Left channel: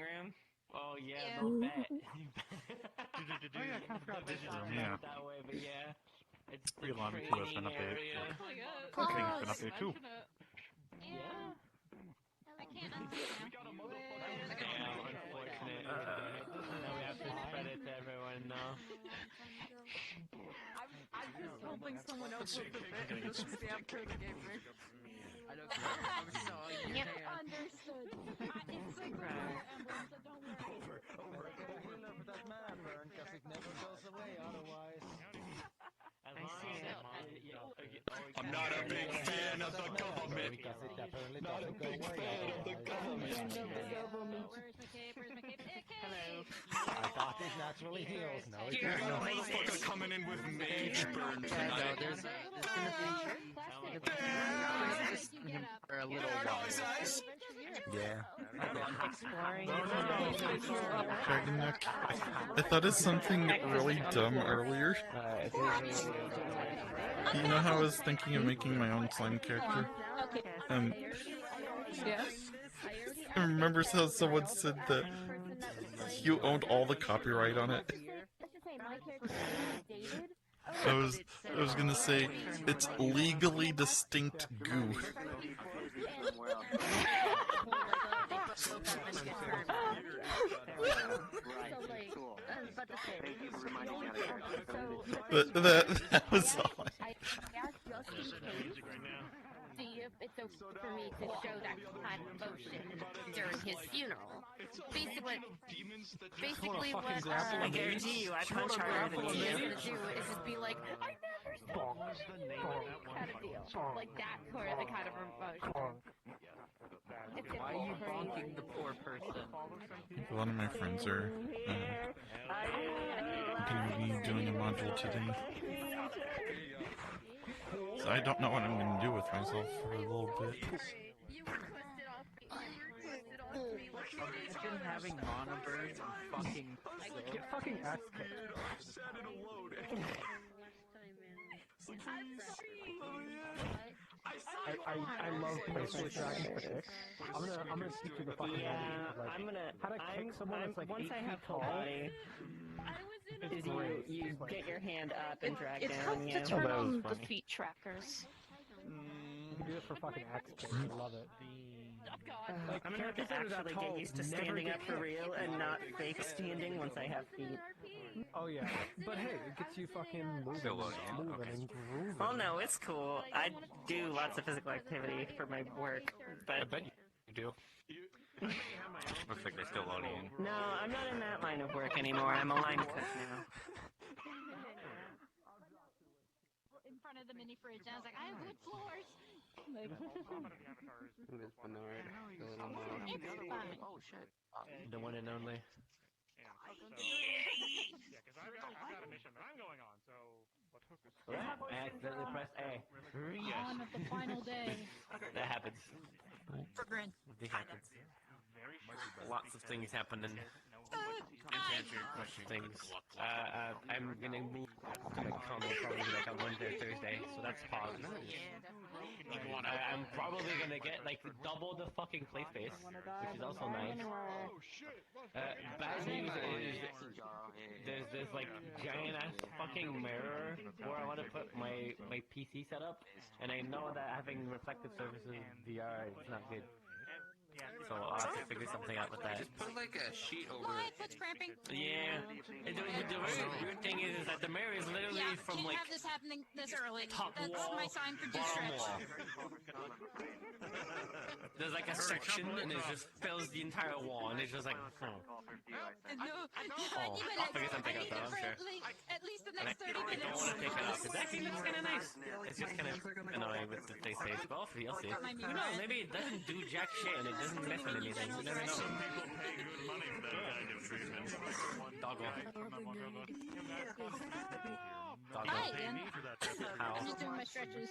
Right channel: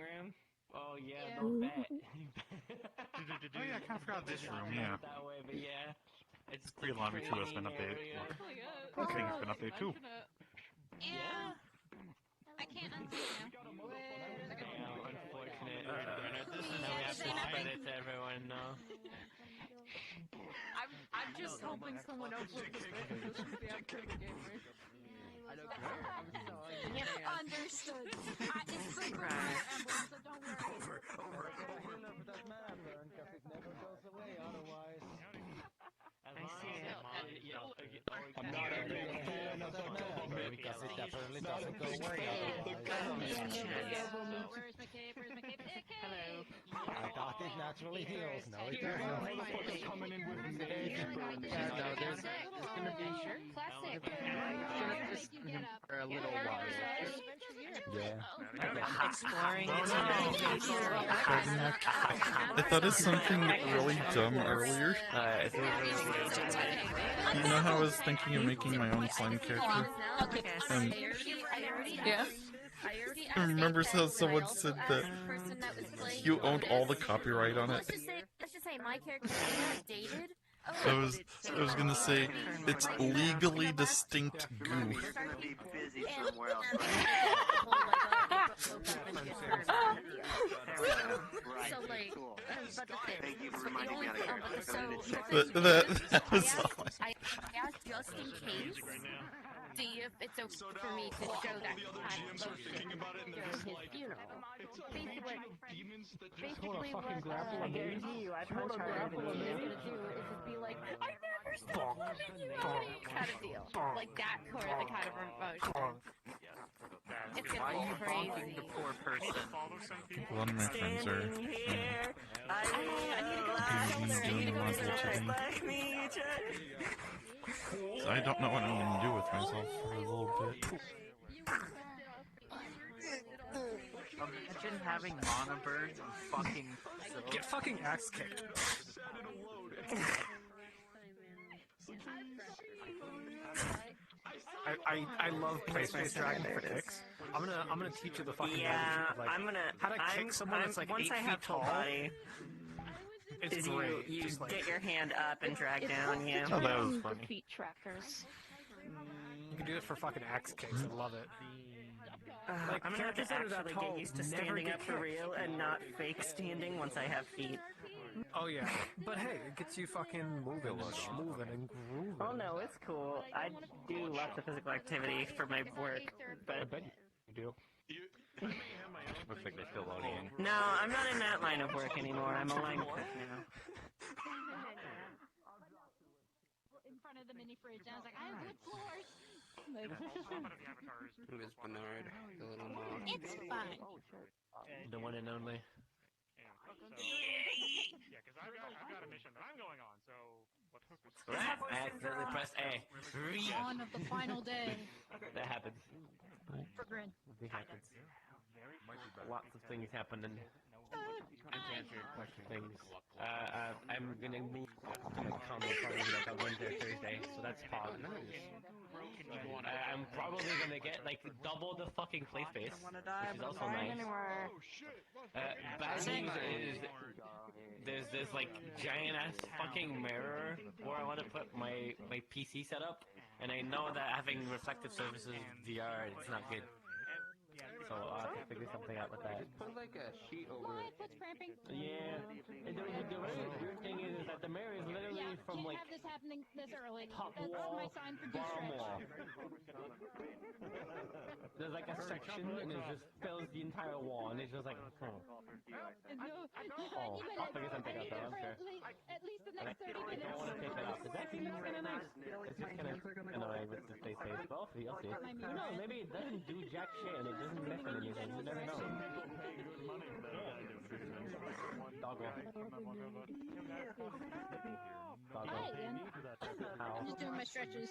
room? Oh yeah, they'll bet. Oh yeah, I kind of forgot this room. Yeah. That way, but yeah. It's We allowed me to. That's been updated. Oh, Thing's been updated too. Yeah. I can't unsee it now. Damn, unfortunate. Now we have to spread it to everyone now. I'm just hoping someone else will put it in the upgrade gamer. Yep. Understood. It's so good for Emblem, so don't worry. I see it. I'm not a big fan of the government. Not a big fan of the government. Where's my cape? Where's my cape? Hello. Our doctors naturally heals. No, he You're doesn't. coming in with mage burn. No, there's gonna be for a little while. Dragon neck. I thought of something really dumb earlier. You know how I was thinking of making my own slime character? Yeah. I remember how someone said that you owned all the copyright on it. I was gonna say, it's legally distinct goo. But that was all I... See if it's okay for me to show that kind of emotion during his funeral. Basically what I guarantee you, I punch harder than he's you. gonna do is just be like, I never saw it kind of deal. Like that kind of emotion. It's gonna be crazy. The poor person. A lot of my friends are gonna be doing a module today. So I don't know what I'm gonna do with myself for a little bit. Imagine having monoburn fucking... Get fucking axe kicked. I love PlaySpace Dragon for kicks. I'm gonna teach you the fucking how to kick someone that's like 8 feet tall. Body, It's great. you Just, like, get your hand up and drag down you. Oh, that was funny. Defeat trackers. you can do it for fucking axe kicks. I love it. I'm gonna have to actually get used to standing up for real and not fake standing once I have feet. Oh yeah, but hey, it gets you fucking moving and grooving. Oh no, it's cool. I do lots of physical activity for my work, but... I bet you do. Looks like they're still loading in. No, I'm not in that line of work anymore. I'm a line cook now. In front of the mini fridge, and I was like, I have wood floors. Miss Bernard, the little mom. It's fine. The one and only. Yeah, because I've got a mission that I'm going on, so... I accidentally pressed A. One of the final day. That happens. It happens. Lots of things happen and... Things. I'm gonna meet probably like on Wednesday or Thursday, so that's positive. I'm probably gonna get like double the fucking play space, which is also nice. Bad news is there's this like giant ass fucking mirror where I want to put my PC setup, and I know that having reflective surfaces VR it's not good. So I'll have to figure something out with that. Just put like a sheet over it. What's cramping? Yeah. And the weird thing is that the mirror is literally from can't like have this happening this early. top That's wall. my sign for de-stretch. There's like a section and it just fills the entire wall and it's just like No, I'll figure something out though, I'm sure. At least the And next I 30 don't minutes. want to take that off because that seems kind of nice. It's just kind of annoying with the face face, but I'll see. Who knows? Maybe it doesn't do jack shit and it doesn't mess with anything. You never know. Doggo. Hi, Ian. I'm just doing my stretches.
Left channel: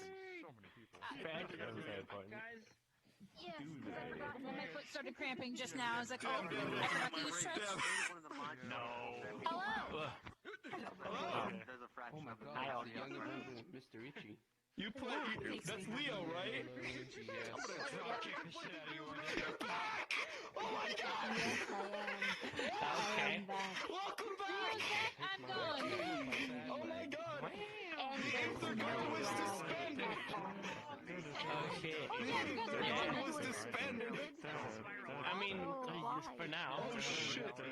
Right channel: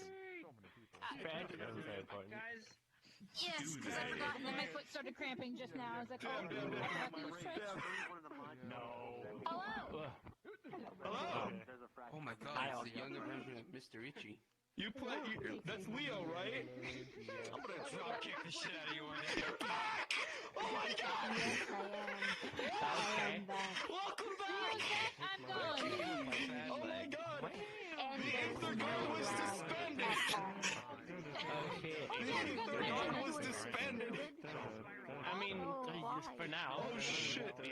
Stretch? That was very important. Yes, because I forgot. And then my foot started cramping just now. I was like, oh, I forgot to use stretch. No. Hello. Hello. Oh my god, it's the younger version of Mr. Itchy. You play... That's Leo, right? I'm gonna drop kick the shit out of you. Oh my Okay. back. Welcome back! I'm gone. Oh my god! And there's Aether no guard was lag. disbanded! Oh shit. Aether guard was disbanded! I mean, for now. Oh shit! The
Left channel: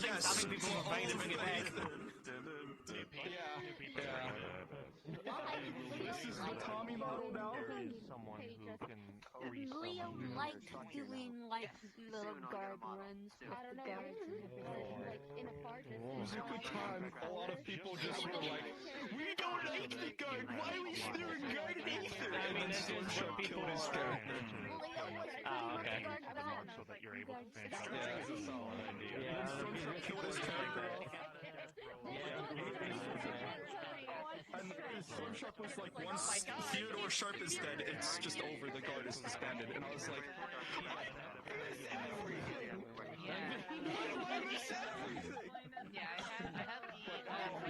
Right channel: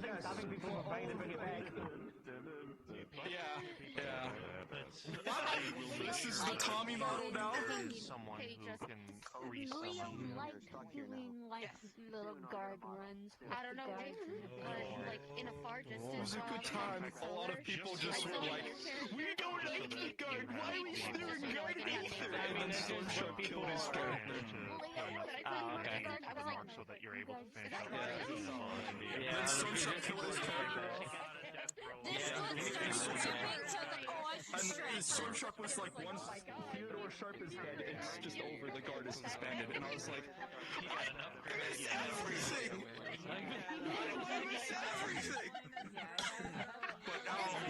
thing is, how many people are buying to bring it back? Yeah. This is the Tommy model now? Someone who can Leo likes doing like little guard runs with I don't the know, guards and everything. like in a far distance. At the time, a lot of people just were like, "We don't like the guard. Why are we throwing guard in Aether?" I mean, this is what people killed his are. character. Leo was pretty Oh, much okay. a guard dog. so that you're able to finish up. Yeah, that's a solid idea. Yeah. Stormshark killed his character off. And Stormshark was like, once Theodore Sharp is dead, it's just over, the guard is disbanded. And I was like, everything! I miss everything! But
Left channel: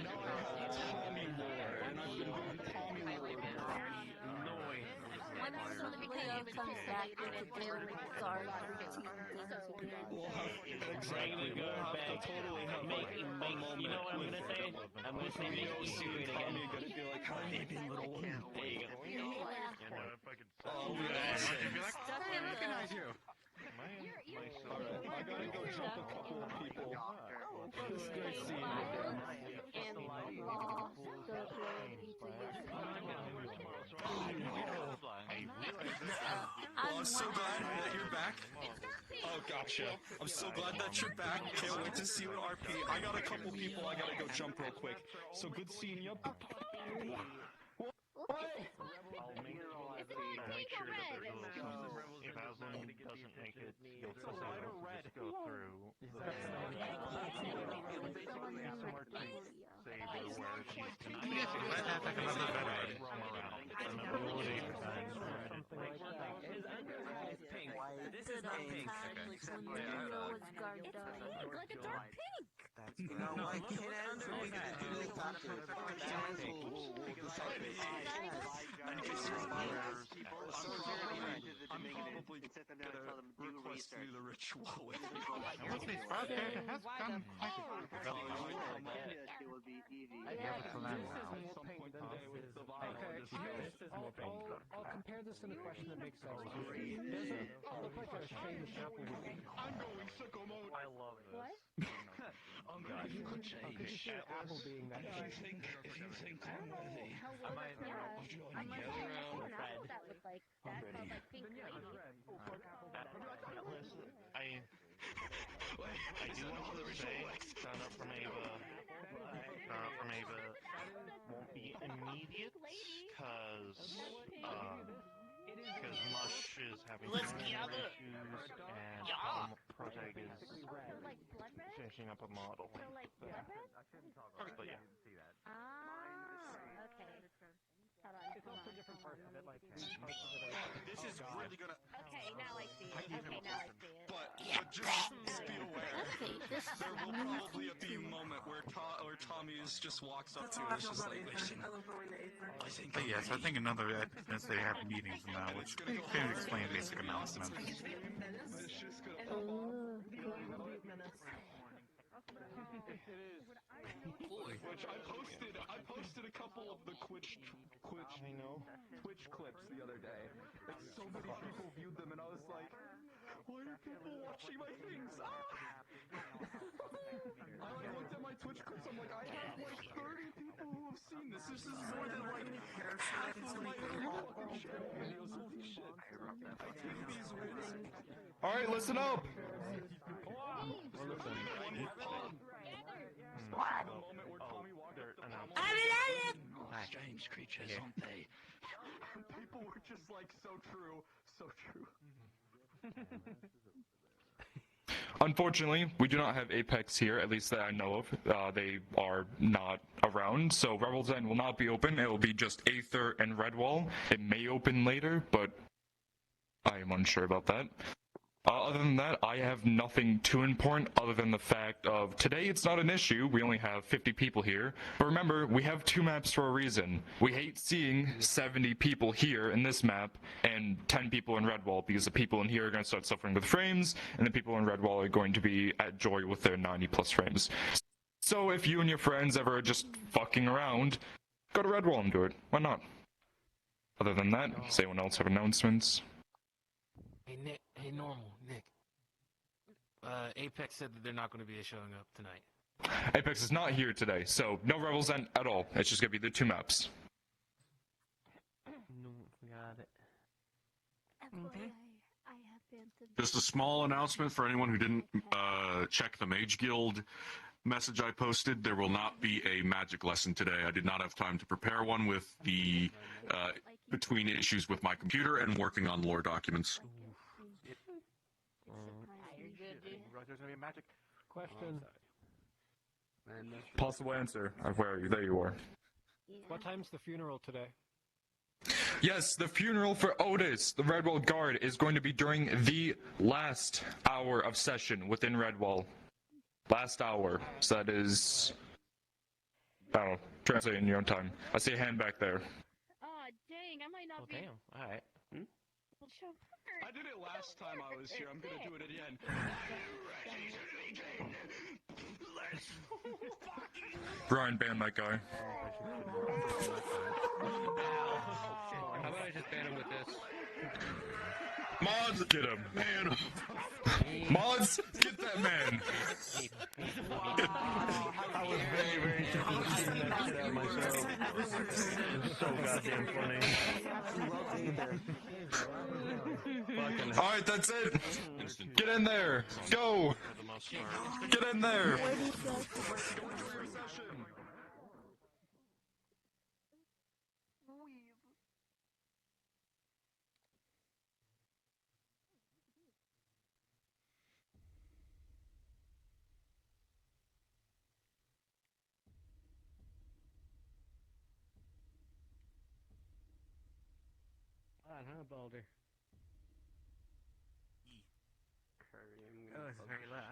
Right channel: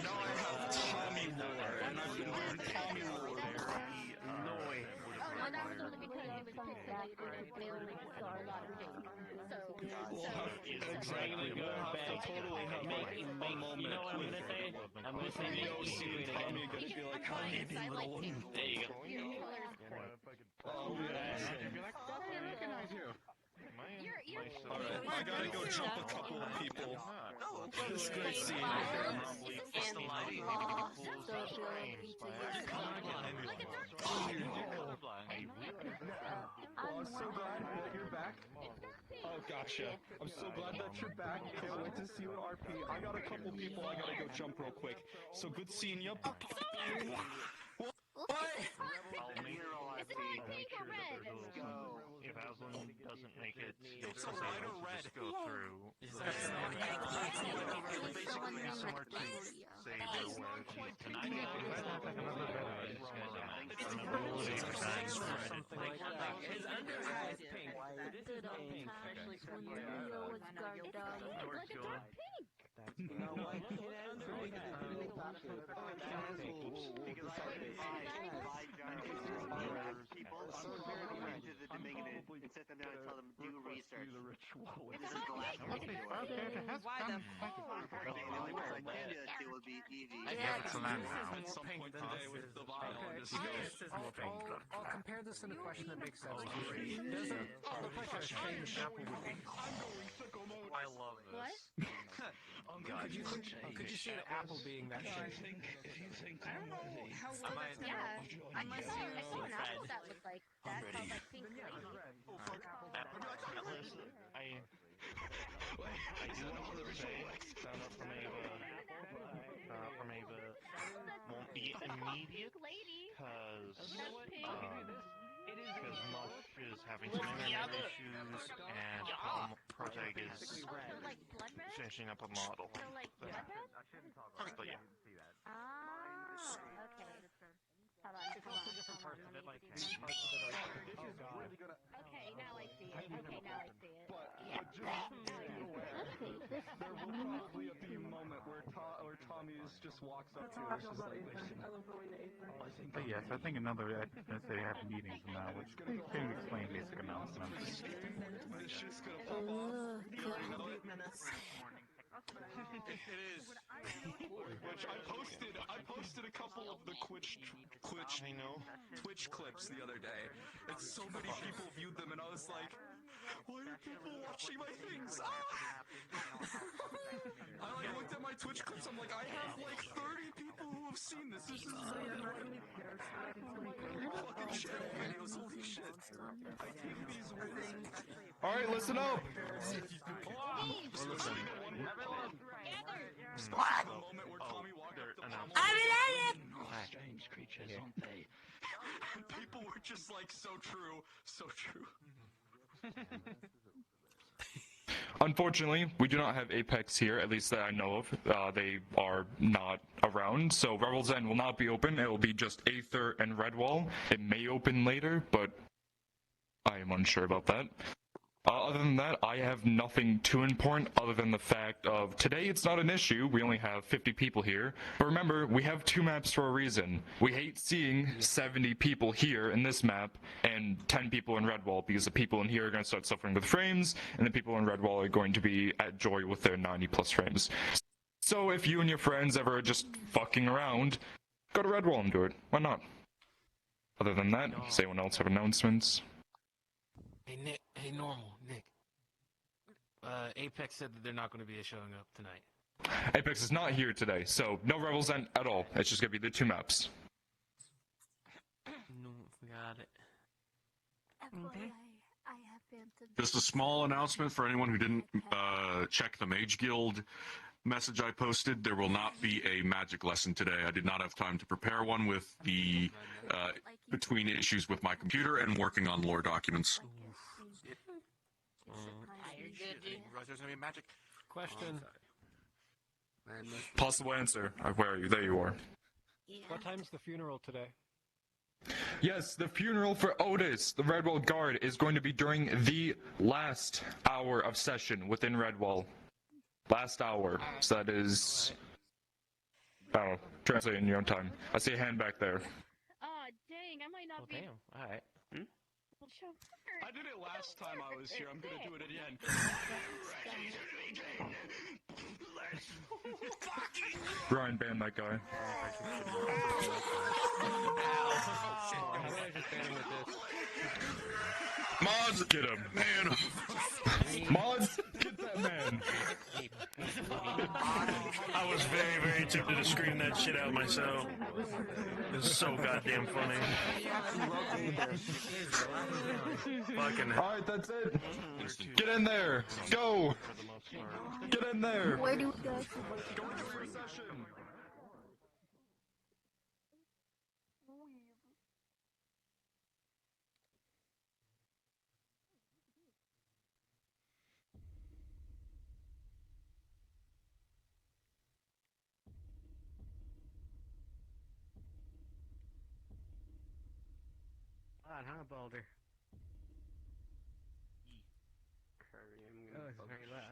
now I have Tommy lore, and I've been doing Tommy lore. One episode became something like to deal with our lot of We'll have, exactly, Go we'll have back. to totally have Make, like, a you know what I'm moment gonna say? I'm gonna say make Rio Easy seeing Green again. Tommy gonna be like, "Hi, little one." There you go. Oh, man. Alright, I gotta go jump a couple of people. It's great seeing you again. I'm so glad that you're back. Oh, gotcha. I'm so glad that you're back. Can't wait to see you at RP. I got a couple people I gotta go jump real quick. So good seeing you. pink or red? If Aslan doesn't make it, you'll still be able to just go through. Roam around. Remember, roll it 8%. This is not pink. When Leo was guard dog. Like a dark pink. I'll compare this in a question that makes sense. Does the pressure change apple being? I'm going sicko mode. I love this. I'm going to change. Could you see the apple being that shape? If you think I'm worthy of joining you, I do want to say shout out from Ava. Won't be immediate because Mush is having some issues and Protag is finishing up a model. Okay. Hold on. Okay, now I see it. Okay, now I see it. But just be aware, there will probably be a moment where Tommy just walks up to you and is just like, listen, But yes, I think another as they have meetings now, which can explain basic announcements. Which I posted a couple of the Twitch clips the other day, and so many people viewed them, and I was like, why are people watching my things? I looked at my Twitch clips, I'm like, I have like 30 people who have seen this. This is more than what I'm sharing videos. Holy shit. I take these wins. All right, listen up. Strange creatures, aren't they? People were just like, so true, so true. Unfortunately, we do not have Apex here, at least that I know of. They are not around, so Rebel's End will not be open. It will be just Aether and Redwall. It may open later, but I am unsure about that. other than that, I have nothing too important other than the fact of today it's not an issue. We only have 50 people here. But remember, we have 2 maps for a reason. We hate seeing 70 people here in this map and 10 people in Redwall, because the people in here are going to start suffering with frames, and the people in Redwall are going to be at joy with their 90 plus frames. So if you and your friends ever just fucking around, go to Redwall and do it. Why not? Other than that, does anyone else have announcements? Hey, Nick. Hey, Normal. Nick. Apex said that they're not going to be showing up tonight. Apex is not here today, so no Rebels End at all. It's just going to be the 2 maps. No, forgot it. Okay. Just a small announcement for anyone who didn't check the Mage Guild message I posted. There will not be a magic lesson today. I did not have time to prepare one with the between issues with my computer and working on lore documents. Question. Possible answer. Where are you? There you are. What time's the funeral today? Yes, the funeral for Otis, the Redwall guard, is going to be during the last hour of session within Redwall. Last hour. So that is... I don't know. Translate in your own time. I see a hand back there. Oh, dang, I might not be. Damn. Alright. I did it last time I was here. I'm gonna do it again. Ryan, ban that guy. How about I just ban him with this? Mods, get him. Man. Mods, get that man. I was very, very tempted to scream that shit out myself. It's so goddamn funny. Fucking. Alright, that's it. Get in there. Go. Get in there. On, huh, Balder? Oh, it's very loud.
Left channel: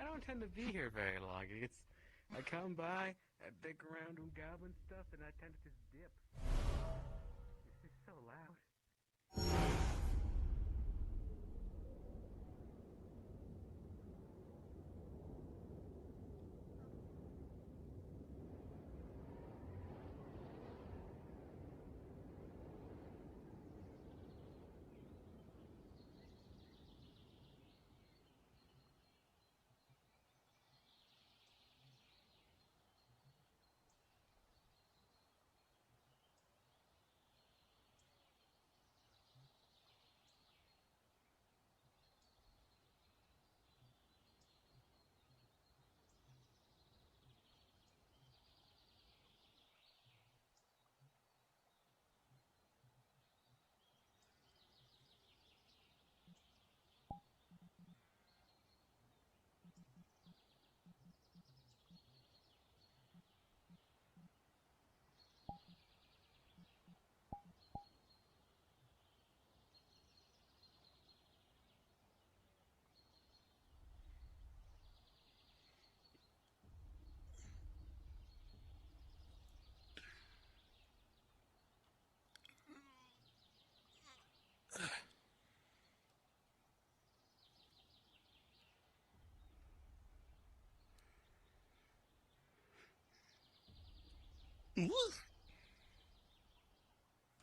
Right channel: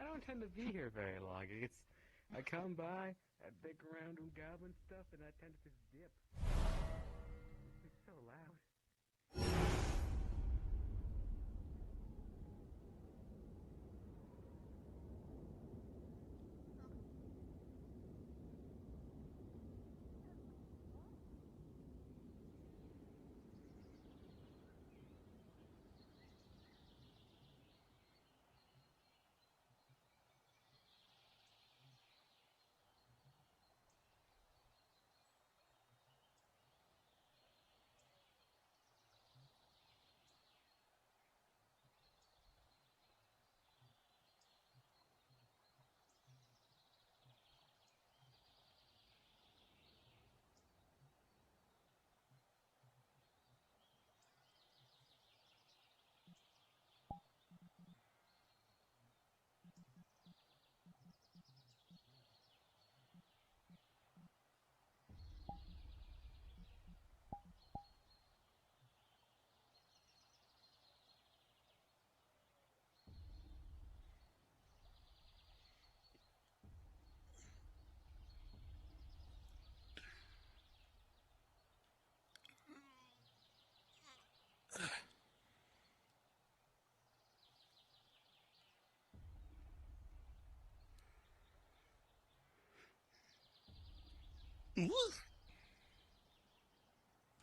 I don't tend to be here very long. I come by, I dig around and goblin stuff, and I tend to just dip. It's just so loud.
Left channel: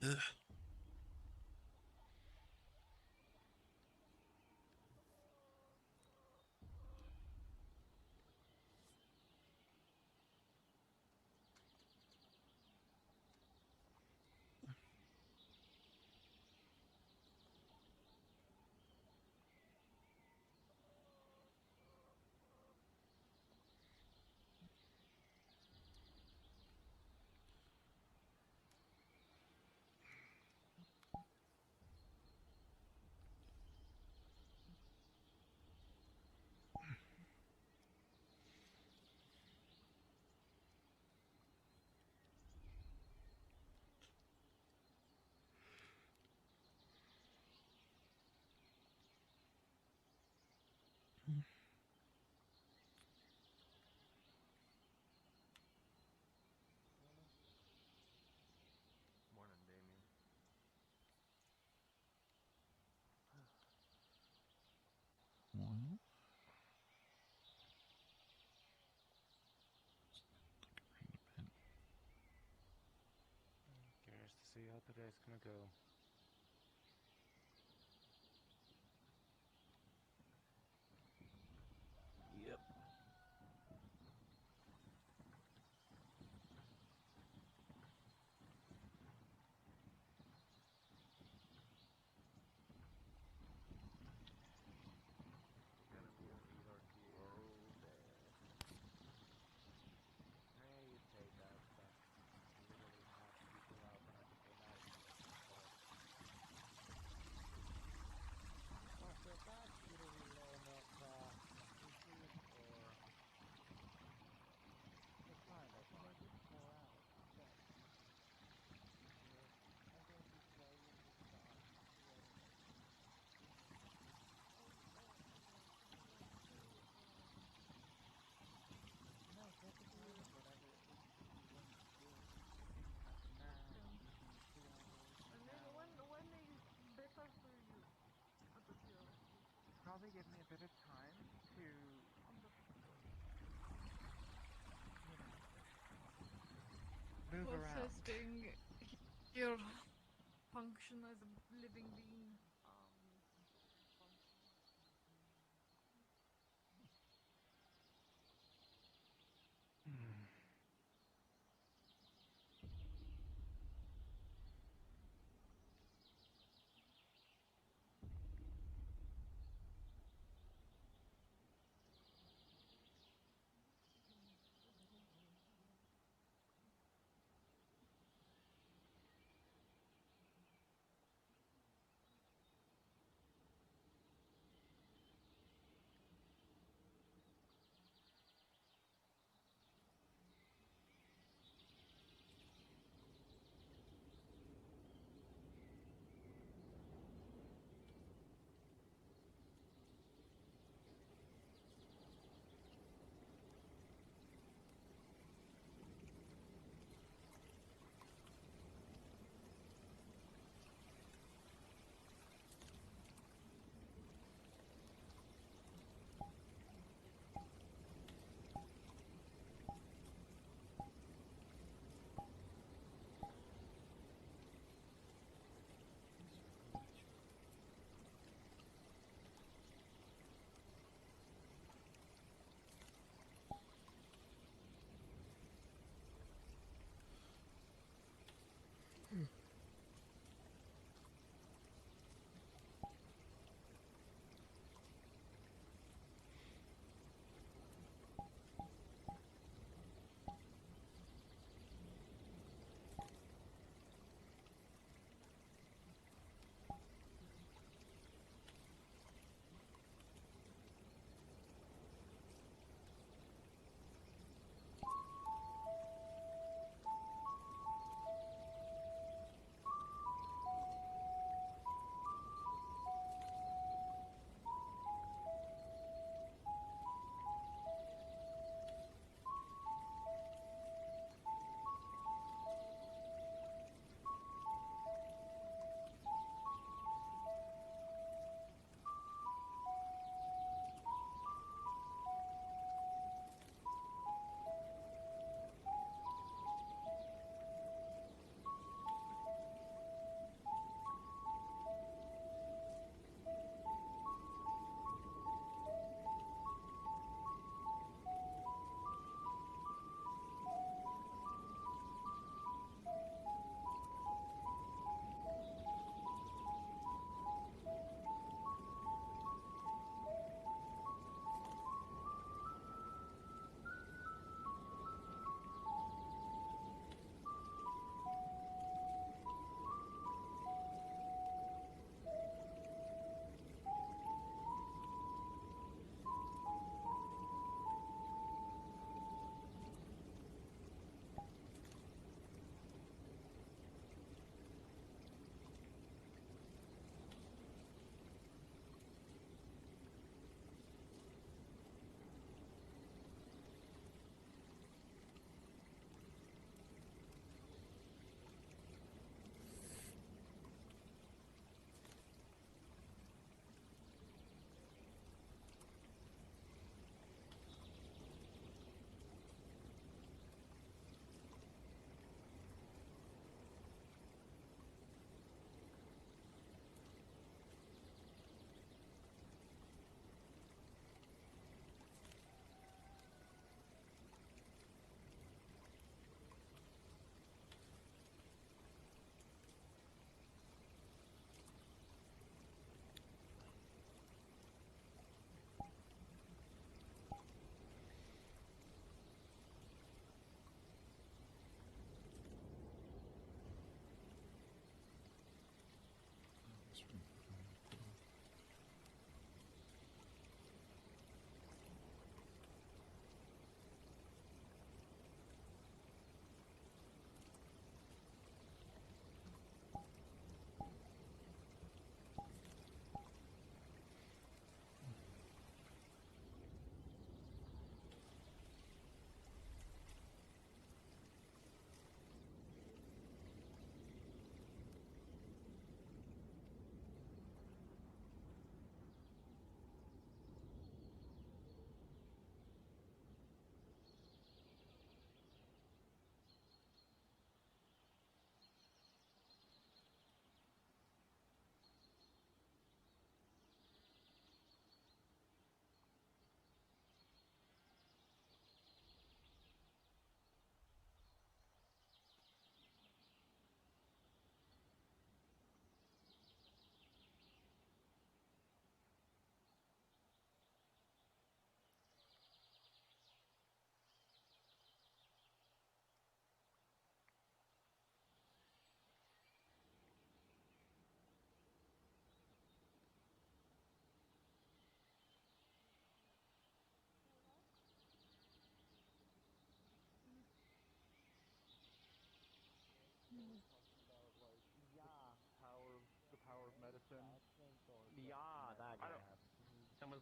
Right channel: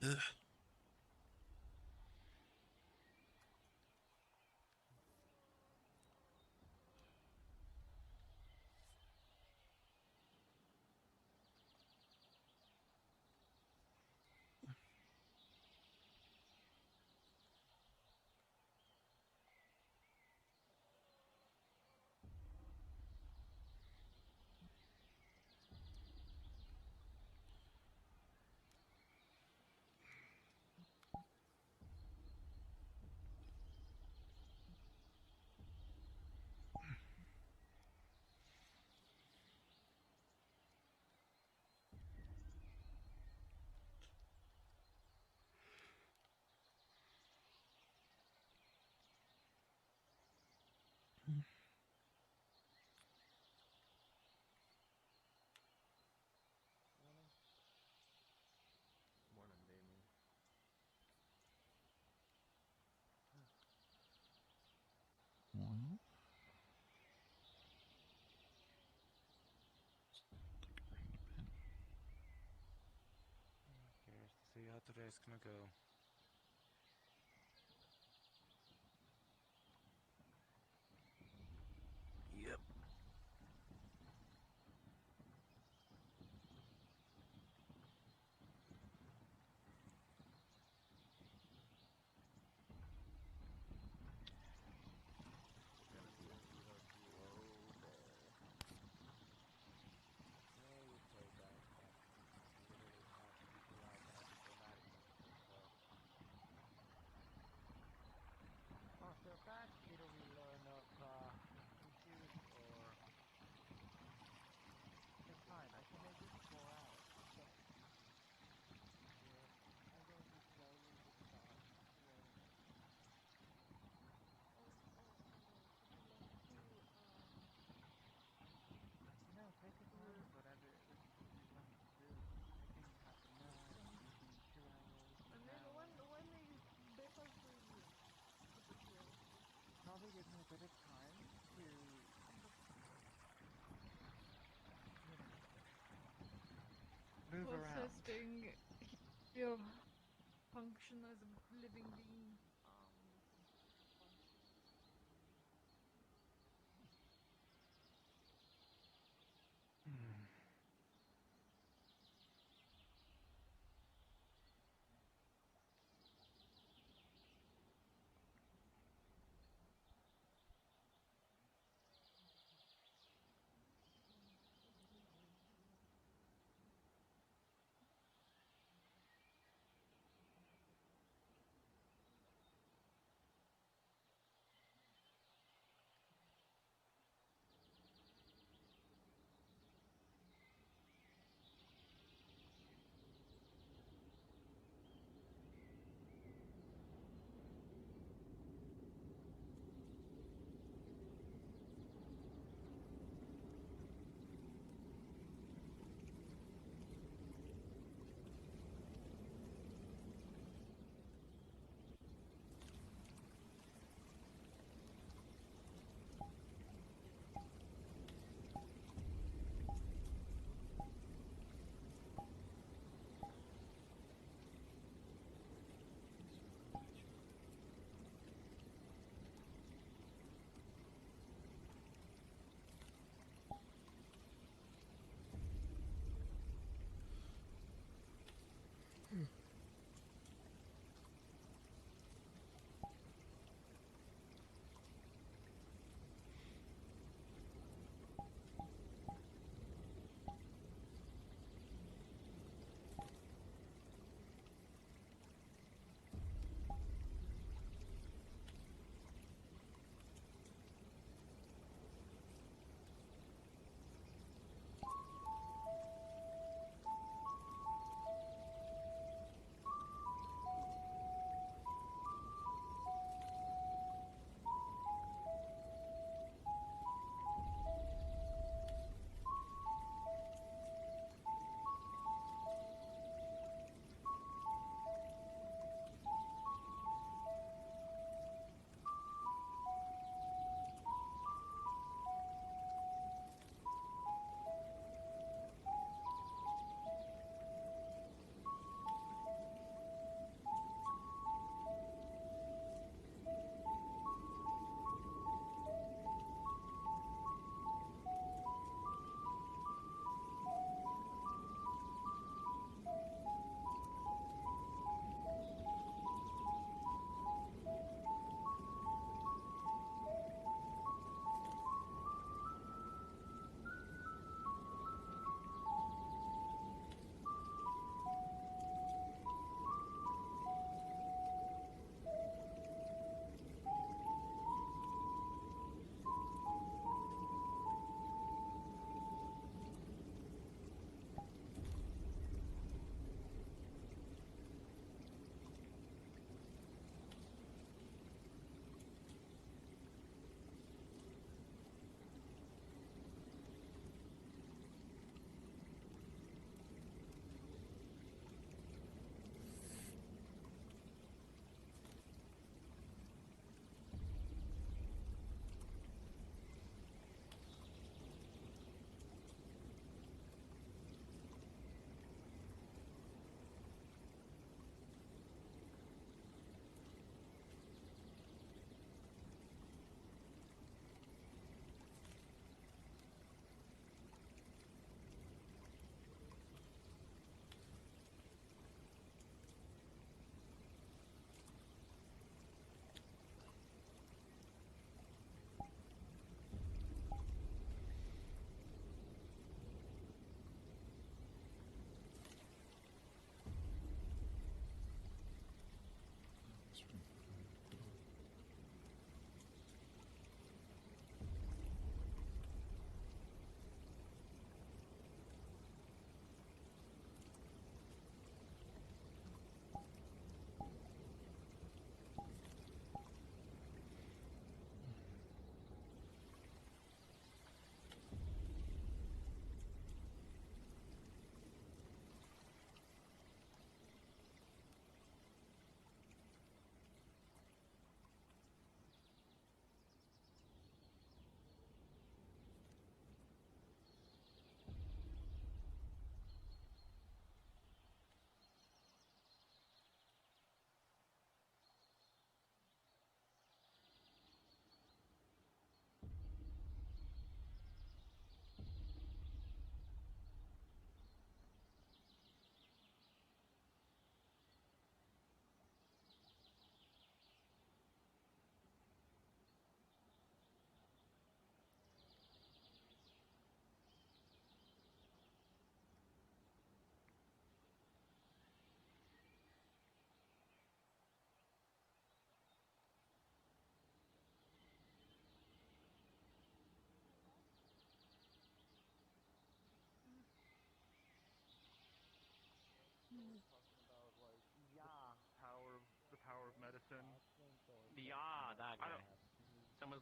Ugh. Well, Curious to see how today's gonna go. Yep. Probably give me a bit of time to, move around. Processing your function as a living being.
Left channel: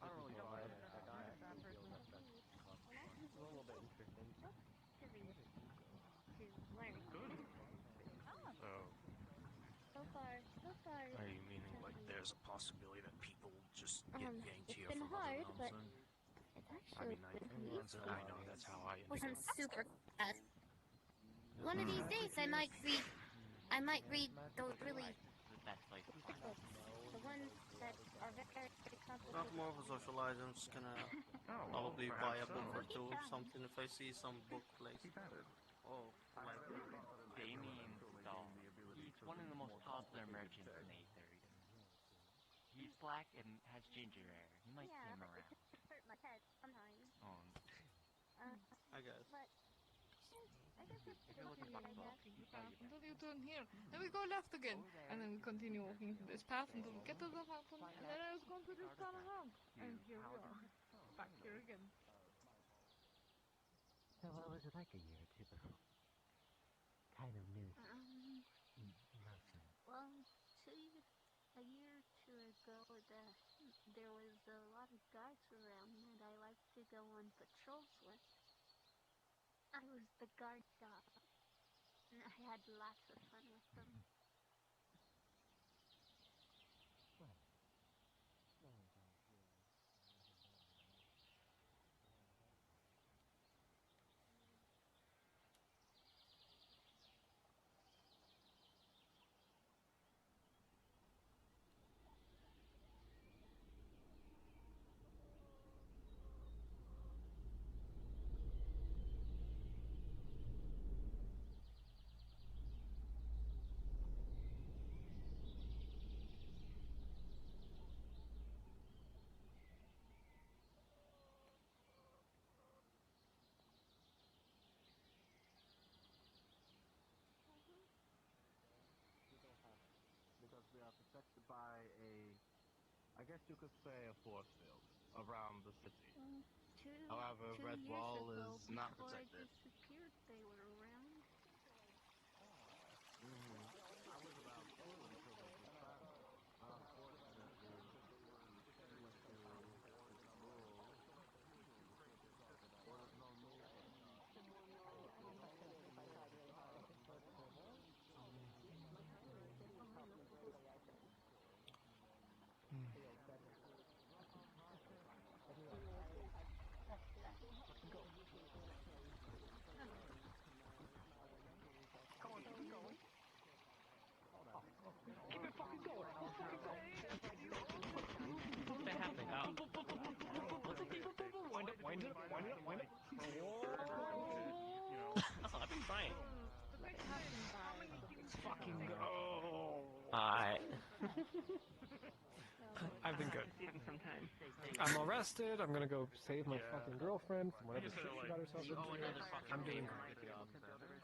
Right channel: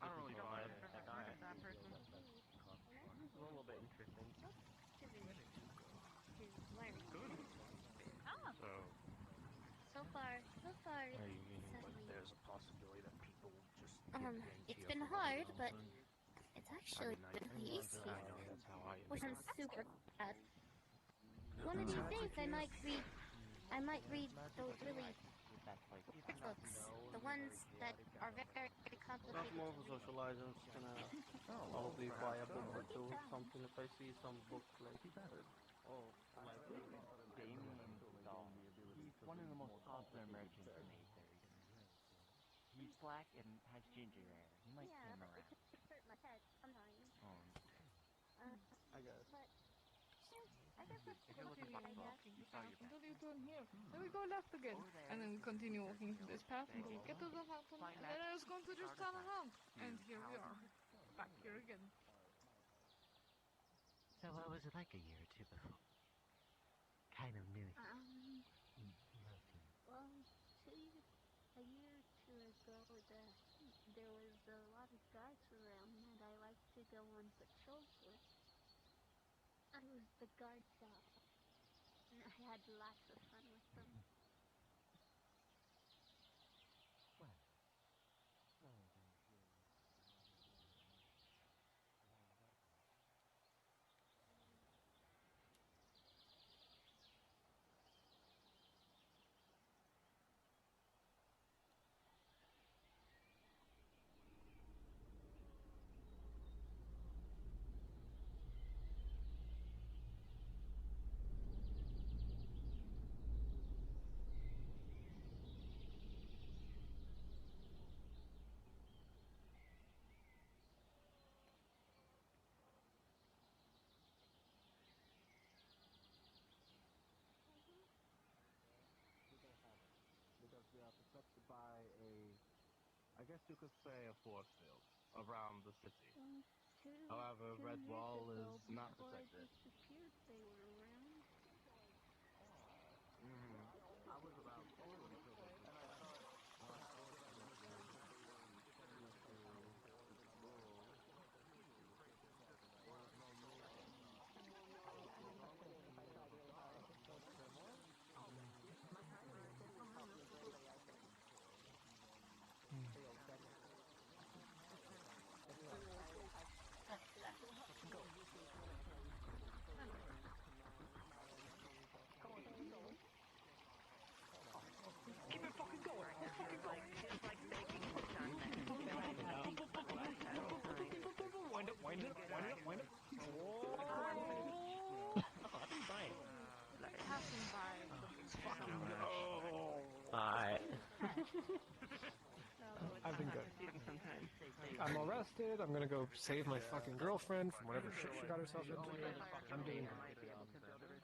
don't really know. It's a little bit interesting. So, So far. are you meaning Like, there's a possibility that people just get yanked It's here been for hard, nothing but also? it's actually been easy. I know that's how I Wasn't super fast. One of these days, I might read the really books, the ones that are very complicated. Not more for socializing. I'm just gonna probably buy a book or two, something if I see some book place. Oh, Damien Stahl. He's one of the most popular merchants in Aether. He's black and has ginger hair. He might see him around. Hurt my head. I'm dying. I guess. Walking the path until you turn here, and we go left again, and then we continue walking through this path until we get to the fountain, and then I was going to just turn around, and here we are, back here again. So what was it like a year or two ago? Kind of new. Well, a year or two ago, there was a lot of guards around, and I liked to go on patrols with. I was the guard dog. And I had lots of fun with them. Because we are protected by I guess you could say a force field around the city. However, Red Wall is not protected. Disappeared, they were around. I was about two until they Wind it up. Whoa! I've been fine. Let's fucking go. Alright. I've been good. I'm arrested. I'm gonna go save my fucking girlfriend from whatever shit she got herself into. I'm doing great.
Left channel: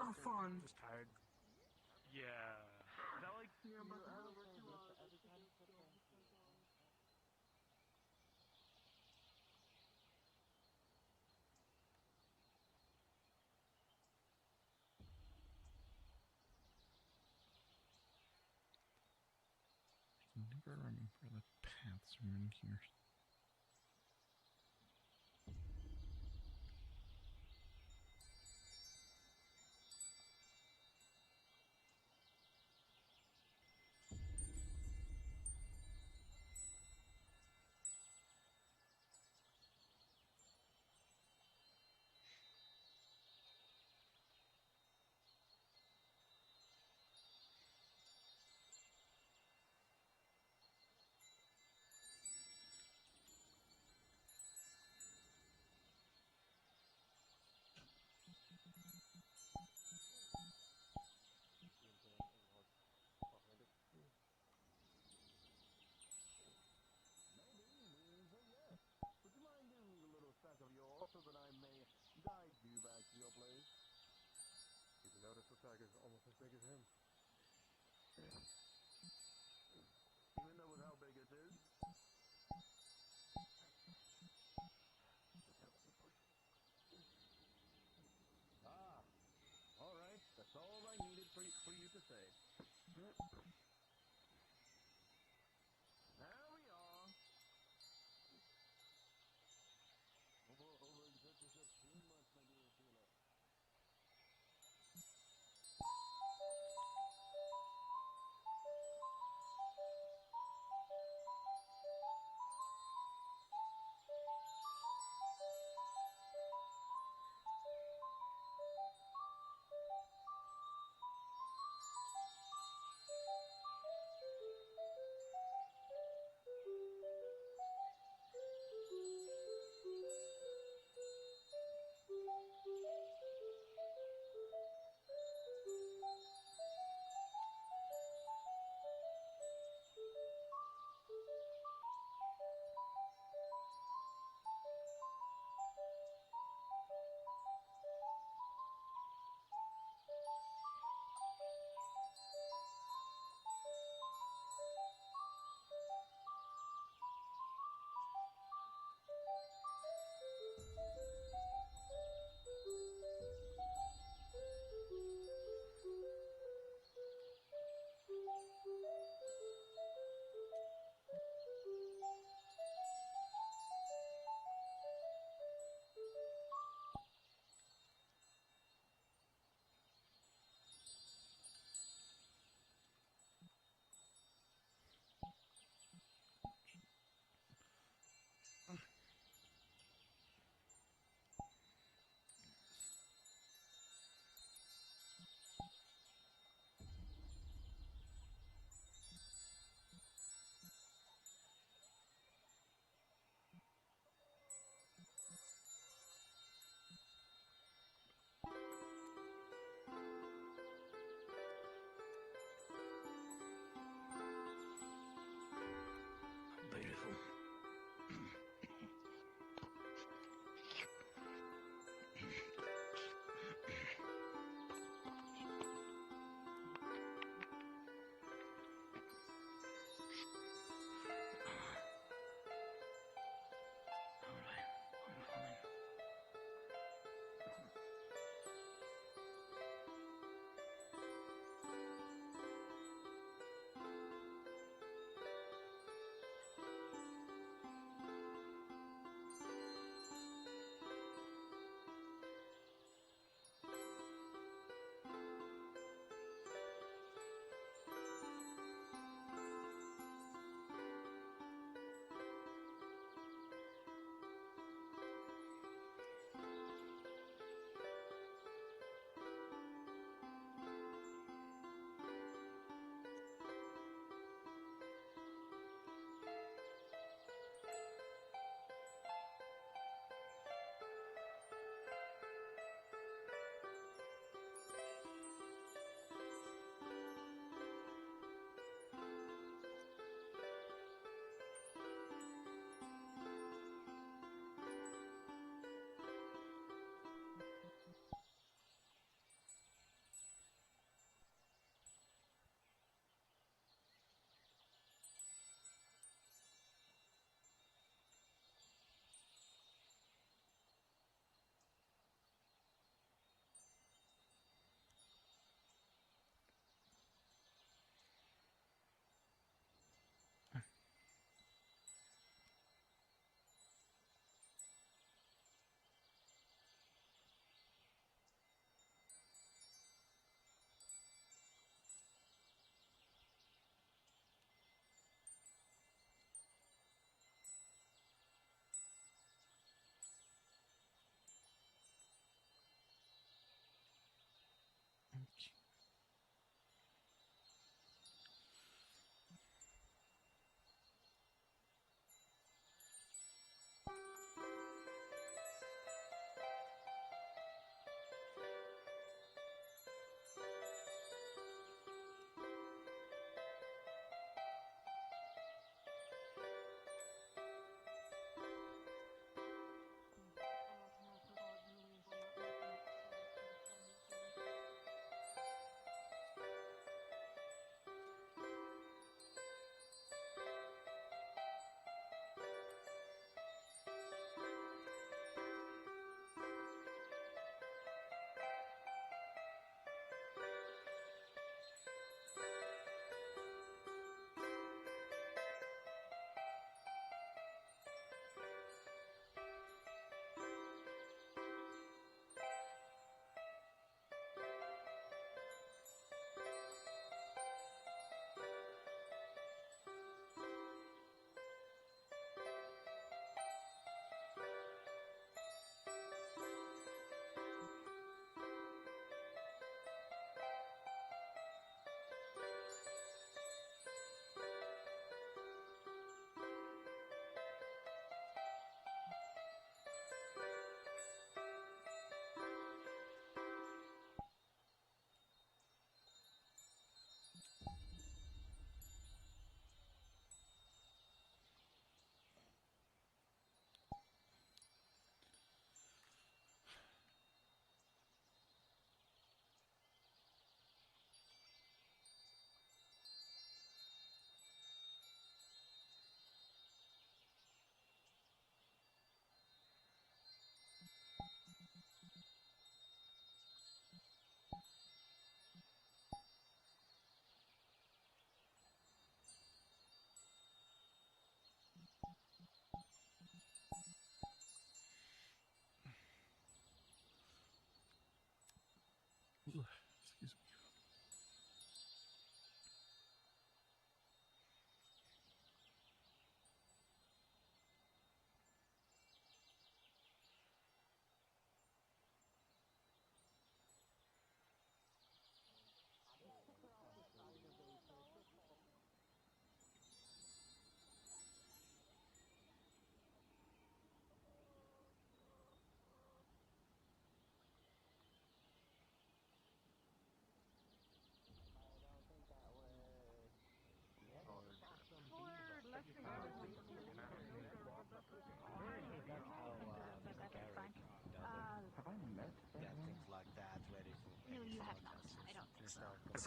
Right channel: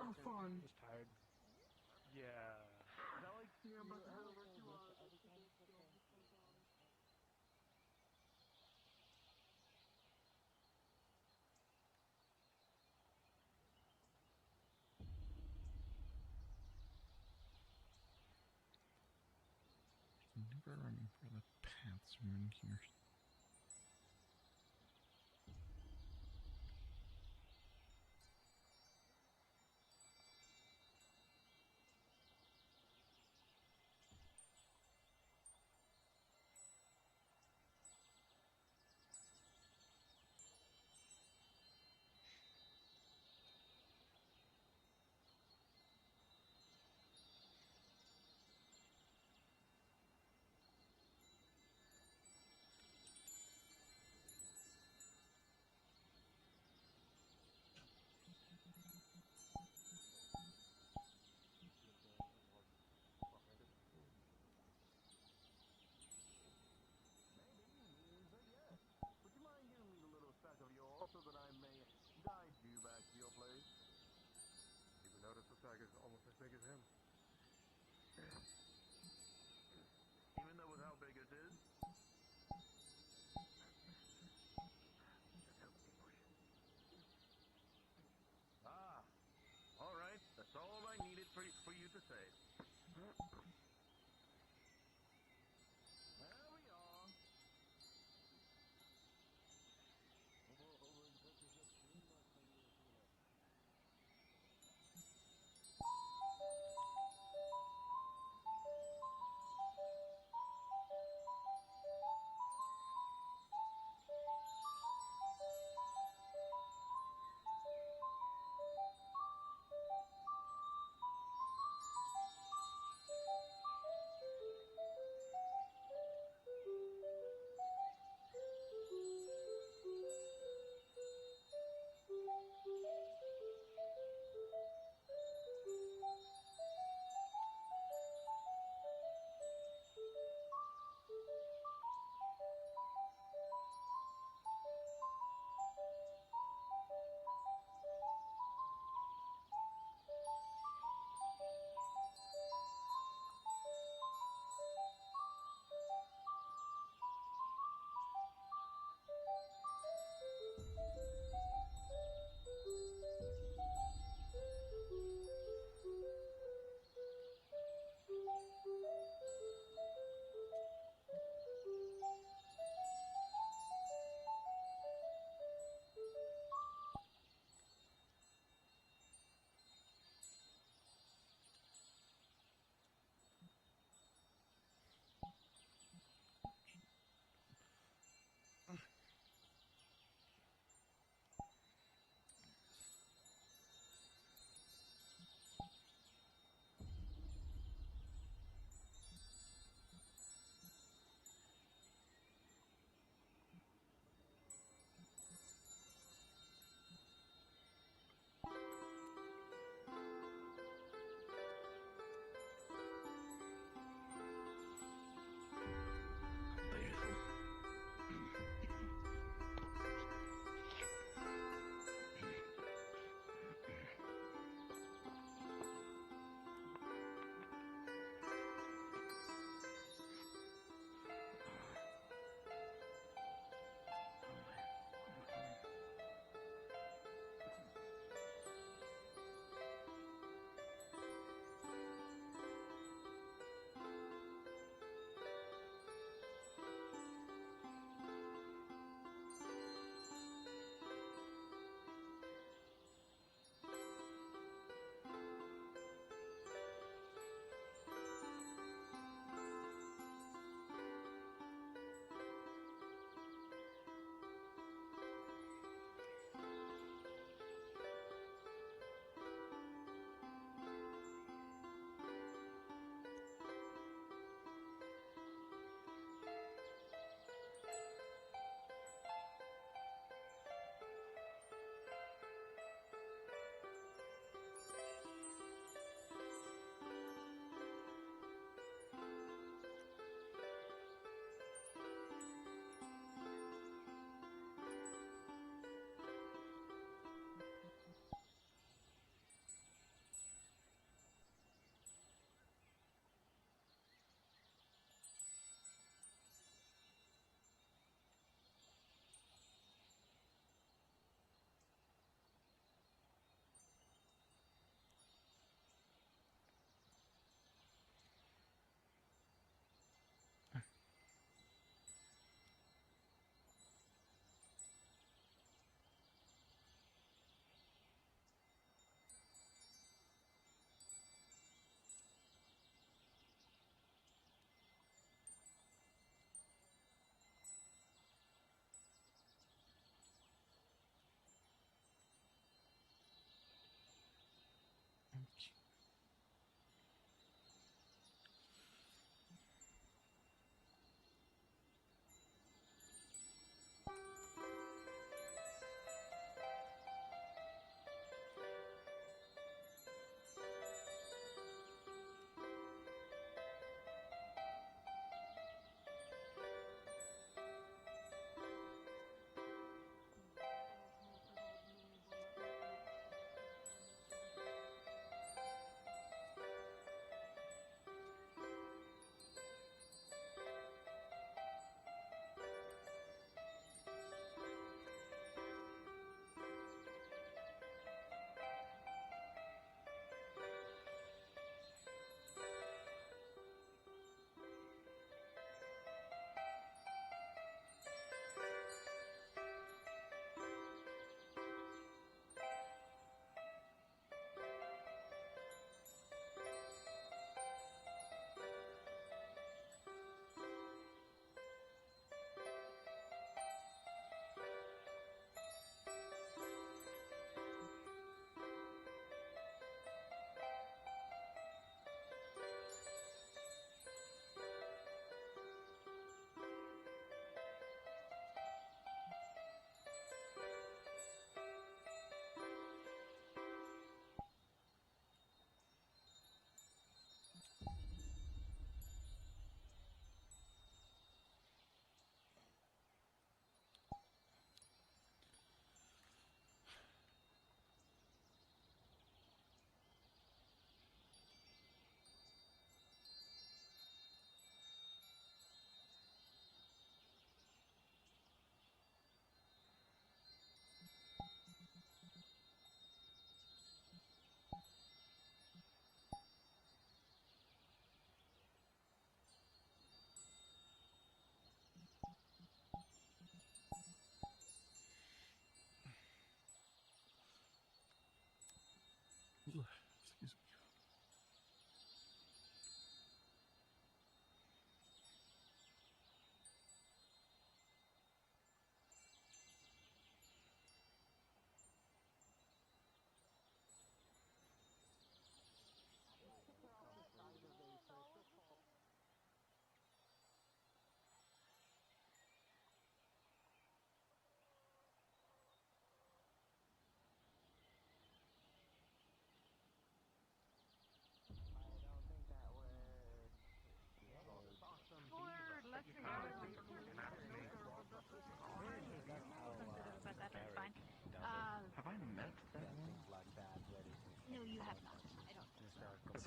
I'm fun. Just tired. Yeah. I never remember the paths around here.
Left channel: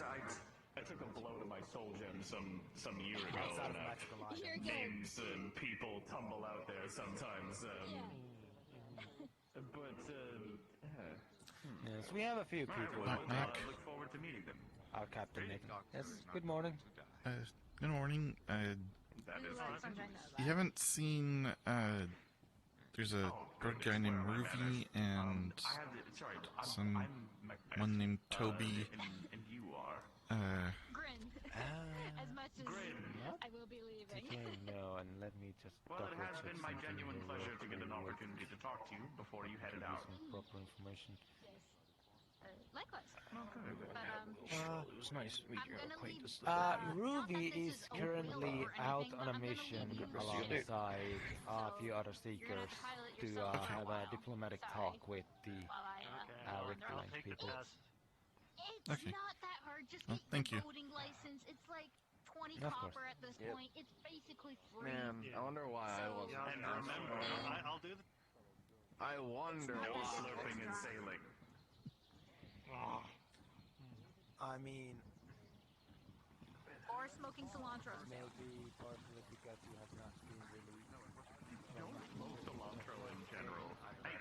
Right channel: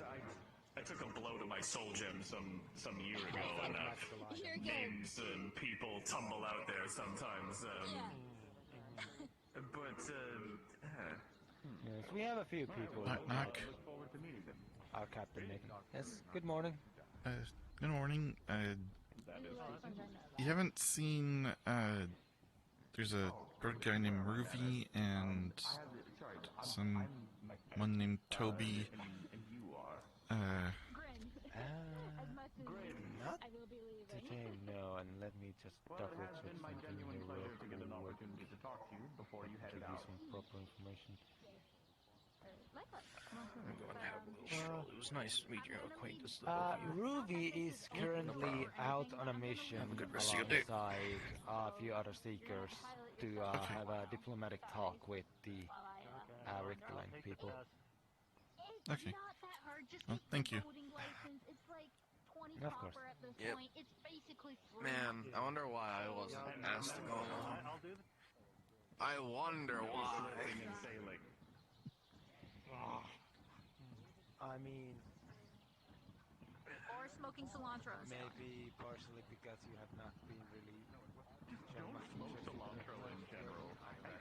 I took a blow to my soul gem some year ago, and names and people tumble out there sometimes. Yes, we have a few people. Knock, knock. Look forward to meeting them. Our captain, Nick. Yes, good morning. Good morning. You haven't seen, there's a drug guy named Ruby and someone named Toby. Okay, no, and let me just double check something here real quick. An opportunity to talk to you before you headed Give you out. some proper information. Well, It was nice to meet your acquaintance. Ruby is currently out on a mission alongside a few other seekers to have a diplomatic talk with the Richter-Lang people. Okay. Well, thank you. Of course. Yep. It's basically free. Man, I wonder why I wasn't asked to go. I wonder why. And sailing. I mean, Or smoking cilantro. maybe partially because you have not been really. Don't smoke cilantro in general.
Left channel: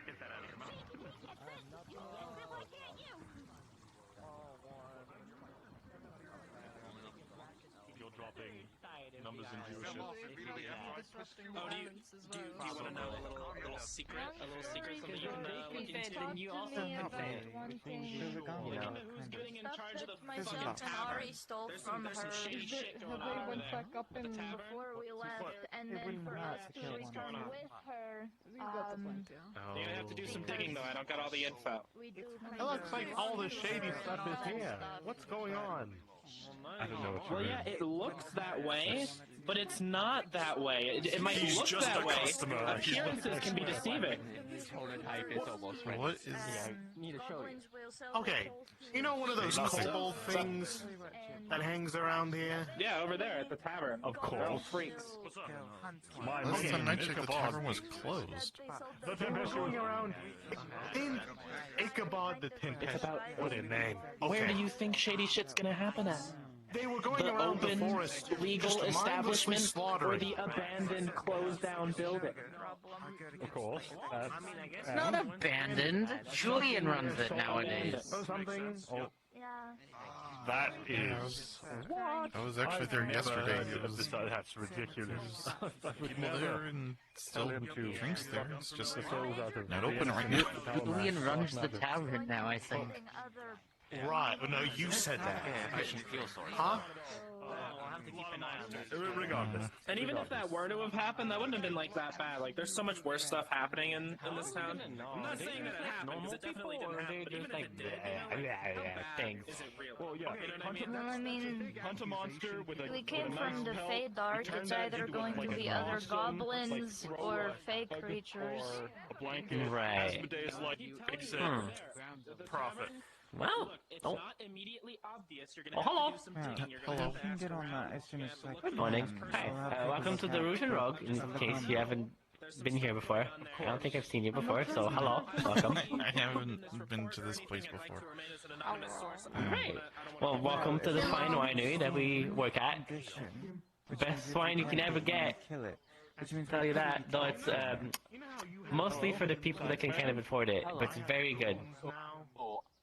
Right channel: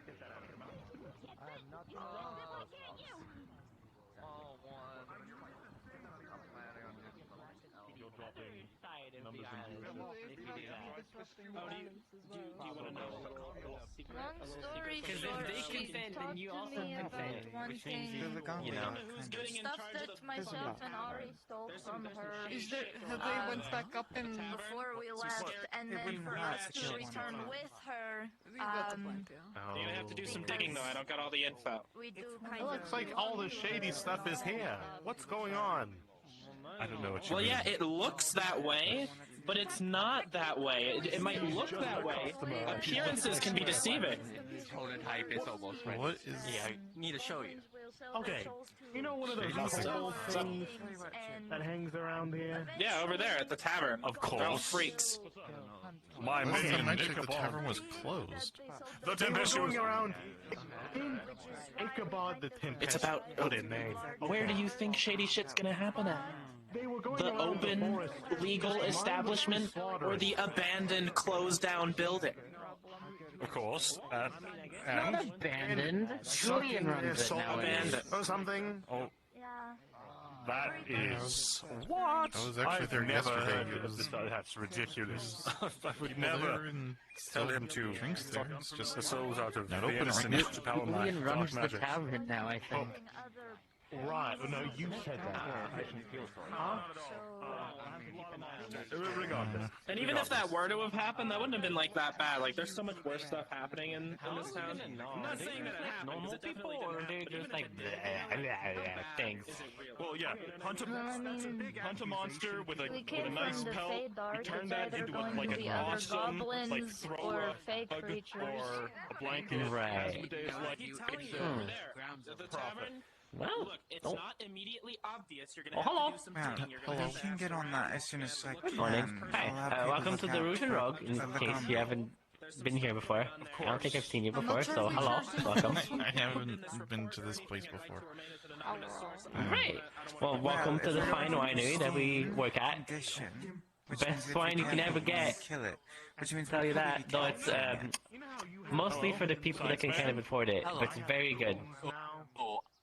Get that out of your mouth. You'll drop in numbers and viewership if you do that. Disrupting Oh, do you want to know a little secret? Because if they consent, then you also consent. Which means Who's getting in Stuff charge of that the myself and Ari stole from her they went back up in before we left, and then for us to return with her. You're gonna have to do some digging though. I don't got all the info. We do It looks like all the shady stuff is here. What's going on? I don't know what you Well, mean. yeah, it looks that way, but it's not that way. It might He's look just that a way. customer. Appearances can be deceiving. What is... Yeah, I need to show you. Okay, you know one of those little things that hangs around here? Yeah, over there at the tavern. Of course. Little freaks. My Last time I man, checked, the Ichabod. tavern was closed. The tempestuous around in Ichabod the Tempest. It's about what a name. Where do you think shady shit's gonna happen at? They were going The around open, forest, legal just establishment, mindlessly or slaughtering. the abandoned, closed-down building? Of course. It's not abandoned. Julian runs it nowadays. Or something. Oh, Yeah. that is... What? I was actually there yesterday. It was... That's ridiculous. People there and still drinks there. It's just not open right now. Julian runs the tavern now, I think. Right, well, no, you said that. I shouldn't feel sorry. Huh? Regardless. And even if that were to have happened, that wouldn't have been like that bad. Like, there's so much worse stuff happening in this town. I'm not saying that it happened. Normal It people, definitely or did they're happen. just like things. Well, yeah. No, I mean, Hunt a monster with a we came nice from the pelt. Fey Dark. Turn It's that either into going like to a be other Boston, goblins like, or fey rug creatures. or a blanket. Right. Asmodeus, like, it's Profit. Well, Look, it's oh. not immediately obvious. You're gonna Oh, have hello. to do some digging. You're gonna Hello. have to I can ask get on around. that as soon as I Good can. morning. Hi. I'll have people Welcome to that the can- Rouge and Rogue, in case you haven't been here before. I don't think I've seen you before, so hello. Welcome. I haven't been to this place before. Great. Well, welcome to the fine winery that we work at. Condition. Best wine you can ever get. Kill it. Which means Tell you that, though it's mostly for the people that can kind of afford it, but it's very good.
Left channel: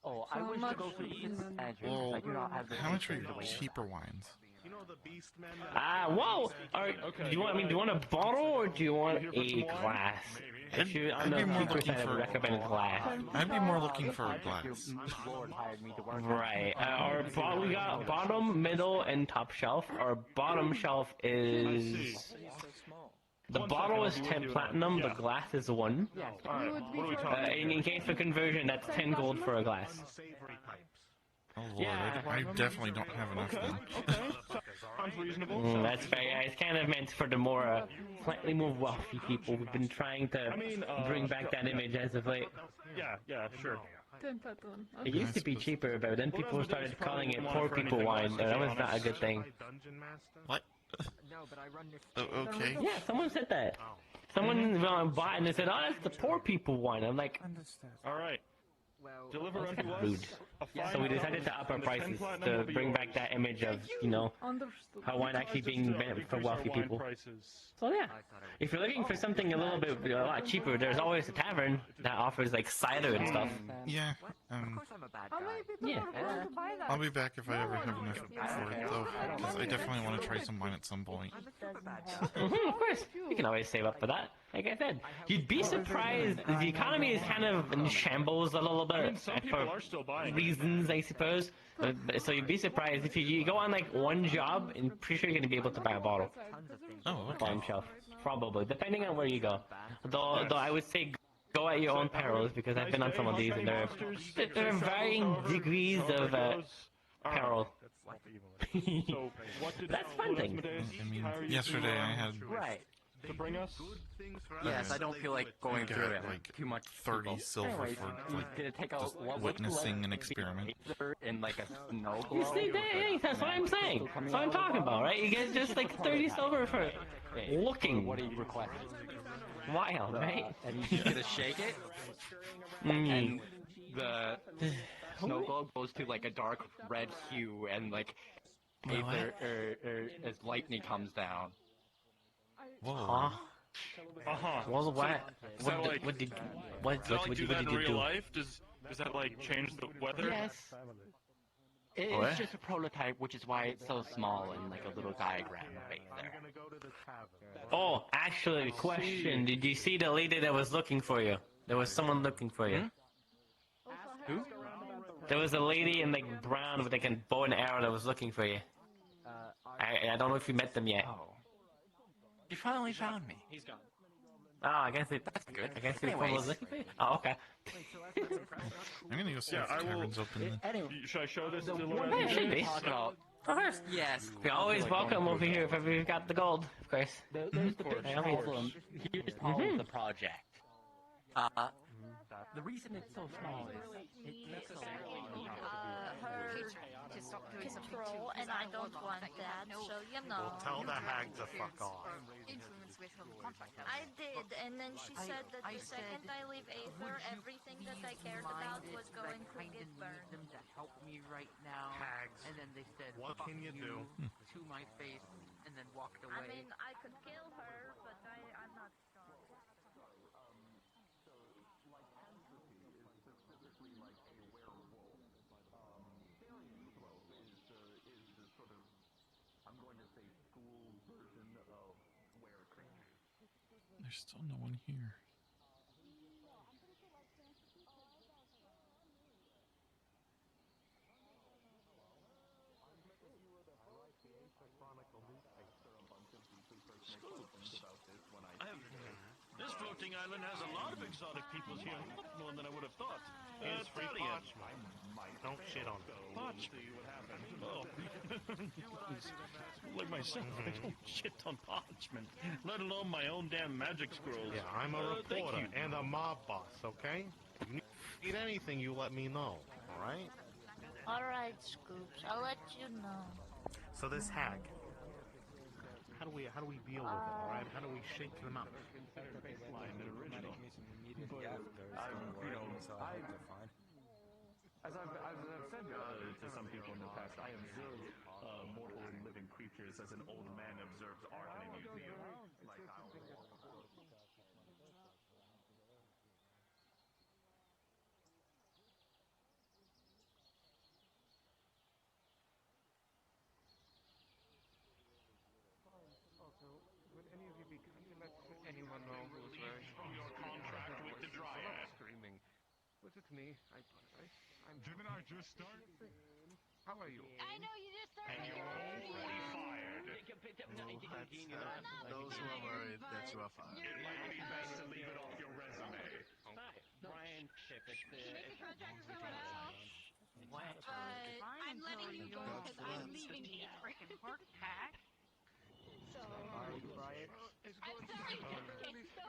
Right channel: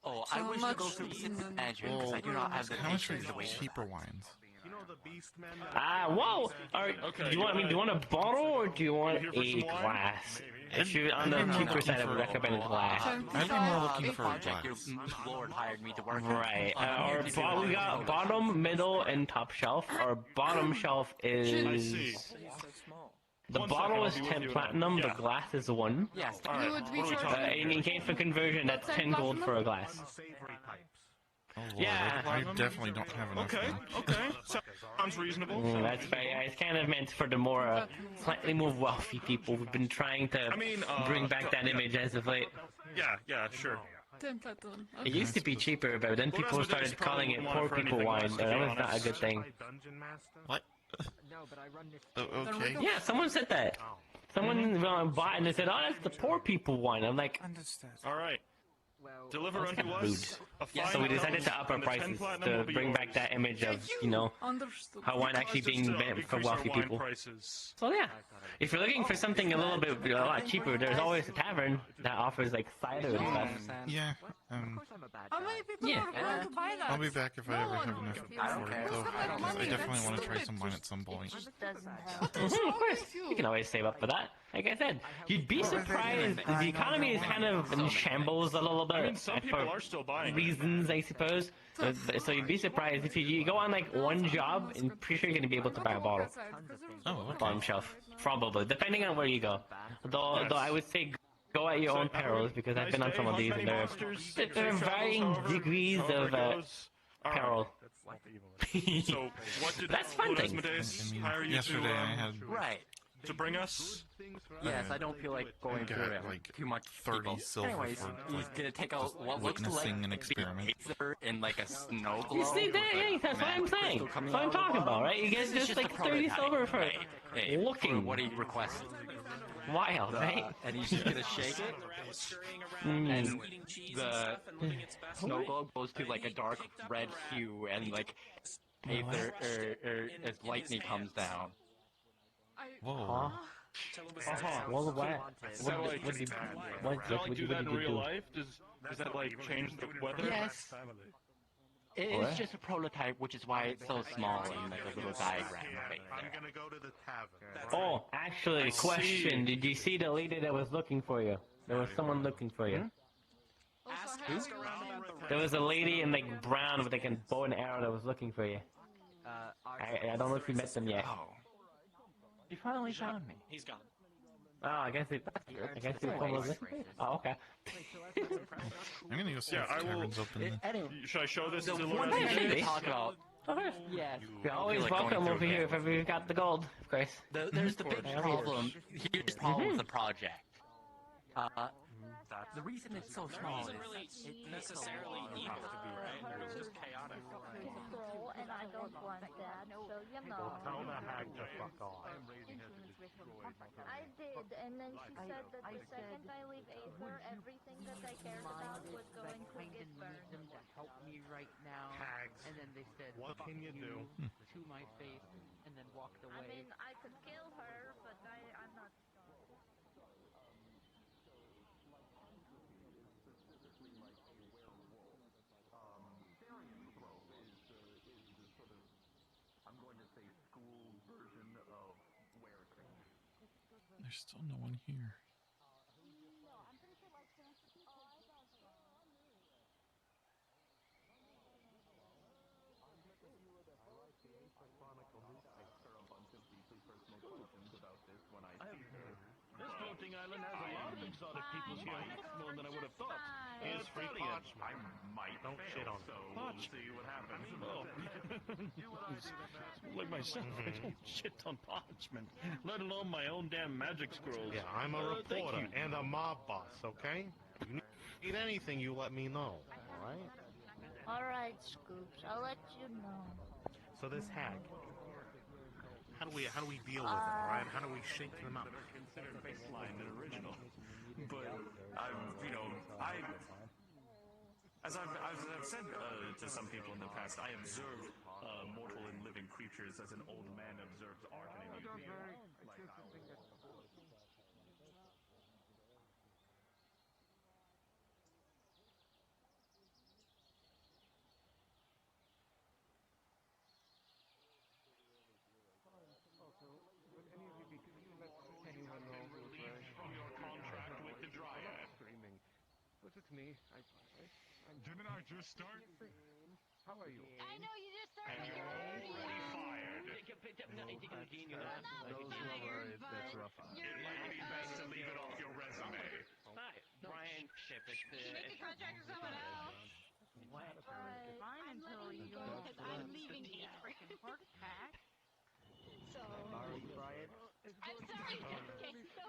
Oh, I wish to go for the Adrian because Well, I do not have the how much are your cheaper wines? Whoa! Do you want a bottle or do you want a glass? If you're on the I'd be more cheaper looking side, I for- would recommend a glass. I'd be more looking for a glass. Your lord hired me to work. Right. We got bottom, middle, and top shelf. Our bottom shelf is... The bottle is 10 platinum, the glass is 1. Yes. In case for conversion, that's 10 gold for a glass. Oh lord, I definitely don't have enough then. Sounds reasonable. That's fair. Yeah, it's kind of meant for the more, slightly more wealthy people who've been trying to bring back that image as of late. Yeah, sure. It used to be cheaper, but then people started calling it poor people wine, and that was not a good thing. What? Okay. Yeah, someone said that. Someone bought and they said, "Oh, that's the poor people wine." I'm like, Understood. All right. Deliver That's unto kinda us So we decided to up our prices to bring back that image of, Understood. how wine actually being meant for wealthy people. So yeah, if you're looking for something a lot cheaper, there's always a tavern that offers like cider and stuff. Yeah. How many people Yeah. are going to buy that? I'll be back if I ever have enough for it, though, because I definitely want to try some wine at some point. Of course, you can always save up for that. Like I said, you'd be surprised. The economy is kind of in shambles a little bit for reasons, I suppose. So you'd be surprised if you go on like one job, and pretty sure you're gonna be able to buy a bottle. Oh, okay. Bottom shelf, probably, depending on where you go. Though I would say go at your own perils, because I've been on some of these, and there are varying degrees of peril. That's fun thing. I mean, yesterday I had to bring us. Yes, I don't feel like going through it. like too much 30 silver for like did it take just what witnessing an experiment. in like a snow You see that? Hey, that's what I'm saying. That's what I'm talking about, right? You get just like 30 silver for looking. What he requested. Wild, right? And he's just gonna shake it. And the snow globe goes to like a dark red hue, and like Aether as lightning comes down. Whoa. Well, what did you do? Does that like change the weather? Yes. It's just a prototype, which is why it's so small and like a little diagram of Aether. Oh, actually, question. Did you see the lady that was looking for you? There was someone looking for you. Who? There was a lady in like brown with like a bow and arrow that was looking for you. I don't know if you met them yet. You finally found me. He's gone. Oh, I guess it. I guess it was looking for you. Oh, okay. I'm gonna go see if the tavern's open then. Should I show this to the Yeah, should be. Yes. You're always welcome over here if ever you've got the gold, of course. There's the big problem. Here's the problem with the project. The reason it's so small is necessarily evil. Control, and I don't want that, so Tell the hag to fuck off. I did, and then she said that the second I leave Aether, everything that I cared about was going to get burned. Them to help me right now, and then they said, "What can you do?" to my face, and then walked away. I mean, I could kill her, but I'm not sure. There's still no one here. This floating island has a lot of exotic peoples here. More than I would have thought. Here's free parchment. Don't shit on it. Parchment. Oh. Like myself, I don't shit on parchment, let alone my own damn magic scrolls. Yeah, I'm a reporter and a mob boss, okay? If you need anything, you let me know, alright? Alright, Scoops, I'll let you know. So this hag, how do we deal with it, alright? How do we shake them up? As I've said to some people in the past, I observe mortal and living creatures as an old man observes art in a museum. Like how... What's it to me? Didn't I just start? How are you? I know you just started. And you're already fired. It might be best to leave it off your resume. Brian Ship, it's You make a contract with someone else. What? I'm letting you go because I'm leaving Aether. So. Borrow you, Brian? I'm sorry. Okay, so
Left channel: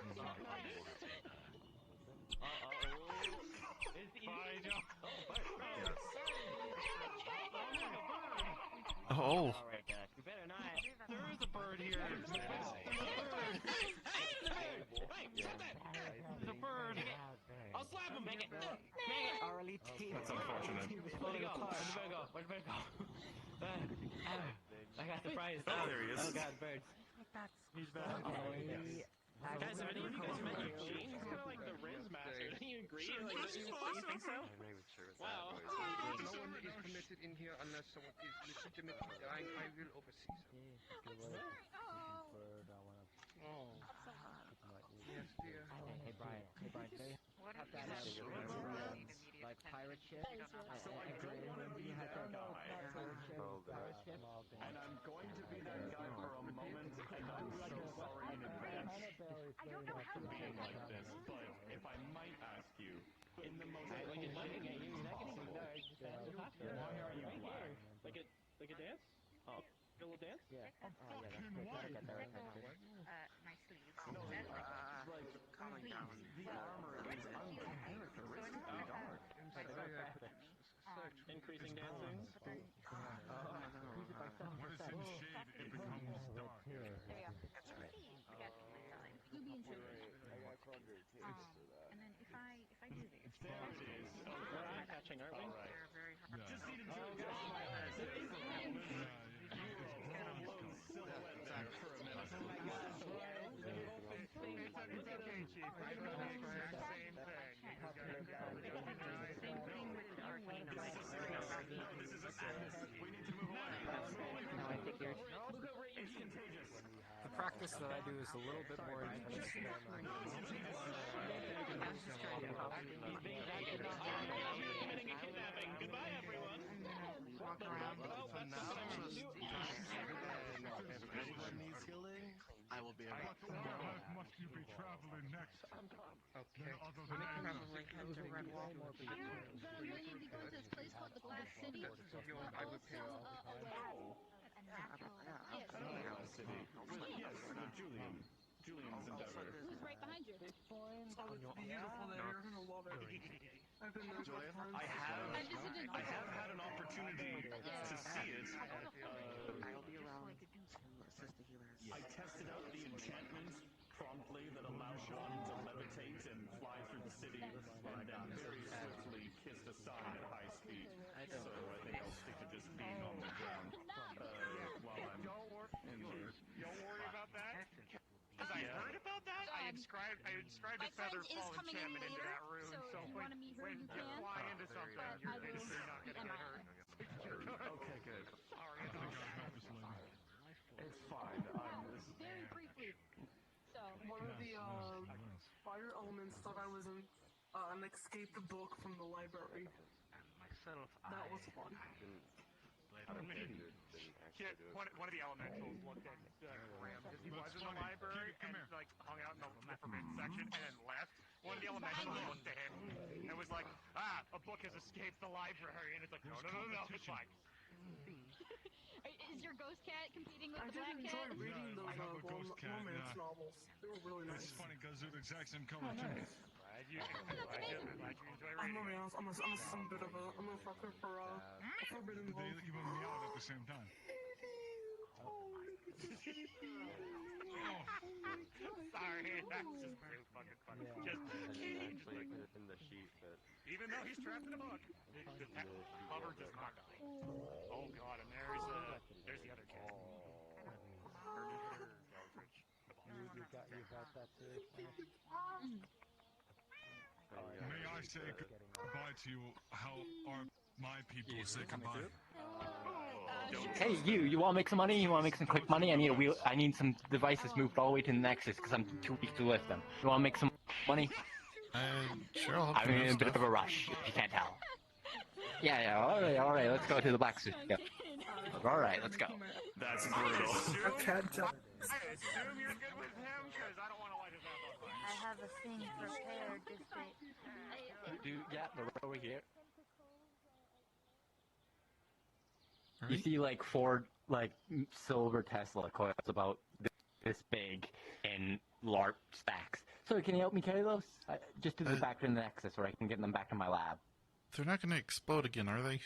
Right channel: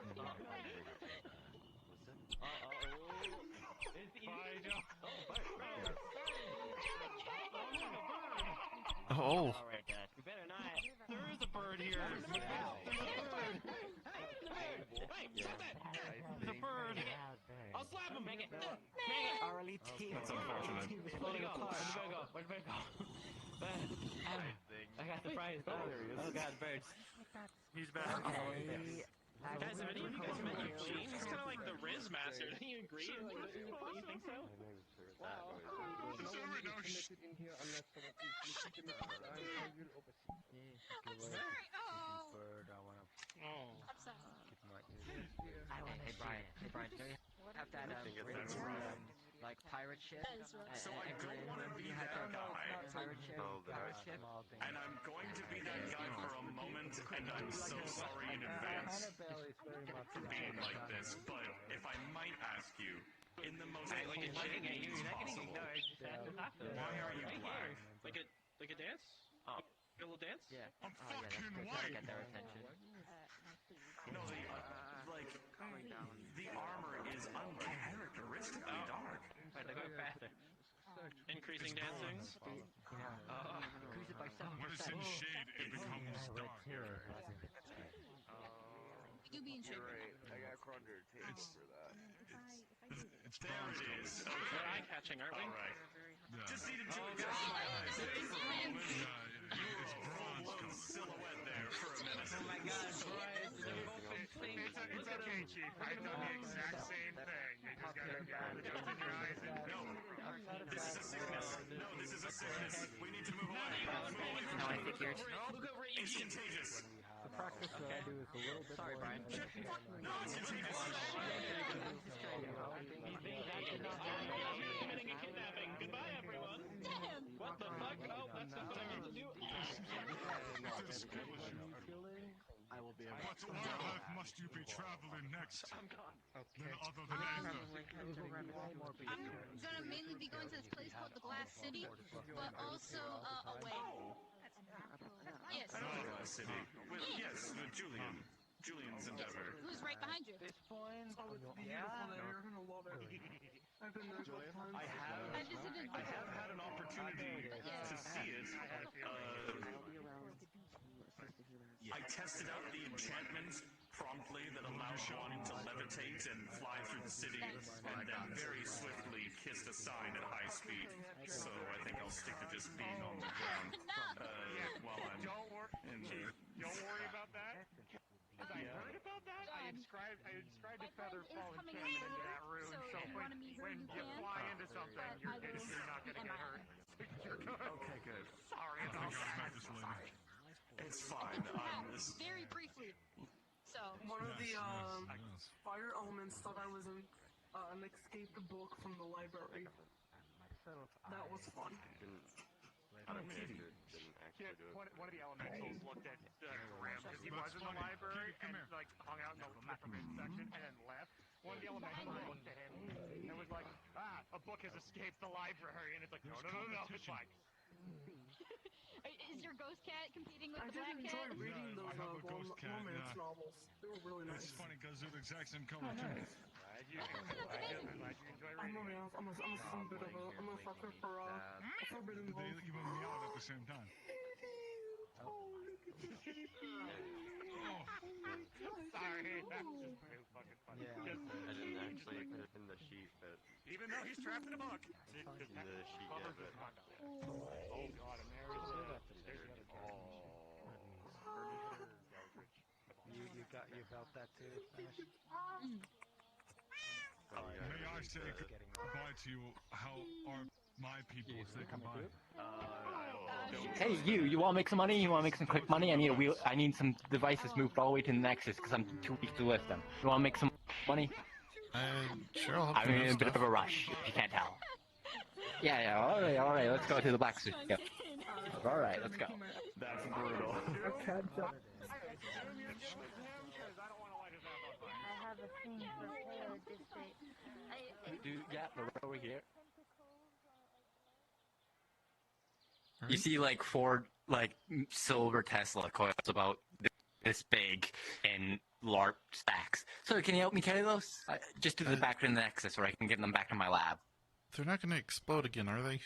Oh. Alright, Dad. You better not. There is a bird here. Hey, stop that! There's a bird. I'll slap him. Make it. Make it. That's unfortunate. Where'd he go? Where'd the bird go? I got the prize. Oh, there he is. Oh god, birds. He's back. Okay. Guys, have any of you guys met Eugene? He's kind of like the Riz master. Don't you agree? Like, you think so? Wow. Permitted in here unless someone is legitimate. I will oversee. Bird, I wanna get my Hey Brian, can you have that like pirate ship? So I don't want to be that guy. And I'm going to be that guy for a moment, and I'm so sorry in advance for being like this, but if I might ask you, in the most polite way possible, why are you black? Like a dance? A little dance? Yeah. Oh yeah, that's good. That'll get their attention. No, the armor is uncharacteristically dark. Increasing dancing? What is in shade, it becomes dark. You being shit. It's there it is. We're eye catching, aren't we? Alright. Just needed to adjust my eyes. You were a full-blown silhouette there for a minute. Oh my god. It's okay, Chief. I know the exact same thing. They just got it down. This is a sickness. No, this is a sickness. We need to move on. No, I figured. It's contagious. The practice that I do is a little bit more intense than No, it's contagious. Committing a kidnapping. Goodbye, everyone. Oh, that's not what I meant to do. I will be But to what earth must you be traveling next? Okay. Maybe we go to this place called the Glass City, but also away. Yes. Glass City. Yes, Julian's endeavor. Who's right behind you? Oh, it's beautiful there. You're gonna love it. I've been there so times. I have had an opportunity to see it. I tested out the enchantments promptly that allowed one to levitate and fly through the city, and then very swiftly kissed a sign at high speed. So I think I'll stick to just being on the ground while I'm in the... Don't worry about that. I heard about that. I inscribed a feather fall enchantment into that room. So if you want to meet her, when you you can. fly into something, you're basically not going to get hurt. Okay, good. Sorry. It's fine. Very briefly. So One of the fire elements thought I was an escaped book from the library. That was fun. One of the elementals looked at Graham because he was in the library and like hung out in the forbidden section and left. One of the elementals looked at him and it was like, a book has escaped the library, and it's like, no, it's fine. is your ghost cat competing with I the black did cat? enjoy reading those romance novels. They were really nice. It's funny because they're the exact same color, too. Glad you enjoy reading. I'm some bit of I'm a fucker for forbidden They love. even meow at the same time. Oh, look at the baby. Sorry, that's just very fucking funny. Even though he's trapped in a book, he just covers his cock on it. Oh god, and there's the other cat. You got that too? May I say goodbye to you? How are my people say goodbye? Hey, you want to make some money? You want to make some quick money? I need some devices moved all the way to the Nexus because I'm too weak to lift them. You want to make some money? Sure, I'll I'm in a bit of a rush, if you can't tell. Yeah, alright, let's go to the black suit. Yep. Alright, let's go. That's brutal. I can't tell. Yeah, we're over here. You see like 4 silver Tesla coils about this big in LARP stacks. So can you help me carry those? Just to the back to the Nexus where I can get them back to my lab. They're not going to explode again, are they?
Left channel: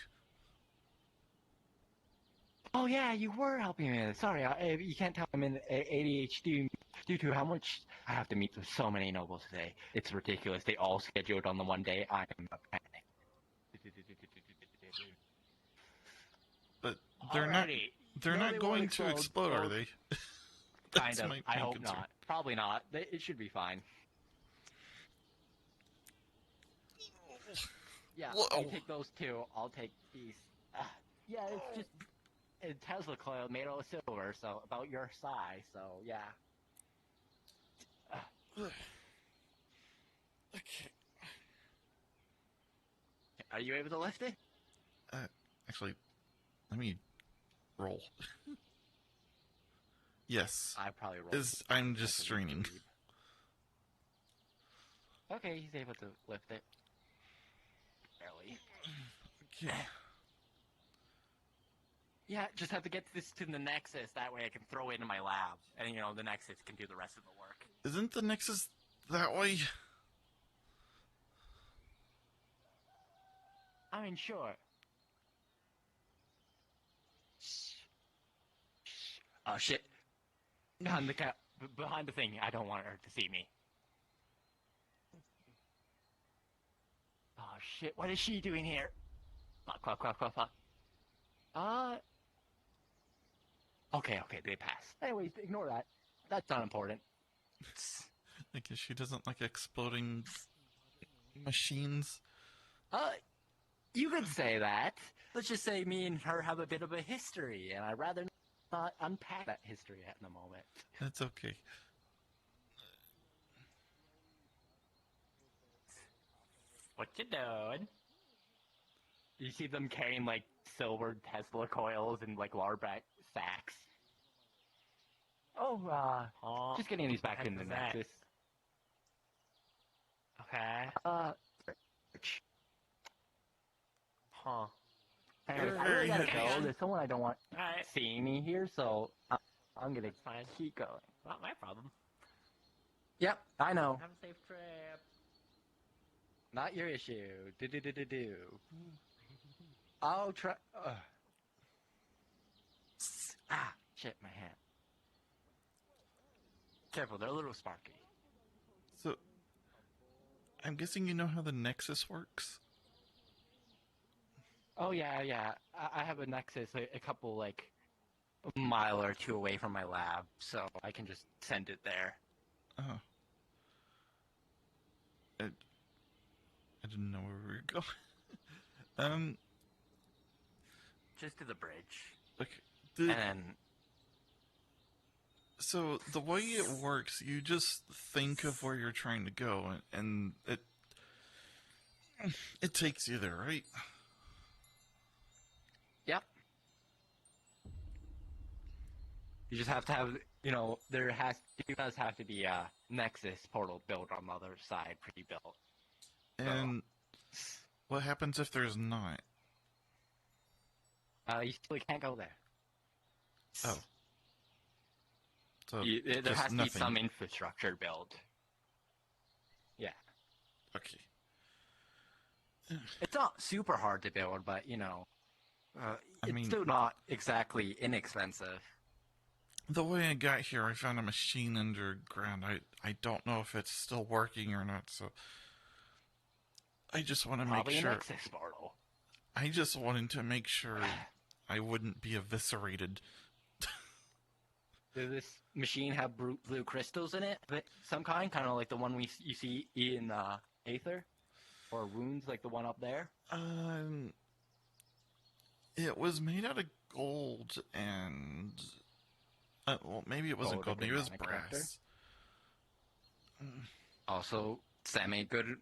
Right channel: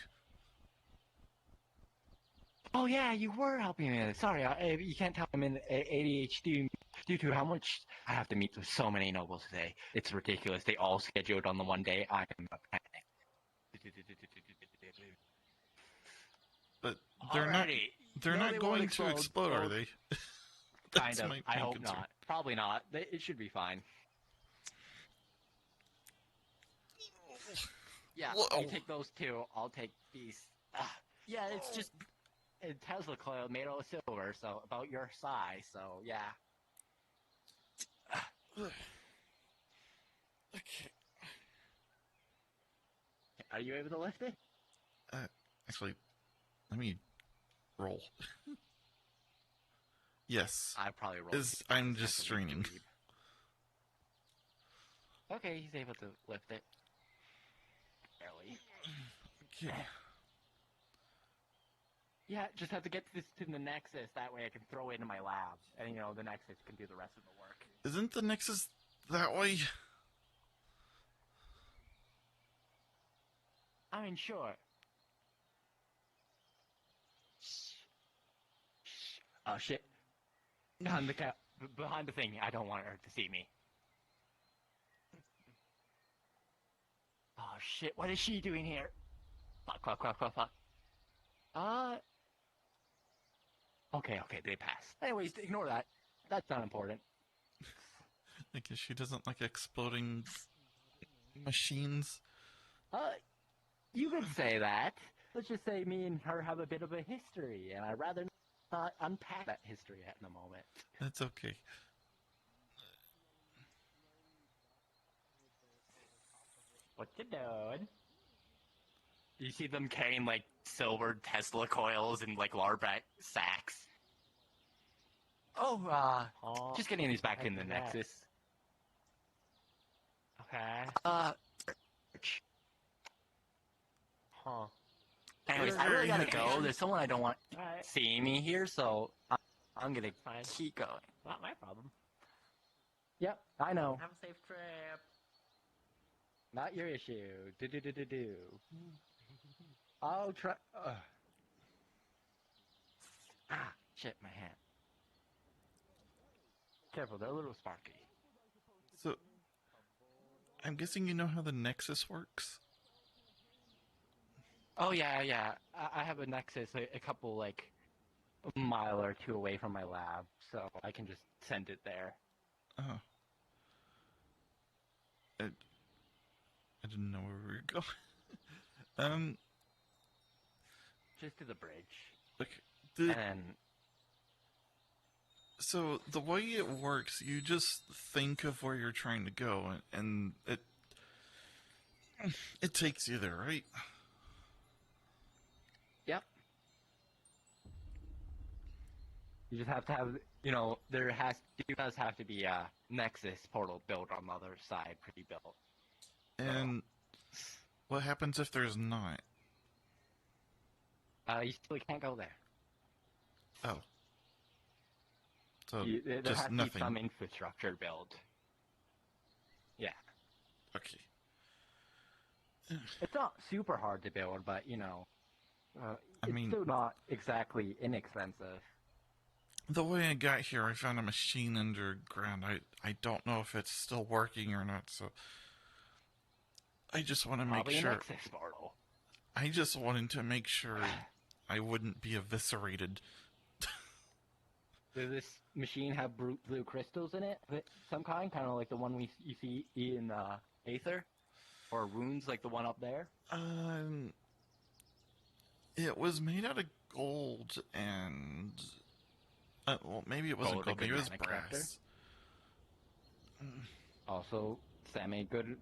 Oh yeah, you were helping me. Sorry, you can't tell I'm in ADHD due to how much I have to meet with so many nobles today. It's ridiculous. They all scheduled on the one day. I'm a panic. They're not. Alrighty. They're No, not they going won't to explode, are they? Kind That's of. my I main hope concern. not. Probably not. It should be fine. Yeah, Whoa. you take those two. I'll take these. Yeah, it's just a Tesla coil made out of silver, so about your size. So yeah. Okay. Are you able to lift it? Actually, let me roll. Yes. I probably roll. I'm just straining. Okay, he's able to lift it. Barely. Okay. Yeah, just have to get this to the Nexus. That way I can throw it into my lab. And, you know, the Nexus can do the rest of the work. Isn't the Nexus that way? I mean, sure. Oh, shit. Behind the thing. I don't want her to see me. Oh, shit. What is she doing here? Fuck. Okay, they passed. Anyways, ignore that. That's not important. I guess she doesn't like exploding machines. You could say that. Let's just say me and her have a bit of a history, and I'd rather not unpack that history at the moment. That's okay. What you doing? You see them carrying, like, silver Tesla coils and, like, larvae sacks. Oh, just getting these back in the Nexus. Okay. Huh. Anyways, I really gotta go. There's someone I don't want seeing me here, so I'm gonna keep going. Not my problem. Yep, I know. Have a safe trip. Not your issue. Do. I'll try. Shit, my hand. Careful, they're a little sparky. So, I'm guessing you know how the Nexus works? Oh, yeah. I have a Nexus a couple, like, a mile or two away from my lab, so I can just send it there. Oh. I didn't know where we were going. Just to the bridge. Okay. And so, the way it works, you just think of where you're trying to go, and it takes you there, right? Yep. You just have to have, you know, there does have to be a Nexus portal built on the other side, pre-built. And what happens if there's not? You still can't go there. Oh. So, there just has nothing. to be some infrastructure built. Yeah. Okay. It's not super hard to build, but, you know, I mean, it's still not exactly inexpensive. The way I got here, I found a machine underground. I don't know if it's still working or not, so I just want to make sure. An access portal. I just wanted to make sure I wouldn't be eviscerated. Does this machine have blue crystals in it of some kind? Kind of like the one you see in Aether? Or runes like the one up there? It was made out of gold and... well, maybe it wasn't gold, maybe it was brass. Also, semi-good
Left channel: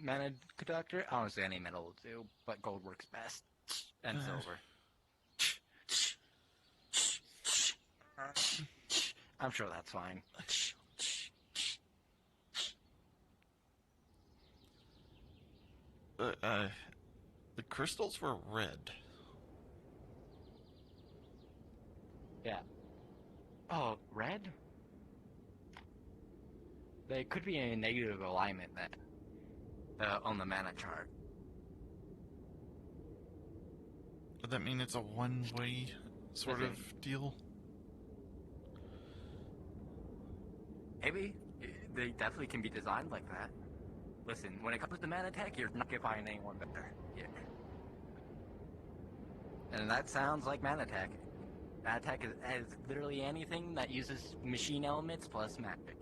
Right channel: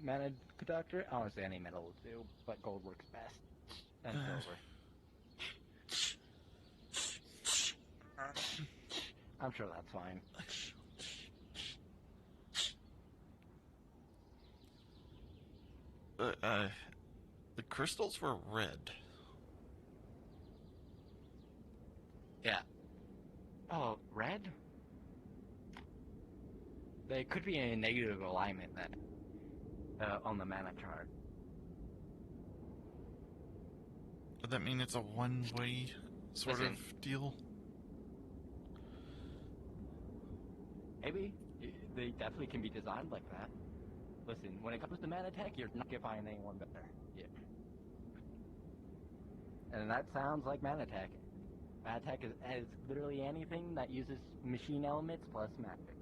mana conductor? I don't say any metal will do, but gold works best. And silver. I'm sure that's fine. The crystals were red. Yeah. Oh, red? They could be in a negative alignment then. On the mana chart. Would that mean it's a one-way sort of deal? Maybe. They definitely can be designed like that. Listen, when it comes to mana tech, you're not gonna find anyone better. Yeah. And that sounds like Manatech. Manatech is literally anything that uses machine elements plus magic.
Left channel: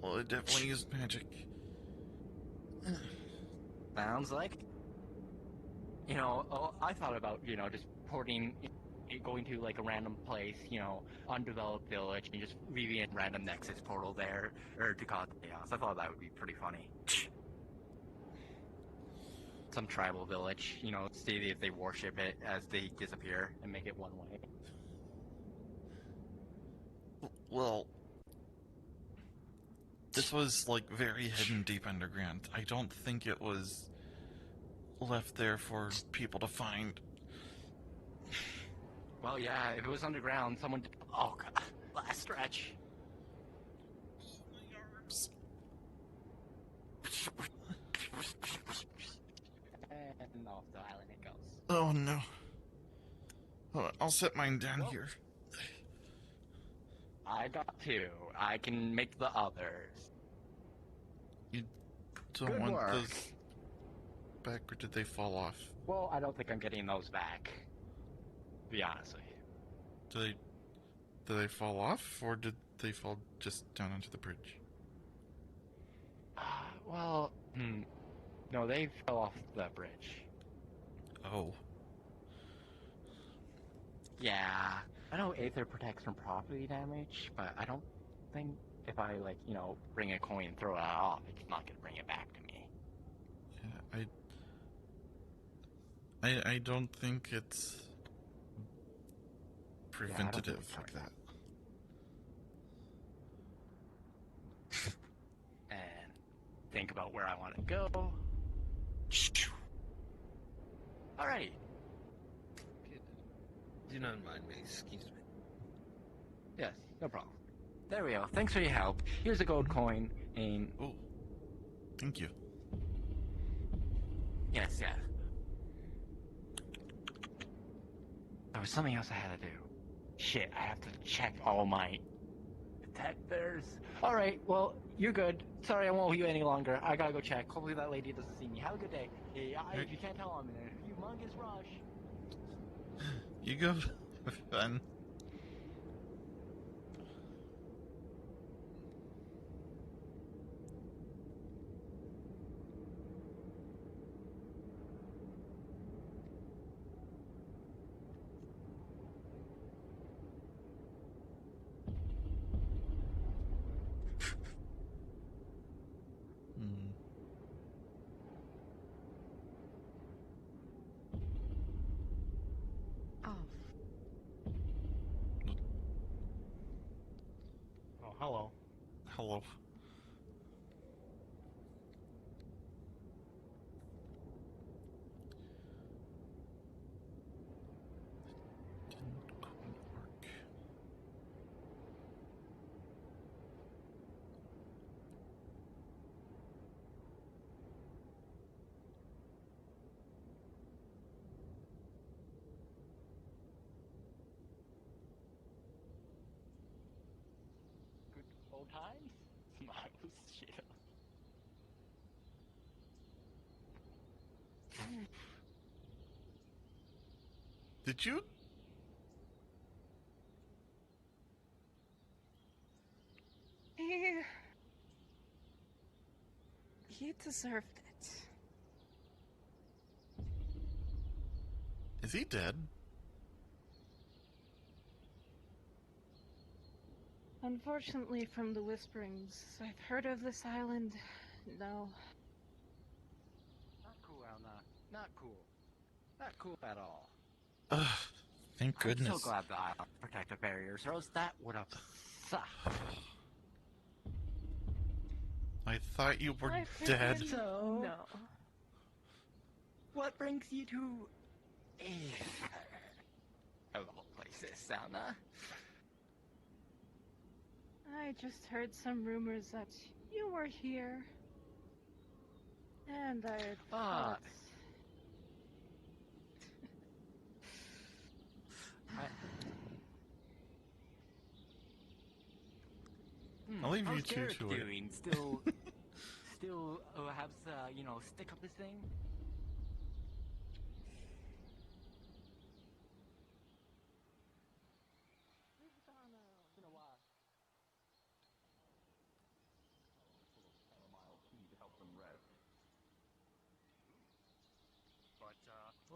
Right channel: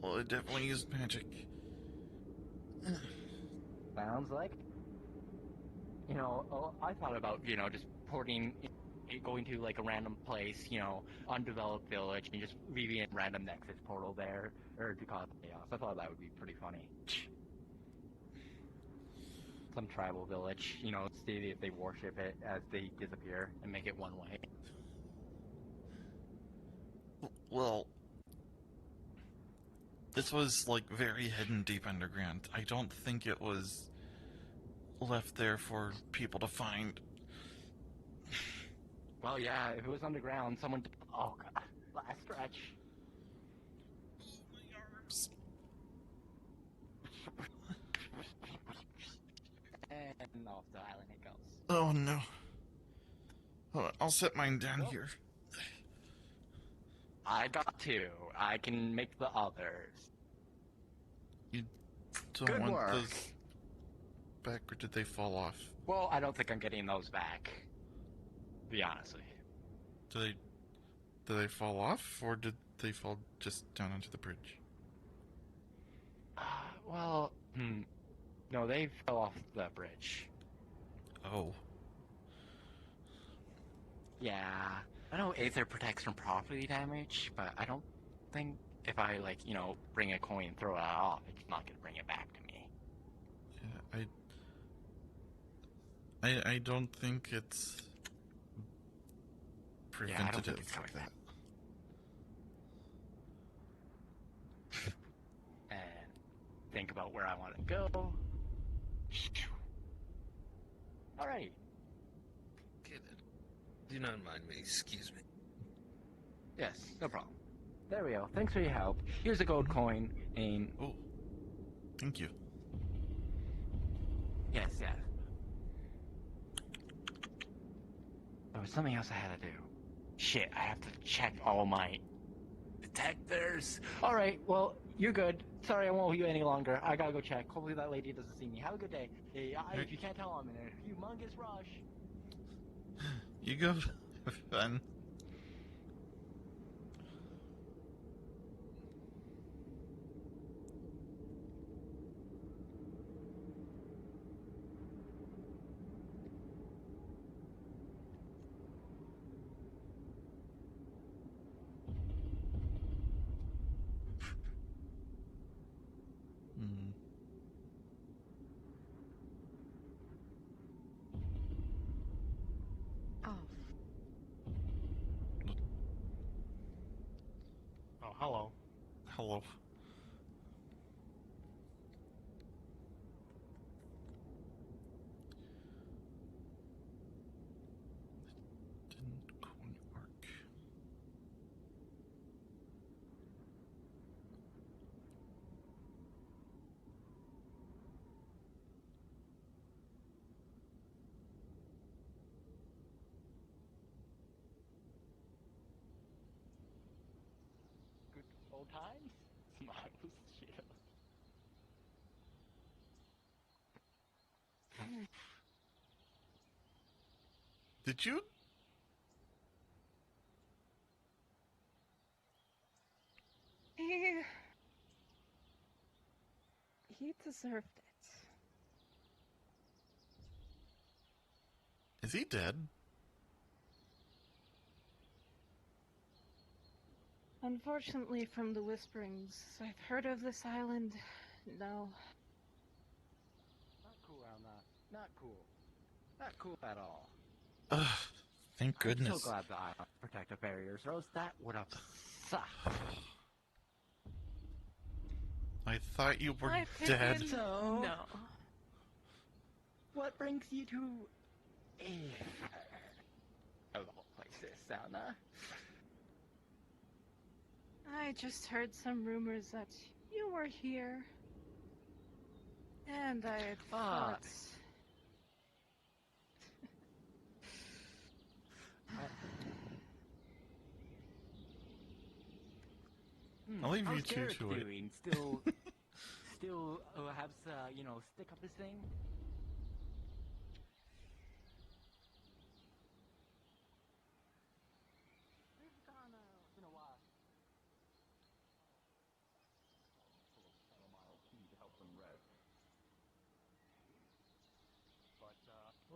Well, it definitely used magic. Sounds like. You know, I thought about, just porting, going to like a random place, undeveloped village, and just leaving a random Nexus portal there, or to cause chaos. I thought that would be pretty funny. Some tribal village, see if they worship it as they disappear and make it one way. Well, this was like very hidden deep underground. I don't think it was left there for people to find. Well, yeah, if it was underground, someone. Oh, God. Last stretch. My arms. And off the island it goes. Oh no. Hold on, I'll set mine down here. I got two. I can make the others. You don't Good want work. those back, or did they fall off? Well, I don't think I'm getting those back. To be honest with you. Did they fall off, or did they fall just down onto the bridge? Well, no, they fell off the bridge. Oh. Yeah. I know Aether protects from property damage, but I don't think if I, bring a coin and throw it off, it's not gonna bring it back to me. Yeah, I don't think it's preventative like that. And think about where I want to go. Alright. Do not mind me, excuse me. Yes, no problem. There we go. Thanks for your help. Here's a gold coin, and... Oh, thank you. Yes. There was something else I had to do. Shit, I have to check all my... detectors. Alright, well, you're good. Sorry, I won't hold you any longer. I gotta go check. Hopefully that lady doesn't see me. Have a good day. Hey, if you can't tell, I'm in a humongous rush. You go. Have fun. Oh, hello. Hello. Didn't quite work. Good old times? Marvelous shit. Did you? He deserved it. Is he dead? Unfortunately, from the whisperings I've heard of this island, no. Not cool, Elna. Not cool. Not cool at all. Ugh, thank goodness. I'm so glad the island protective barriers, or else that would have sucked. I thought you were My dead. opinion, So, no. What brings you to Aether? Hello, places, Elna. I just heard some rumors that you were here. And I had thought... I'll leave you How's two Garrett to it. doing? Still have, stick up this thing?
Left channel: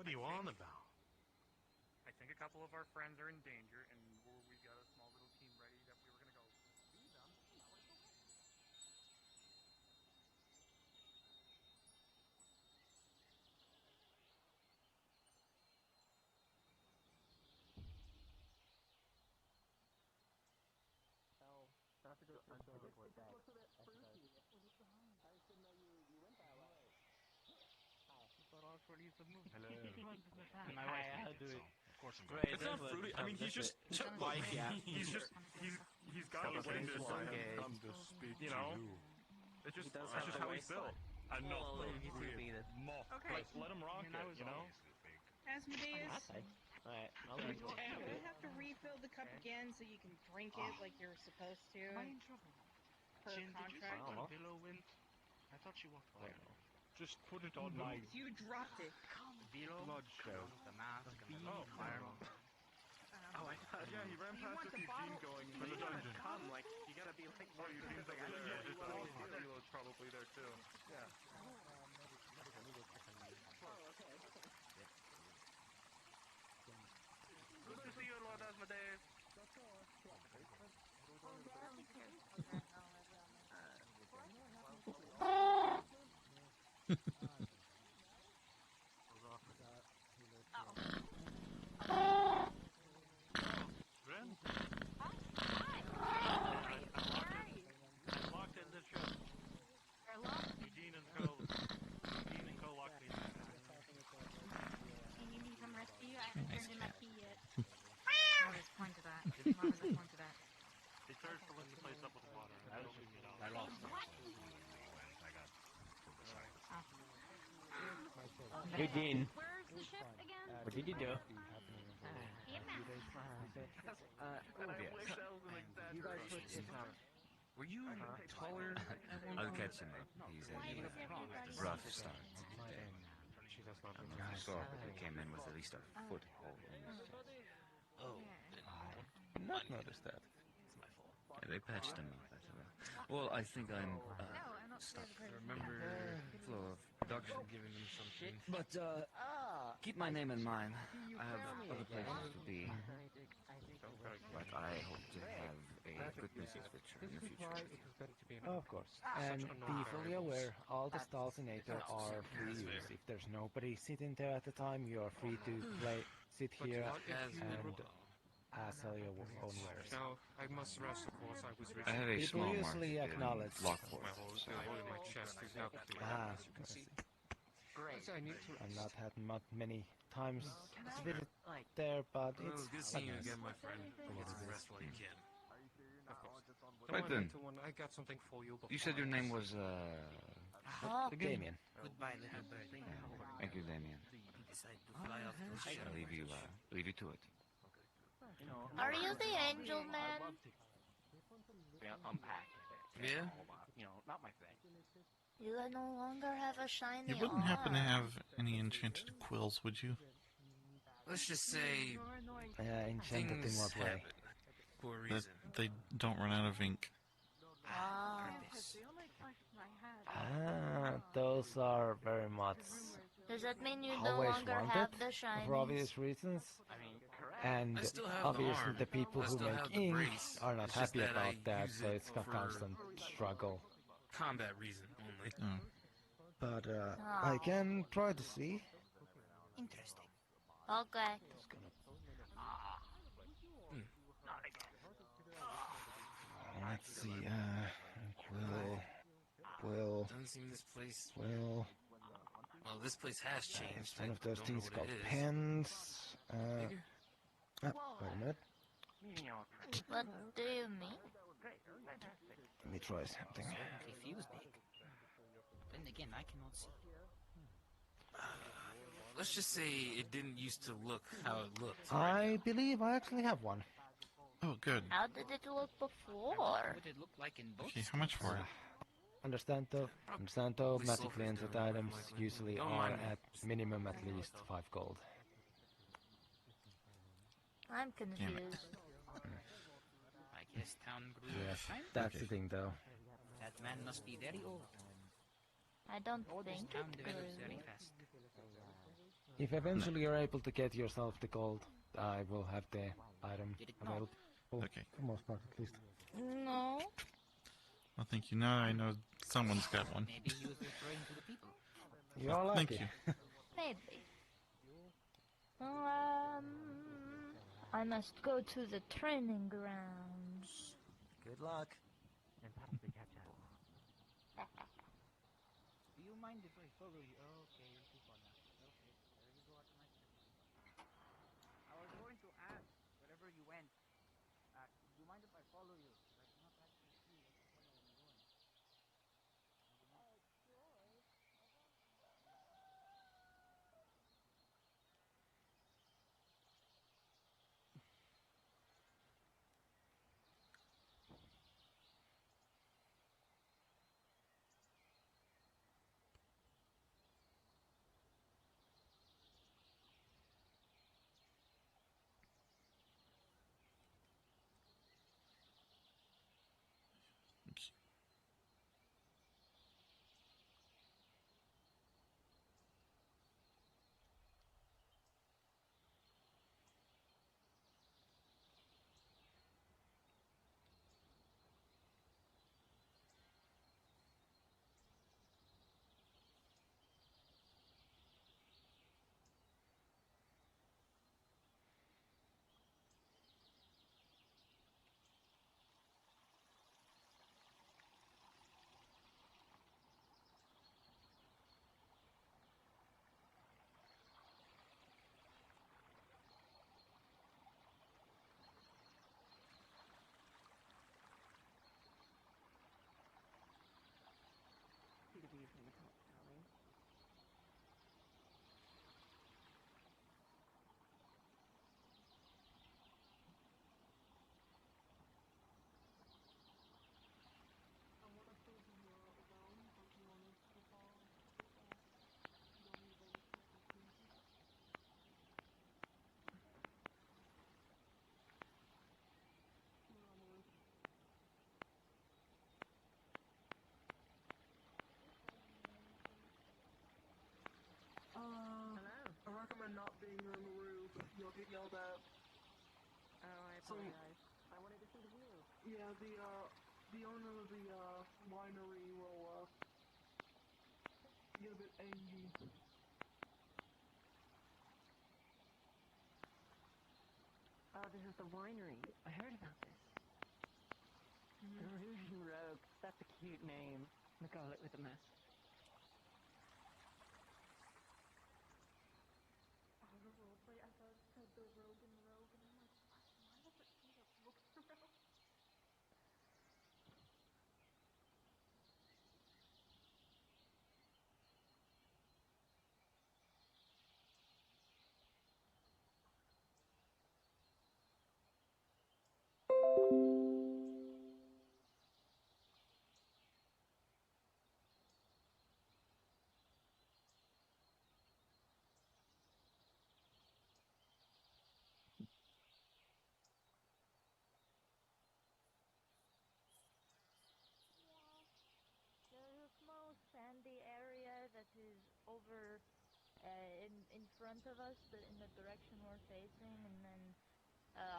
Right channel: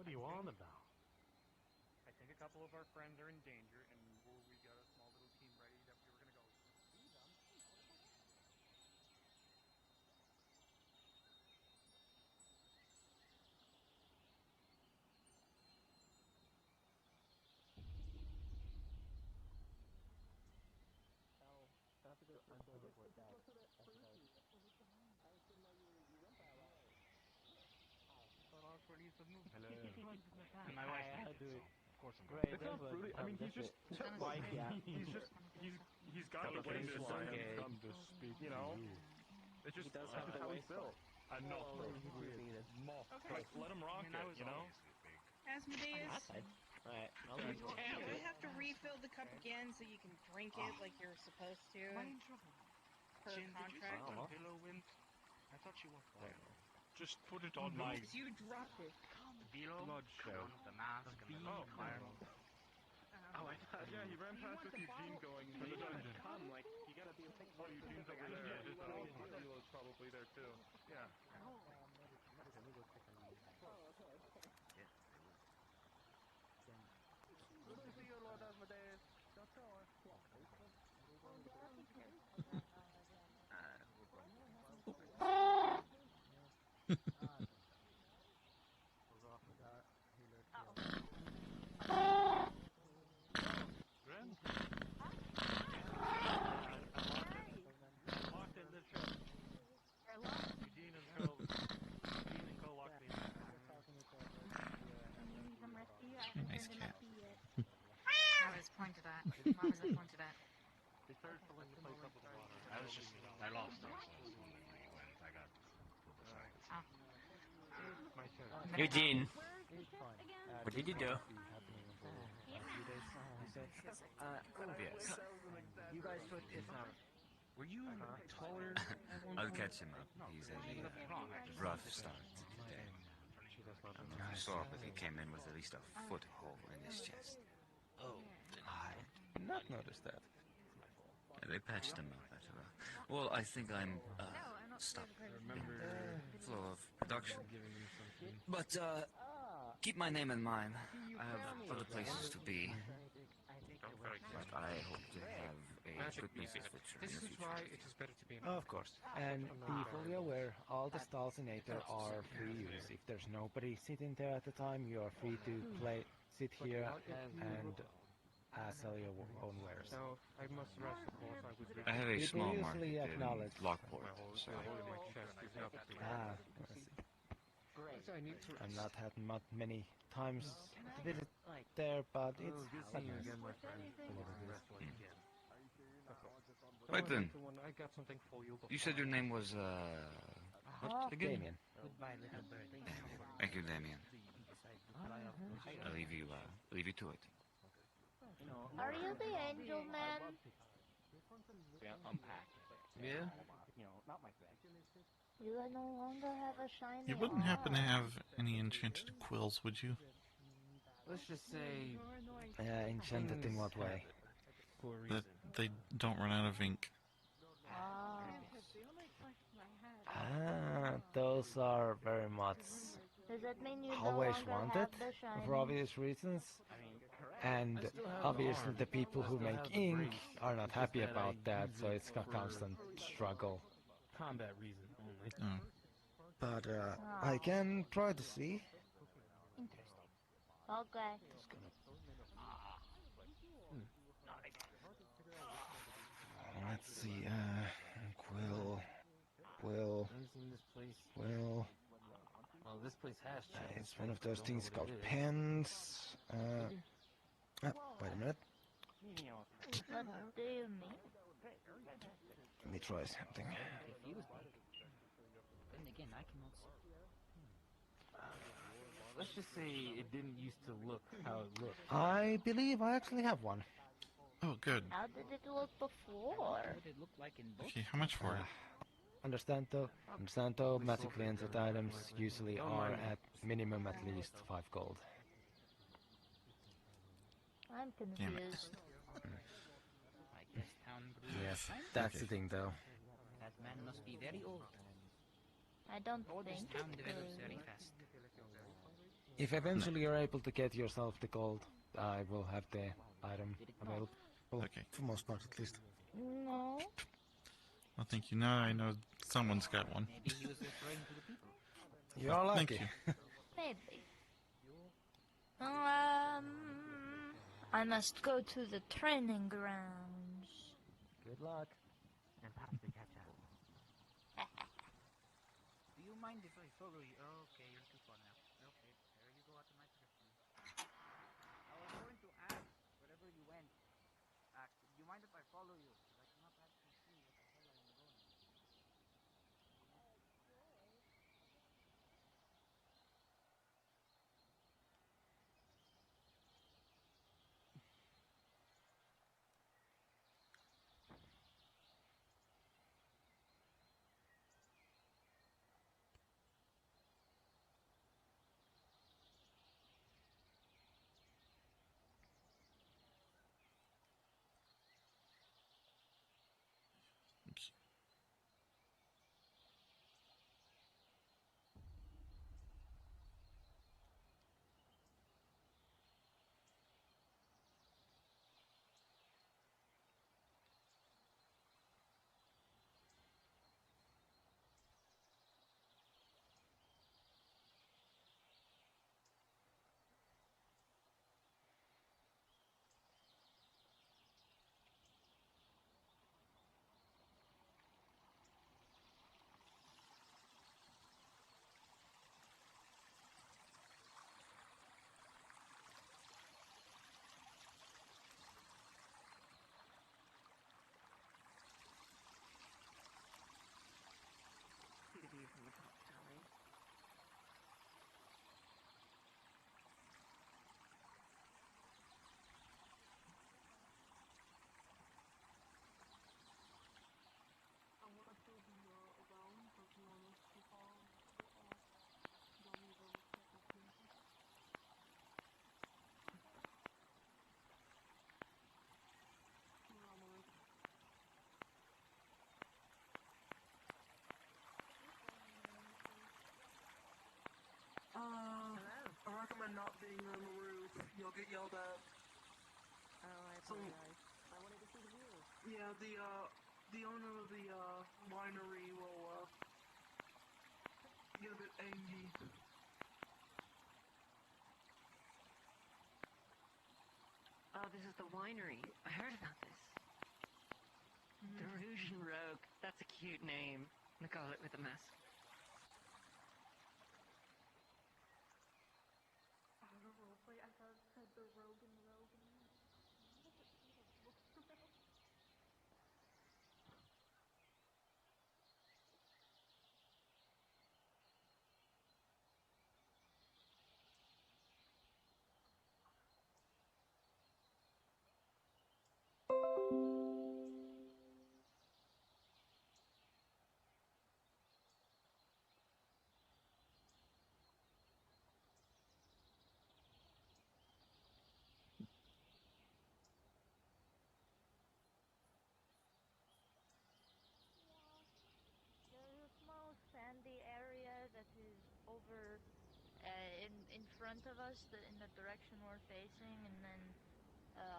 What are you on about? I think a couple of our friends are in danger, and we got a small little team ready that we were gonna go see them. Hello. And my wife I'll needs do it, it. so. It's not fruity. I mean, he's just like he's got the way to come to speak you know. It's just that's just how he's built. I know. Okay. Let him rock it, you know? Asmodeus, Alright, I'll do leave. you have to refill the cup again so you can drink it like you're supposed to? Per contract? I thought she walked away. Just put it on my You dropped it. blood show. The mask and the fire. Oh, I thought. Yeah, he ran past us. Eugene going into the dungeon. Come, like, you gotta be like, Where Eugene's over there. I just thought Elo's probably there too. Yeah. good to see you, Lord Asmodeus. Nice cat. Marvis pointed at. Marvis pointed at. They started filling the place up with water. I lost it. I got Eugene, what did you do? Yes. You guys put were you taller? I'll catch him up. He's had a rough start today. I saw that he came in with at least a foothold in his chest. Oh, did not notice that. They patched him up after that. Well, I think I'm stopped the flow of production. But keep my name in mind. I have other places to be. But I hope to have a good business future in the future. Of course. And be fully aware, all the stalls in Aether are free use. If there's nobody sitting there at the time, you are free to sit here and sell your own wares. I have a People small market usually in acknowledge. Lockport, so... I see. I've not had many times to visit there, but it's quite nice. Right then. I got something for you. You said your name was, Damien. Goodbye, little bird. Thank you, Damien. I'll leave you to it. Are you the angel man? Yeah, unpack. Yeah? You know, not my thing. You no longer have a shiny You wouldn't happen to arm. have any enchanted quills, would you? Let's just say... Enchanted in what way? That they don't run out of ink. Those are very much Does that mean you always no longer wanted have the shinies? for obvious reasons. And obviously the people who make ink are not happy about that, so it's a constant struggle. Combat reason only. Oh. But I can try to see. Interesting. Okay. Let's see, Quill. Doesn't seem this place... Well, this place has changed. it's one of those things called pens. Wait a minute. What do you mean? Let me try something. Confused me. Then again, I cannot see. Let's just say it didn't used to look how it looked. I believe I actually have one. Oh, good. How did it look before? What did it look like in books? Okay, how much for it? Understand though, magically entered items usually are at minimum at least 5 gold. I'm Damn it. confused. I guess town grew Yes, fine. that's the thing though. That man must be very old. I don't This think town it develops is. very fast. If eventually you're able to get yourself the gold, I will have the item available. Okay. For most part, at least. No. Well, thank you. Now I know someone's got one. Maybe he was referring to the people. You're Well, lucky. thank you. Maybe. I must go to the training grounds. Good luck. And pass the cat out. Do you mind if I follow you? Oh, okay, you're too fun now. Okay, there you go at my safety. I was going to ask, wherever you went, do you mind if I follow you? Because I cannot actually see what the hell I'm going. I recommend not being on the roof. You'll get yelled at. Oh, I apologize. I wanted to see the view. Yeah, the owner of the winery will get a bit angry. Oh, this is the winery. I heard about this. The Rouge and Rogue. That's a cute name. I'm gonna call it with a mask. I thought the Rogan and I'm like, why does it say Rogan? There's a small sandy area that is over in front of us, in the direction we're facing, and then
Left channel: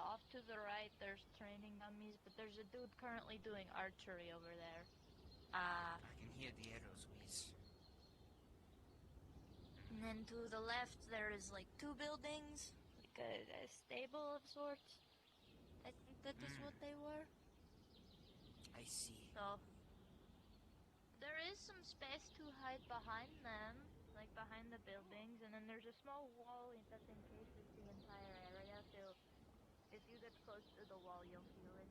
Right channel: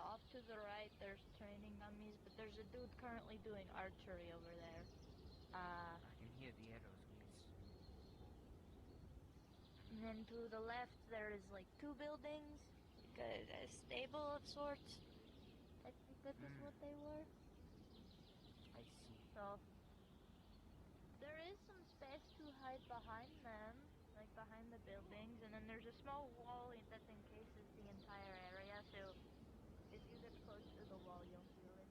off to the right there's training dummies, but there's a dude currently doing archery over there. I can hear the arrows whiz. And then to the left there is like two buildings, like a stable of sorts. I think that is what they were. I see. So there is some space to hide behind them, like behind the buildings, and then there's a small wall that encases the entire area, so if you get close to the wall you'll feel it.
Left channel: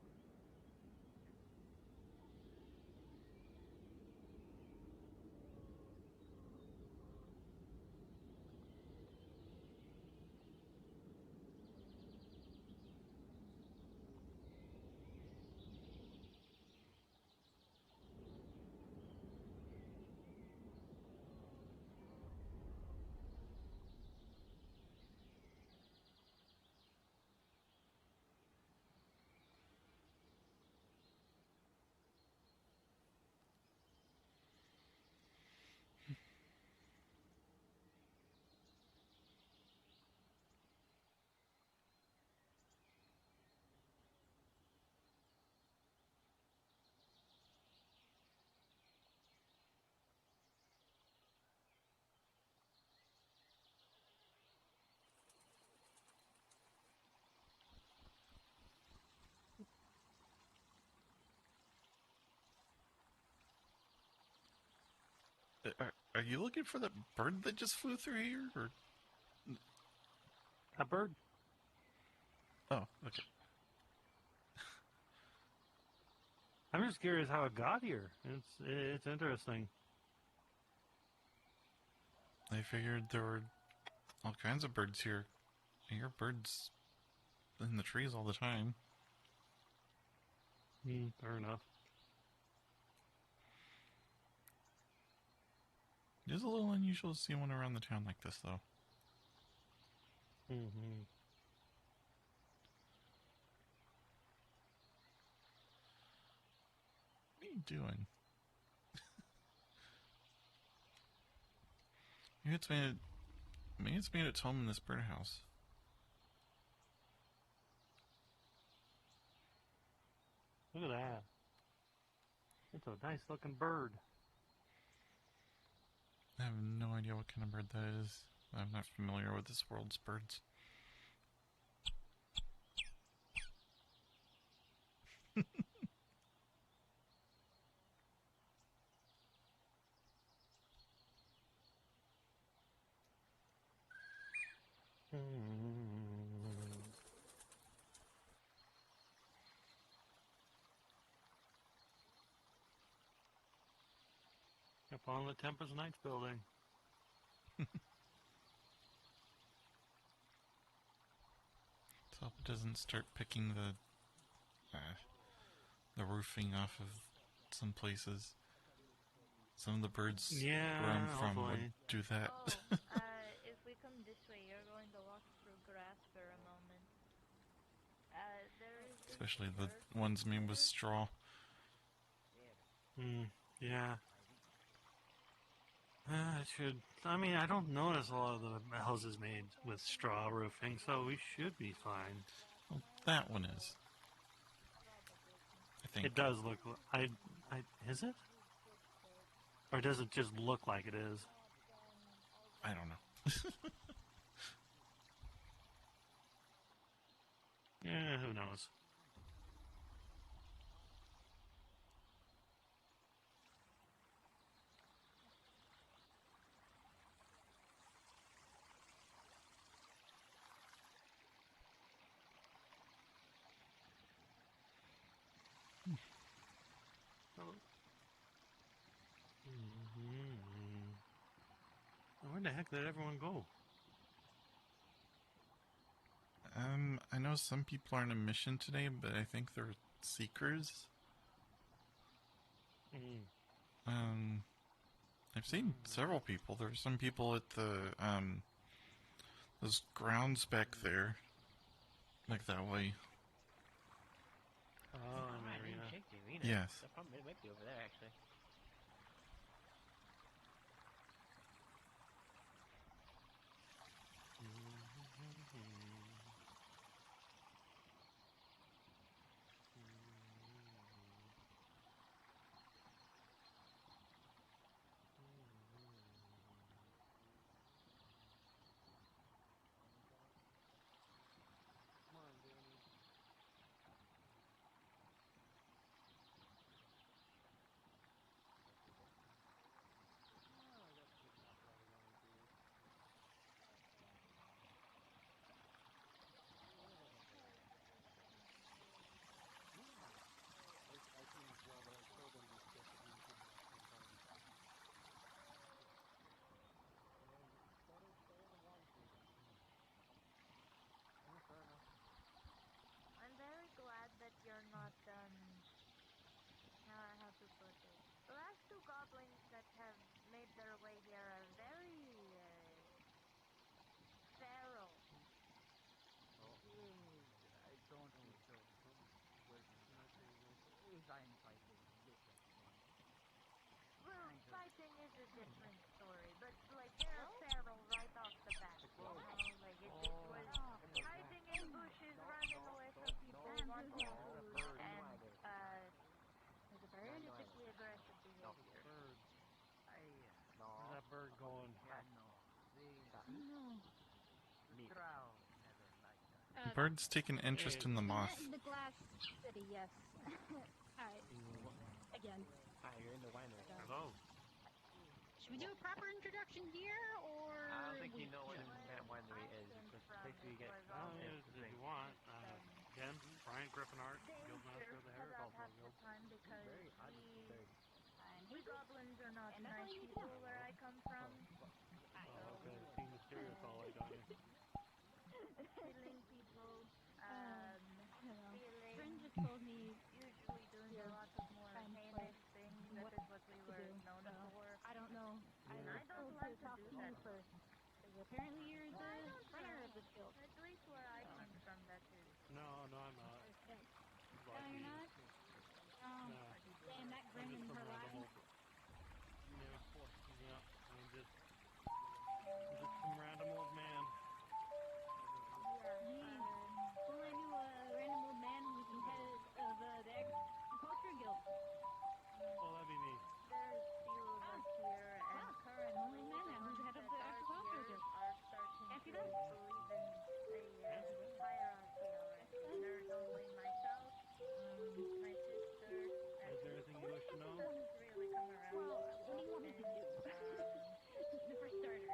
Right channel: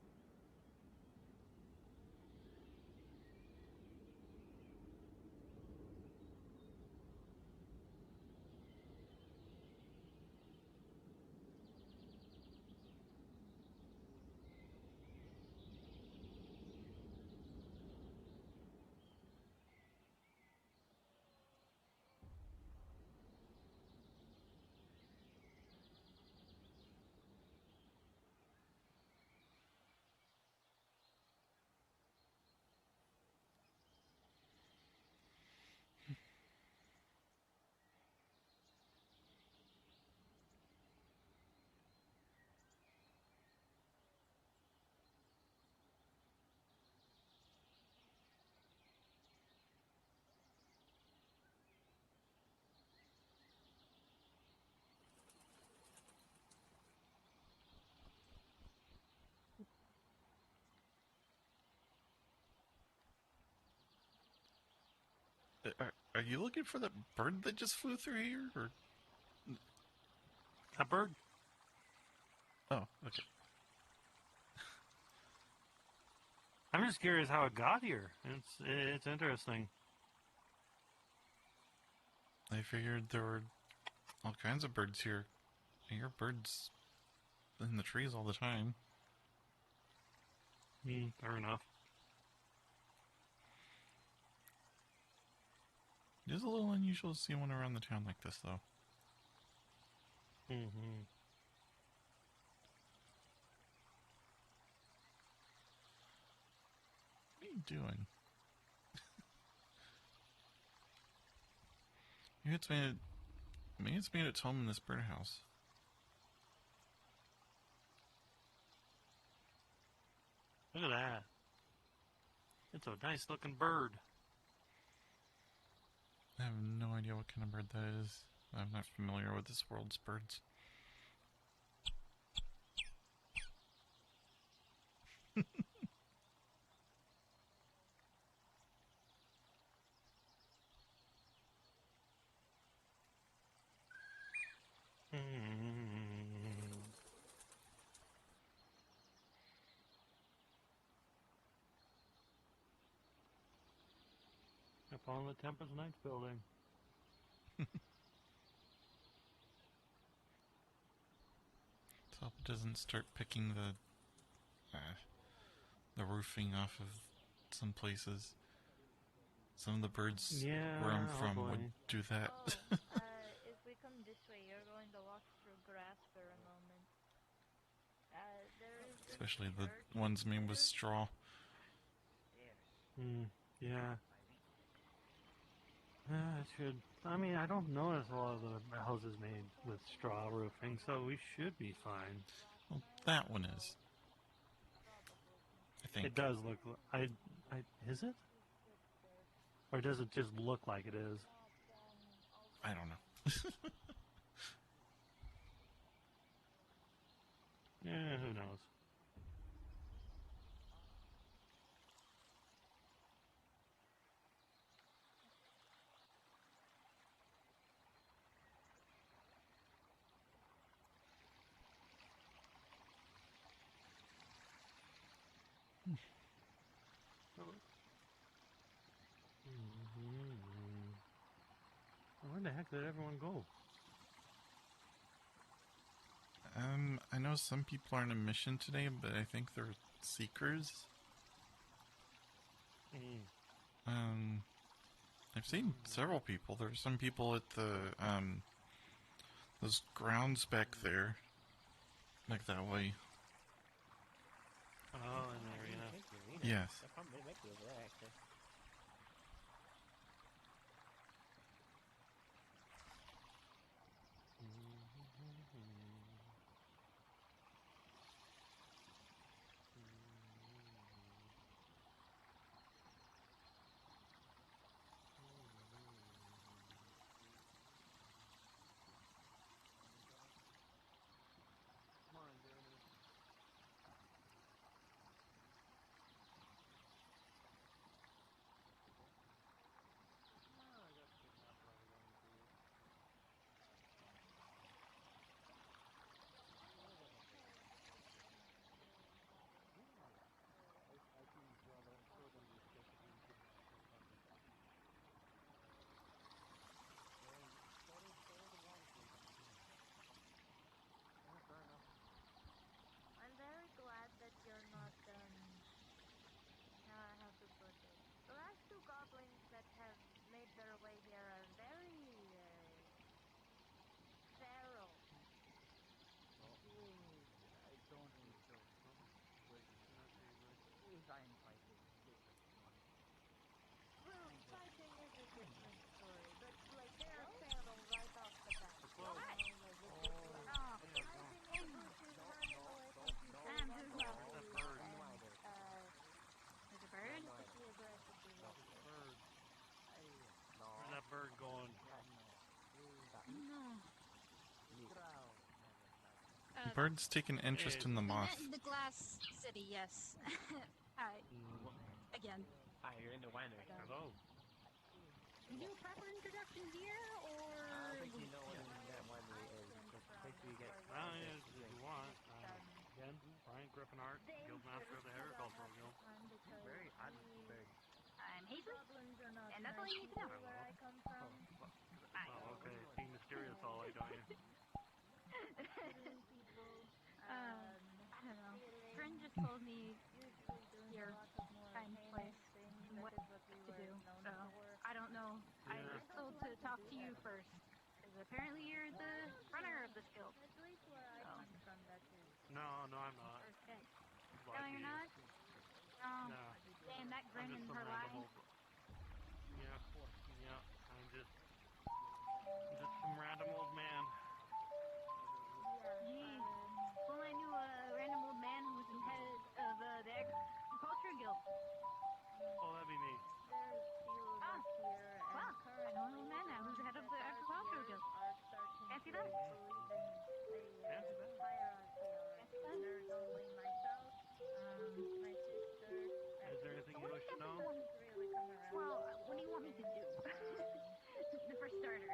Are you looking for that bird that just flew through here, or a bird? Oh, okay. I'm just curious how it got here. It's interesting. I figured there were all kinds of birds here. I hear birds in the trees all the time. Fair enough. It is a little unusual to see one around the town like this, though. Mm-hmm. What are you doing? Maybe it's made its home in this birdhouse. Look at that. It's a nice looking bird. I have no idea what kind of bird that is. I'm not familiar with this world's birds. Up on the Tempest Knights building. Let's hope it doesn't start picking the roofing off of some places. Some of the birds where I'm from would do that. If we come this way, you're going to walk through grass for a moment. Especially the ones made with straw. Yeah. It should. I mean, I don't notice a lot of the houses made with straw roofing, so we should be fine. Well, that one is. I think. It does look. Is it? Or does it just look like it is? I don't know. Yeah, who knows? Where the heck did everyone go? I know some people are on a mission today, but I think they're seekers. I've seen several people. There's some people at the those grounds back there, like that way. Oh, in there, yeah. Yes. I might be over there, actually. I'm very glad that you're not, how to put it. The last two goblins that have made their way here are very, feral. I don't think so. If I'm fighting different one. Well, fighting is a different story, but like they're feral right off the bat. Anyway, you just like hiding in the bushes, running away from people. And there's a bird quickly aggressive behavior. Bird. Where's that bird going? Birds take an interest in the moth. The glass city, yes. Hi. Again. Hi, you're in the winery. Hello. we do a proper introduction here, or we... If you want. Again, Brian Griffin Art, Guildmaster of the Heretical Guild. I'm Hazel, and that's all you need to know. Okay, being mysterious all the way, don't you? Friend just told me your kind place what to do, so I don't know. I was told to talk to you first, because apparently you're the runner of this guild. No, I'm not. No, you're not? Oh, No. damn, that grin in her line. Yeah. I'm just some random old man. Geez. Well, I knew a random old man who was in head of the agriculture guild. Oh, that'd be me. Wow. An old man now who's the head of the agriculture guild. Fancy that? Is there anything you wish to know? Well, what do you want me to do? For starters.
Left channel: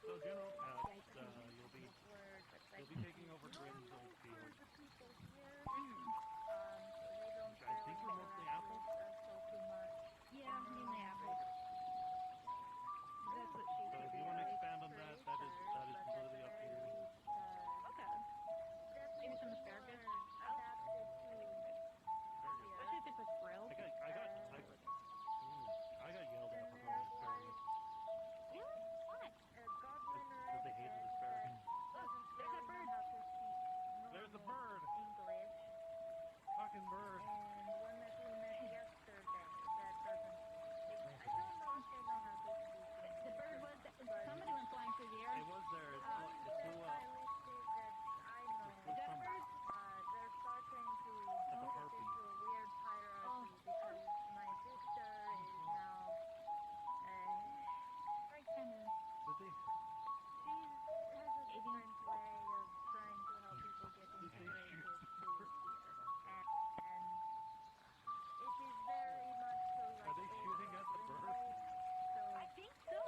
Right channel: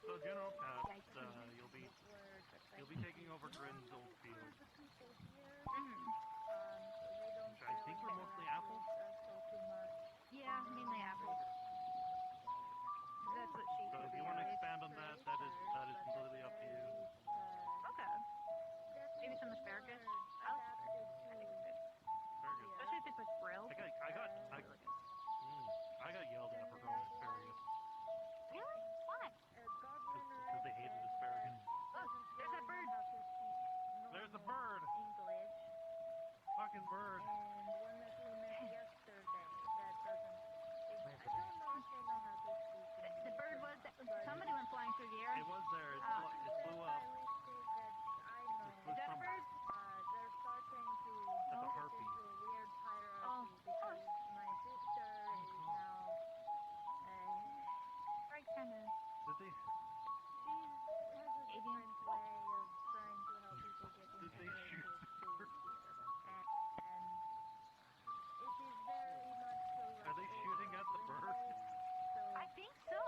So General Pat, you'll be taking over Grin's old field. I think we're mostly apples. Yeah, mainly apples. That's what she So if you want to expand on that, that is completely up to you. Okay. Maybe some asparagus. Especially if it's like grilled. I got yelled at for growing asparagus. Really? Why? Because they hated asparagus. Oh, there's that bird. There's the bird. Fucking bird. The bird was... Somebody went flying through the air. It was there. It flew up. Is that a bird? That's a harpy. Oh. Right, kind of... Did they? Are they shooting at the bird? I think so.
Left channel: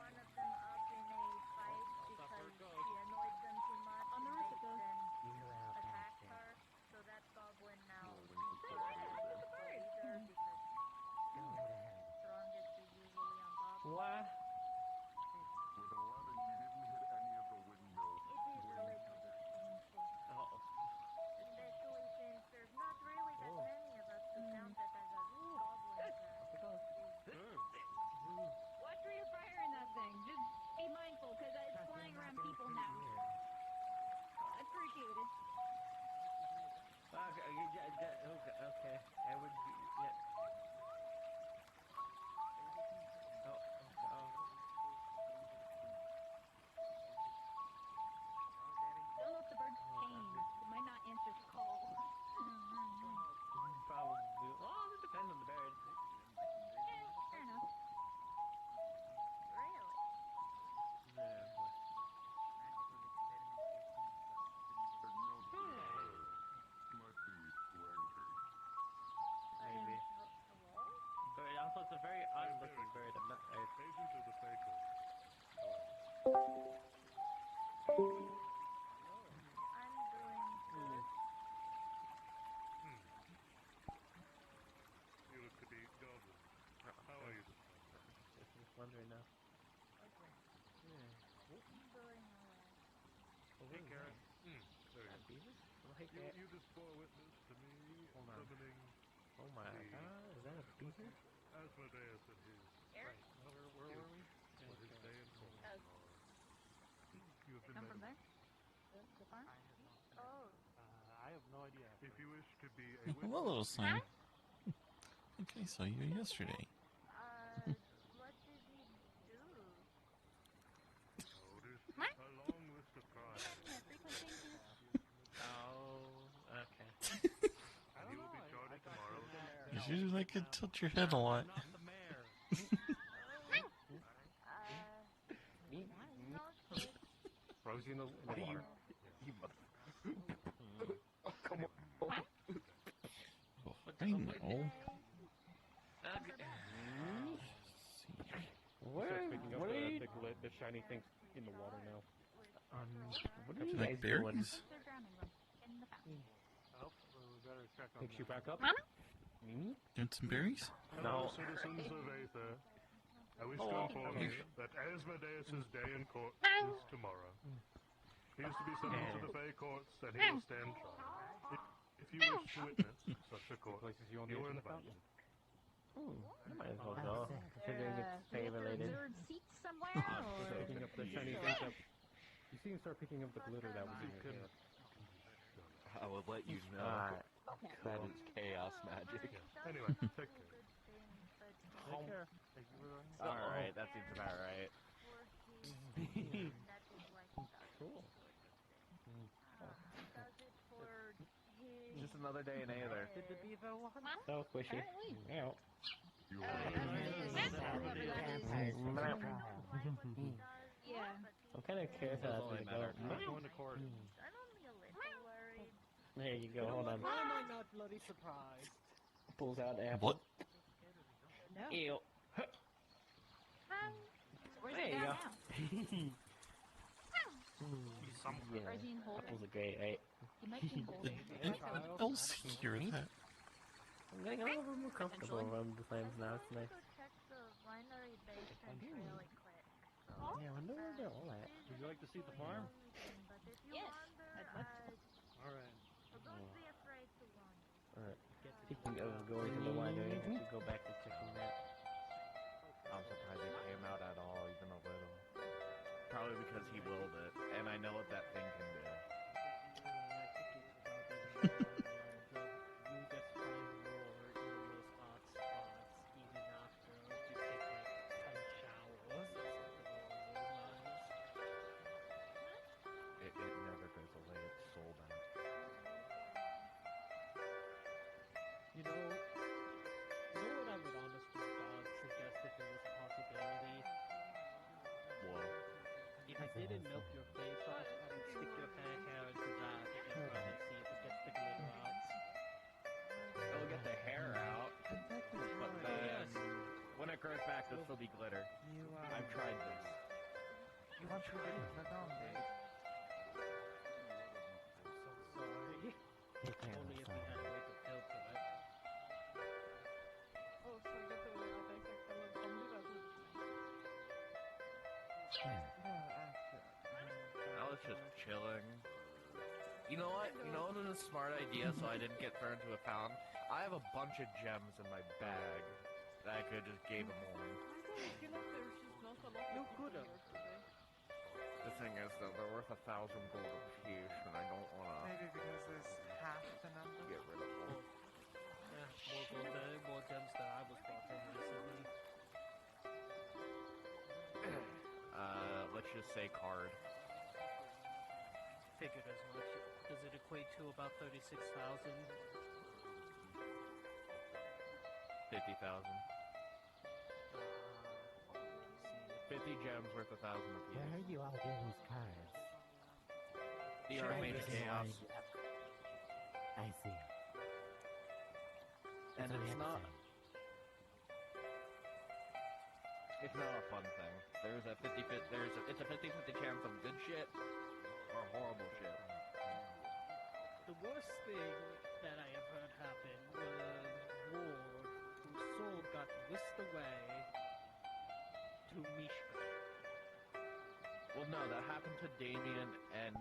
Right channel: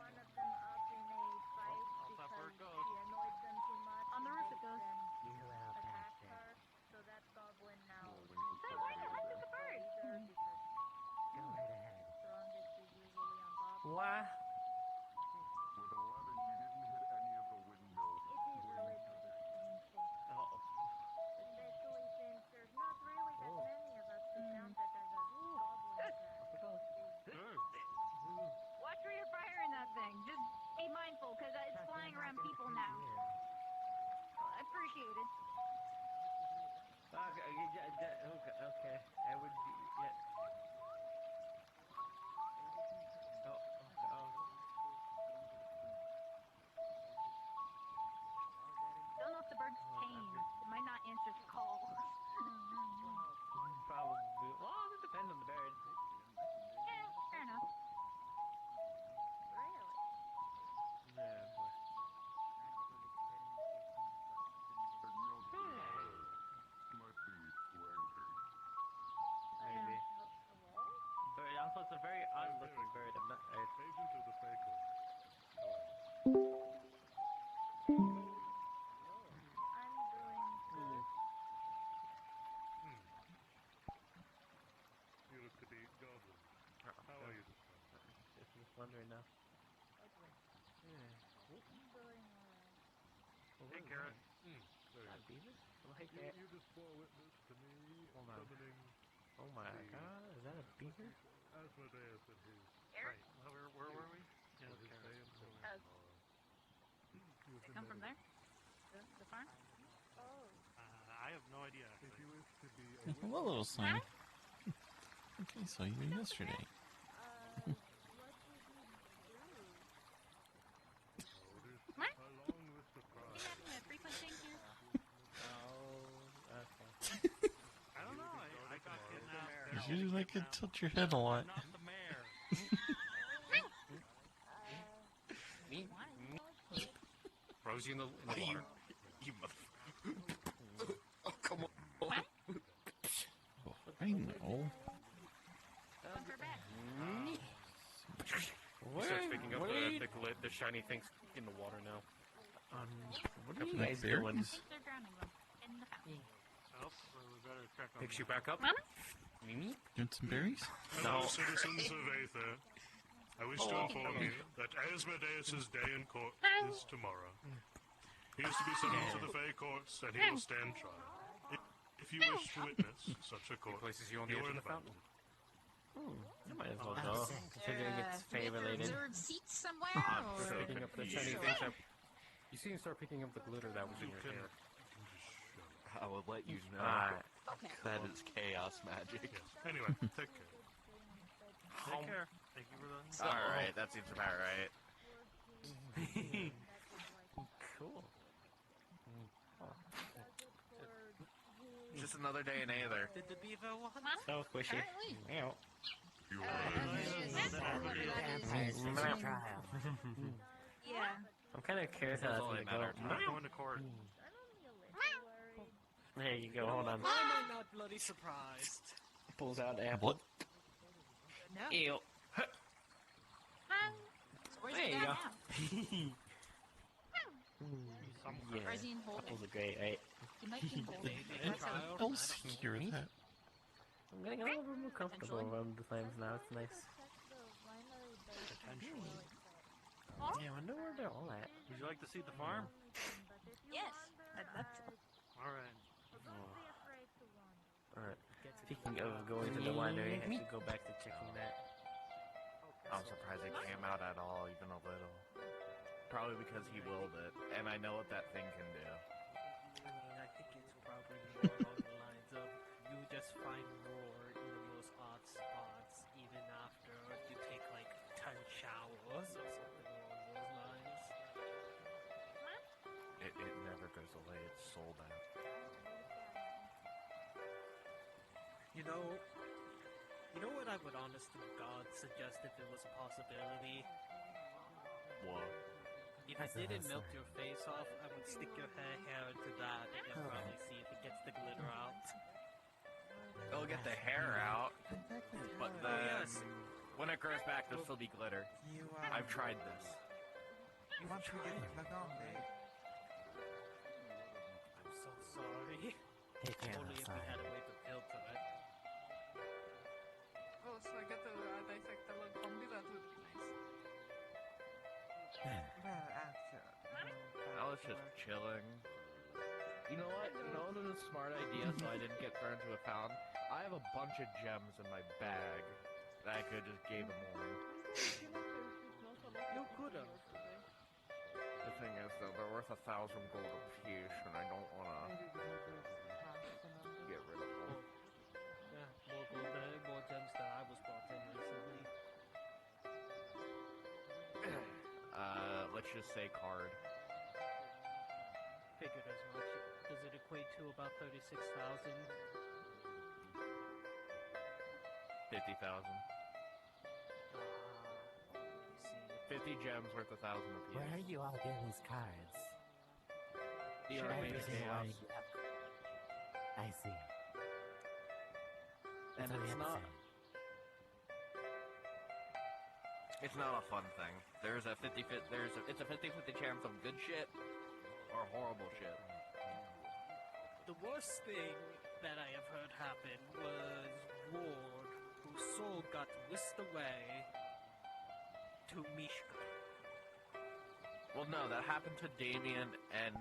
One of them up in a fight because she annoyed them too much. On the roof it goes. Attacked her, so that goblin now So why not look at the bird? strongest is usually on top. What? With 11, you didn't hit any of the windmills. It is a little bit painful. Especially since there's not really that many of us to count that as a goblin Watch where you're firing that thing. Just be mindful, because it's flying around people now. Appreciated. Okay. I would be. Yeah. Don't know if the bird's chained. It might not answer the call. Probably. Well, it depends on the bird. Yeah, fair enough. Maybe. But also it's a very odd looking bird. I'm not. Agent of the Faker. I'm doing good. You look to be goblin. How are you this time? Just wondering now. I'm doing alright. Hey, Garrett. You just bore witness to me summoning. Oh my god, is that a beaver? Asmodeus and his. Eric? Where were we? For his day in court. You've been Come from met. there? The farm? I have no idea. If you wish to be a Hello, little son. Okay, so you yesterday. What? A long list of problems. Frequent things here? Okay. I don't know. You usually like to tilt your head a lot. Rosie in the water. You mother. Come on. I know. He starts picking up the shiny things in the water now. What are you Like guys doing? berries? Picks you back up. Mimi? You want some berries? Fellow citizens of Aether, I wish to inform you that Asmodeus' day in court is tomorrow. He is to be summoned to the Fey courts, and he will stand trial. If you wish to witness such a court, Places you on the edge of the fountain. You might as well go, considering it's Fey related. Picking up the shiny things. You see him start picking up the glitter that was in your hair. I will let you know that it's chaos magic. Anyway, take care. Take care. Thank you for the... Alright, that seems about right. Cool. Just another day in Aether. Did the beaver want? So squishy. Meow. Yeah. I'm kind of curious how that's going to go. I'm going to court. There you go, hold on. Why am I not bloody surprised? Pulls out apple. What? No. Ew. Where's There he you at go. Yeah. Or is he in holding? Apples are great, right? He might be in holding. Anyone else hear that? I'm getting a little bit more comfortable around the flames now. It's nice. Yeah, I wonder where they're all at. Would you like to see the farm? Yes. I'd love to. Alright. Alright. Speaking of going to the winery, I should go back to checking that. I'm surprised it came out at all, even a little. Probably because he willed it, and I know what that thing can do. I think it's probably more along the lines of you just find more in those hot spots even after you take like 10 showers or something along those lines. It never goes away, it's sold out. You know what I would honest to God suggest if it was a possibility? What? If you didn't melt your face off, I would stick your hair into that and probably see if it gets the glitter out. It'll get the hair out, but then when it grows back, there'll still be glitter. I've tried this. I'm so sorry. He can't Only if we had a way to kill tonight. Oh, so I get to dissect the little zombie? That would be nice. I was just chilling. You know what? You know what is a smart idea so I didn't get thrown into a fountain? I have a bunch of gems in my bag that I could just gave him one. You could have. The thing is, though, they're worth 1,000 gold apiece, and I don't want to get rid of them. Yeah, more gold, more gems that I was brought in recently. Let's just say card. Figured as much. Does it equate to about 36,000? 50,000. 50 gems worth 1,000 apiece. Where are you all getting these cards? The Archmage Chaos. I see. And That's it's not... amazing. It's not a fun thing. It's a 50-50 chance of good shit or horrible shit. The worst thing that I have heard happen was Ward, whose soul got whisked away to Mishka. Well, no, that happened to Damien and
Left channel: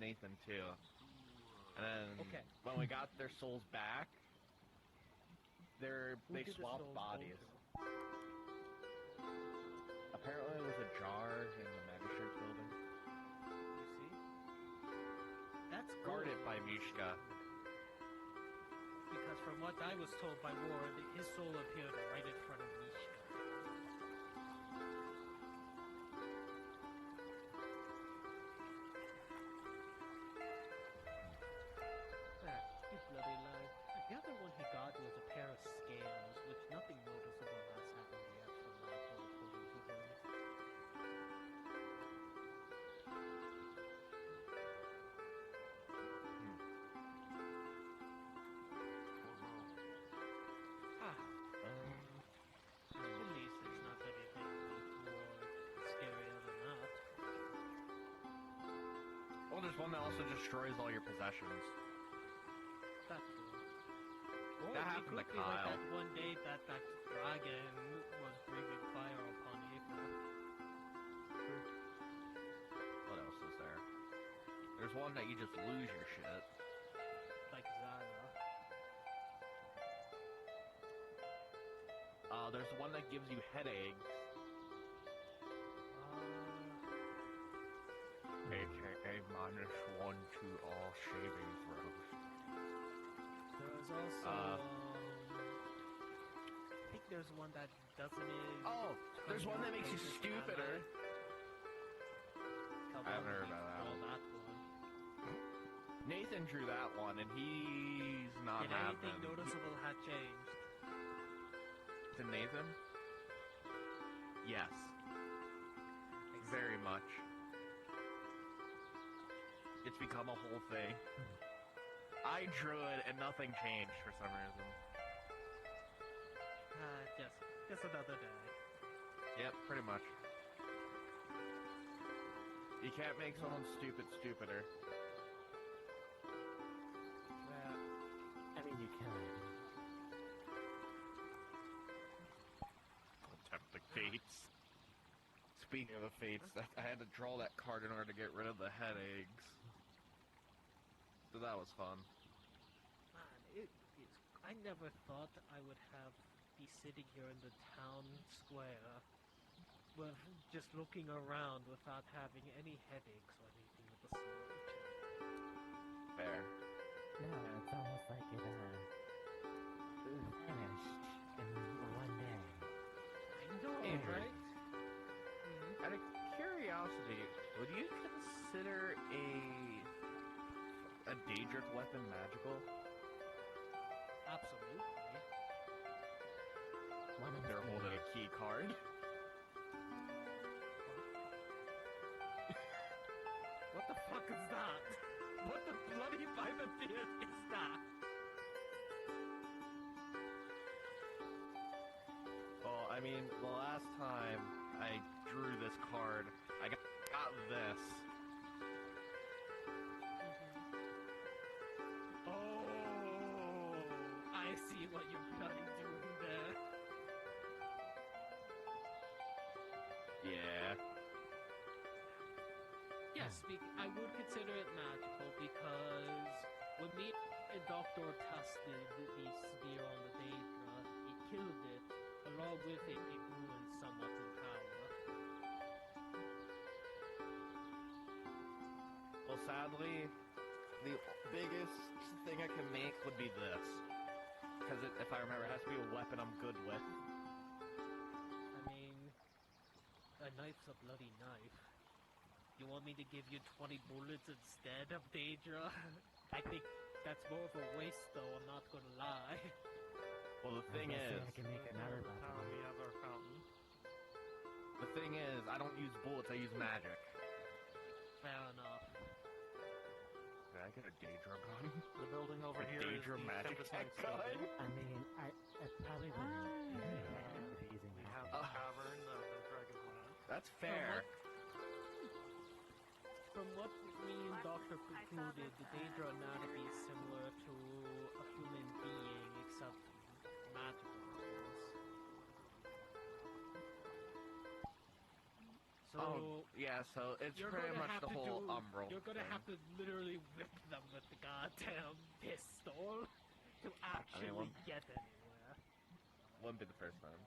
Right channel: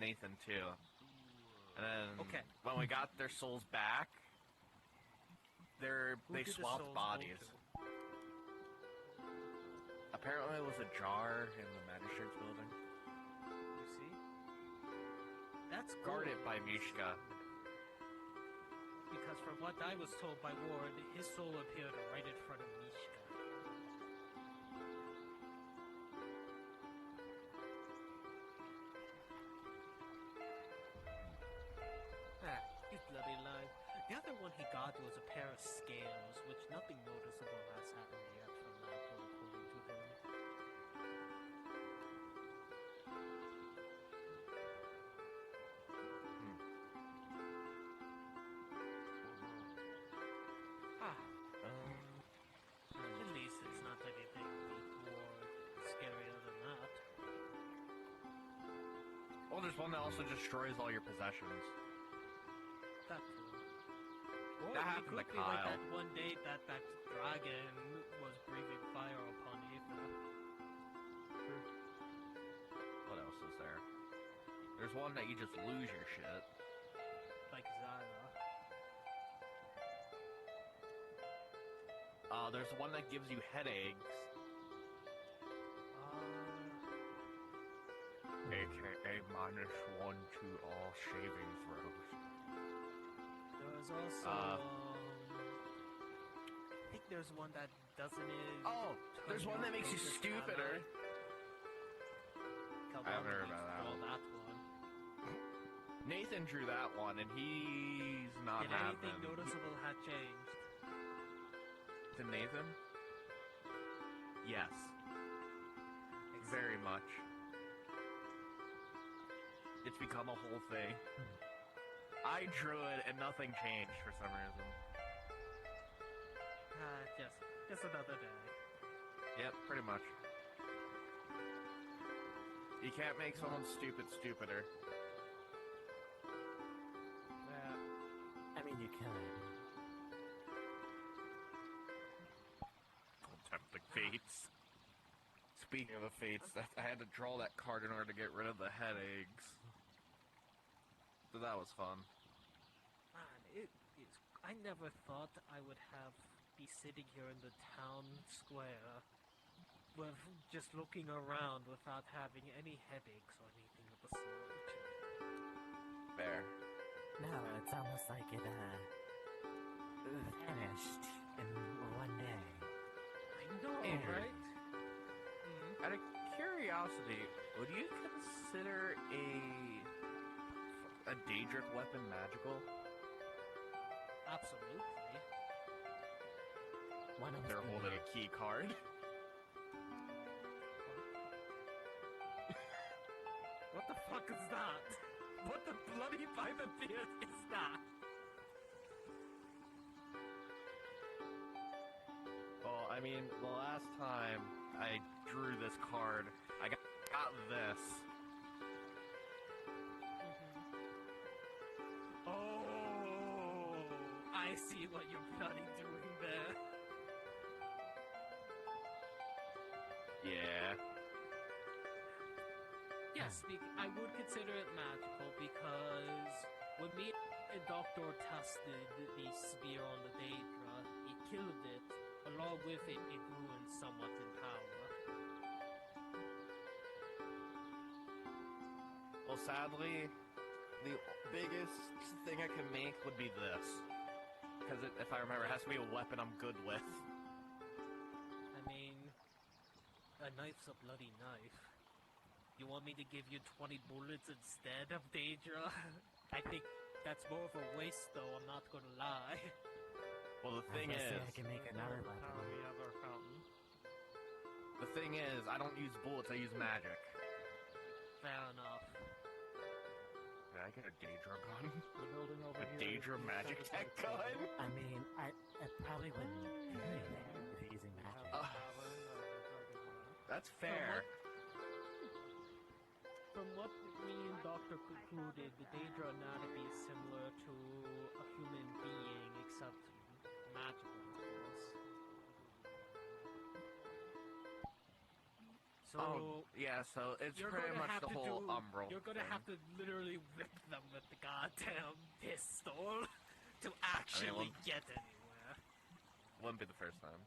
Nathan too. And then when we got their souls back, they did the swapped souls bodies. go Apparently it was a jar in the magistrate's building. You see? That's Guarded by Mishka. Because from what I was told by Ward, his soul appeared right in front of Mishka. He's bloody alive. The other one he got was a pair of scales, which nothing noticeable has happened yet from that point according to them. there's one that also destroys all your possessions. That's cool. Or That it happened to could be like Kyle. that one day that dragon was breathing fire upon Aether. What else is there? There's one that you just lose your shit. Like Zara. There's one that gives you headaches. AKA -1 to all shaving throws. There's also, I think there's one that doesn't... Oh, there's one that makes you stupider. I haven't heard about that one. Nathan drew that one, and he's not Did having... anything noticeable have changed? To Nathan? Yes. Very much. It's become a whole thing. I drew it and nothing changed for some reason. Just another day. Yep, pretty much. You can't make someone stupid stupider. I mean, you can. Tempt the fates. Speaking of the fates, I had to draw that card in order to get rid of the headaches. So that was fun. Man, I never thought I would be sitting here in the town square, just looking around without having any headaches or anything of the sort. Fair. No, it's almost like it vanished in one day. I know, right? Out of curiosity, would you consider a Daedric weapon magical? Absolutely. They're holding a key card. What the fuck is that? What the bloody Bible is that? Well, I mean, the last time I drew this card, I got this. Oh, I see what you're bloody doing there. Yeah. Yes, I would consider it magical because when me and Doctor tested the spear on the Daedra, he killed it. Along with it, it grew in somewhat in power. Well, sadly, the biggest thing I can make would be this. Because if I remember, it has to be a weapon I'm good with. I mean, a knife's a bloody knife. You want me to give you 20 bullets instead of Daedra? I think that's more of a waste, though, I'm not gonna lie. Well, the thing is... I can make an arrow out of it. The thing is, I don't use bullets, I use magic. Fair enough. Did I get a Daedra gun? The building over a here. Daedra magic tech gun? I mean, I probably wouldn't be using that. That's fair. From what me and Doctor concluded, the Daedra anatomy is similar to a human being, except magical, of course. So, yeah, so it's pretty much the whole umbral. You're gonna have to literally rip them with the goddamn pistol to actually get anywhere. Wouldn't be the first time.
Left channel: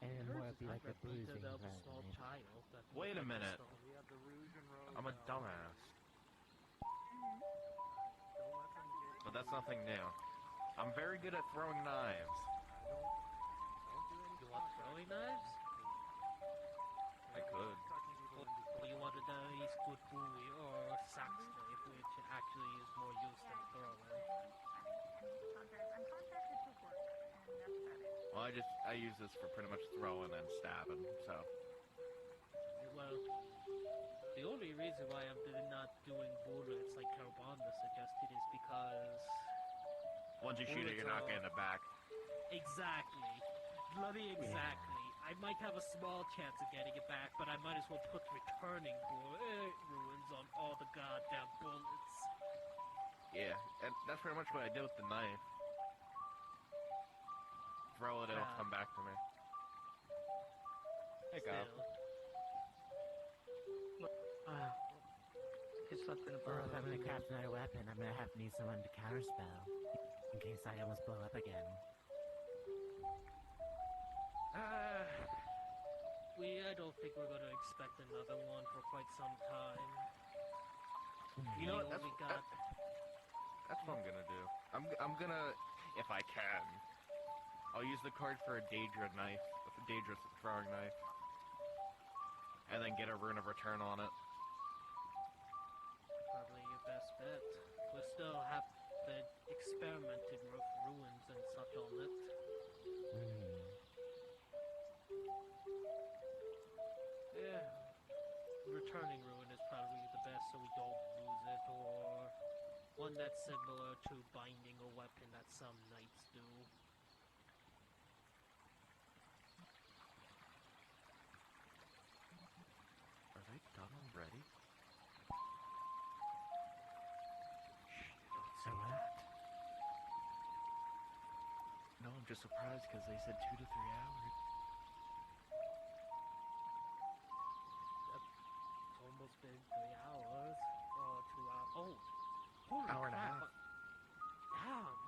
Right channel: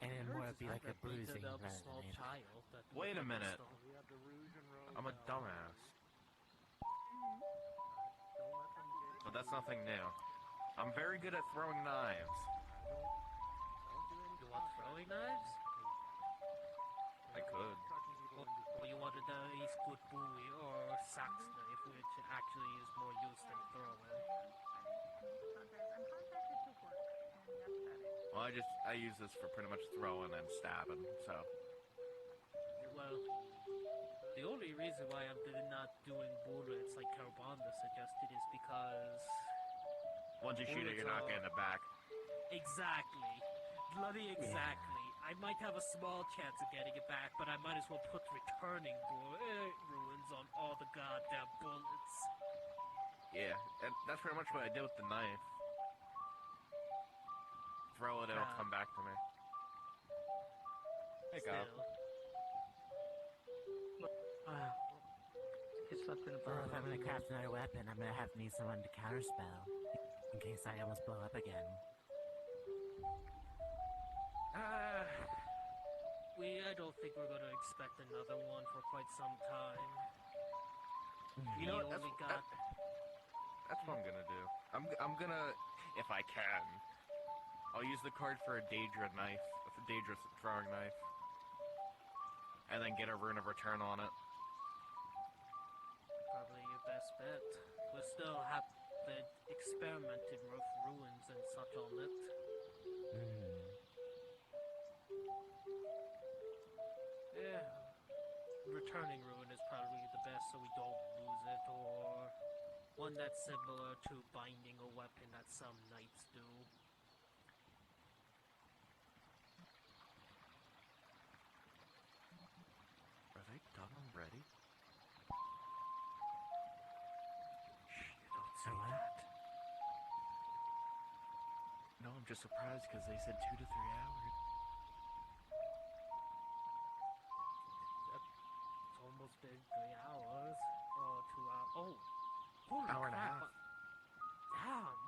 And it would be like a bruising a rather small than child. Wait a minute. I'm a dumbass. But that's nothing new. I'm very good at throwing knives. You want throwing knives? I could. Or you want a nice good bowie or sax knife, which actually is more used than throwing. Well, I use this for pretty much throwing and stabbing, so. Well, the only reason why I'm not doing bullets like Carbonda suggested is because... Once you shoot it, you're not getting it back. Exactly. Bloody exactly. I might have a small chance of getting it back, but I might as well put returning ruins on all the goddamn bullets. Yeah, and that's pretty much what I did with the knife. Throw it, it'll come back to me. Hey, go. Get something for if I'm gonna craft another weapon, I'm gonna have to need someone to counterspell. In case I almost blow up again. I don't think we're gonna expect another one for quite some time. You know what? That's what I'm gonna do. I'm gonna, if I can, I'll use the card for a Daedra knife, a Daedra throwing knife, and then get a rune of return on it. Probably your best bet. We still have the experimenting with ruins and such on it. Yeah. Returning ruin is probably the best so we don't lose it, or one that's similar to binding a weapon that some knights do. Are they done already? So what? No, I'm just surprised because they said 2 to 3 hours. It's almost been 3 hours, or 2 hours. Oh, holy hour and a crap. half. Damn.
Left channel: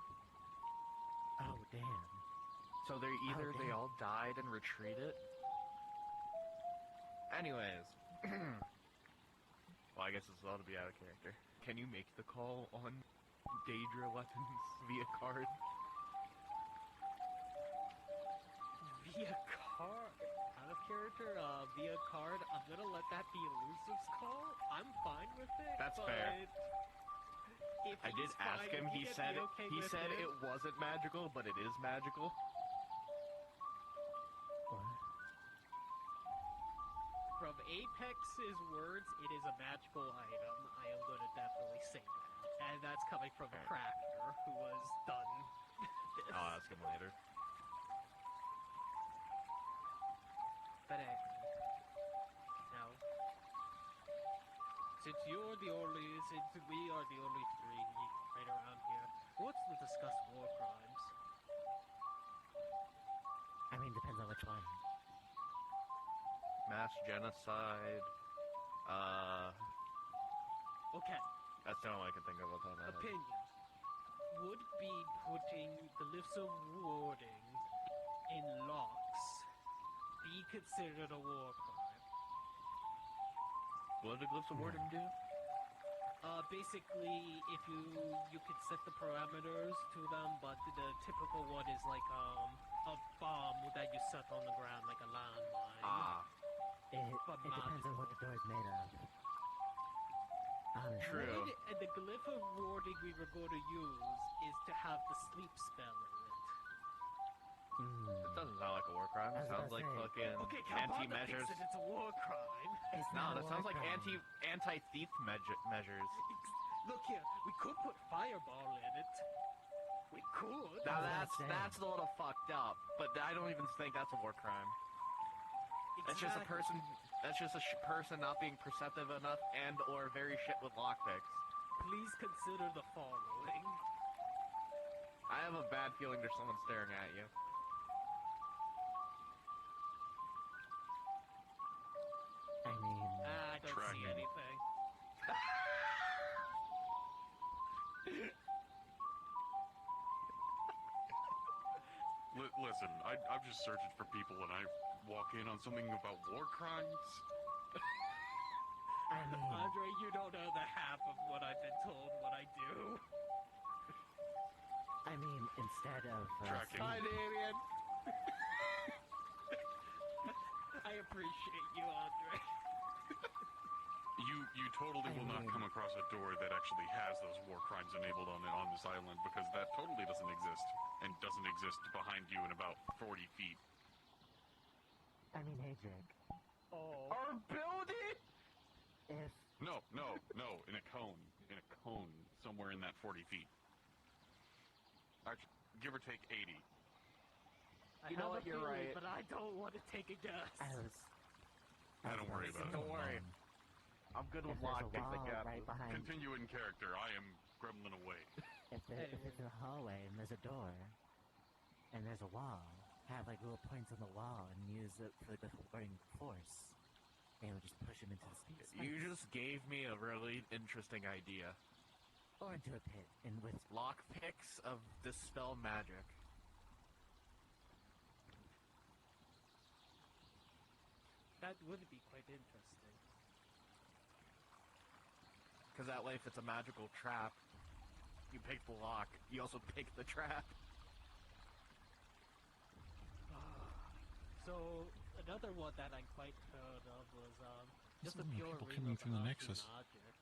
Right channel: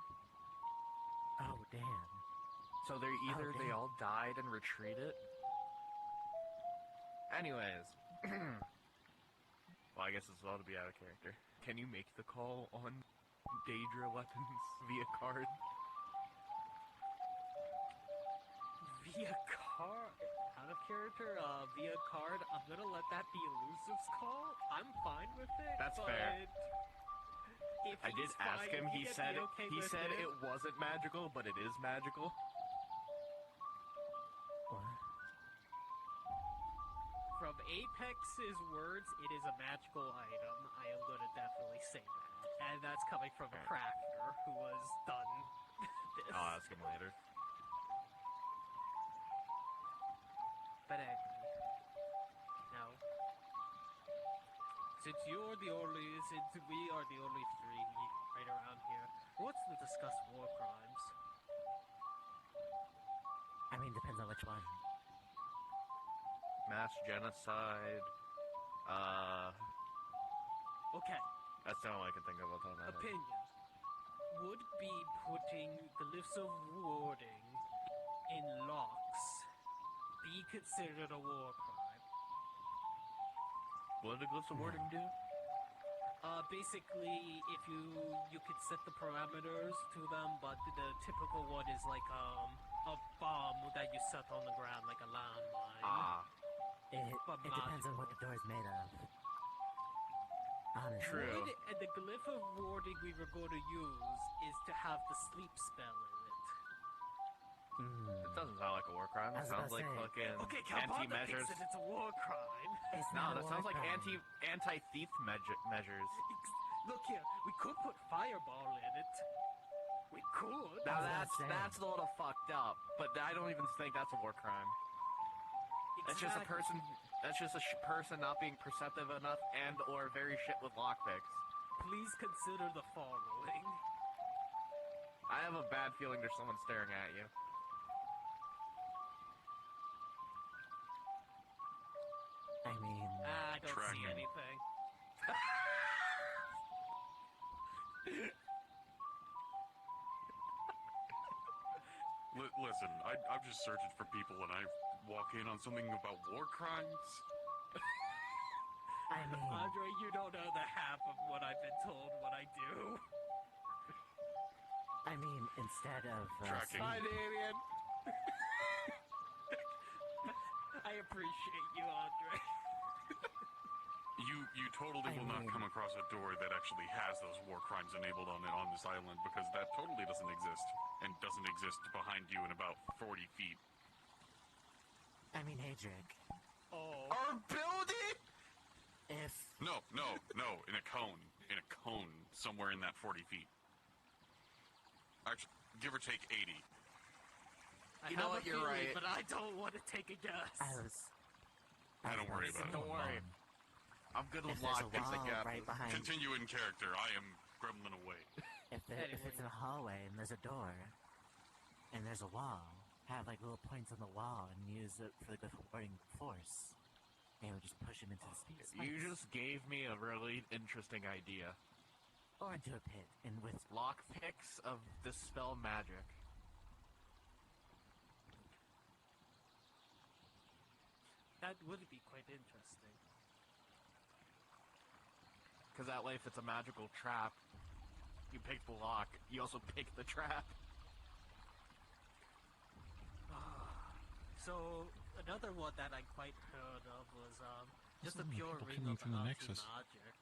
Oh, damn. So they're either they all died and retreated. Anyways. Well, I guess this ought to be out of character. Can you make the call on Daedra weapons via card? Via card? Out of character? Via card? I'm gonna let that be Elusive's call. I'm fine with it. That's but fair. if I did he's ask fine, him. if He you said get the okay he with said it wasn't magical, but it is magical. From Apex's words, it is a magical item. I am going to definitely say that. And that's coming from a crafter who has done this. I'll ask him later. But anyway, no. Since we are the only three right around here, who wants to discuss war crimes? I mean, depends on which one. Mass genocide. Okay. That's the only one I can think of off the top of my head. Opinion. Would be putting the list of warding in locks be considered a war crime? What did Glyph of Warding do? Basically, if you could set the parameters to them, but the typical one is like a bomb that you set on the ground, like a landmine. It depends on what the door is made of. Honestly. True. And the glyph of warding we were going to use is to have the sleep spell in it. It doesn't sound like a war crime. It sounds like fucking anti-measures. If it's a war crime. No, that sounds like anti-thief measures. Look here, we could put fireball in it. We could. Now that's a little fucked up, but I don't even think that's a war crime. That's just a person. That's just a person not being perceptive enough and/or very shit with lockpicks. Please consider the following. I have a bad feeling there's someone staring at you. I mean, I don't see anything. Listen, I'm just searching for people and I walk in on something about war crimes. Andre, you don't know the half of what I've been told what I do. I mean, instead of Hi, Damien. I appreciate you, Andre. You totally will not come across a door that actually has those war crimes enabled on it on this island, because that totally doesn't exist, and doesn't exist behind you in about 40 feet. I mean, hey, Jake. Our building? If No, in a cone, somewhere in that 40 feet. Actually, give or take 80. You know what? You're right. But I don't want to take a guess. Don't worry about it. Don't worry. I'm good with lockpicks, I guess. right behind. Continue in character. I am gremlin away. If it's in a hallway and there's a door and there's a wall, have like little points on the wall and use it for the warding force. And we just push him into the space. You just gave me a really interesting idea. Or into a pit and with Lockpicks of dispel magic. That would be quite interesting. Because that way, if it's a magical trap, you pick the lock. You also pick the trap. So another one that I quite heard of was There's just a so many pure people ring coming of from the powerful Nexus. magic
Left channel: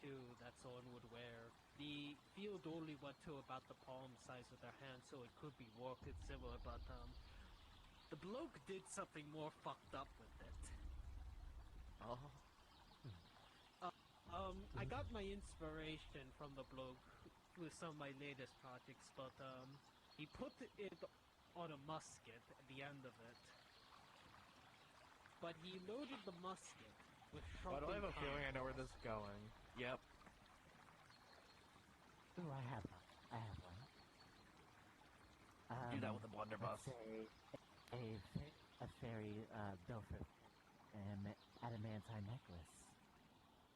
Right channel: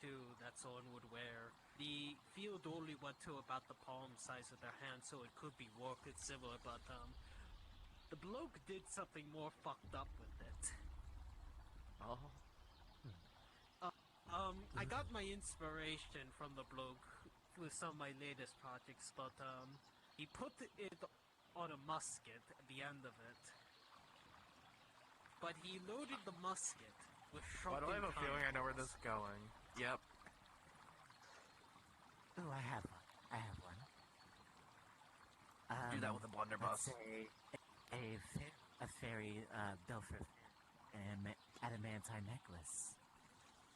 too that someone would wear. The field only went to about the palm size of their hand, so it could be warped and similar, but the bloke did something more fucked up with it. Oh. I got my inspiration from the bloke with some of my latest projects, but he put it on a musket at the end of it. But he loaded the musket with Why shrunken do I have a feeling I know where powders. this is going? Yep. Ooh, I have one. Do that with a blunderbuss. Let's say a fairy built for an adamantine necklace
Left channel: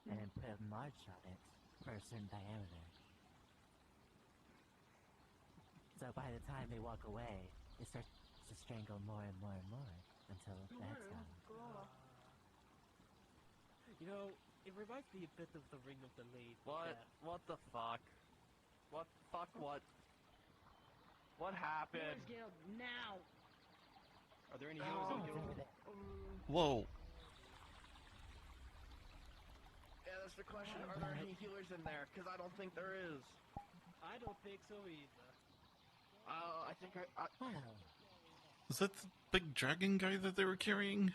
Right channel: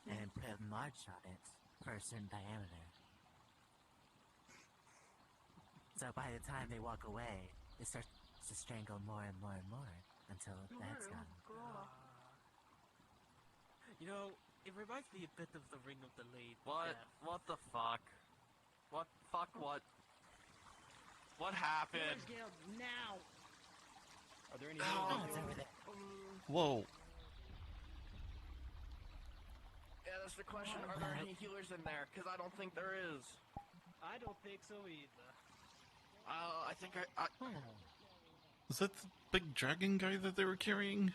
and put a march on it for a certain diameter. So by the time they walk away, it starts to strangle more and more and more until the head's gone. You know, it reminds me a bit of the Ring of the Late. What? Death. What the fuck? What? Fuck what? What happened? Now! Are there any healers in here? Whoa. Yeah, that's the question. Are there any healers in there? Because I don't think there is. I don't think so either. I think I... Was that the big dragon guy that they were carrying?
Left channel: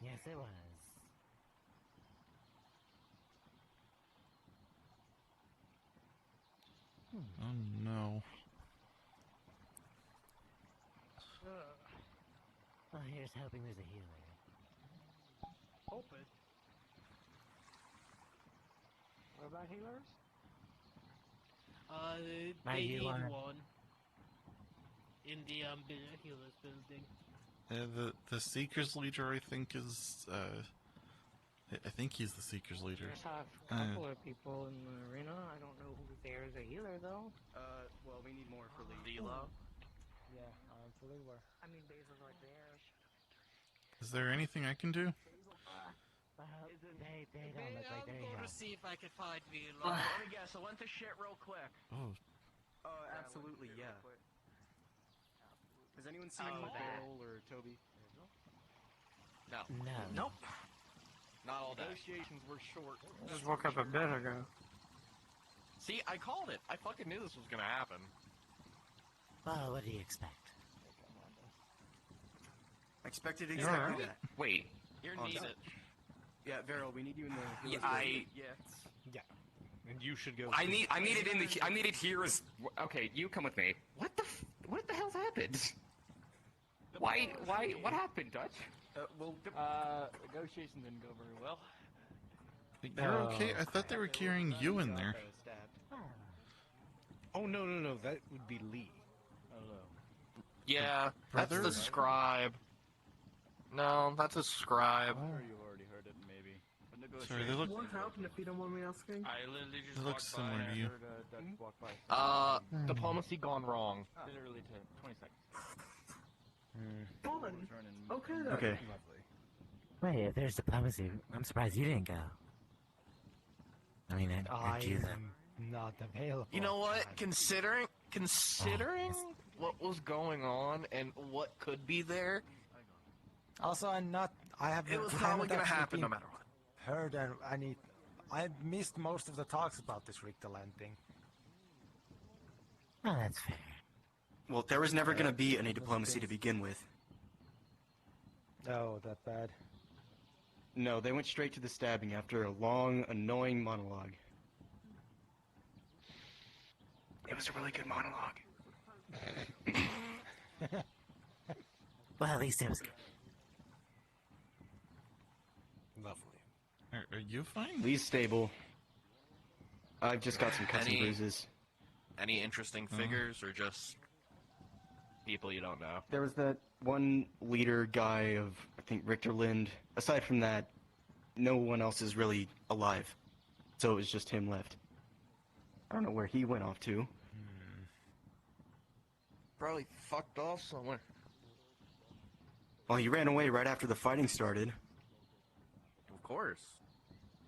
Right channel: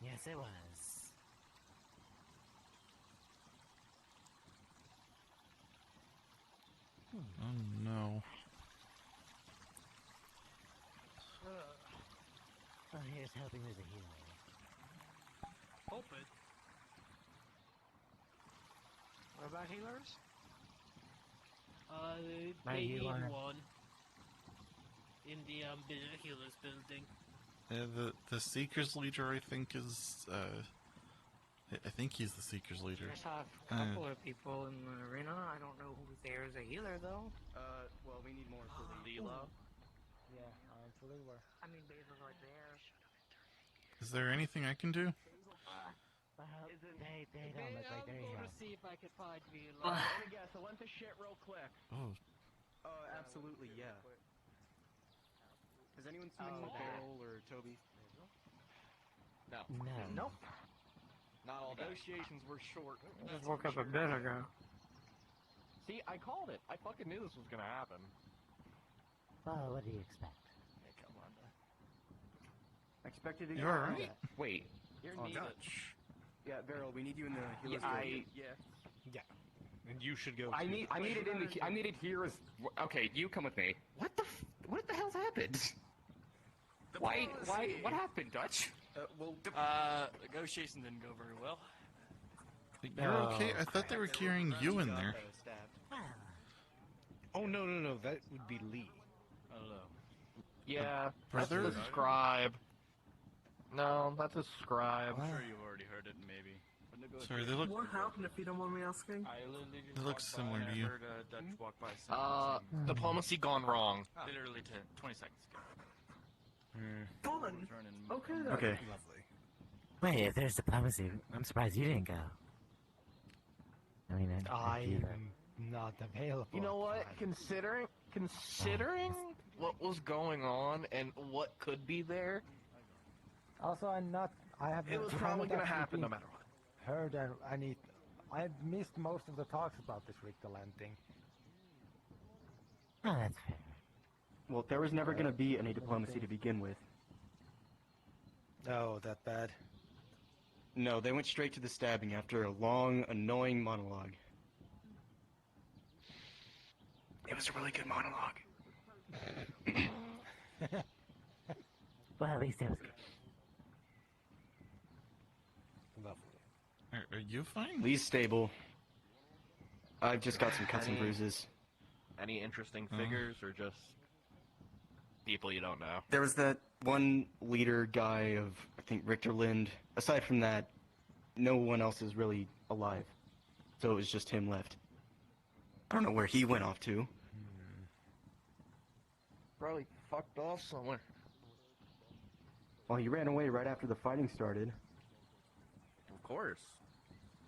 Yes, it was. Oh no. Well, here's hoping there's a healer. Open. What about healers? Might They you need wanna- one. In the healers building. The Seekers leader, I think, is I think he's the Seekers leader. I saw a couple of people in the arena. I don't know who there's a healer though. Well, we need more for the Leela. Yeah, for Leela. I mean, Basil's right there. Is there anything I can do? They don't look like they're I'll go here. to see if I can find me. Yeah, so went to shit real quick. Oh, Absolutely, yeah. Has anyone seen Beryl or Toby? No. No. Nope. Not all negotiations were short. Just woke up a bit ago. See, I called it. I fucking knew this was gonna happen. Well, what do you expect? I expected You exactly alright? that. Wait. You're Oh, needed. no. Yeah, Beryl, we need you in the healer's building. Yeah. And you should go. I need it in the. I need it here as. Okay, you come with me. What the hell happened? Why? What happened, Dutch? Negotiation didn't go very well. you're okay? I thought they were carrying you in there. Oh no, that would be Lee. Yeah, brother? that's the scribe. No, that's a scribe. I'm sure you've already heard it, maybe. Sorry, they look. What happened if you don't mind me asking? I literally just They look walked similar by, to you. I heard Dutch walk by. Diplomacy gone wrong. Literally 20 seconds. Well then. Okay then. Okay. Wait, if there's diplomacy, I'm surprised you didn't go. I mean, aren't you I'm not available. You know what? Considering what was going on and what could be there, Also, I have. it was I probably haven't gonna actually happen no been matter what. Heard, and I missed most of the talks about this Richterland thing. Oh, that's fair. Well, there was never going to be any diplomacy to begin with. Oh, that bad. No, they went straight to the stabbing after a long, annoying monologue. It was a really good monologue. Well, at least it was good. Are you fine? Lee's stable. I've just got some cuts and bruises. Any interesting figures, or just people you don't know? There was that one leader guy of, I think, Richter Lind. Aside from that, no one else is really alive. So it was just him left. I don't know where he went off to. Probably fucked off somewhere. Well, he ran away right after the fighting started. Of course.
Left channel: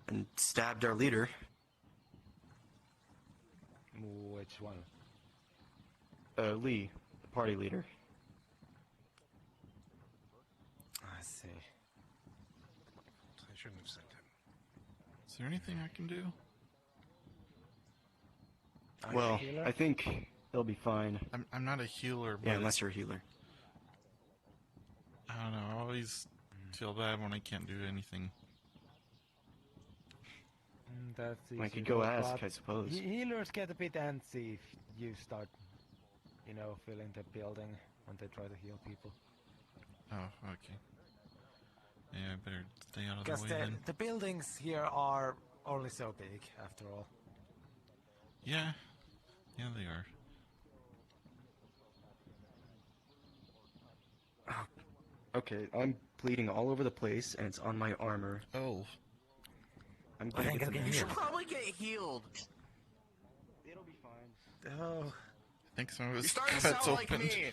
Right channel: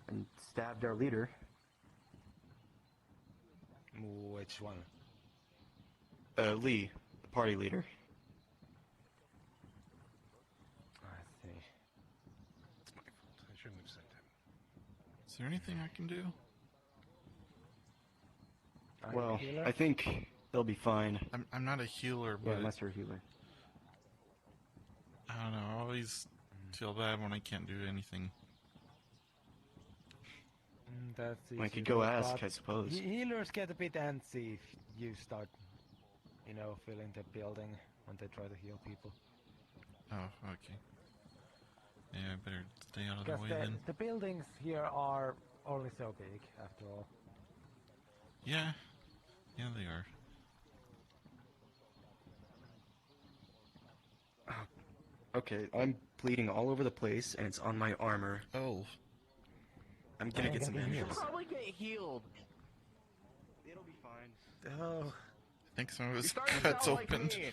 And stabbed our leader. Which one? Lee, the party leader. I see. I shouldn't have said that. Is there anything I can do? Well, I think they'll be fine. I'm not a healer, but... Yeah, unless you're a healer. I don't know, I always feel bad when I can't do anything. That's easy. I could go but ask, I suppose. Healers get a bit antsy if you start, filling the building when they try to heal people. Oh, okay. Yeah, I better stay out of the way then. The buildings here are only so big, after all. Yeah. Yeah, they are. Okay, I'm bleeding all over the place, and it's on my armor. Oh. I'm gonna get some You should heals. probably get healed. It'll be fine. Oh. I think some of his You're starting to cuts sound like opened. me.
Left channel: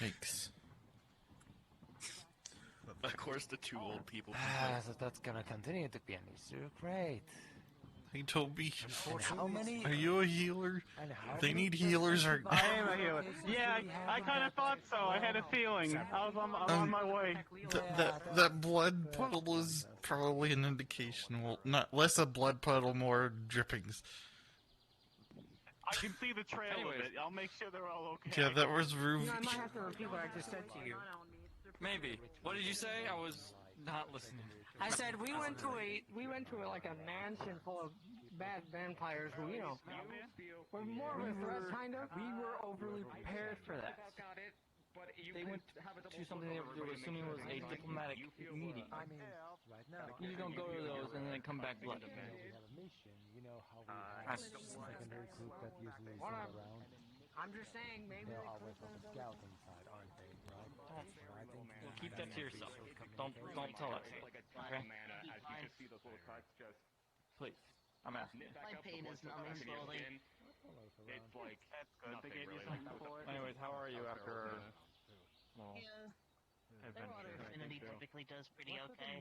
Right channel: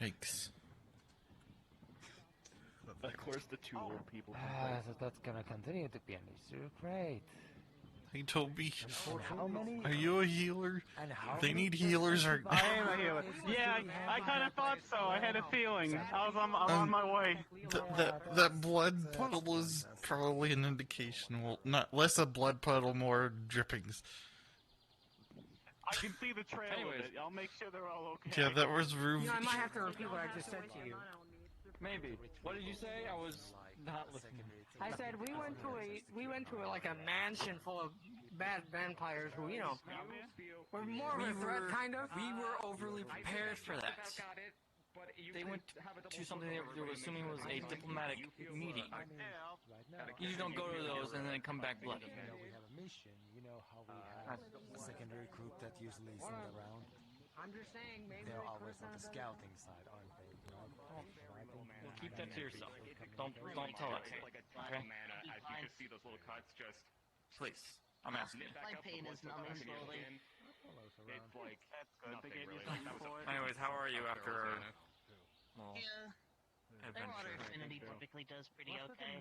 Yikes. Of course, the two old people. So that's gonna continue to be an issue. Great. Hey, Toby. How many? Are you a healer? And how They many need healers or... I am a healer. Yeah, I kind of thought so. I had a feeling. I was on my way. That blood puddle is probably an indication. Well, not less a blood puddle, more drippings. I can see the trail of it. I'll make sure they're all okay. Yeah, that was Ruby. I might have to repeat what I just said to you. Maybe. What did you say? I was not listening. I said we went to like a mansion full of bad vampires who, were more of a threat, kind of. We were overly prepared for that. They went to something they were assuming was a diplomatic meeting. You don't go to those and then come back bloody. We have a mission. You know how we have a secondary group that usually is not around. I'm just saying, maybe They're we always could on the scouting side, aren't they? Well, keep that to yourself. Don't tell us. Okay? Please, I'm asking. My pain is numbing slowly. It's like, that's good. They gave you something for it. Anyways, how are you after our Yeah. Their water adventure? affinity typically does pretty okay.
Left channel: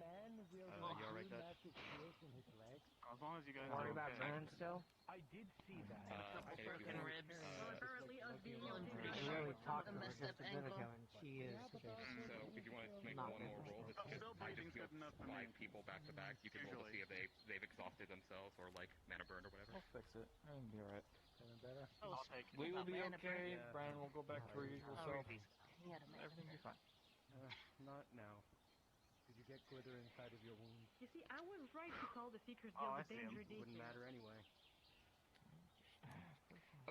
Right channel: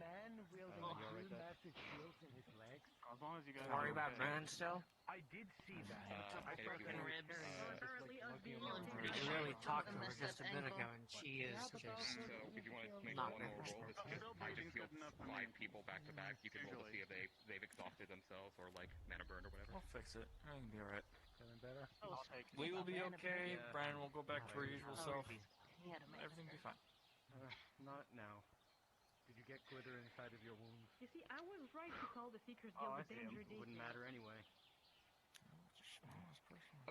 As long as you guys worry are about okay. Brennan still. I did see that. Broken ribs. We really talked to her just a bit ago, and she is just If you want to make not one more roll, very it's just five people back to back. You can roll to see if they've exhausted themselves or like mana burned or whatever. We'll fix it. I can be alright. Feeling better? I'll take it. We will be okay. Brian will go back to her usual self. Everything Everything will be fine. Not now. Did you get glitter inside of your wound? You see, I was right to call the Seekers Guild a danger detail. Wouldn't matter anyway.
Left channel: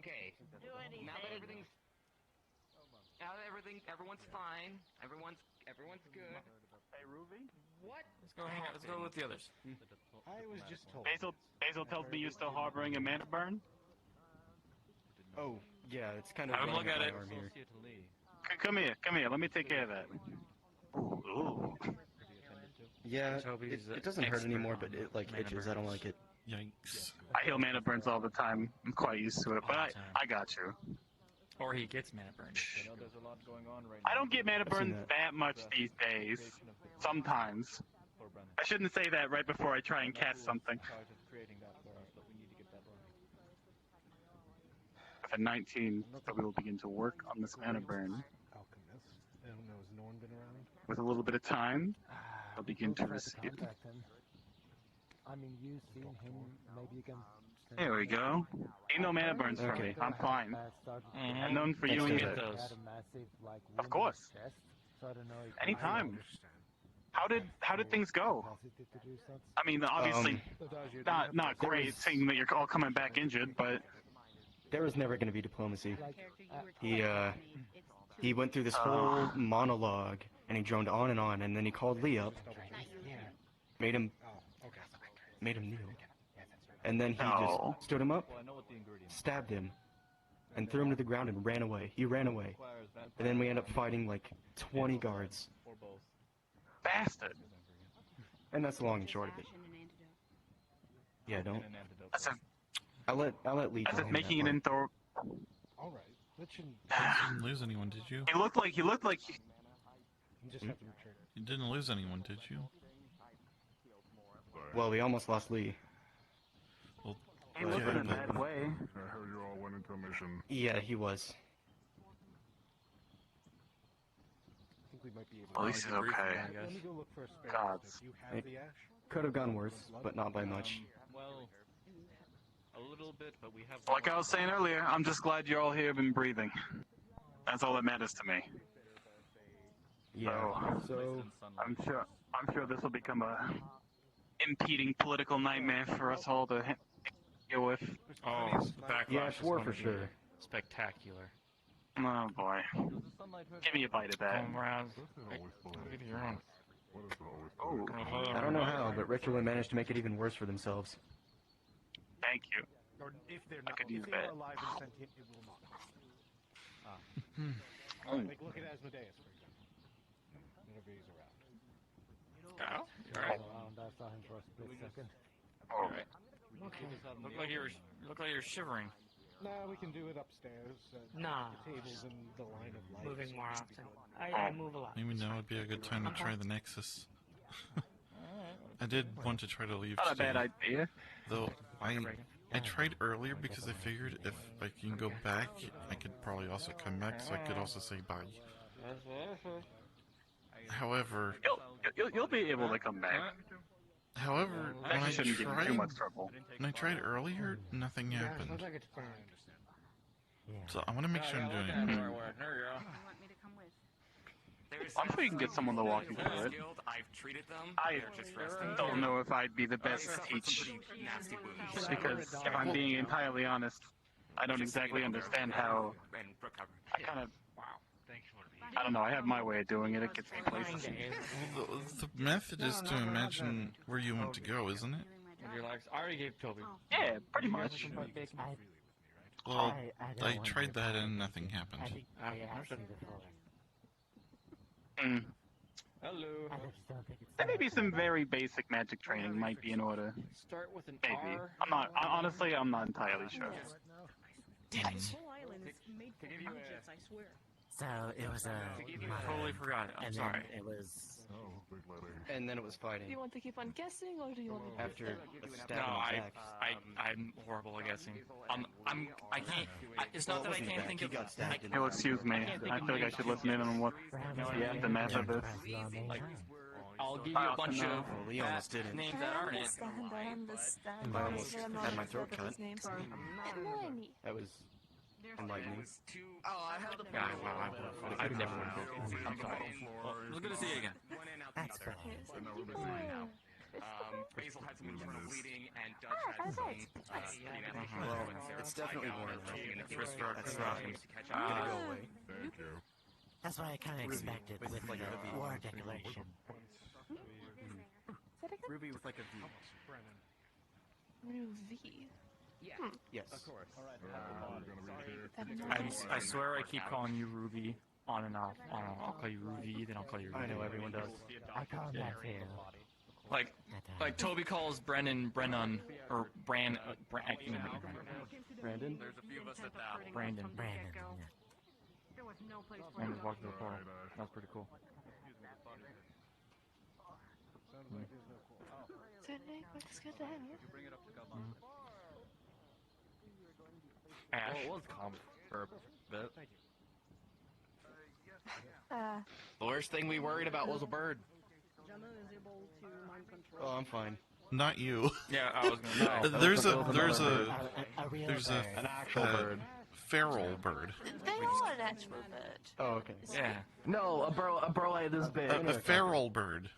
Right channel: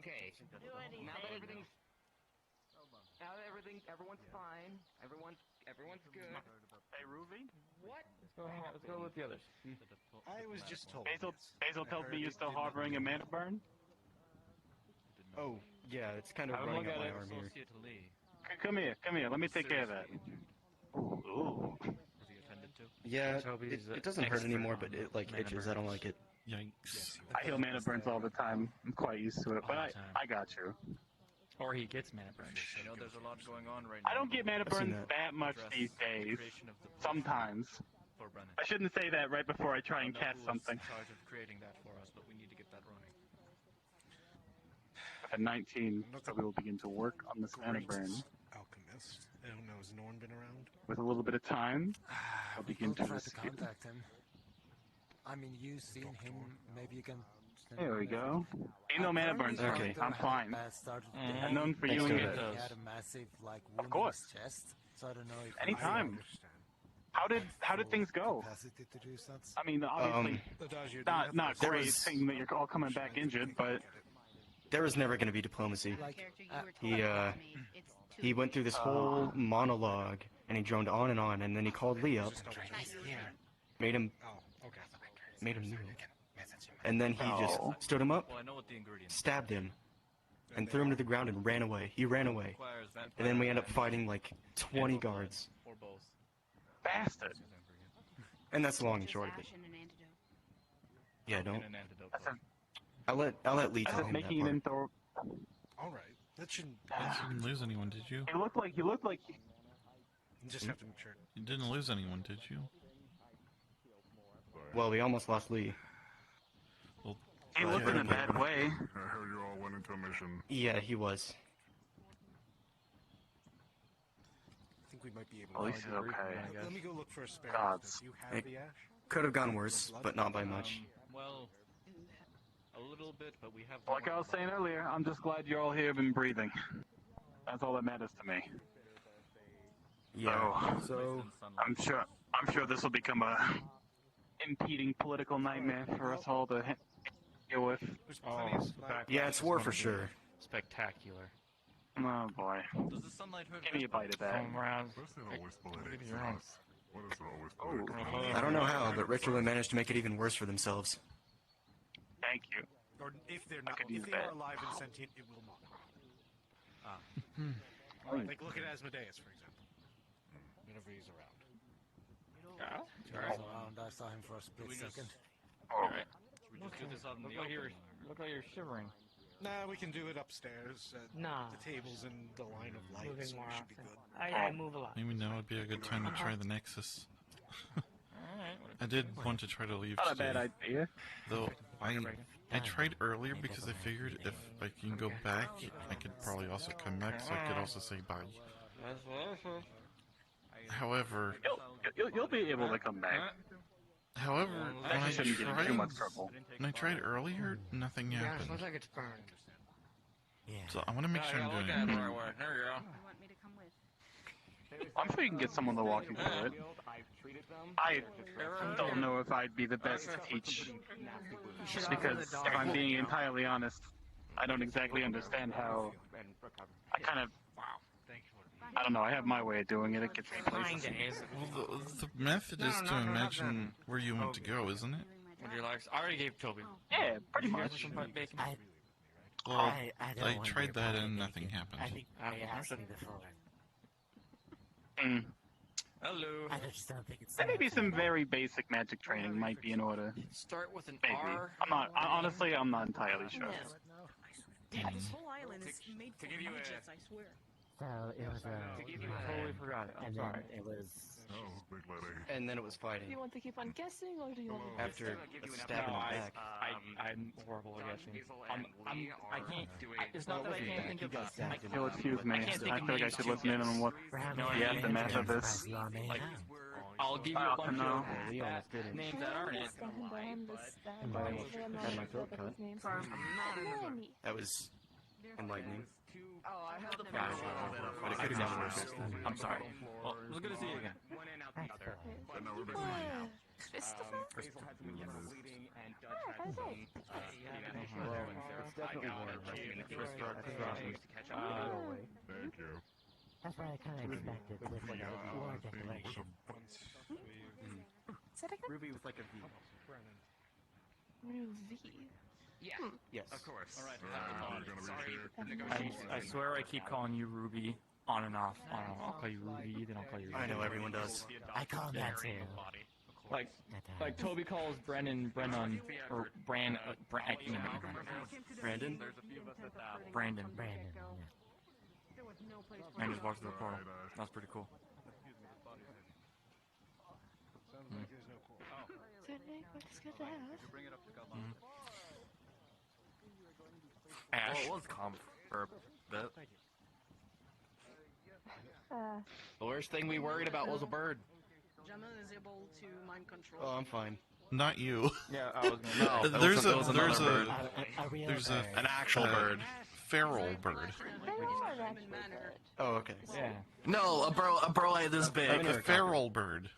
Okay. Do anything. Now that everyone's fine. Everyone's good. Hey, Ruby? What? Let's go hang out. Let's go with the others. I was just told. Basil tells me you're still harboring a mana burn? Oh, yeah, it's kind of I'll running look up at my it. arm here. Come here. Let me take care of that. Ooh. Yeah, Toby's it doesn't hurt expert anymore, on but it like mana itches. I don't like it. Yikes. I heal mana burns all the time. I'm quite used to it, but All the time. I got you. Or he gets mana burned. You know, there's a lot going on right now. I don't get mana I've seen burns that. that much these days. Creation of the Sometimes. for Brennan. I shouldn't say that right before I try and Not catch who's something. in charge of creating that for us, but we need to get that running. At 19, so we will begin to work on this mana burn. Alchemist. Oh no, has no one been around? With a little bit of time, I'll begin to Try escape. contact him. I mean, you've seen him. Maybe you can. Here we go. Ain't no mana burns for me. I'm fine. Mhm. I'm known for Thanks you for and that. get those. Of course. So I don't know if Anytime. How did things go? I mean, obviously, not great, seeing that you're all coming back injured, but there was never going to be diplomacy. He went through this whole monologue, and he droned on, and then he called Lee up, made him kneel, and then he just stood him up, stabbed him, and threw him to the ground and ran away. He ran away, and then we ended up fighting like 20 guards. Bastard. And that's the long and short of it. Yeah, don't. I'll let Lee tell him making that it part. into. All right. That shouldn't lose anyone, did you? He looked like. You just have to make sure. You didn't lose anyone, did you? Well, we almost lost Lee. Well, he looked in a bad way. I heard you all went into a mission. Yeah, he was. I think we might be able At least he's okay. Let me go look for a spare. Gods. It could have gone worse, but not by much. Well, a little bit, but we have. Like I was saying earlier, I'm just glad you're all here and breathing. That's all that matters to me. Yeah. So I'm sure this will become a impeding political nightmare for us all to deal with. Yeah, it's war for sure. Spectacular. Oh boy. Give me a bite of that. Home rounds. Give me your own. Oh. I don't know how, but Richard managed to make it even worse for themselves. Thank you. Or if they're I not, could use if that. they're alive and sentient, it will not. Like look at Asmodeus, for example. Whenever he's around. I saw him for a split second. Oh. Look like you're shivering. Nah, we can do it upstairs. Nah. The tables in the line of light. Moving so more it should be often. good. I move a lot. Oh. Maybe now would be a good time to try the Nexus. I did want to try to leave Not a today. bad idea. Though I tried earlier because I figured if I can go back, I could probably also come back, so I could also say bye. However, You'll be able to come back. However, That when I shouldn't get in too much trouble. earlier, nothing happened. Looks like it's permanent. So I want to make sure I'm doing it. You want me to come with? I'm sure you can get someone to walk you through it. I don't know if I'd be the best to teach. Just because, if I'm being entirely honest, I don't exactly understand how. I don't know, I have my way of doing it, it gets me places. Well, the method is to imagine where you want to go, isn't it? I already gave Toby. Yeah, pretty much. Well, I tried that and nothing happened. Hello. There may be some very basic magic training might be in order. Start with an Maybe. R. Honestly, I'm not entirely sure. This whole island is made for midgets, I swear. So it was a. Totally forgot it. I'm and sorry. then it was. And then it was fighting. Do you want to keep on guessing, or do you want to After a stab in the back. I'm horrible at guessing. I can't. It's not that I can't think of. You'll excuse me, I feel like I should listen in on what the aftermath of this. I'll give you a bunch of Lee almost did it. names that aren't it. Had my throat cut. That was enlightening. But it could have been worse. I'm sorry. Well, we're gonna see it again. One in out the other. Basil had some bleeding, and Dutch had some. It's definitely Thank you. That's what I kind of expected with war declaration. Ruby with like a V. V. Yeah. Yes. Of course. I swear I keep calling you Ruby on and off. I'll call you Ruby, then I'll call you Ruby. I know everyone does. I call him that too. Like Toby calls Brennan, or Brandon. Brandon? There's a few of us at that. Brandon. There was no place for I just walked through the car. That was pretty cool. Sydney, what's good to have? Well, it was calm for a bit. The worst thing we worried about was a bird. Gemma is able to mind control. Oh, I'm fine. Not you. Yeah, I was. There's an actual bird. Feral bird. Oh, okay. Yeah. No, a burrow this big. A feral bird.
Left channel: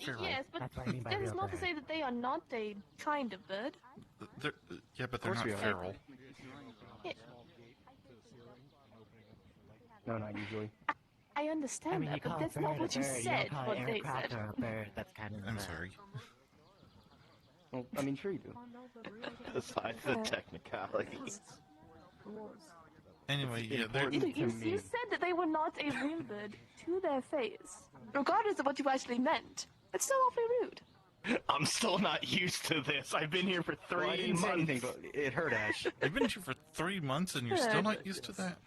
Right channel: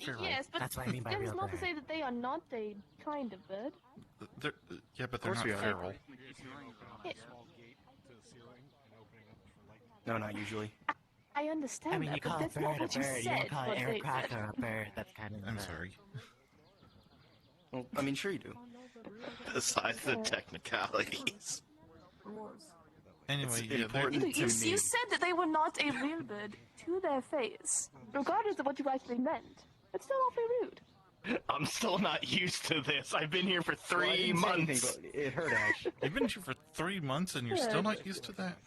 Feral. Yes, but That's what I mean by that is real not to bird. say that they are not a kind of bird. They're, yeah, but they're Of not course we are. feral. No, not usually. I understand I mean, you that, but call that's a not bird what a you bird. You said. don't call What an they aircraft said. a bird. That's kind of. I'm sorry. Well, I mean, sure you do. Besides the technicalities. Anyway, yeah, You said that they were not a real bird to their face, regardless of what you actually meant. It's still awfully rude. I'm still not used to this. I've been here for Well, I 3 didn't say anything, months. but it hurt Ash. You've been here for 3 months and you're still not used to that?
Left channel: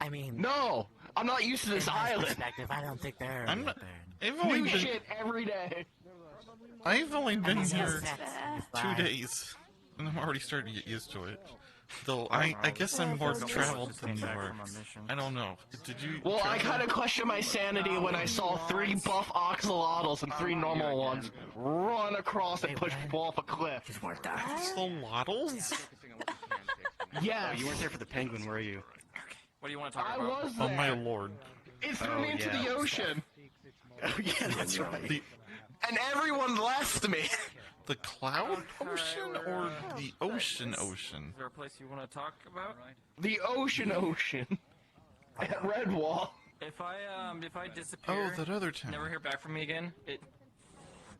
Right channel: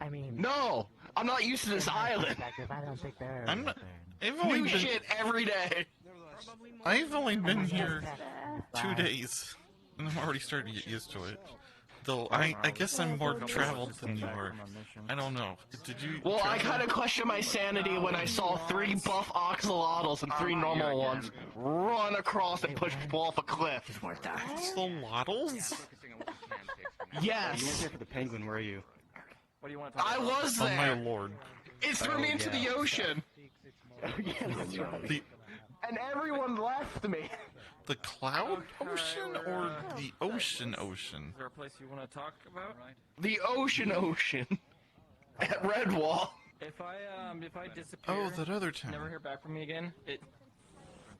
I mean, No, I'm not used to this island. I don't think they're. I'm not. I've only New been. shit every day. I've only been here 2 days, and I'm already starting to get used to it. Though I guess I'm more traveled than you are. I don't know. Did you? Well, I travel? kind of questioned my sanity when I saw 3 buff oxalotls and 3 normal ones run across and push people off a cliff. Axolotls? Yes. You weren't here for the penguin, were you? What do you want to talk I about? was Oh there. my lord! It threw me into the ocean. Yeah, that's right. And everyone left me. The cloud ocean or the ocean ocean? Is there a place you want to talk about? The ocean at Redwall. If I disappear, Oh, that other town. never hear back from me again.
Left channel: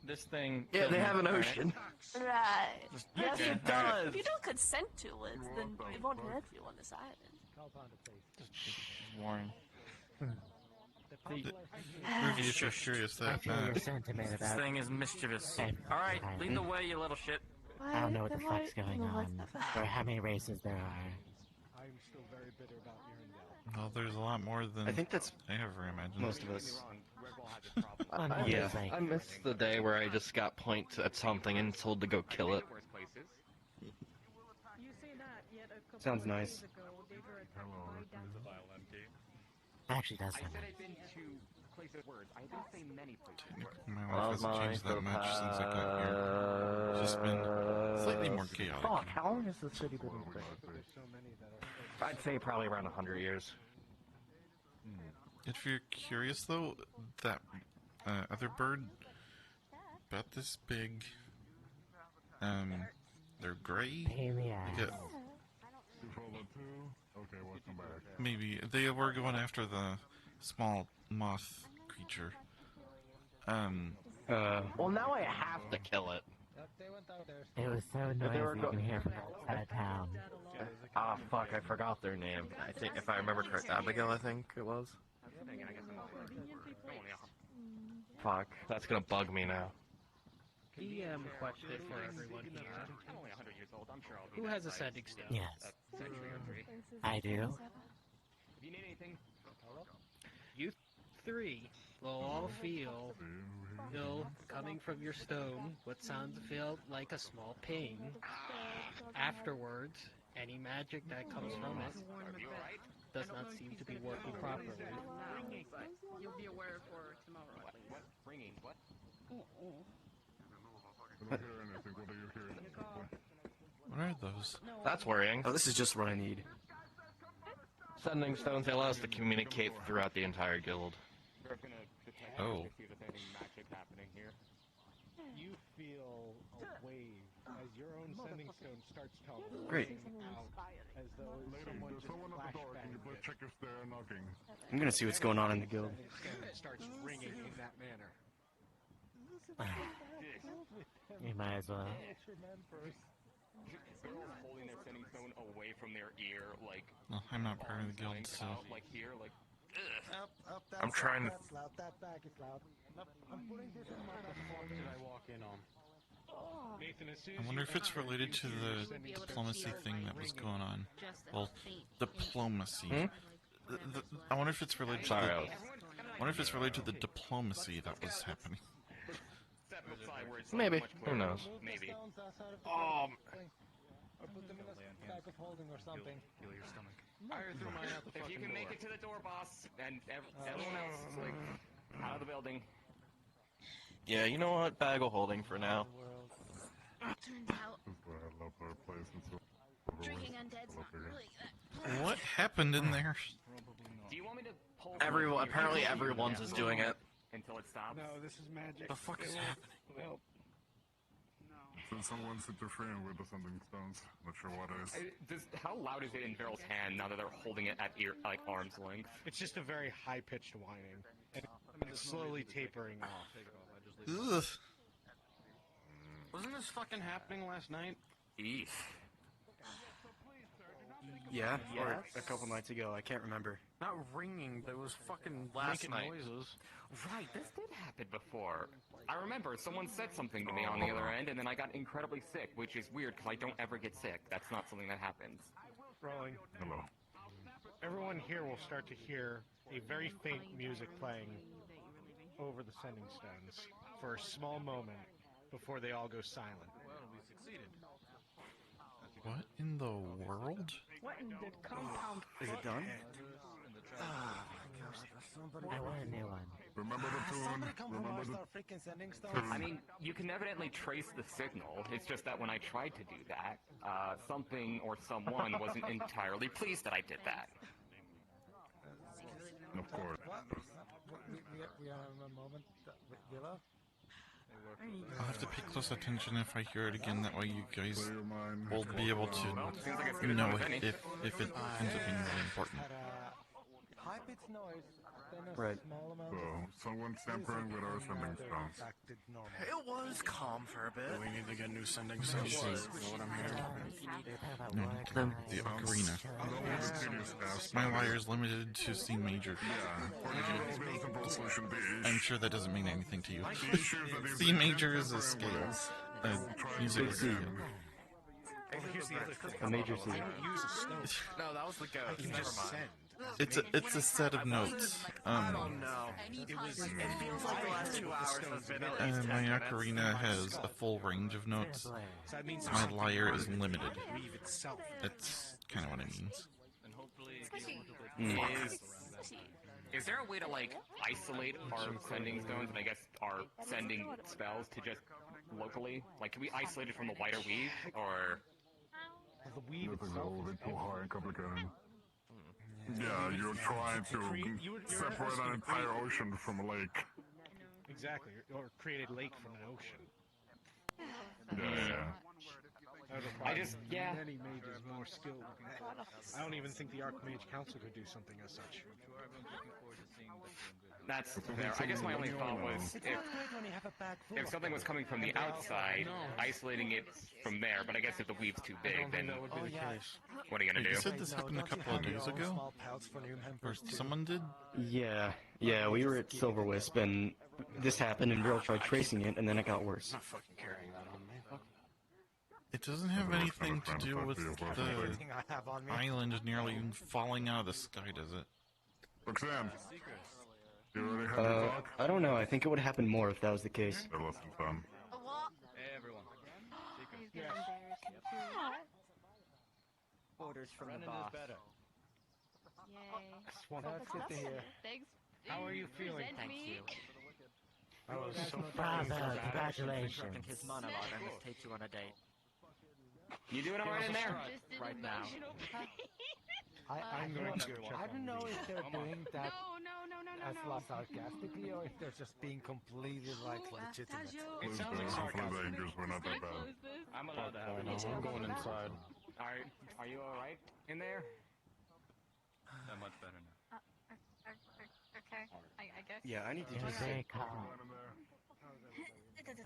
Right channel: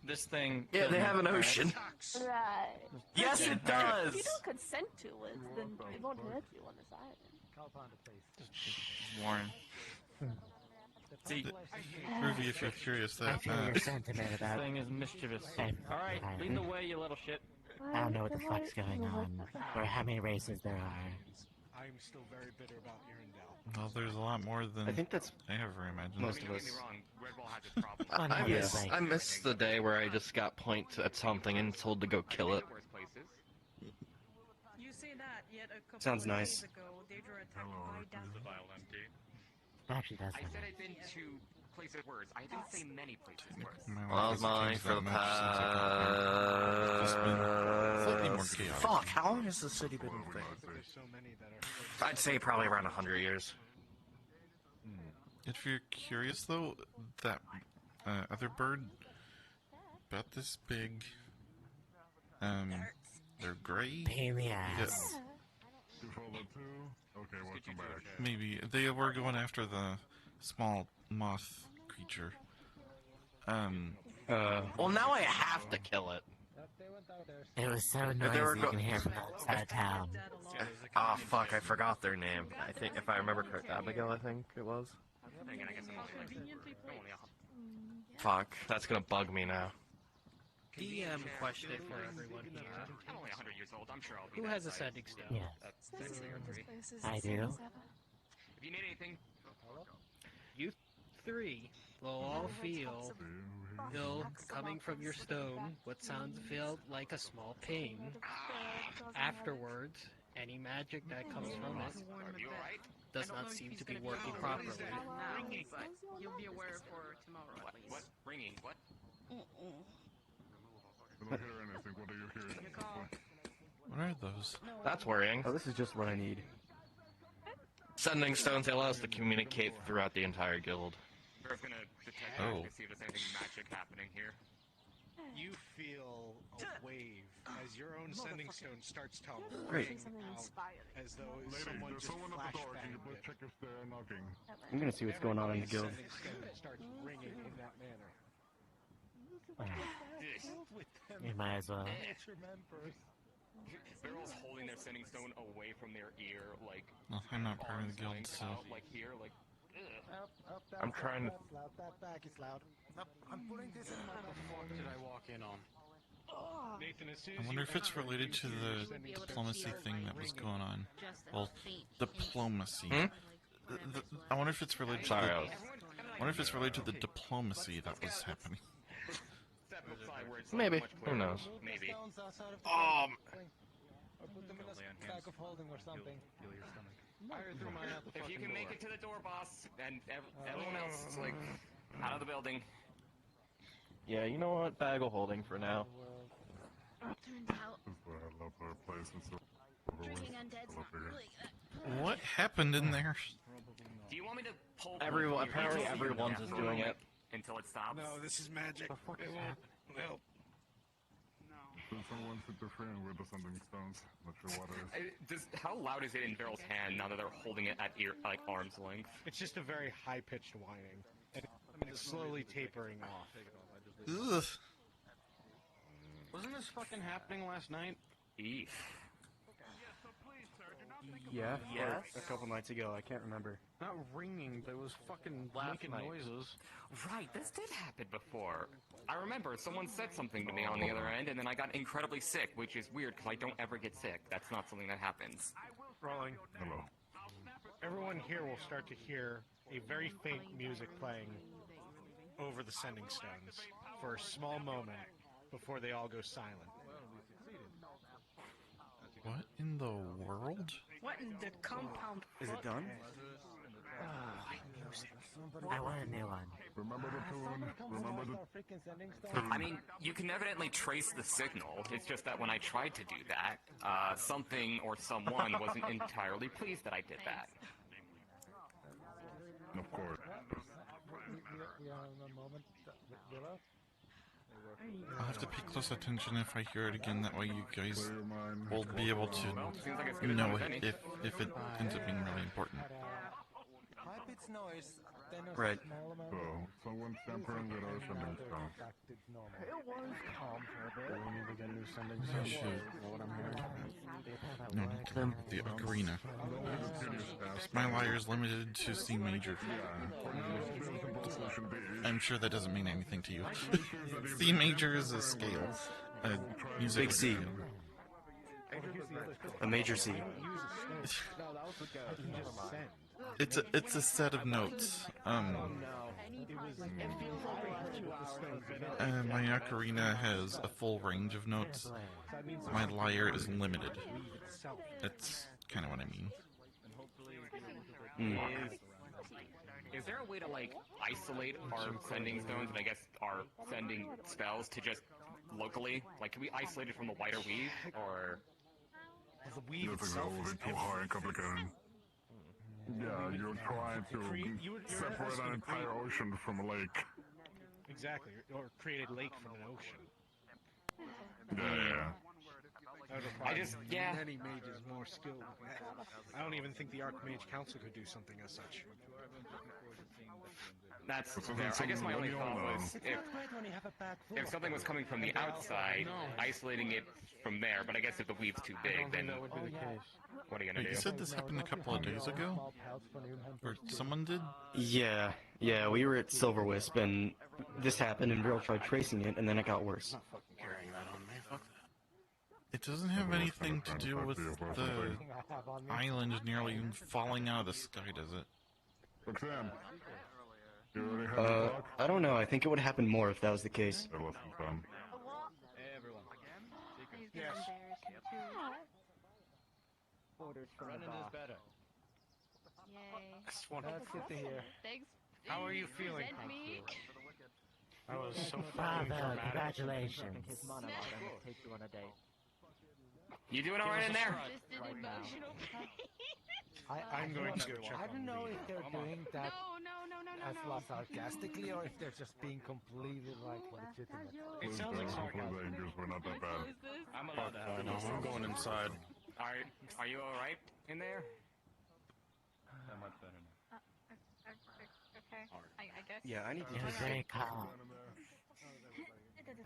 This thing. Yeah, they doesn't have an matter. ocean. Right. Yes, it If does. you don't consent to it, then it won't hurt you on this island. Warren. See, Ruby, if you're curious, that I feel your sentiment this about. thing is mischievous. Hey, Alright, hi. lead the way, you little shit. I don't know what the fuck's going on, or how many races there are. I'm still very bitter about Urindale. well, there's a lot more than I think that's I ever imagined. most of us. Well, no, Yeah. it's like, I miss the day where I just got pointed at something and told to go kill it. You say that, yet a couple Sounds of nice. days ago, Daedra attacked the guy down. actually does. I said I've been to places words. I didn't say many places words. My life hasn't changed that much since I got here. It's just been slightly more chaotic. Fuck, how long has the city been in thing? I'd say probably around 100 years. If you're curious, though, that other bird, about this big, they're gray. Pain in the Yeah, ass. maybe they were going after the small moth creature. Well, now I have to kill it. It was so noisy you can hear from outside town. Ah, fuck, I forgot their name. I think, if I remember correctly, Abigail, I think it was. Fuck, that's gonna bug me now. DM question for everyone here. I'm only 100 years old. I'm sure I'll be Who back has a by sending stone? Yes. a century or 3. I do. If you need anything, You 3 will all feel, coming from your stone, what sounds feel like a small ping. Afterwards, any magic that comes from it does not seem to be working properly. You'll be aware for tomorrow at least. what? Ringing? What? What are those? That's worrying. Oh, this is just what I need. Sending stones allow us to communicate throughout the entire guild. We're gonna detect Oh. to see if there's anything magic happening here. You feel a wave as your own sending stone starts to Great. ring out as though someone just flashbanged check if they're knocking. I'm gonna see what's going on in the guild. Sending stone starts ringing in that manner. You might as well. They're just holding their sending stone away from their ear, like Well, I'm not part of the guild, blank so out, like here, like. I'm trying to... That back is loud. I'm putting this in my back pocket. Did I walk in on? Nathan, as soon I wonder if it's related to the diplomacy thing that was going on. Well, diplomacy. I wonder if it's related to the, I wonder if it's related to the diplomacy that was happening. Maybe. Who knows? Maybe. Or put them in a bag of holding or something. If you can make it to the door, boss, and everyone else is like out of the building. Yeah, you know what? Bag of holding for now. Turns out drinking undead's not really good. What happened in there? Do you want me to pull? Everyone, apparently everyone's is doing it. until it stops. No, this is magic. The fuck It is won't- happening? So someone's interfering with the sending stones. Not sure what it is. How loud is it in Veryl's hand now that they're holding it at arm's length? It's just a very high-pitched whining. And it's slowly tapering off. Ugh. Wasn't this fucking happening last night? Eesh. Yeah, Yes. a couple nights ago. I can't remember. Not ringing, but it was fucking Last making night. noises. Right, this did happen before. I remember someone said something to me on the other end, and then I got incredibly sick, which is weird because I don't ever get sick. That's not something that happens. Rolling. Hello. Everyone here will start to hear a very faint music playing over the sending stones for a small moment before they all go silent. What in the world? What in the compound? Is it done? I want a new one. Remember the tune? Remember the... I mean, you can evidently trace the signal. It's just that when I tried to do that, something or someone wasn't entirely pleased that I did that. Of course. We are in a moment. Willow? I'll have to pay close attention if I hear it again. That way, you guys will be able to know if it ends up being really important. High-pitched noise, then a Right. small amount So, of... someone's tampering with our sending stones. acted normal. It was calm for a bit. We need to get new sending stones. stones. What I'm hearing. No, the ocarina. My lyre is limited to C major. I'm sure that doesn't mean anything to you. C major is a scale. A musical Big C. scale. A major C. No, that was the ghost. It's a set of notes. My ocarina has a full range of notes. My lyre is limited. That's kind of what it means. Is there a way to, like, isolate our sending stones and I guess our sending spells to just locally? Like, can we isolate it from the wider weave, or... The weave This is itself a little bit too hard and complicated. Yeah, you're trying to separate an entire ocean from a lake. Exactly, or create a lake from an ocean. Yeah. I just, many mages more skilled than that. I don't even think the Archmage Council could do something as such. That's fair. I guess my only thought was if something was coming from the outside, isolating it from there, but I guess if the weave's too big, then what are you gonna Wait, do? you said this happened a couple of days ago? Or someone did? Yeah, we were at Silver Wisp, and this happened, and Viryl tried tracing it, and then it got worse. It doesn't have anything to do with the island nearly falling out of the sky, does it? Roxanne, you already have the talk? I don't know. I think it would happen more if that was the case. That wasn't fun. Orders from Running is better. Yay. That's good to hear. Thanks. How are you feeling? Present Thank me. I was so Bravo, congratulations. His money and take you on a date. You doing alright in there? Just an emotional pain. I don't know if they're doing that No. as well sarcastically or if they're just being completely like legitimate. It sounds like sarcasm. We're not that bad. I'm allowed to have it. I'm going inside. Alright, are you alright in there? I'm much better now. Okay. I guess. Yeah, I need to It was just... very calm.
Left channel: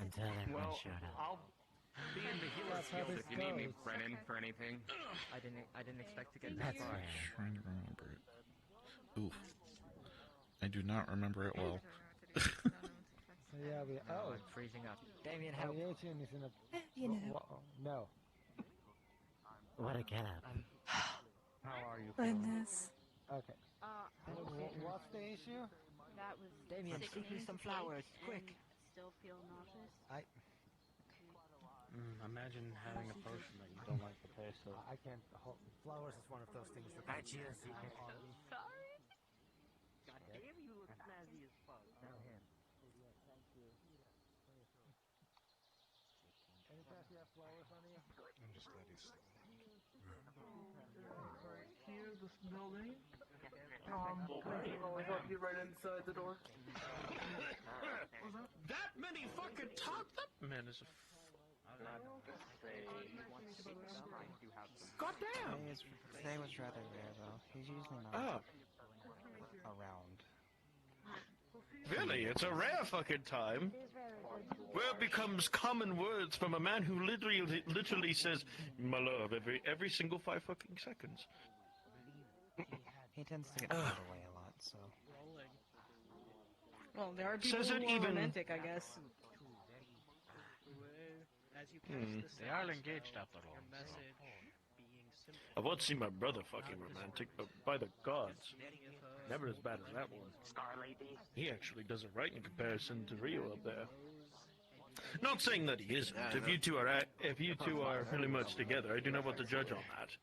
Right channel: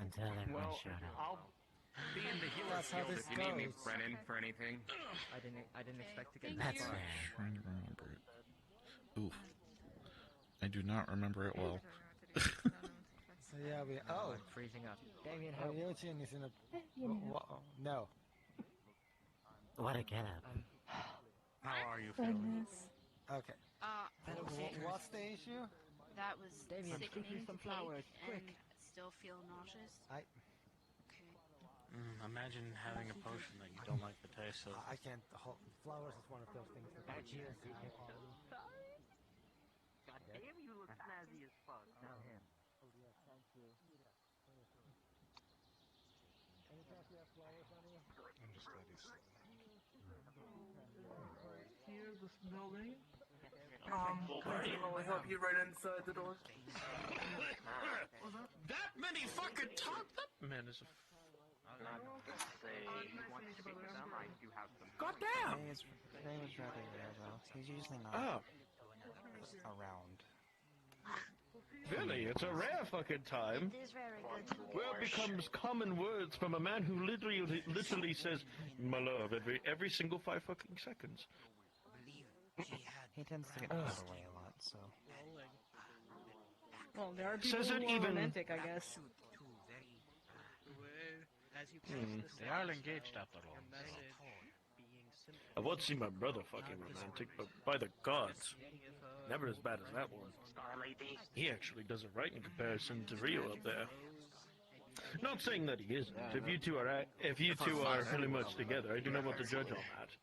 Until everyone Well, showed up. I'll be in the hero's That's how guild this if you need me, goes. Brennan, for anything. I didn't expect to get That's this far. fair. Trying to remember it. Oof. I do not remember it well. So yeah, we... No, I'm freezing up. Damien, Our help. Ryojin is in a... No. What a get up. How are you feeling? Okay. What's the issue? That was Damien, scoop me sickening some to take, flowers, quick. and Still feel nauseous. Imagine having a potion that you don't like the taste of. I can't... Flowers is one of those things that I choose. Damn, you look snazzy as fuck. I'm just glad he's... Here, this building. I hope you're right inside the door. That many fucking top? That man is a. God damn! Today was rather rare, though. He's usually not around. Really, it's a rare fucking time. Where it becomes common words from a man who literally says, "My love," every single 5 fucking seconds. He tends to get pulled away a lot, so. Well, there are people who are romantic, I guess. They are engaged after all. I would see my brother fucking romantic, but by the gods, never as bad as that one. He actually does it right in comparison to Rio up there. Not saying that he isn't. If you two are really much together, I do not want to judge on that.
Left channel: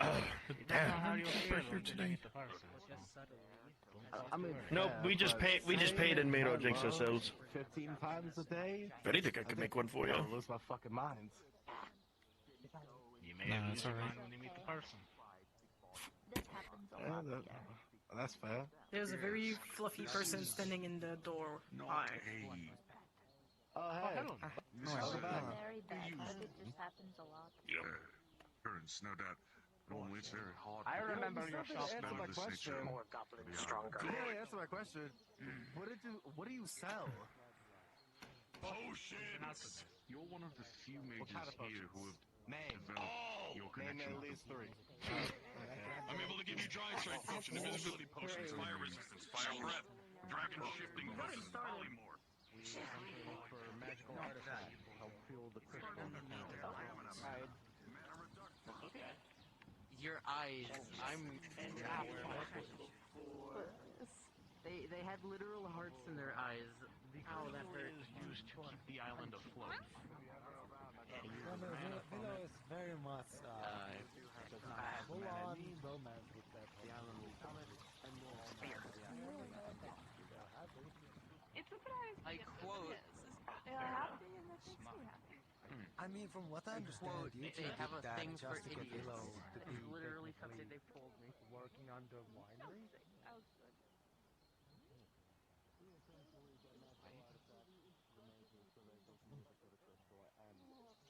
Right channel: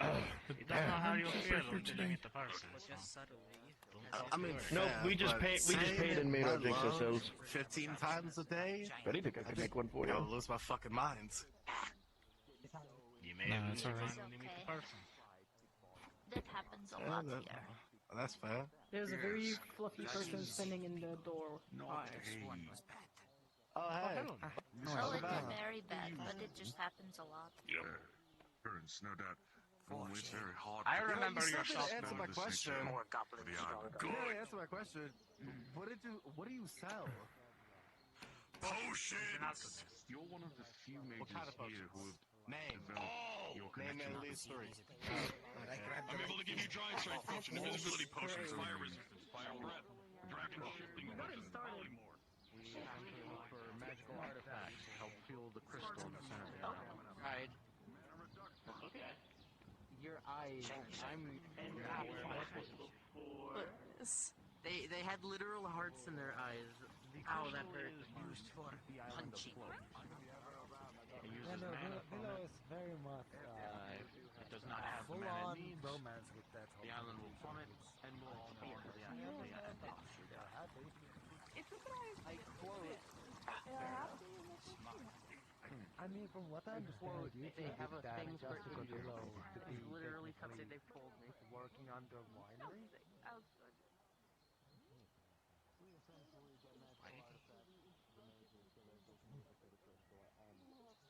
Oh, damn! Super here today. Nope, we just paid and made our drinks ourselves. 15 times a day? If anything, I could make one for you. I'll lose my fucking minds. You may it's alright. When you meet the person. That happens a lot here. That's fair. There's a very fluffy person standing in the door. Oh, hey. Very bad, but it just happens a lot. Yep. Turns, no doubt. One way very hard. I remember your shop. Answer my question. Answer my question. What do you sell? Potions! You're one of the few mages here who have developed your connection Name with at least 3. I'm able to give you dry strike potion, invisibility potions, fire resistance, fire breath, direction shifting, versus polymorph. We come to look for magical artifacts. Help fill the crystal. Okay. Your eyes. They had literal hearts in their eyes. Oh, that hurt. Used to keep the island afloat. Willow is very much Does not have full-on romance with that. The island will summit and more. Like, quote. I mean, from what I understand, you They have a thing for idiots. to It's literally something they've told me. working on the winery.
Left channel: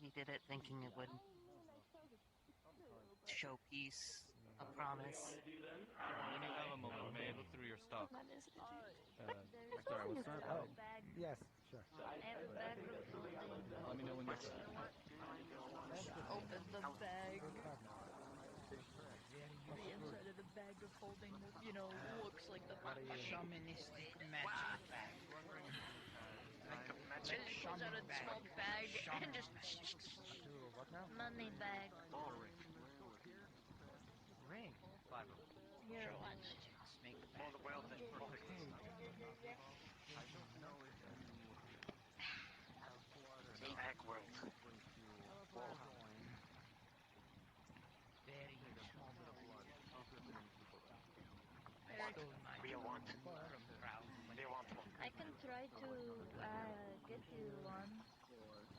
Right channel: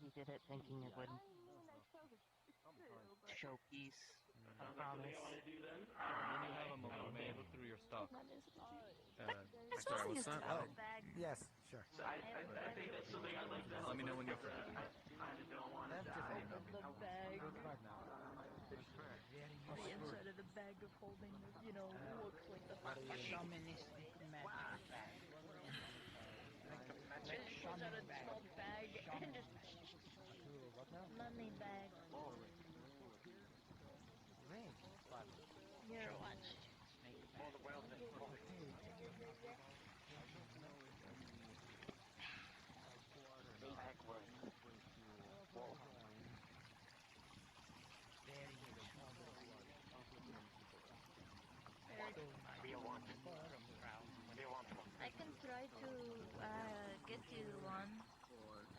He did it thinking it would show peace. I promise. When you have a moment, may go through your stock. Sorry, what's that? Yes, sure. Let me know when you're Open the bag. The inside of the bag of holding, looks like the shamanistic magic. Pulls out a small bag and just money bag. Here, watch. I can try to get you one.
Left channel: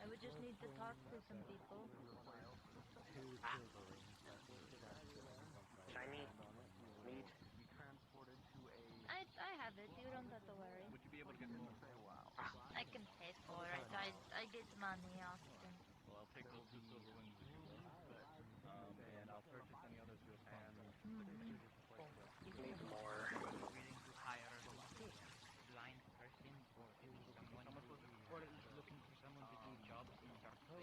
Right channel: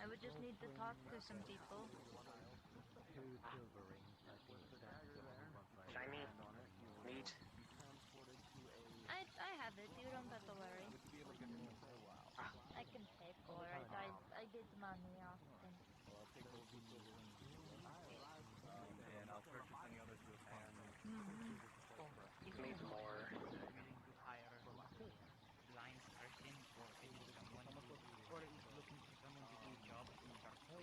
I would just need to talk to some people. Shiny. Meat. I have it. You don't have to worry. I can pay for it. I get money often. And I'll purchase any others you can. Need more. Blind session or someone or looking for someone to do jobs in dark. You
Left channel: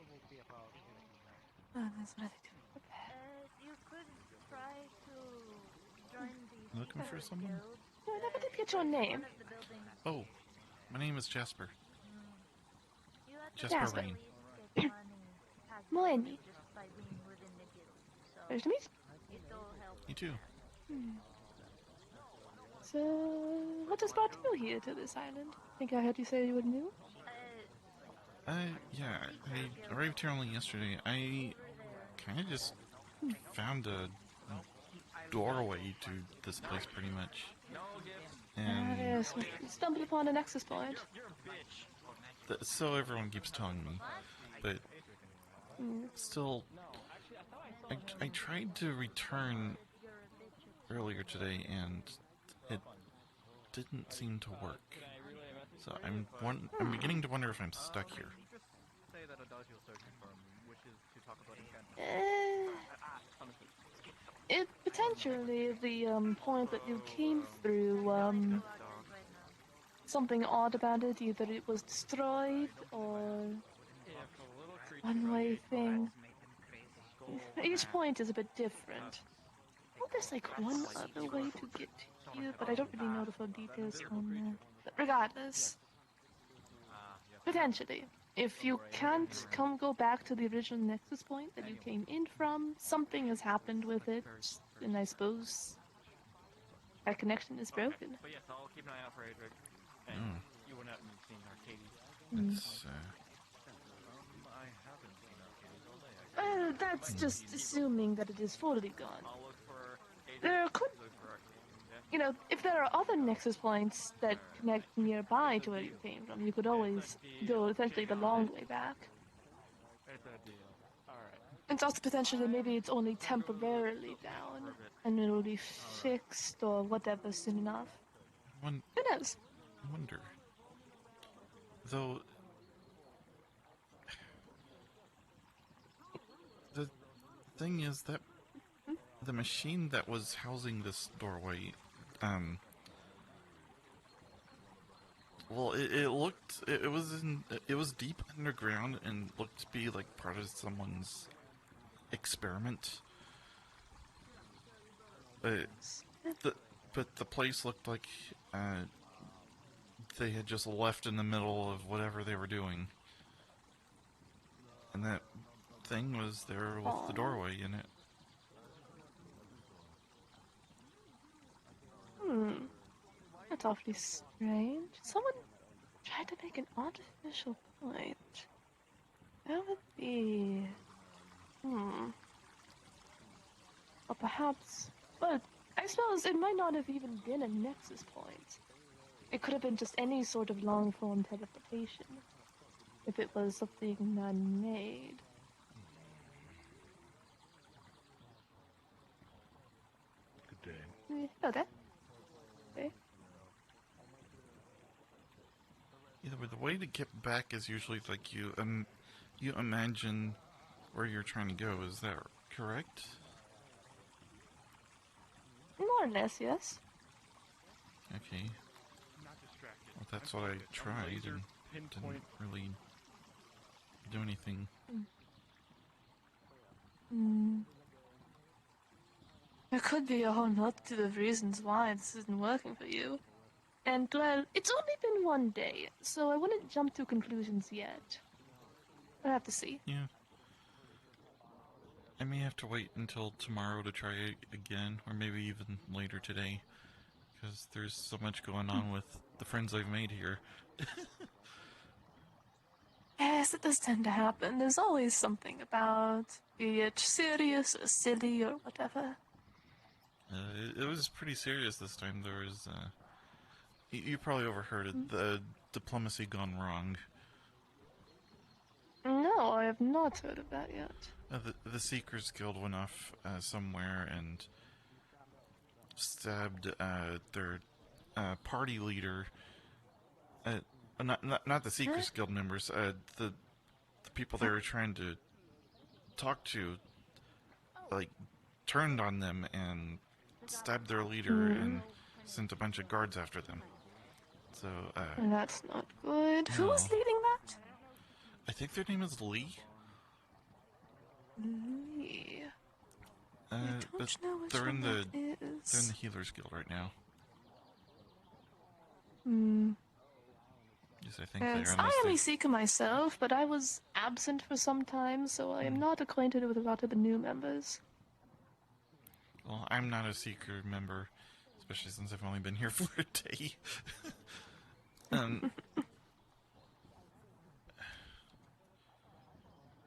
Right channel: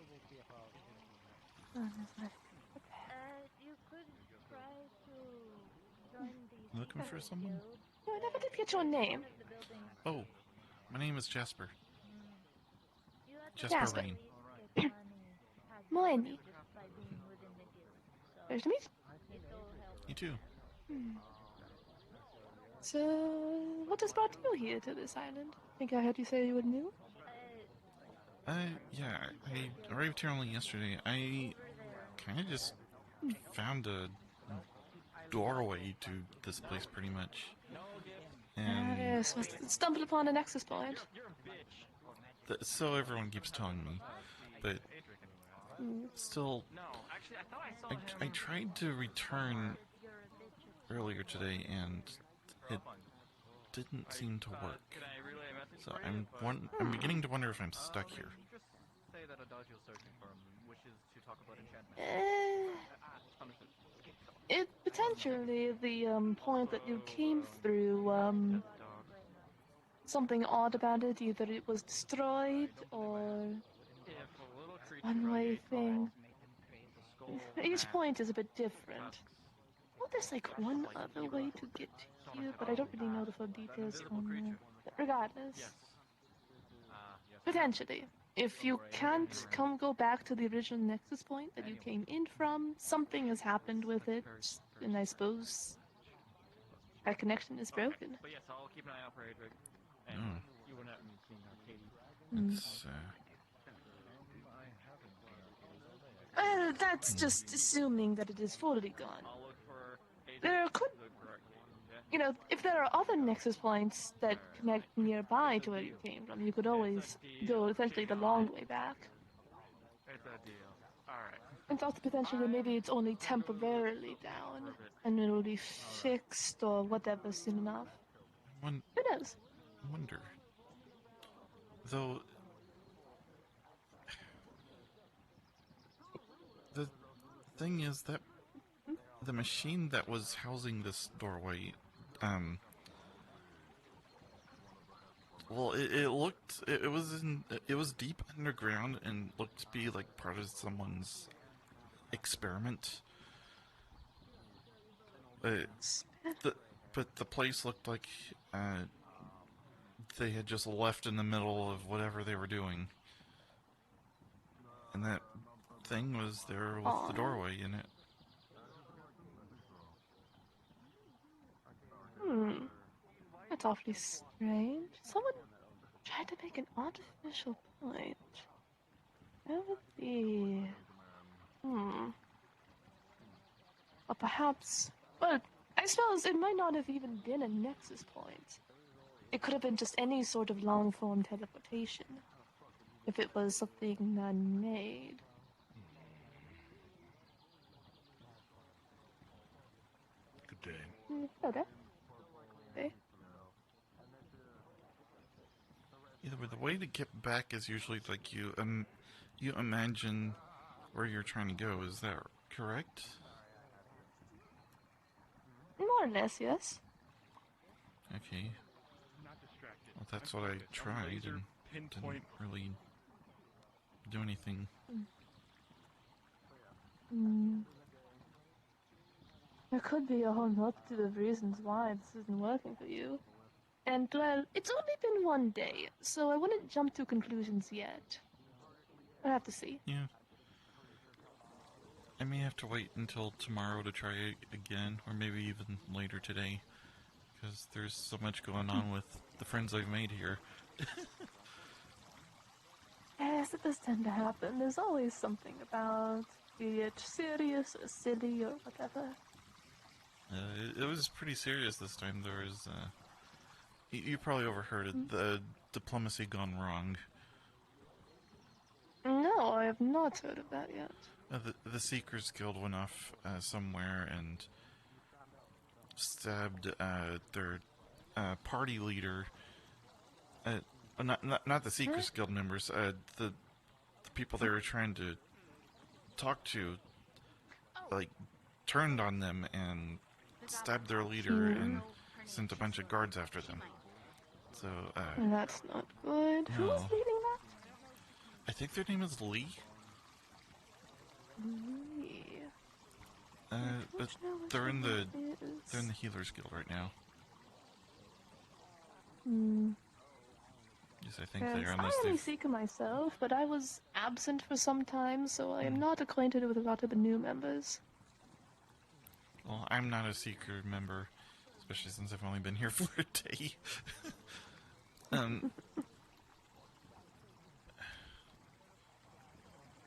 could try to join the Looking for someone? No, I never did get your name. Oh, my name is Jasper. Jasper Rain. Melanie. Nice to meet You too. you. So, what has brought you here to this island? I think I heard you say you were new. Yeah, I arrived here only yesterday. I kind of just found a doorway to this place, pretty much. And Yes, we stumbled upon an access point. so everyone keeps telling me, but still, I tried to return earlier today, and it didn't seem to work. So I'm beginning to wonder if I'm stuck here. Just say that Adagio's searching for him and wishes to talk about enchantment. Understood. It potentially the point that you came through, something odd about it, either it was destroyed or one-way thing. Each point is a bit different. Oh, there's like one other way to get to you, but I don't really know the full details on that. But regardless, potentially, if you can't go back to the original Nexus point that you came in from, something has happened with it, and I suppose that connection is broken. But yes, I'll keep an eye out for Adric. And you went out and seen Arcades. It's, that's just assuming that it is fully gone. I'll look for Adric. There could, you know, if there are other Nexus points that connect nearby to where you came from, you could always go essentially the long way back. It's a deal. Alright. It's also potentially maybe it's only temporarily down, and it will be fixed or whatever soon enough. Who knows? I wonder. Though, the thing is that the machine that was housing this doorway, well, it was deep underground and looked to be like part of someone's experiment. But the place looked like they had just left in the middle of whatever they were doing, and that thing was there with the doorway in it. That's awfully strange. Someone tried to make an artificial point. That would be... Or perhaps... Well, I suppose it might not have even been a Nexus point. It could have been just any sort of long-form teleportation. If it was something man-made. The game. Hello there. There. Either way, the way to get back is usually like you imagine where you're trying to go. Is that correct? More or less, yes. Okay. Well, that's what I tried and didn't really do anything. There could be a whole multitude of reasons why this isn't working for you. And, well, it's only been one day, so I wouldn't jump to conclusions yet. I'll have to see. Yeah. I may have to wait until tomorrow to try it again, or maybe even later today, because there's so much going on with the friends I've made here. Yes, it does tend to happen. There's always something about, be it serious or silly or whatever. It was pretty serious this time. There was, you probably overheard it, the diplomacy gone wrong. No, I have not heard of that yet. The Seekers Guild went off somewhere and stabbed their party leader. Not the Seekers Guild members. The people they were trying to talk to, like, turned on them and stabbed their leader and sent a bunch of guards after them. So that's not good. No. Who's leading that? I think their name is Lee. Lee. But they're in the Healers Guild right now. Yes, I think they are. I am a Seeker myself, but I was absent for some time, so I am not acquainted with a lot of the new members. Well, I'm not a Seeker member, especially since I've only been here for a day.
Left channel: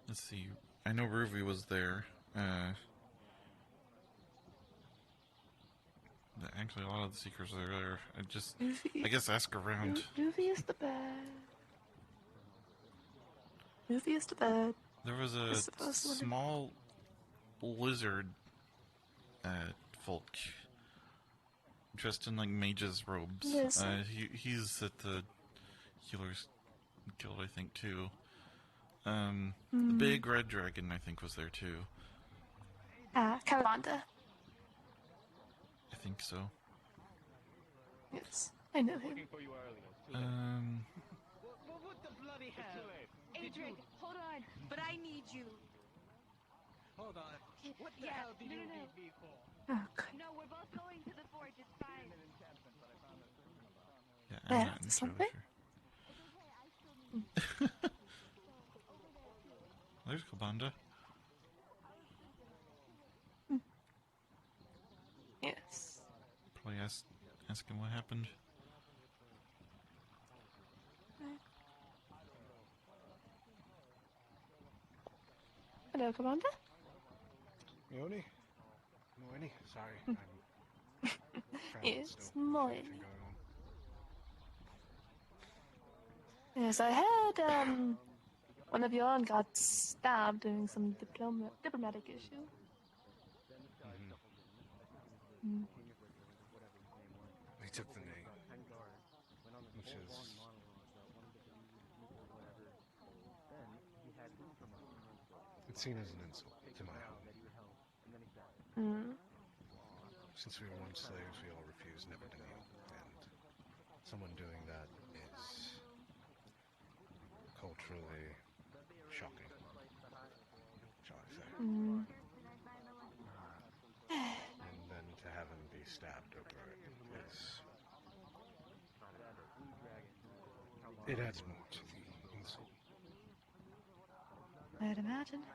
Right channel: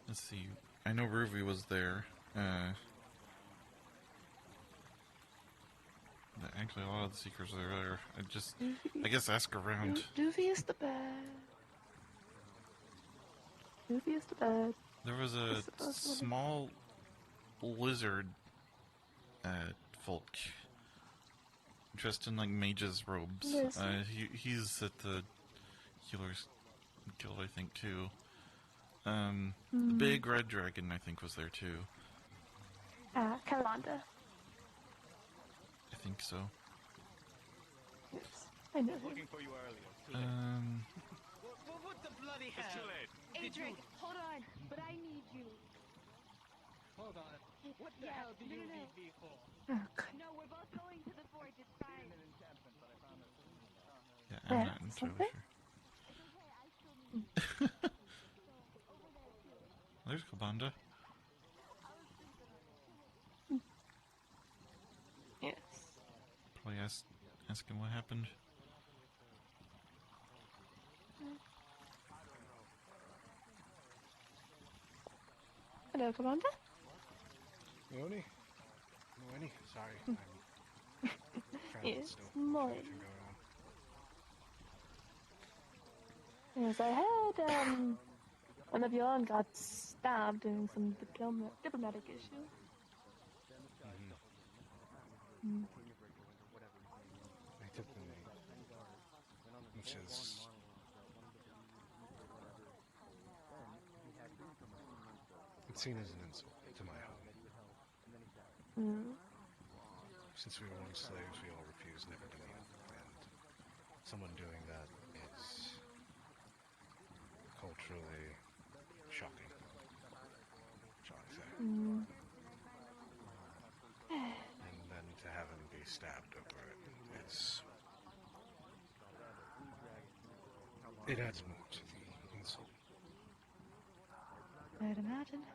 Let's see. I know Ruby was there. Actually, a lot of the Seekers are there. I guess ask around. Ruby is the best. Ruby is the best. There was a small lizard folk dressed in like mage's robes. Yes. He's at the healer's guild, I think, too. The Hmm. big red dragon, I think, was there too. Calanda. I think so. Yes, I know him. What the bloody hell? Adric, hold on. But I need you. Hold on. What the hell do you need me for? Oh, God. No, we're both going to the fort. It's fine. Yeah, I'm not entirely sure. There's Kabanda. Yes. Probably ask him what happened. Hello, Commander. Leone? Sorry, I'm It's mine. Yes, I heard, one of your own got stabbed during some diplomatic issue. Mm. He took the knee, which is... It's seen as an insult to my home. Mm. Since we were once slaves, we all refused never to kneel, and someone doing that is culturally shocking, shall I say. Mm. And then to have him be stabbed over it is... It adds more to the insult. I'd imagine.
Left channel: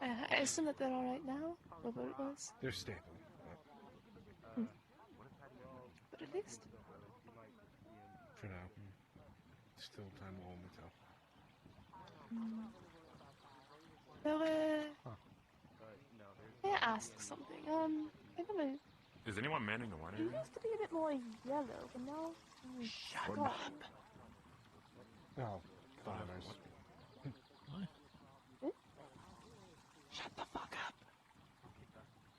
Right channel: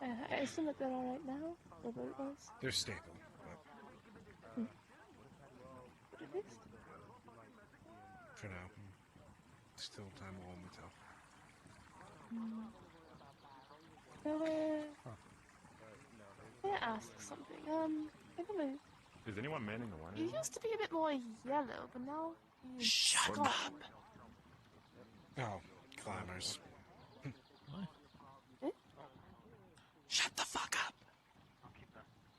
I assume that they're alright now, or what it was. They're stable, but... But at least. For now, still time will only tell. May I ask something? I don't know. Is anyone manning the one? You used to be a bit more yellow, but now... Shut up! Oh, climbers. What? Eh? Shut the fuck up!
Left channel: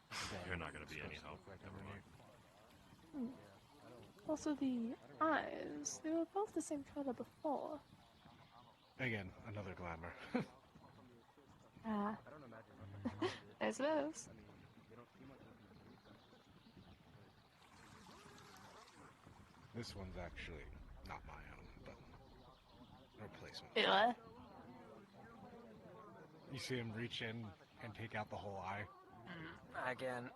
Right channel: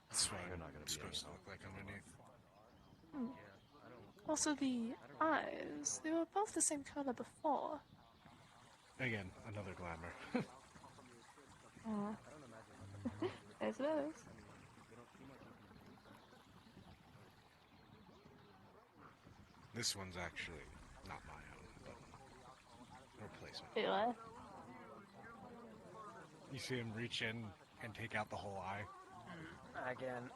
That's right, You're not gonna be supposed to look like underneath. Also, the eyes, they were both the same color before. Again, another glamour. I suppose. This one's actually not my own, but a replacement. Yeah. You see him reach in and take out the whole eye? Again.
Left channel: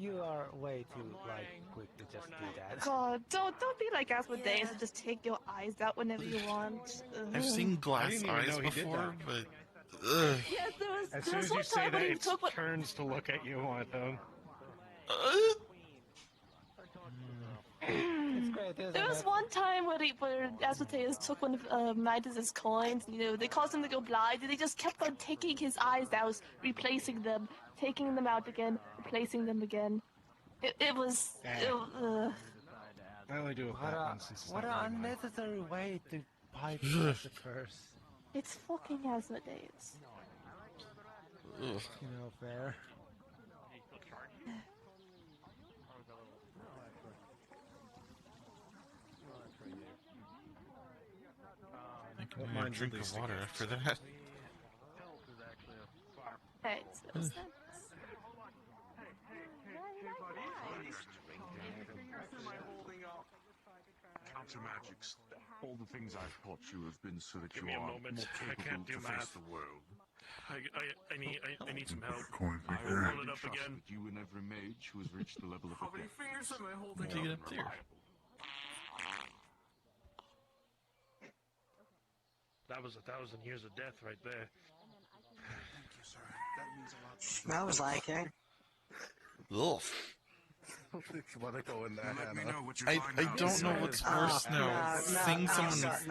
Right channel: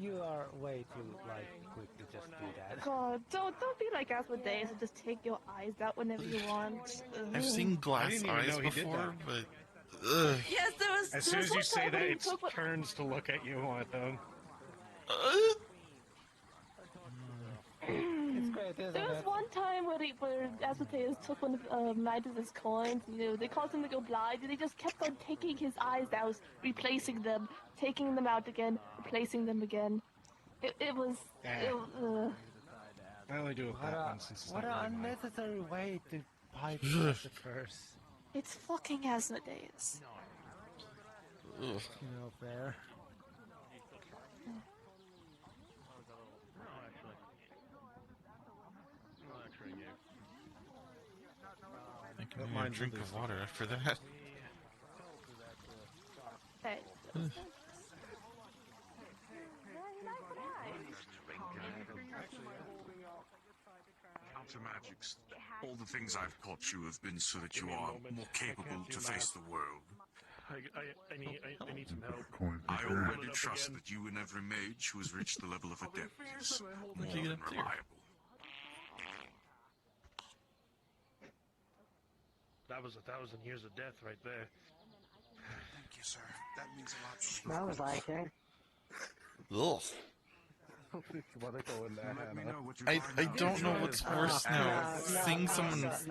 You are way too, like, quick to just do that. God, don't be like Asmodeus and just take your eyes out whenever you want. I've seen glass eyes before, but... Ugh. Yes, there was... As soon as you say that, it turns to look at you on them. It's great, isn't There was it? one time where Asmodeus took one of Midas' coins, they caused him to go blind, and they just kept on taking his eyes out, replacing them, taking them out again, replacing them again. It was... I only do it that one since it's What not an really mine. unnecessary way to bypass the curse. It's fucking Asmodeus. Ugh. You know, fair. I can have a drink of water after that. Thanks. Counter magics. All the things I've taught you have been so that you are more capable to face the world. I need some help. I already trust that you and every mage who has reached the level of adept is How'd you get up there? That was 1,000 years of death right there. Thank you, sir. That means a lot. Smells like it. Ugh. I don't know what's worse now. Seeing someone's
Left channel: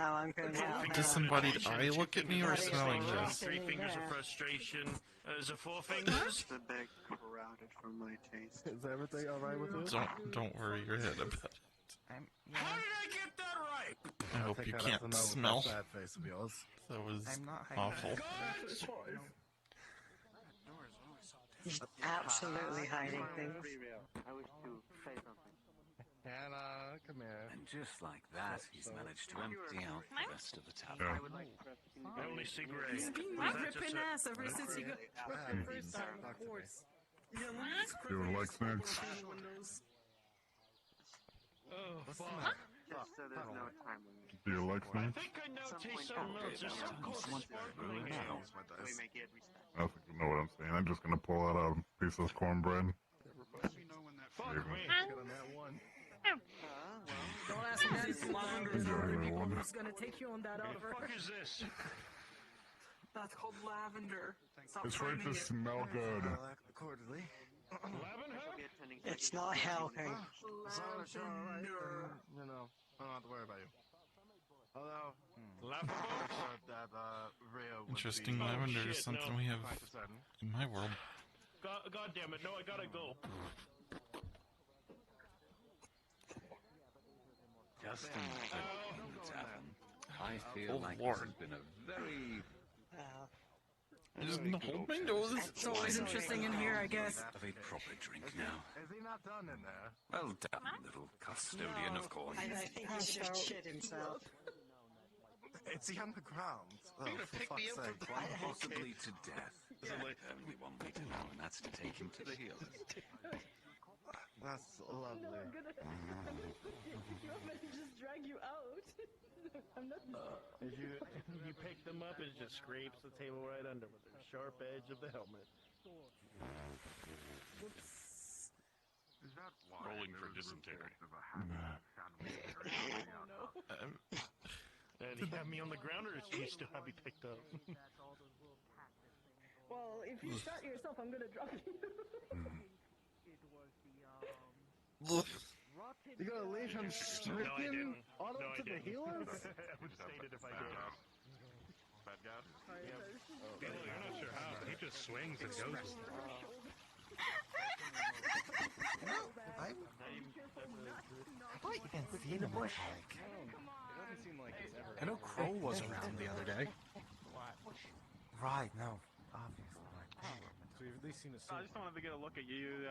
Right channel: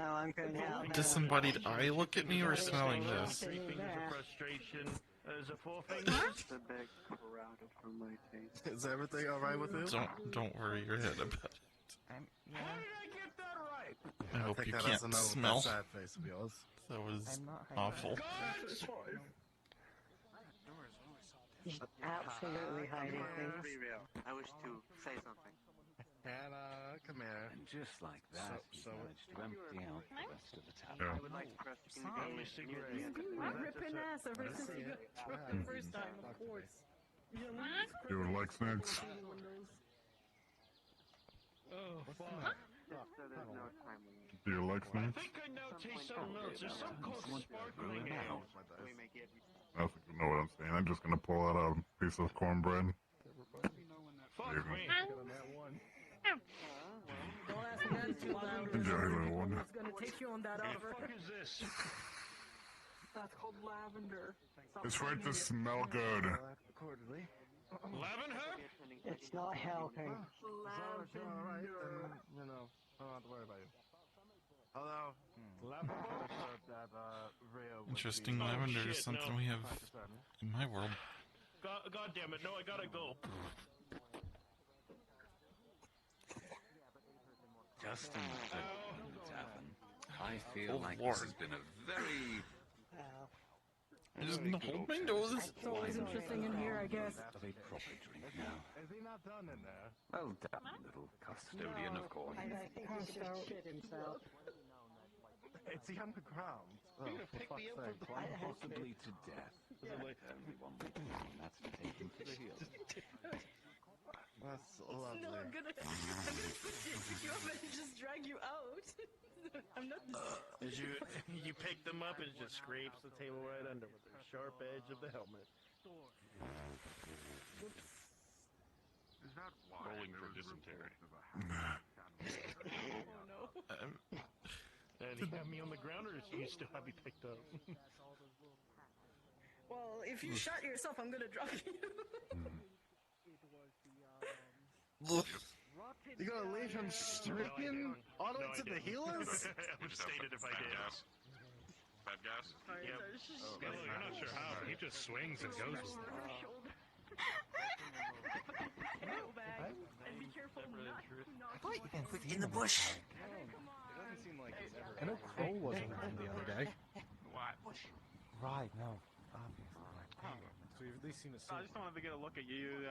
disembodied eye look at me or smelling this. 3 fingers of frustration. Is it 4 fingers? The big routed from my taste. Is everything alright with you? Don't worry your head about it. How did I get that right? I hope you can't smell. Sad face of yours. That was awful. He's absolutely hiding things. I wish to say something. Hannah, come here. And just like that, he's managed to empty out the rest of the town. I would like to press He's being ripping ass ever since he got the first time, of course. You would like snacks? Oh, fuck. Just so there's no time limit. Do you like snacks? I think I now taste something else. There's something called sparkling ale. We make it I don't think you know what I'm saying. I'm just gonna pull out a piece of cornbread. Fuck me. Don't ask me that too loud. Yeah, It's gonna take you on that What the offer. fuck is this? That's called lavender. Stop It's for it finding to smell good. Lavender? It's not helping. As long as you're alright, then, you know, I don't have to worry about you. Hello? Interesting, lavender is something we have in my world. God damn it, no, I gotta go. Just in the tavern, I feel Oh, like Lord. this has been a very... I'm just gonna hold my nose. It's always interesting in here, I guess. of a proper drink now. Is he not done in there? Well done, little custodian, of course. I think he should shit himself. It's the underground. Oh, You're gonna for pick me fuck's up sake. from possibly to death. There's only one way to do it, and that's to take him to the heel. That's lovely. I'm gonna pick you up and just drag you out. I'm not As you pick them up, and it just scrapes the table right under with the sharp edge of the helmet. Is that why Rolling there for was a dysentery. report of a half Oh no. And he had me on the ground, or does he still have me picked up? Well, if you shot yourself, I'm gonna drop you. You gonna leave him stricken all the way to the healers? Would stated if I did. Bad gas? Yep. Okay, look, you're not sure how, but he just swings and goes. In the bush. It doesn't seem like it's ever. I know Crow wasn't around the other day. Right, no. So you've at least seen a I just wanted to get a look at you.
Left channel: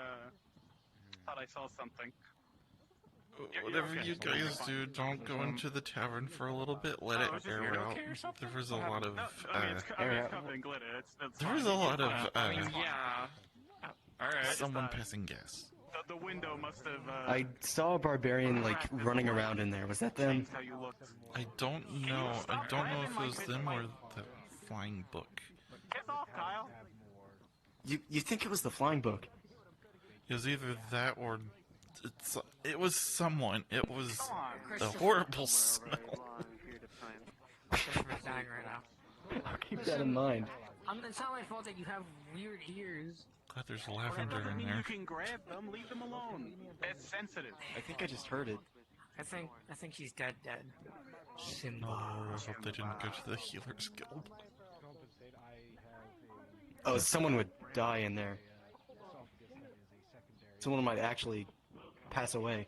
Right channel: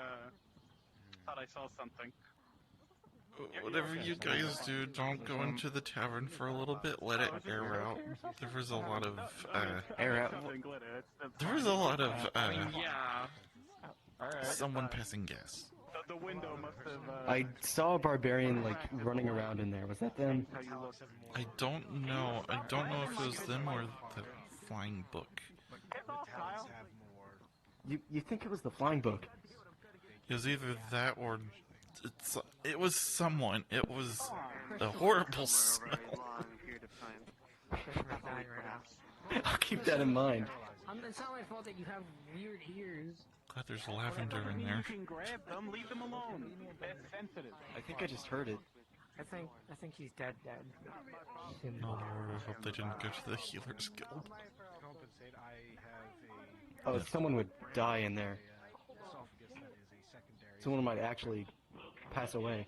Thought I saw something. Whatever you guys do, don't go into the tavern for a little bit. Let it air out. There was a lot of Air out. there was a lot of Yeah. someone passing gas. The window must have. I saw a barbarian like running around in there. Was that them? How you looked. I don't know. I don't know if it was them or the flying book. You think it was the flying book? It was either that or it was someone. It was a horrible smell. I'll keep that in mind. It's not my fault that you have weird ears. Glad there's lavender in You there. can grab them. Leave them alone. It's sensitive. I think I just heard it. I think she's dead. Oh Lord, I hope they didn't go to the Healers Guild. Oh, someone would die in there. Someone might actually pass away.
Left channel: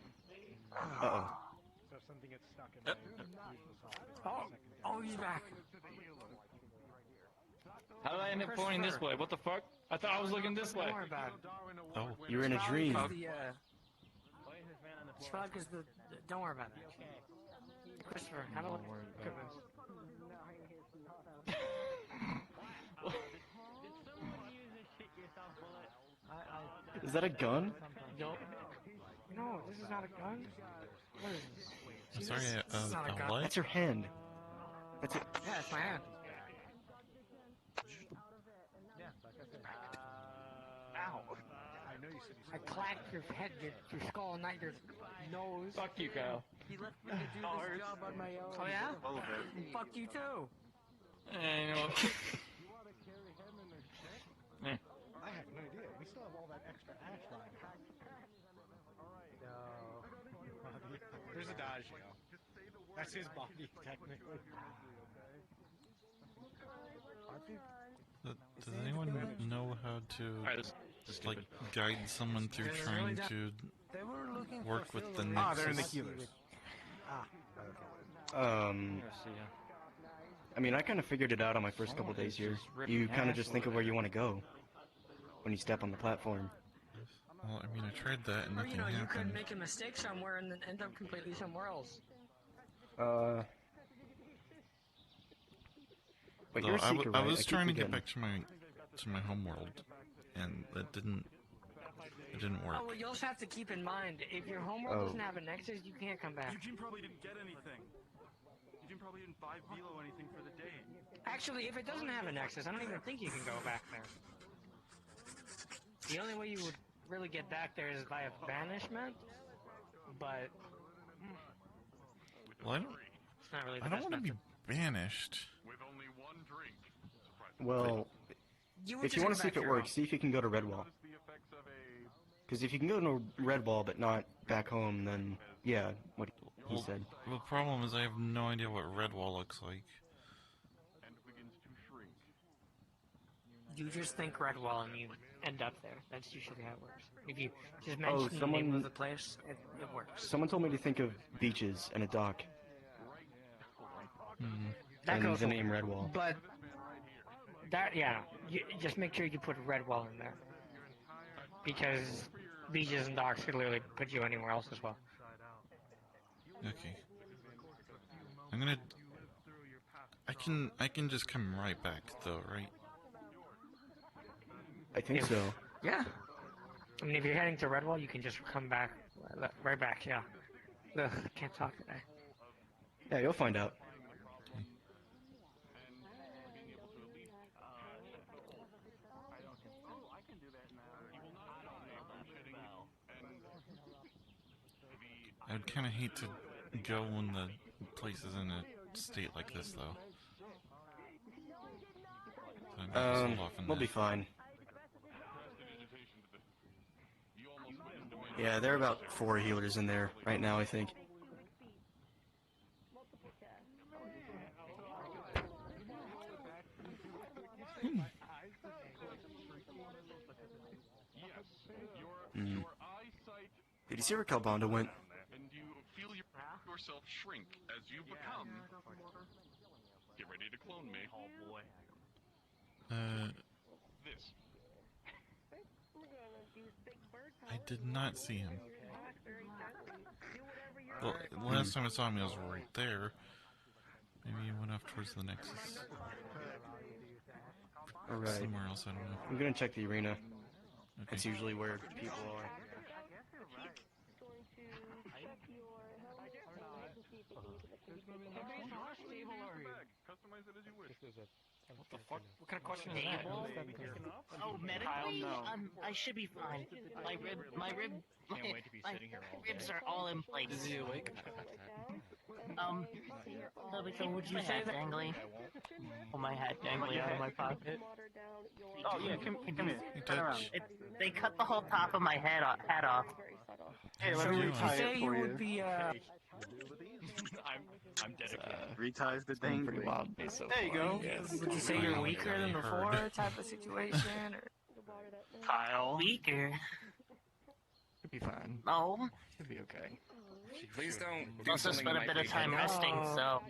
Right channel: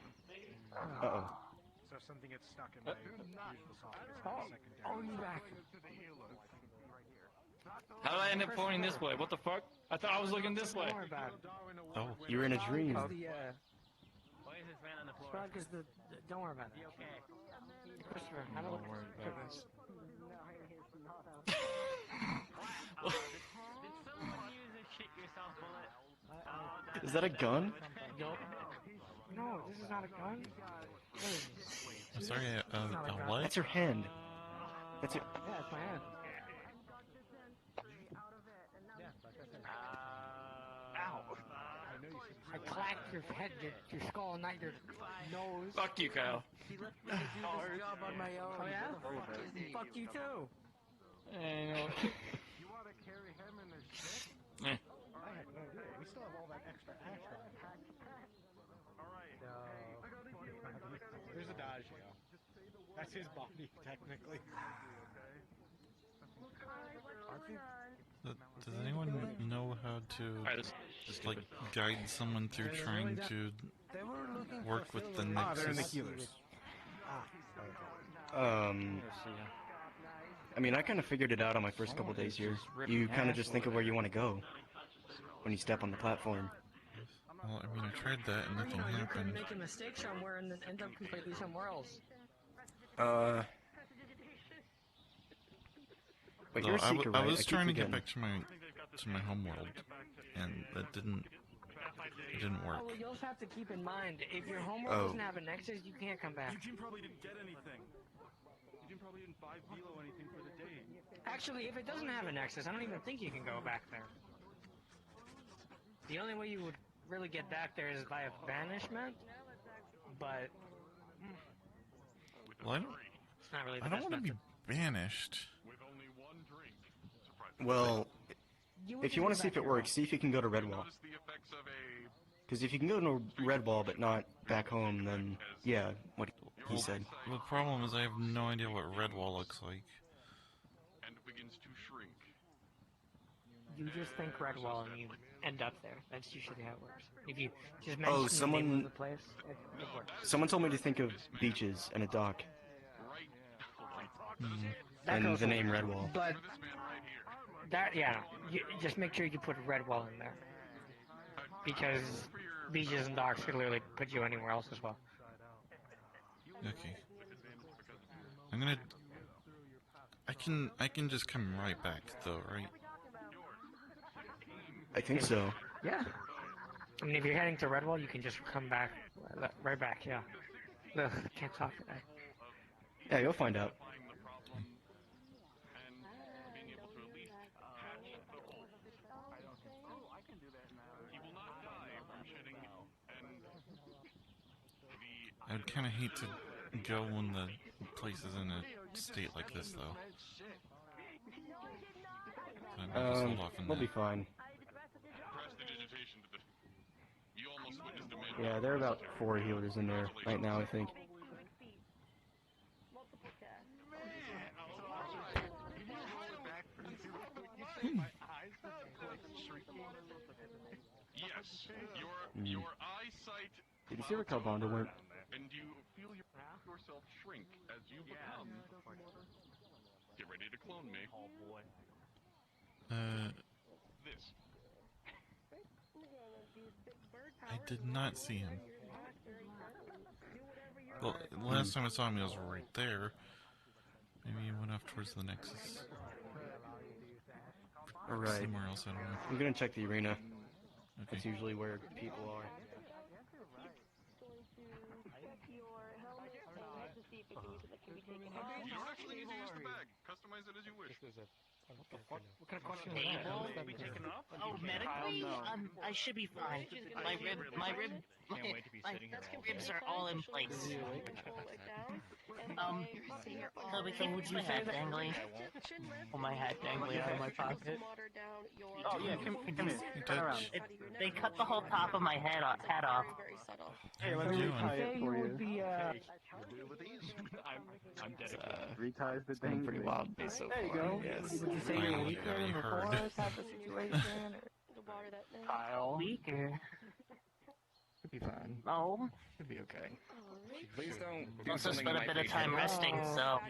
Uh-oh. So if something gets stuck in there, Oh, he's back. How did I end up pointing this way? What the fuck? I thought I was looking this way. Oh, you were in a dream. Don't worry about that. Christopher, how do I look at this? Is that a gun? Nope. No, this is not a gun. What is this? I'm sorry, a what? That's your hand. That's it. Yeah, it's my hand. Ow. I clacked your head, your skull, not your nose. Fuck you, Kyle. He left me to do this job on my own. Oh, yeah? Fuck you, too. You know what? I have no idea. We still have all that extra action. No. There's a dodge, That's his body, technically. Does anyone know how to like guide someone through trying to work with the Nexus? I mean, I kind of figured it out on my first couple days here. You kind of just think of where you want to go when you step on the platform. Well, I mean, I tried that and nothing You could happened. make a mistake somewhere and then end up completely somewhere else. But Though you're a seeker, I right? was keep trying to get forgetting. back to my home world, and it didn't work. Well, you'll just have to keep in mind, if your homeworld doesn't have a nexus, you can't come back. Eugene probably didn't get anything. Eugene probably didn't buy Velo anything for the day. Actually, if it doesn't have a nexus, I don't even think you can go back there. The only way you would really get back there is via banishment, but... Well, I it's not really the don't best want to be method. banished. Well, if you want to see if it works, see if you can go to Redwall. Because if you can go to Redwall but not back home, then yeah, what he said. The problem is I have no idea what Redwall looks like. You just think Redwall and you end up there. That's usually how it works. If you just mention the name of the place, it works. Someone told me to think of beaches and a dock. That And goes the away. name Redwall. But that, yeah, you just make sure you put Redwall in there, because beaches and docks could literally put you anywhere else as well. Okay. I can just come right back though, right? I think so. Yeah. I mean, if you're heading to Redwall, you can just come back, right back. Yeah. Ugh, can't talk today. Yeah, you'll find out. I would kind of hate to go when the place is in a state like this, though. So I might just hold off on We'll that. be fine. Yeah, there are about 4 healers in there right now, I think. Did you see where Calbanda went? And you feel yourself shrink as you become. Get ready to clone me. This. I did not see him. Well, last time I saw him, he was right there. Maybe he went off towards the Nexus. Alright. Somewhere else, I don't know. I'm gonna check the arena. Okay. That's usually where people are. Customize it as you wish. What kind of question is Table? that? Oh, medically? I should be fine. My ribs are all in place. So would you say dangly? Oh, my hat dangly out of my pocket. Oh yeah, come here. Turn around. They cut the whole top of my hat off. So you say you would be, I'm dead. Reties the Been thing. pretty wild day so there you far, go. I guess. Would you say Finally you're weaker got than you before heard. type of situation? Kyle. Weaker? Could be fine. No. Could be okay. Please don't do Also something spent that a might bit of be time resting, so...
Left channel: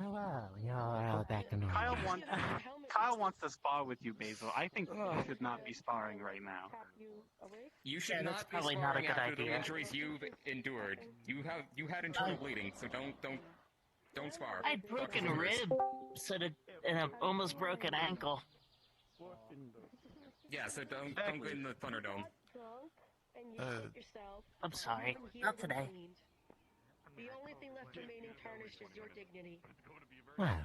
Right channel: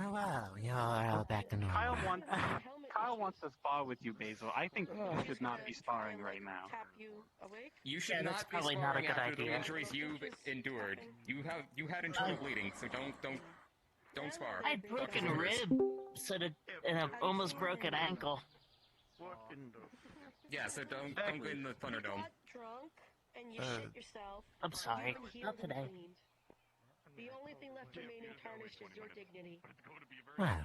Oh wow, you're all back to normal. Kyle wants to spar with you, Basil. I think you should not be sparring right now. You should that's not be probably not a sparring good after the idea. injuries you've endured. You had internal bleeding, so don't spar. I had broken ribs and an almost broken ankle. Yeah, so don't go in the Thunderdome. I'm sorry, not today. The only thing left remaining tarnished is your dignity. Well,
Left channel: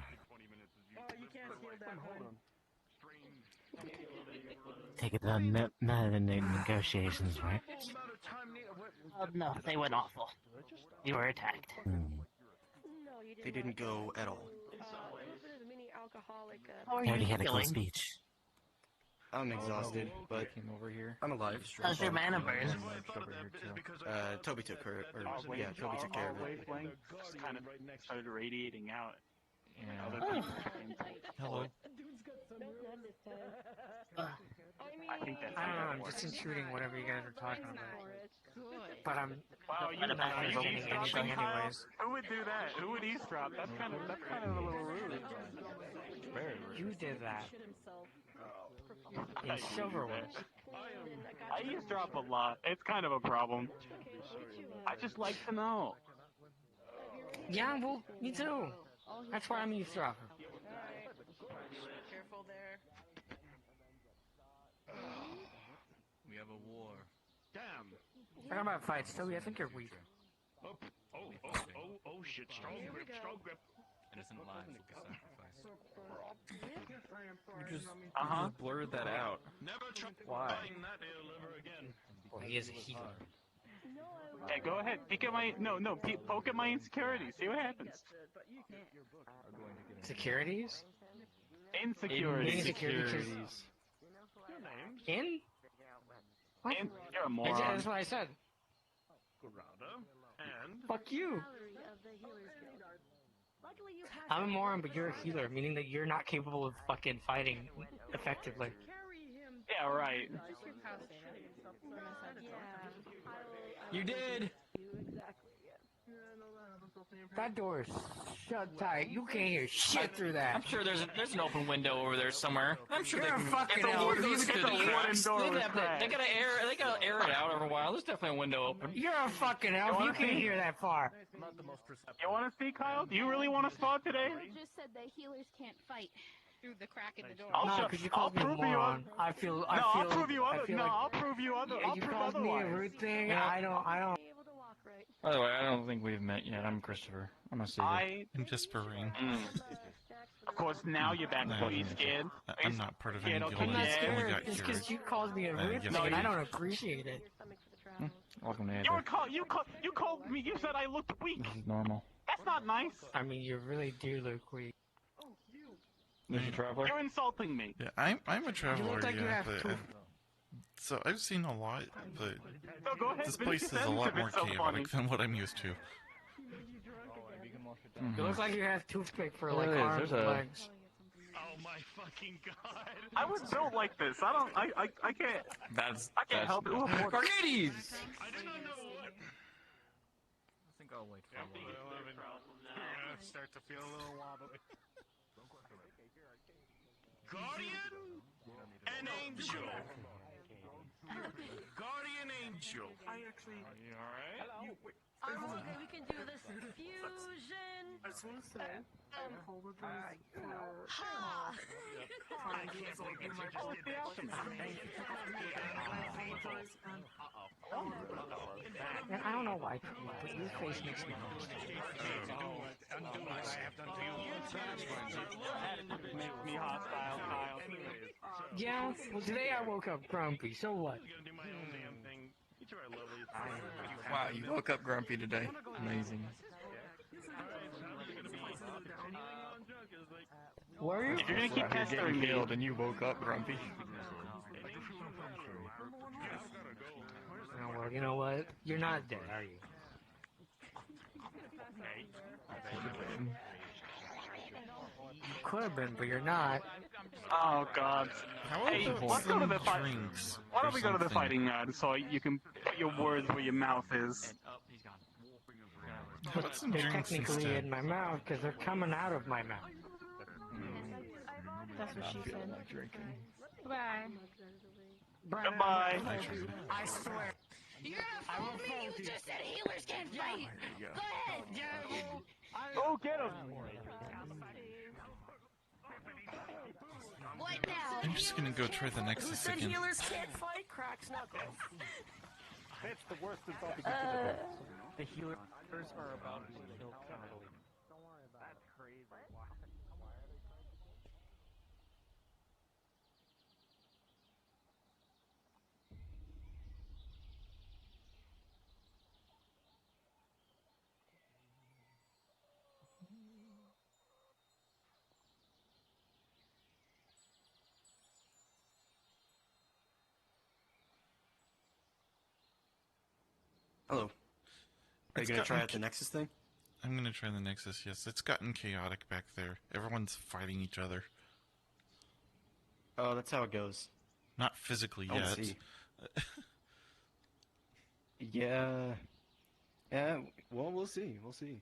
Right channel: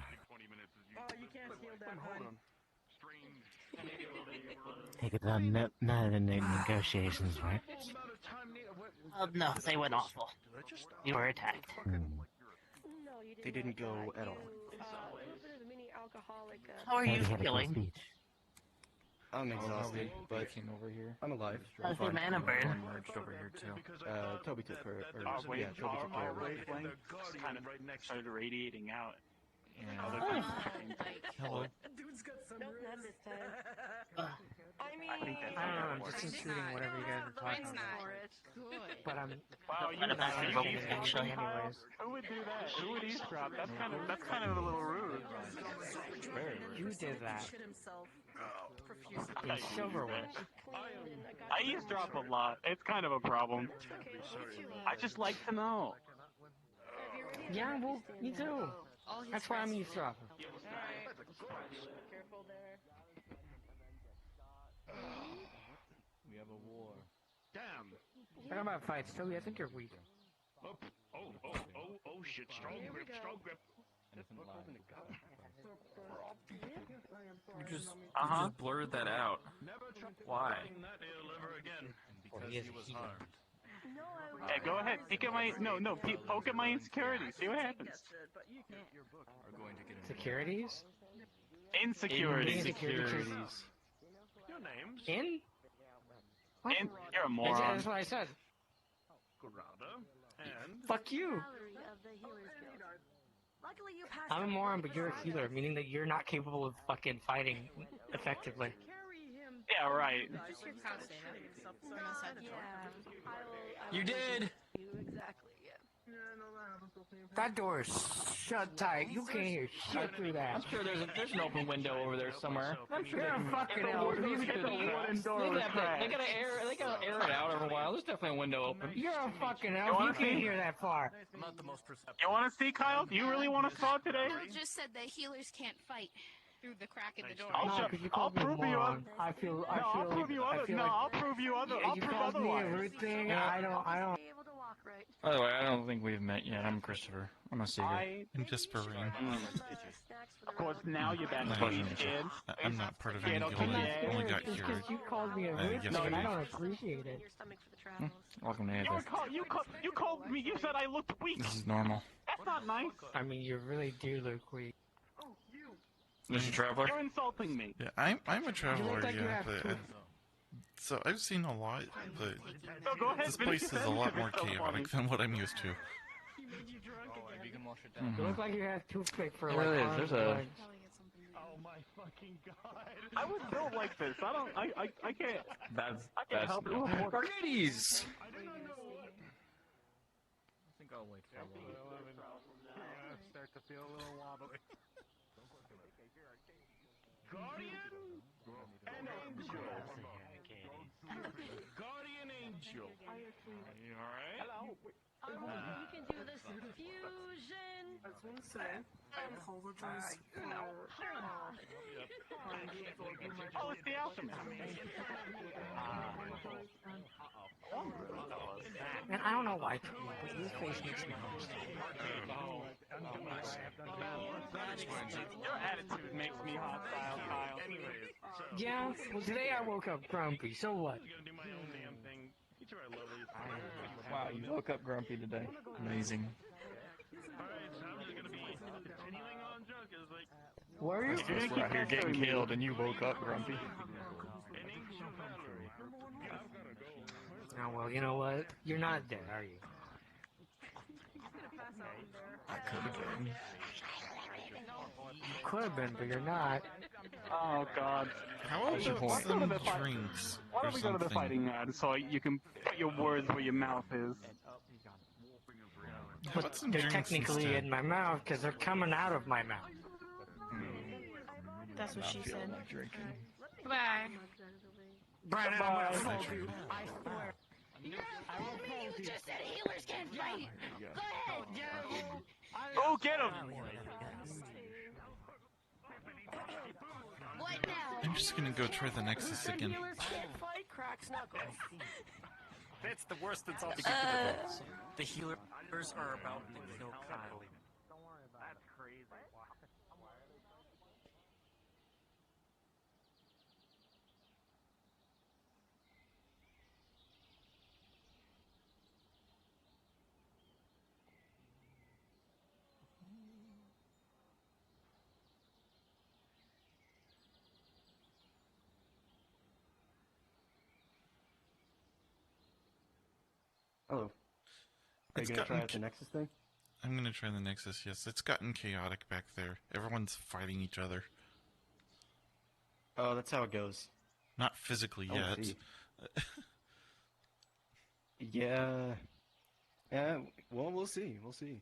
You can't steal that one. take it that negotiations work. Oh, no, they went awful. You were attacked. They didn't go at all. A little bit of a mini alcoholic. How are Glad you you had a cool feeling? speech. I'm exhausted, but I'm alive. How's your mana burn? Toby took her. Yeah, Toby took care Our of her. wavelength just kind of started radiating out. Yeah. Other Oh. people came back. Hello. I think that's I don't know, how that I'm works. just including whatever you guys are talking about. Good. But but I'm Wow, you not understanding anything anyways. anyways. Who would do that? Who would eavesdrop? That's kind of a little rude. Very You did that. In I silverware. I eavesdrop a lot. It's kind of a problem. I just like to know. Yeah, well, me too. That's why I'm eavesdropping. We have a war. Damn. Talking about fights, Toby, I think you're weak. Oh shit, strong grip. Innocent lives is the sacrifice. You just blurred that out. Why? Well, he is a healer. Hey, go ahead. Peek at my poke at my insecurities. See what happens. Securities? Insecurities. Insecurities. In? What? You're a moron. That's what I said. Fuck you. I'm a moron, but you're a healer, meaning that you're not capable of fucking fighting effectively. Yeah, right. You did. That door is shut tight. You can't hear shit through that. I'm sure there's an open window over there somewhere. I'm sure You're they a fucking can elf. You through get the the cracks. wooden door They gotta air it out every while. There's definitely a window open. You're a fucking elf. You can't hear that far. Not the most perceptive. You want to see, Kyle? Do you really want to saw today? You just said that healers can't fight through the crack in the door. I'll prove you other. I'll prove you other. I'll prove you other. I'll You prove called me a otherwise. rude thing. Yeah. I don't. By the way, I don't think we've met yet. I'm Christopher. I'm a seeker. I'm just Perrine. Of course, now you're back No, to being scared. I'm not part of any guild. I'm not I only scared. got It's cured. because you called me a rude yes, thing, I and I did. don't appreciate it. Welcome to Aether. You called me. You said I looked weak. This is normal. That's not nice. I mean, you really do look weak. This is a traveler? You're insulting me. Yeah, I'm a traveler, like you yeah, have but two. so I've seen a lot, but So go ahead, this finish place your is a lot sentence, more it's so chaotic funny. than what I'm used to. You look like you have toothpick for There like it is. arms There's and a- legs. Oh my fucking god. I was built like this. I can't. That's I can't help it. Arcades! I think I'll wait for a little bit. You're gonna start to feel a little wobbly. Guardian and Angel. Guardian Angel. You alright? We can do this fusion. I just want to say, I apologize for Oh, it's the alchemist. Man, I don't know why, but your face makes me understand. Makes me hostile, Kyle. Yeah, well today I woke up grumpy, so what? I'm gonna do my own damn thing. You two are lovely. Wow, you woke up grumpy today. Amazing. Were you? If you're gonna keep You're getting pestering me, killed and you woke up grumpy. Oh, well, you know what? You're not dead, are you? I could have been. You could have been, but you're not. Oh God. How Hey, about let's go some to the drinks Why or don't we go to the something? fighting now, so you can put your words where your mouth is. How about some They're drinks technically instead? in my mouth because they're coming out of my mouth. That's what she said. Like drinking. Bye. Goodbye. I tried. I swear. You just said healers can't fight. Go ahead. Go get him. What now? I'm just gonna go try the Nexus again. Healers can't fight. Cracks knuckles. That's the worst insult you can give it. The healers are about to kill people. Hello. Are you It's gonna try gotten out the Nexus thing? I'm gonna try the Nexus, yes. It's gotten chaotic back there. Everyone's fighting each other. Oh, that's how it goes. Not physically I yet. see. Yeah. Yeah, well, we'll see. We'll see.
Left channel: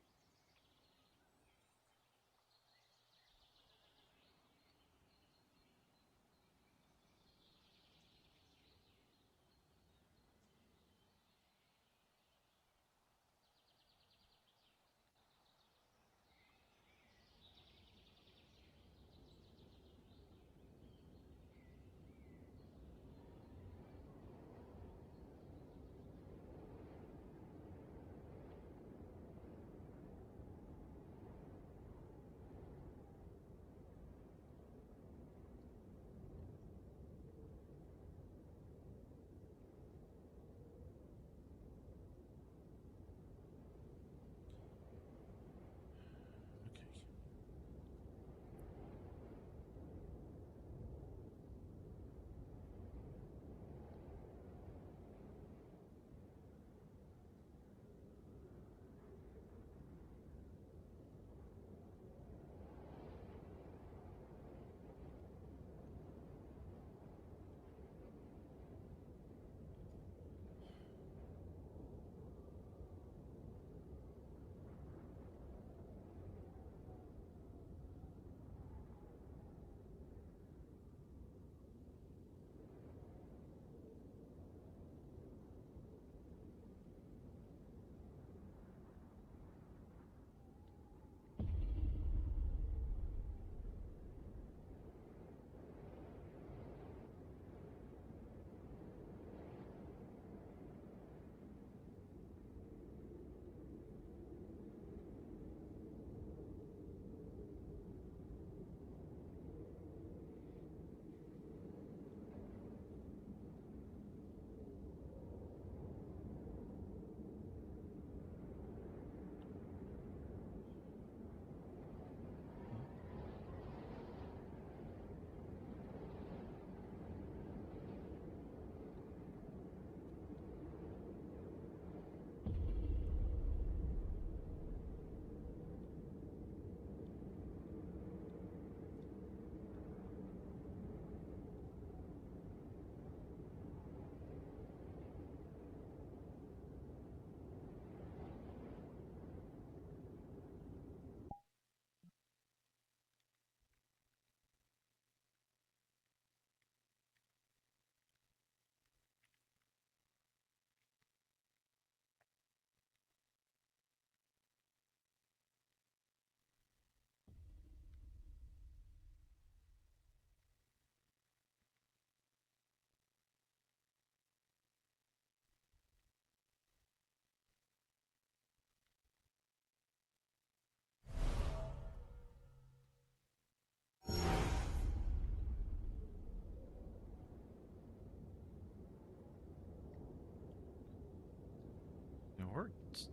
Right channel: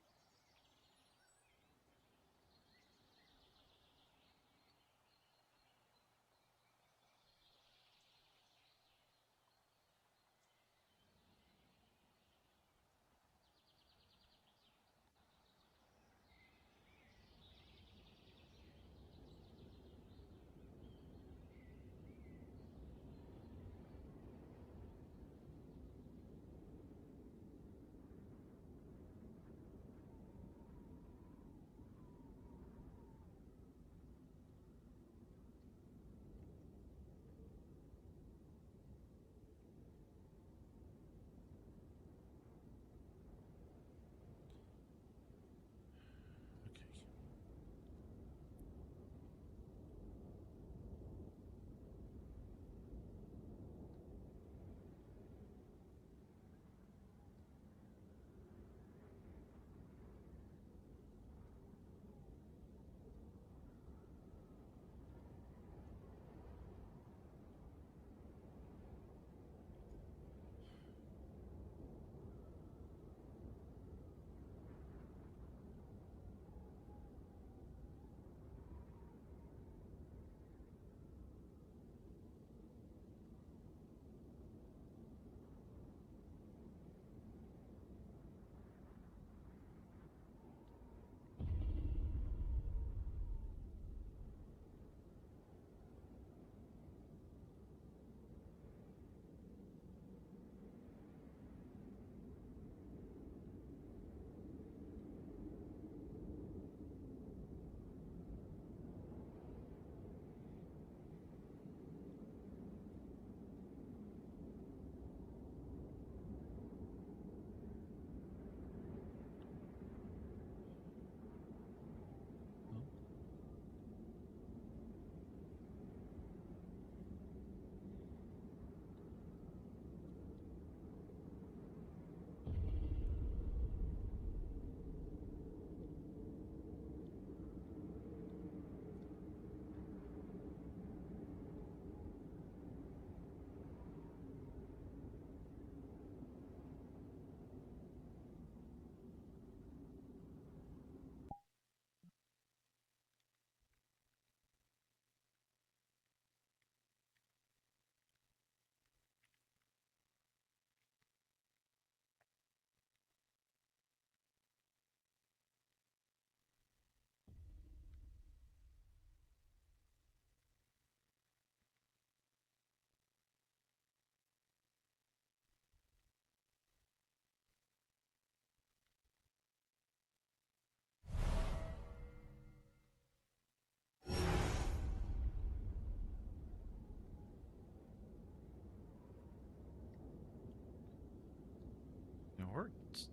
It worked,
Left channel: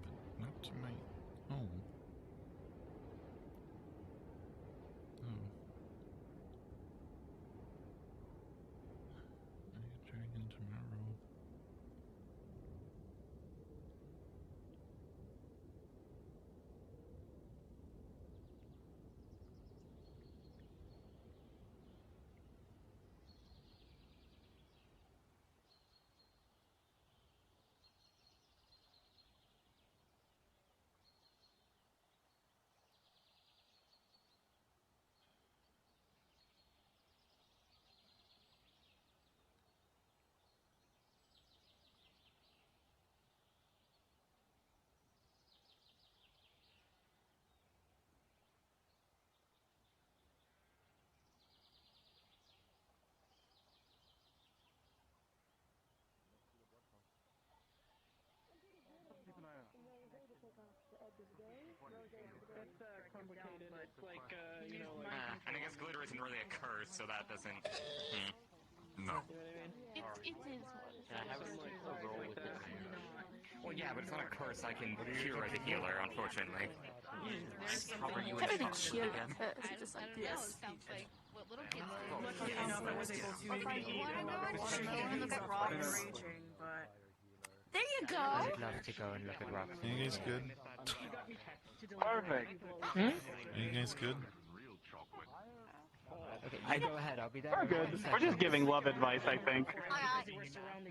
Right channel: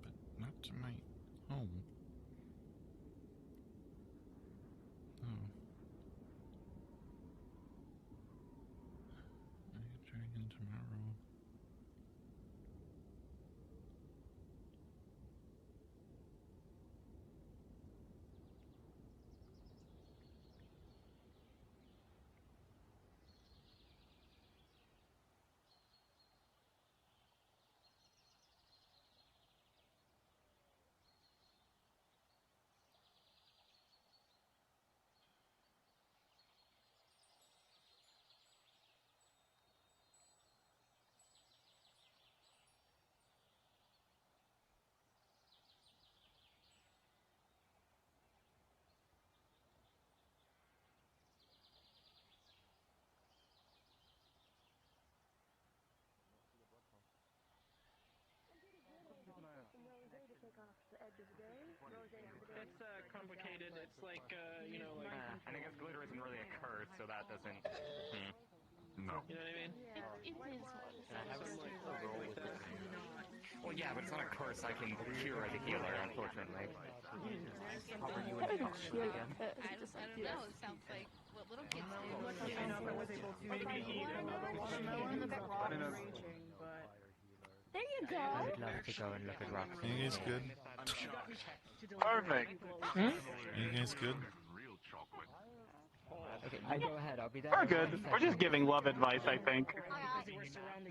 but not to my home. Oh. I could try again tomorrow. It's complicated. It's like, you know, like. And I guess glitter isn't really a curse, so that doesn't. No. You know what I mean? It is hard. Well, yeah, but it's not a curse I can cure as a healer, unfortunately. How do you cure a curse just like I don't know. this? It sounds like what little kids do. Luckily enough, I was able to maybe eat another watermelon. Look at rocks. Raging, but There you go. I'd love to go and look at rocks. Are you guys good? Perfect. Are you guys good? Okay, you go ahead. I'll be there. We're in good. 1 We're just second. giving love advice, I think.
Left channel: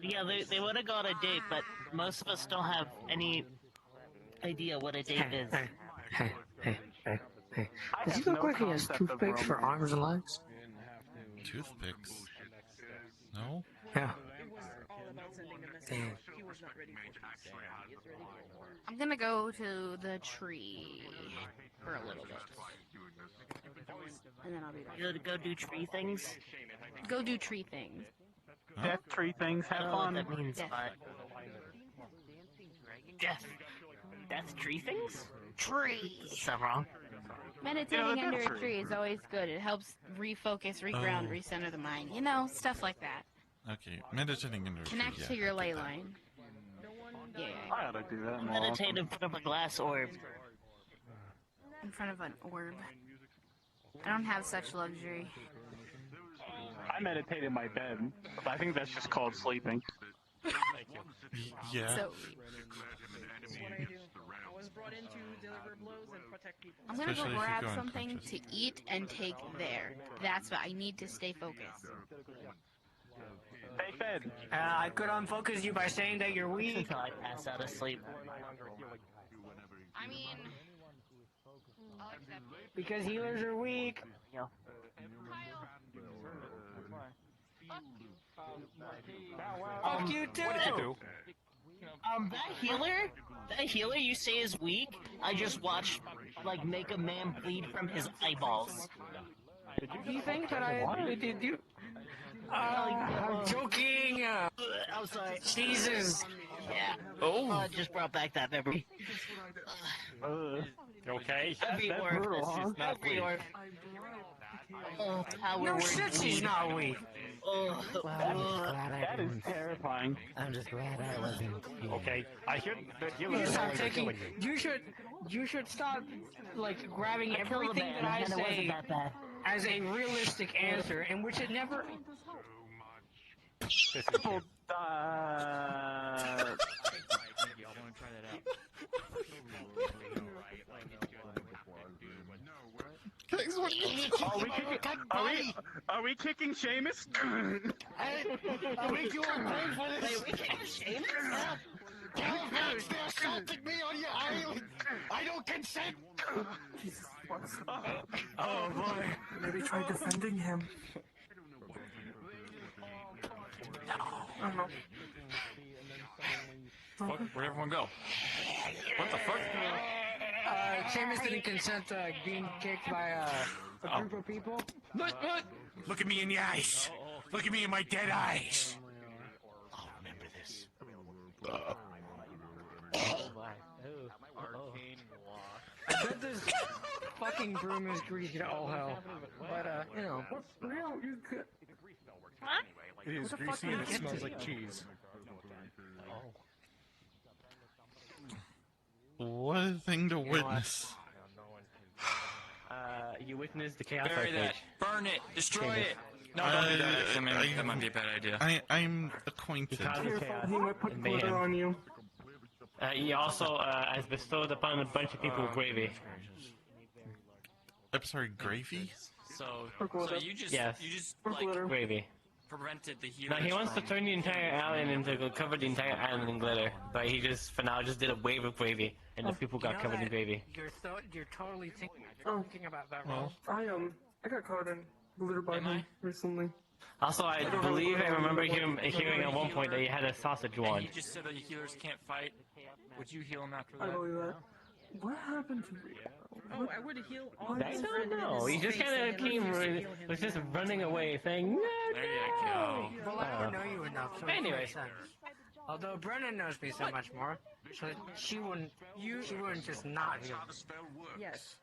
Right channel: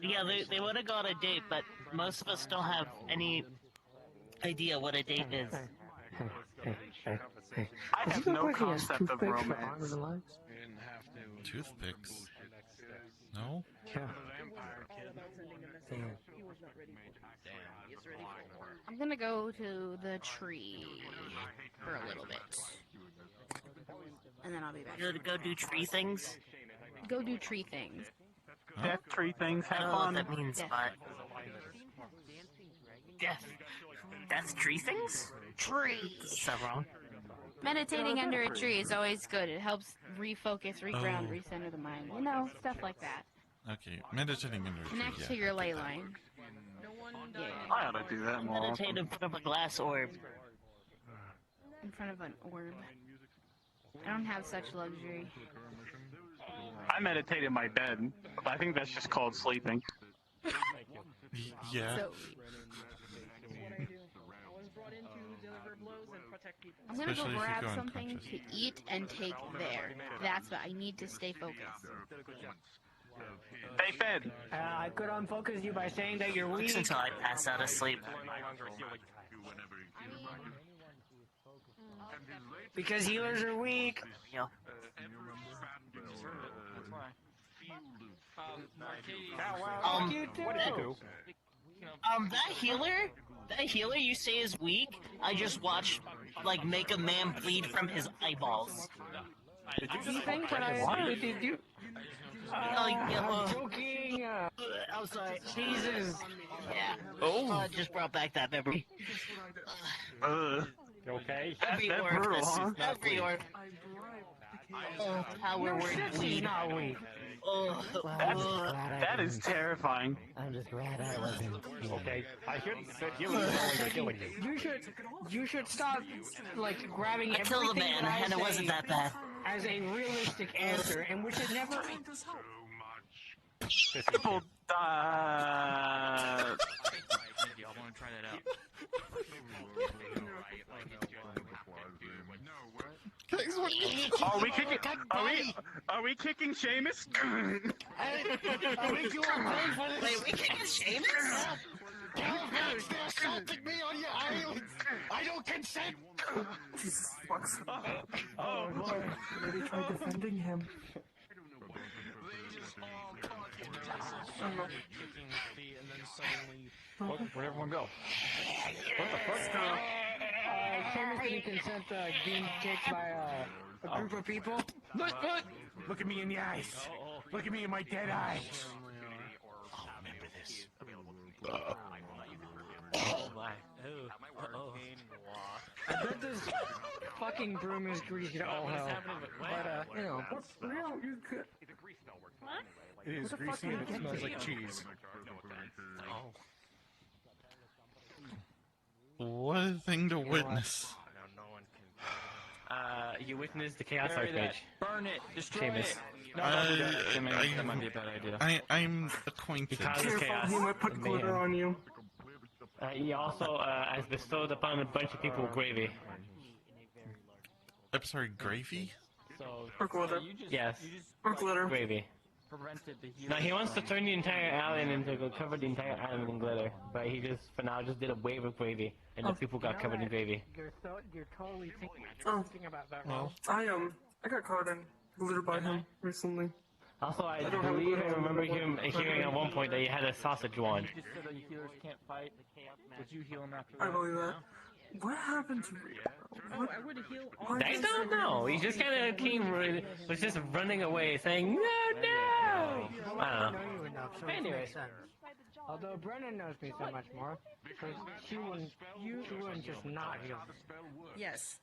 Yeah, they would have got a date, but most of us don't have any idea what a date is. Hey. Does he look like he has toothpicks for arms and legs? Toothpicks? No? Yeah. I'm gonna go to the tree for a little bit. And then I'll be back. You're to go do tree things? Go do tree things. Death tree things, have I don't know fun. what that means, Death. but... Death tree things? Tree! Is that wrong? Meditating under a tree is always good. It helps refocus, reground, recenter the mind. You know, stuff like that. Okay, meditating under a tree, Connect yeah, to your I ley get that. line. Yeah. I ought to do that more Meditate often. in front of a glass orb. In front of an orb. I don't have such luxury. I meditate in my bed. I think that's just called sleeping. Yeah. So, I'm gonna Especially go if you grab go something unconscious. to eat and take there. That's what I need to stay focused. Stay fed. I could unfocus you by saying that you're weak. Until I pass out of sleep. Because healers are weak. Yeah. What did you do? That healer you say is weak, I just watched, like, make a man bleed from his eyeballs. Do you think that I did you? I'm joking. I'm sorry. Jesus. Yeah. Oh, it just brought back that memory. Okay. Every That orifice. bruise is not Every weak. orifice. Oh, power word Shit, she's bleed. not weak. Oh, Well, I'm just glad I That is didn't. terrifying. I'm just glad I wasn't. Okay, I hear that healers are no longer killing you. You should stop, like, grabbing I killed a everything man, that I and it wasn't say that bad. as a realistic answer, in which it never. Guys, what Are we kicking Seamus? I think you are paying for this. Wait, we can't shame Thanks for assaulting me on your island! I don't consent! Oh boy, maybe try defending him. Where'd everyone go? Seamus didn't consent to being kicked by a group of people. What? Look at me in the eyes. Look at me in my dead eyes. I'll remember this. I bet this fucking broom is greasy to all hell. But, you know. Real, you could. It is What the fuck greasy are you and it smells doing? like cheese. What a thing to witness. You witnessed the Chaos Bury that. Archmage. Burn it. Destroy Seamus. it. No, that might be a bad idea. I'm acquainted. Because of chaos. He might put and glitter mayhem. on you. He also has bestowed upon a bunch of people gravy. I'm sorry, gravy? So you just Yes. Or glitter. Gravy. prevented the No, healing. he wants to turn the entire island into cover the entire island in glitter, but he just for now just did a wave of gravy, and the people got covered in gravy. You're totally thinking about that wrong. Well, I got caught in glitter by him recently. Also, I don't have a believe I glitter on remember me, but hearing at one point that he had a sausage wand. You just said that healers can't fight. Would you heal him after I that? believe that. What happened to me? Oh, I would heal all I don't know. He just kind of was just running away, saying no, no. I don't know. know you enough, so Anyway. it makes sense. Although Brennan knows me so much more, so she wouldn't just not heal. Yes.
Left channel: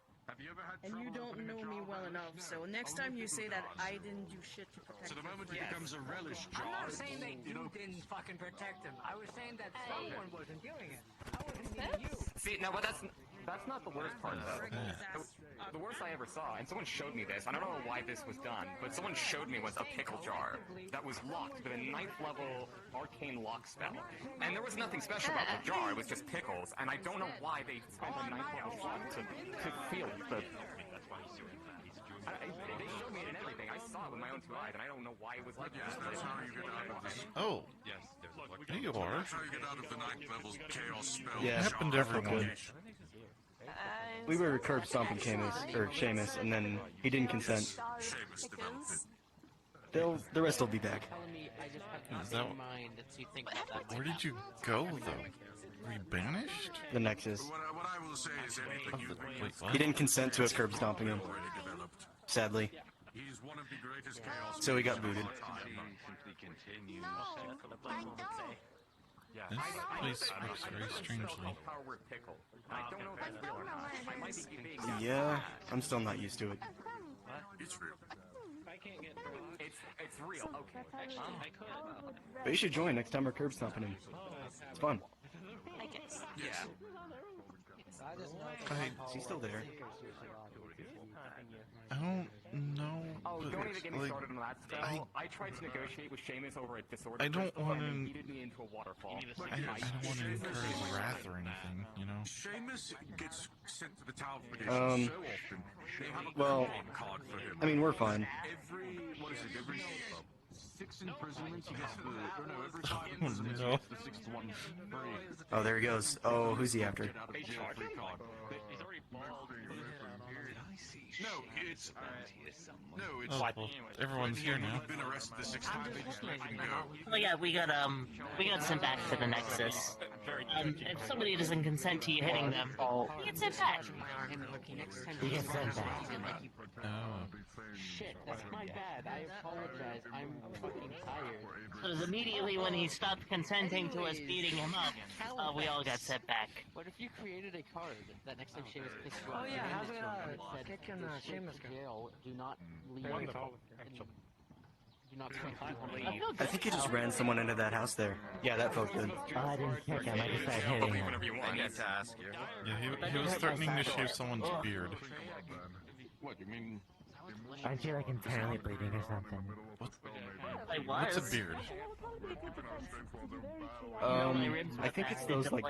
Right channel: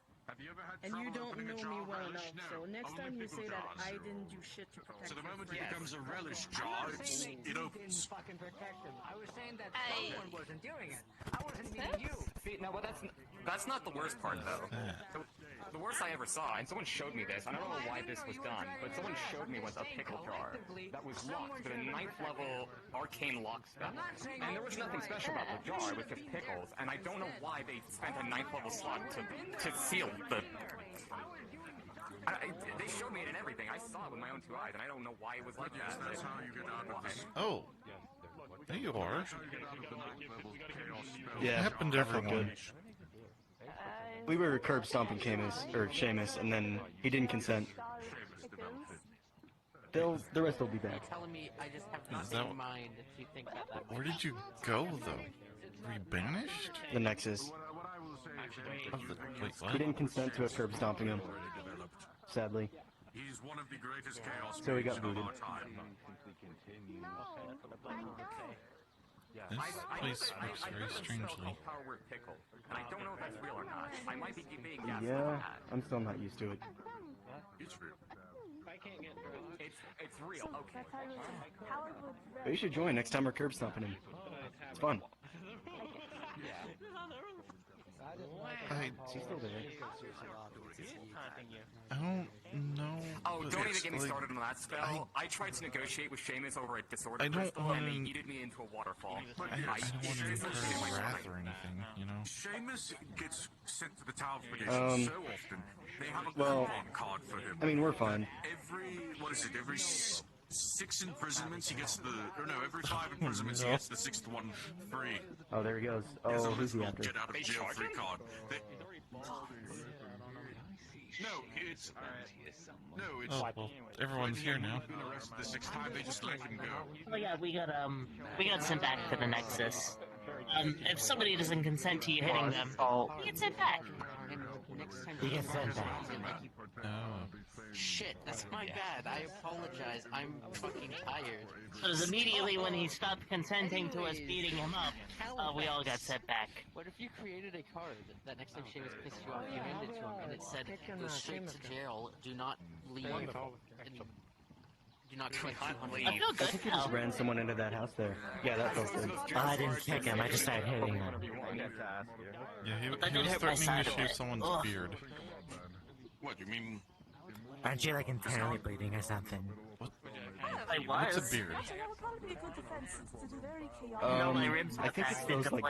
And you don't know me well enough, so next time you say that I didn't do shit to protect So the your moment friend. he becomes a relish I'm not jar, saying that you you know, didn't fucking protect him. I was saying that someone wasn't doing it. I wasn't meaning you. See, no, but that's not the worst part, though. The worst I ever saw, and someone showed me this, I don't know why this was done, but someone showed me was a pickle jar that was locked with a 9th level arcane lock spell. And there was nothing special about the jar, it was just pickles, and I don't know why they spent a 9th level slot to seal the... They showed me it and everything. I saw it with my own 2 eyes, and I don't know why it was like that. That's how you get out of this. Oh. There you are. That's how you get out of the ninth level's chaos spell. Yeah, What happened to everyone? We were curb stomping Seamus, and then he didn't consent. The rest will be back. Is that, where did you go, though? Were you banished? The Nexus. Wait, what? He didn't consent to us curb stomping him. Sadly. He's one of the greatest chaos. So he got booted. This place works very strangely. I don't know if that's real or not. I might be being Yeah, I'm still not used to it. It's real. I can't get drugs. It's real. Okay. But you should join next time we're curb stomping him. It's fun. He's still there. I don't know. Oh, but don't even it's get me like, started on that spell. I tried to negotiate with Seamus over a disorder. I don't want and to. he yeeted me into a waterfall. I don't want to incur his wrath or anything, you know. Seamus gets sent to the tower for this so often. They have a well, coupon card for him. I mean, we're fine. Every 6 imprisonments he gets every 5 imprisonments he gets the 6th one free. Oh, there he goes. Oh, who's he after? Get out of jail free card. No, it's Oh, well, everyone's here now. been arrested the 6th time. They just let him go. Oh yeah, we got sent back to the Nexus. If somebody doesn't consent to you hitting them, you get sent back. You get sent back. Oh. Shit, that's my bad. I apologize. I'm fucking tired. Because immediately when he stopped consenting to us beating him up, we all got sent back. What if you created a card that next time Seamus pissed you off, you handed it to him and it said, "Go straight to jail. Do not leave. Do not collect $200." I think you just ran someone into that house there. Yeah, that feels good. I didn't kick him. I just started hitting him. Yeah, he was threatening to shave someone's beard. What, you mean? Aren't you like entirely bleeding or something? What's a beard? I think it's those like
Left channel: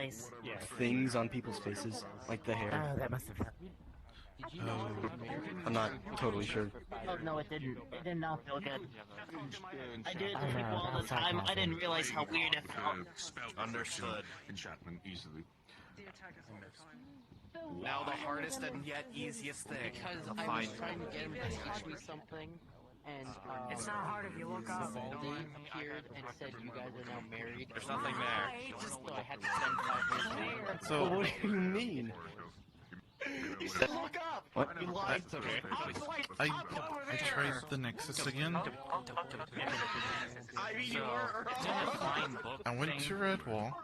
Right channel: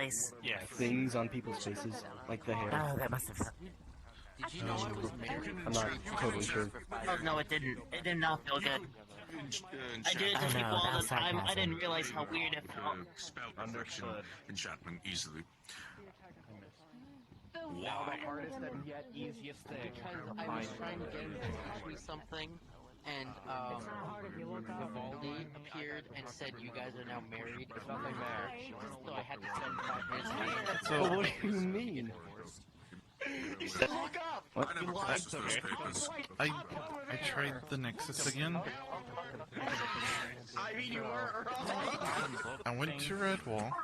things on people's faces, like the hair. Oh, that must have. I'm not totally sure. Oh, no, it didn't. It did not feel good. I do it to people all the time. I didn't realize how weird it felt. Spell perfection enchantment easily. Now the hardest and yet easiest thing. Because I was trying to get him to teach me something, and it's not hard if you look up. Vivaldi appeared and said, "You guys are now married." There's nothing there. So I had to send him. So what do you mean? Look up. What? You lied to me. I tried the Nexus again. I mean, you were wrong. I went to Redwall.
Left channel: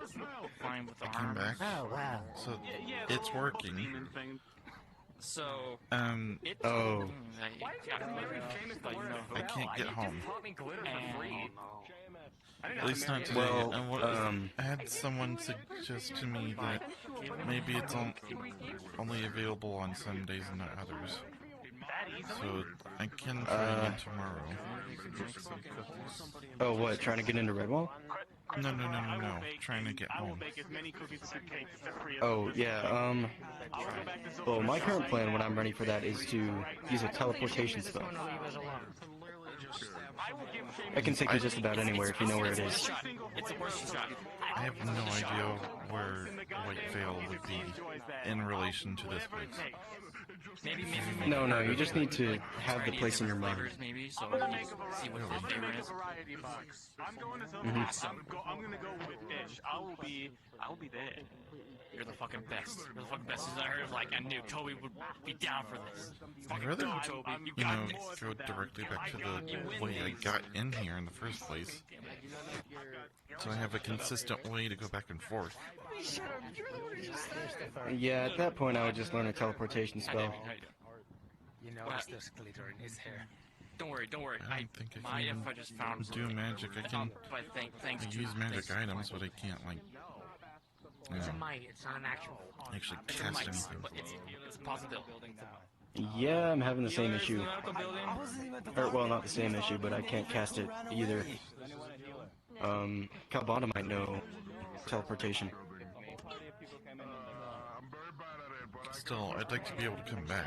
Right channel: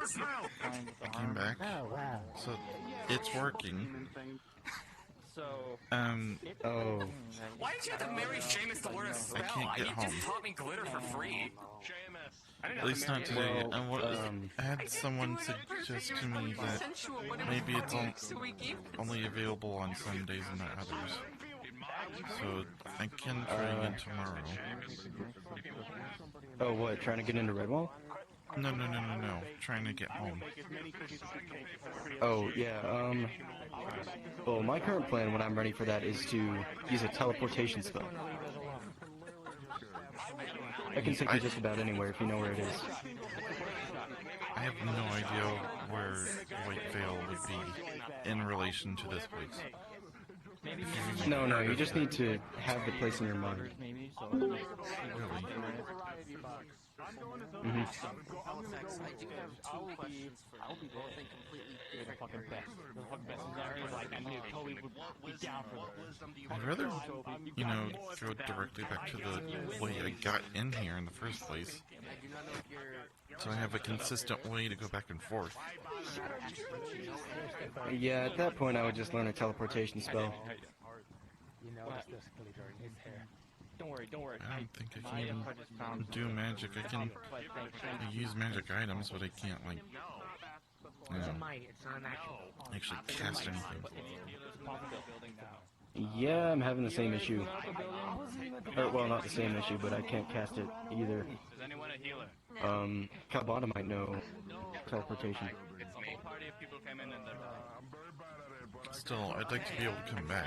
I came back. Oh wow. So it's working. So. Oh. I can't get home. At least not today. I had someone suggest to me that maybe it's only available on some days and not others. So I can try again tomorrow. Oh, what? Trying to get into Redwall? No. Trying to get home. Oh, yeah, well, my current plan when I'm ready for that is to use a teleportation spell. I can take you just about anywhere if you know where it is. I have no idea where White Veil would be in relation to this place. No, you just need to have the place in your mind. Maybe, so Really? Mm-hmm. I'll be there. You're the fucking best. You're the fucking best. I heard like I knew Toby would be down for this. I'd rather, go directly back to the way I got in here in the first place. So I have a consistent way to go back and forth. Yeah, at that point I would just learn a teleportation spell. You notice there's glitter in his hair. Don't worry. I don't think I can even do magic. I can use magic items, but I can't, like, actually cast anything. Yeah, I'm having the same issue. Or, well, not the same issue, but I can't cast it either. Kalbana might know teleportation. Still, I'd like to be able to come back.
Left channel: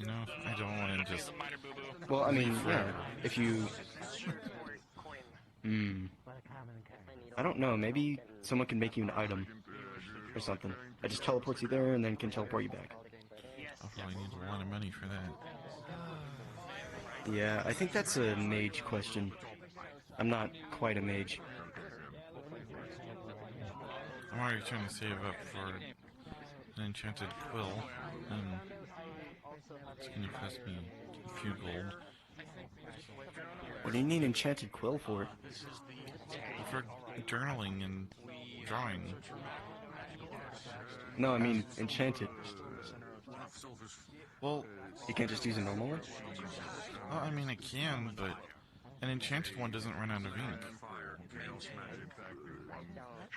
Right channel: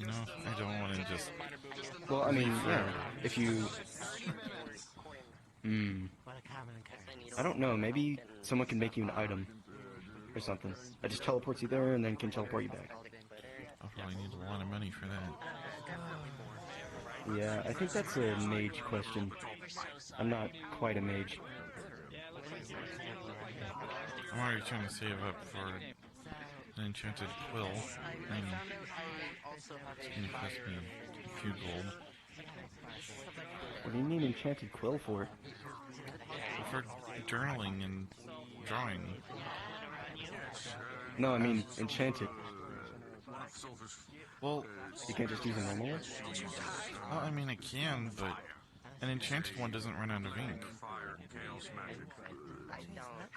You know, I don't want to just... Well, I mean, leave yeah, forever. if you... I don't know, maybe someone can make you an item or something. It just teleports you there and then can teleport you back. I'll probably need a lot of money for that. Yeah, I think that's a mage question. I'm not quite a mage. I'm already trying to save up for an enchanted quill, and it's going to cost me a few gold. What do you need enchanted quill for? For journaling and drawing. No, I mean enchanted. Well, you can't just use a normal one? Well, I mean, I can, but an enchanted one doesn't run out of ink.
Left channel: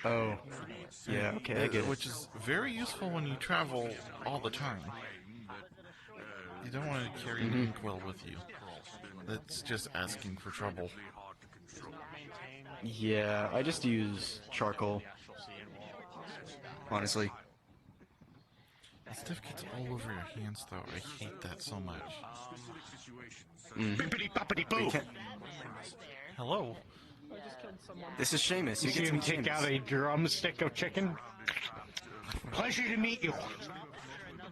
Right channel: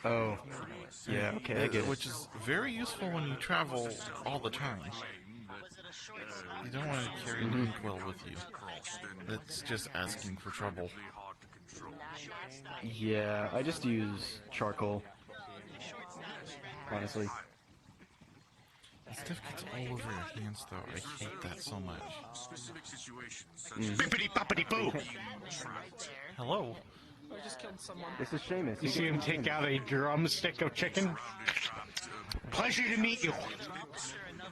Oh, yeah, okay, I get it. Which is very useful when you travel all the time. You don't want to carry an inkwell with you. That's just asking for trouble. Yeah, I just use charcoal. Honestly. That stuff gets all over your hands, though. I hate that so much. Bippity-boppity-boo! Hello? This is Seamus. You see him take out a drumstick of chicken? Pleasure to meet you.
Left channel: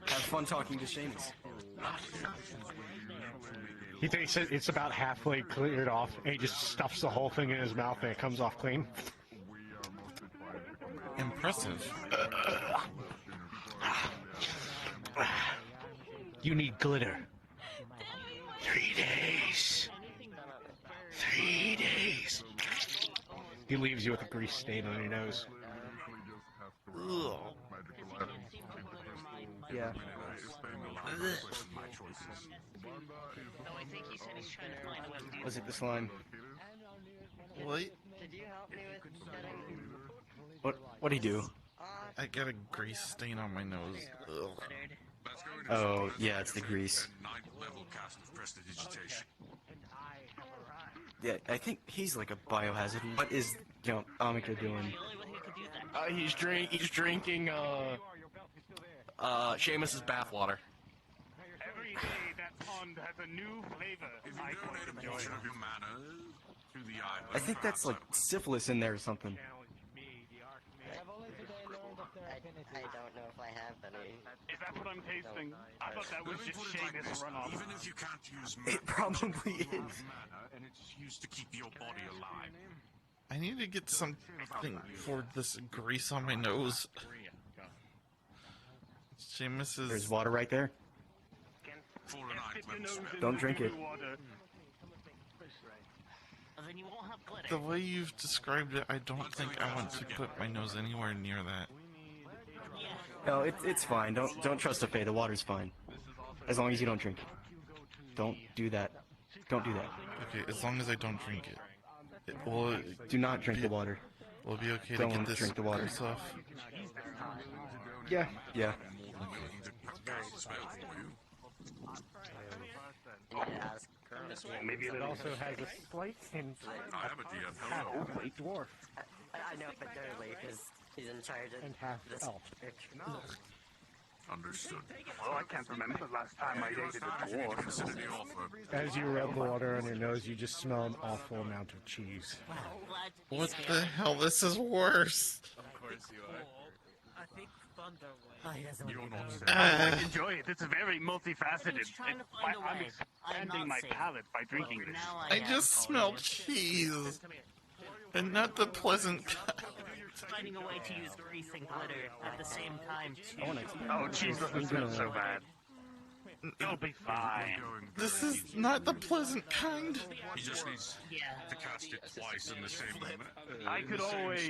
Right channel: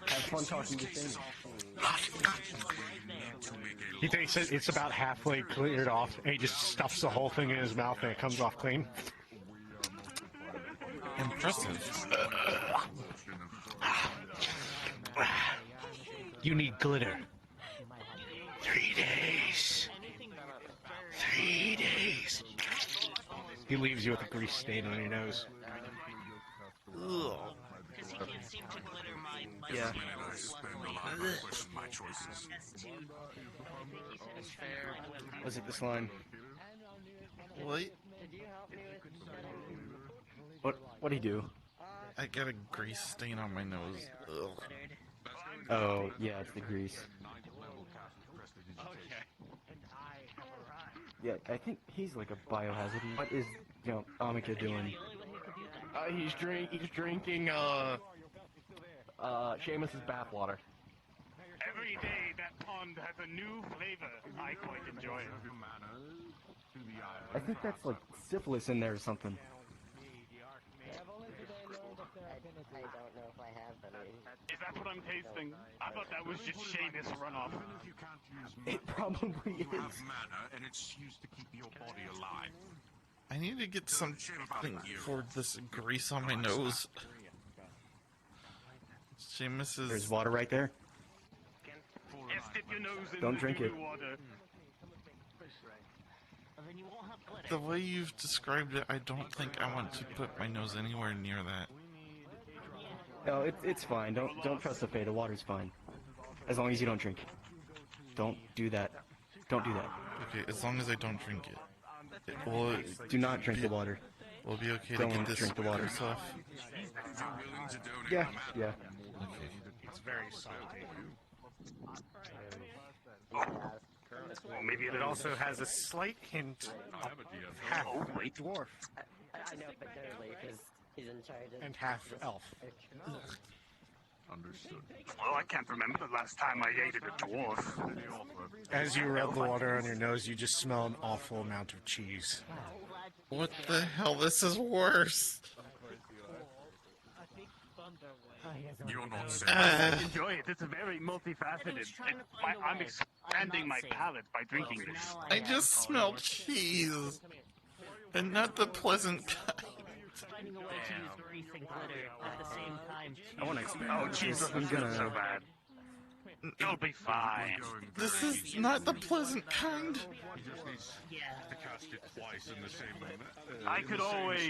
It's fun talking to Seamus. He thinks it's about halfway cleared off, and he just stuffs the whole thing in his mouth, and it comes off clean. Impressive. You need glitter. 3 days. 3 days. He leaves you with a grease stain on your nose. Ugh. Yeah. Was it this line? What? What'd he do? I got a grease stain on my nose. Ugh. Oh, yeah, it's the grease. Yeah, I think he's like a biohazard. What is, Amika doing? He's drinking, Seamus's bathwater. Every day that pond has a new flavor. I quite enjoy it. I think that's like syphilis in there or something. Is that what I'm tasting? I thought that was just Seamus runoff. It probably is. And it's used to keep your body alive. I need to get something for this grease on my nose. Seamus is... There's water right there. Don't drink it. The way you've described it, I don't think I want to put my nose anywhere near that. No, it's fine. Don't trust the Fae. The water's fine. As long as you don't drink it. Don't do that. Don't do that. Okay, as long as I don't drink it. Do not drink the water. Will it be okay Don't to get this drink the water. grease off? Yeah, yeah. Maybe it also has a slight hint of half-white dwarf. I know, but they're late because he's in charge of And half this elf. work. Understood. Well, I can't remember the last time I ate a dwarf. As you rub the water on your nose, you just smell an awful amount of cheese. What the hell? This is worse. Enjoy it. It's very multifaceted. I'm expanding my palate by drinking this. I just smell cheese. And not the pleasant kind. Finding a way to use grease and glitter at the same time, too. Oh, cheese doesn't smell so bad. It'll be fine. This is not the pleasant kind. He just needs to cast it twice in the same I could always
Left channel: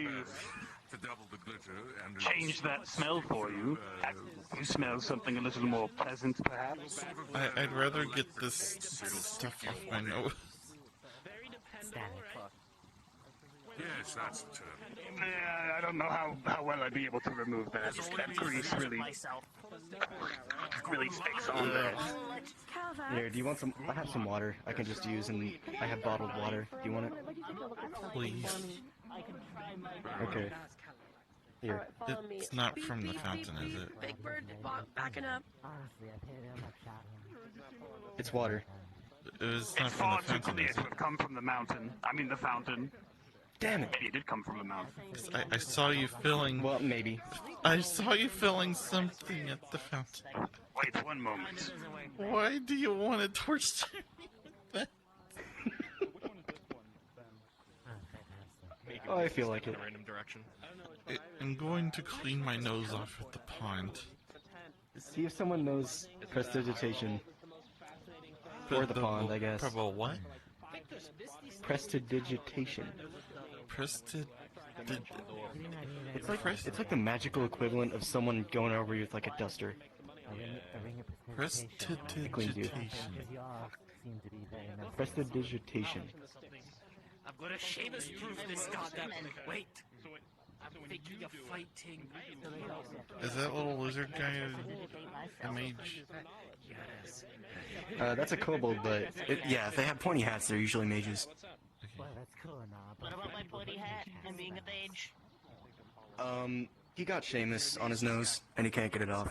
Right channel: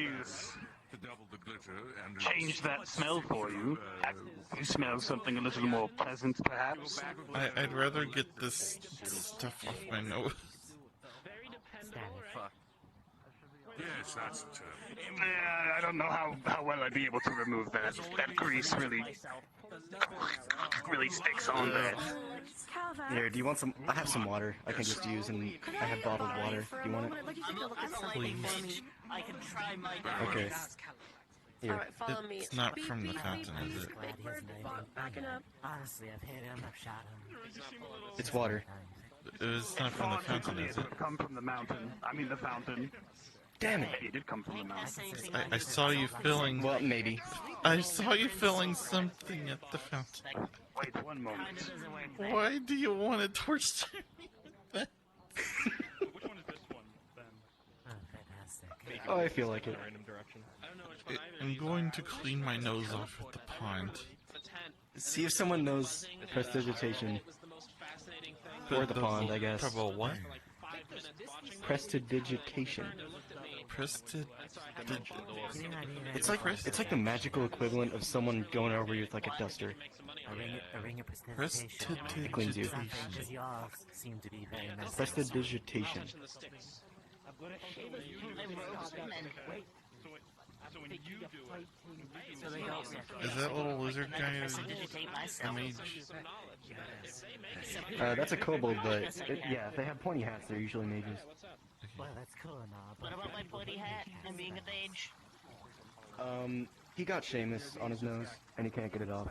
to double the glitter and change that smell for you. You smell something a little more pleasant, perhaps? I'd rather get this stuff off my nose. Yes, that's the term. I don't know how well I'd be able to remove that. That grease really sticks on there. Here, do you want some? I have some water I can just use, and I have bottled water. Do you want it? Please. Okay. Here. Alright, follow me. It's not Beep, from the beep, fountain, beep, is beep. it? Big bird, backing up. Honestly, I've hit him, I've shot him. It's water. It's not from the fountain, is it? It come from the mountain. I mean the fountain. Damn it! It did come from the mountain. I saw you filling. Well, maybe. I saw you filling something at the fountain. Wait 1 moment. Why do you want to torch me with that? Oh, I feel like it. I'm going to clean my nose off at the pond. See if someone knows prestidigitation. Or the pond, I guess. Probably what? Prestidigitation. Prestid... It's like the magical equivalent of someone going over you with like a duster. Prestidigitation. Prestidigitation. I'm gonna shave his Wait. So when you do it, Is that little lizard guy a mage? That's a kobold, but yeah, if they have pointy hats, they're usually mages. Well, that's cool and all. What about my pointy hat and being a mage? He got Seamus on his nose, and he can't get it off.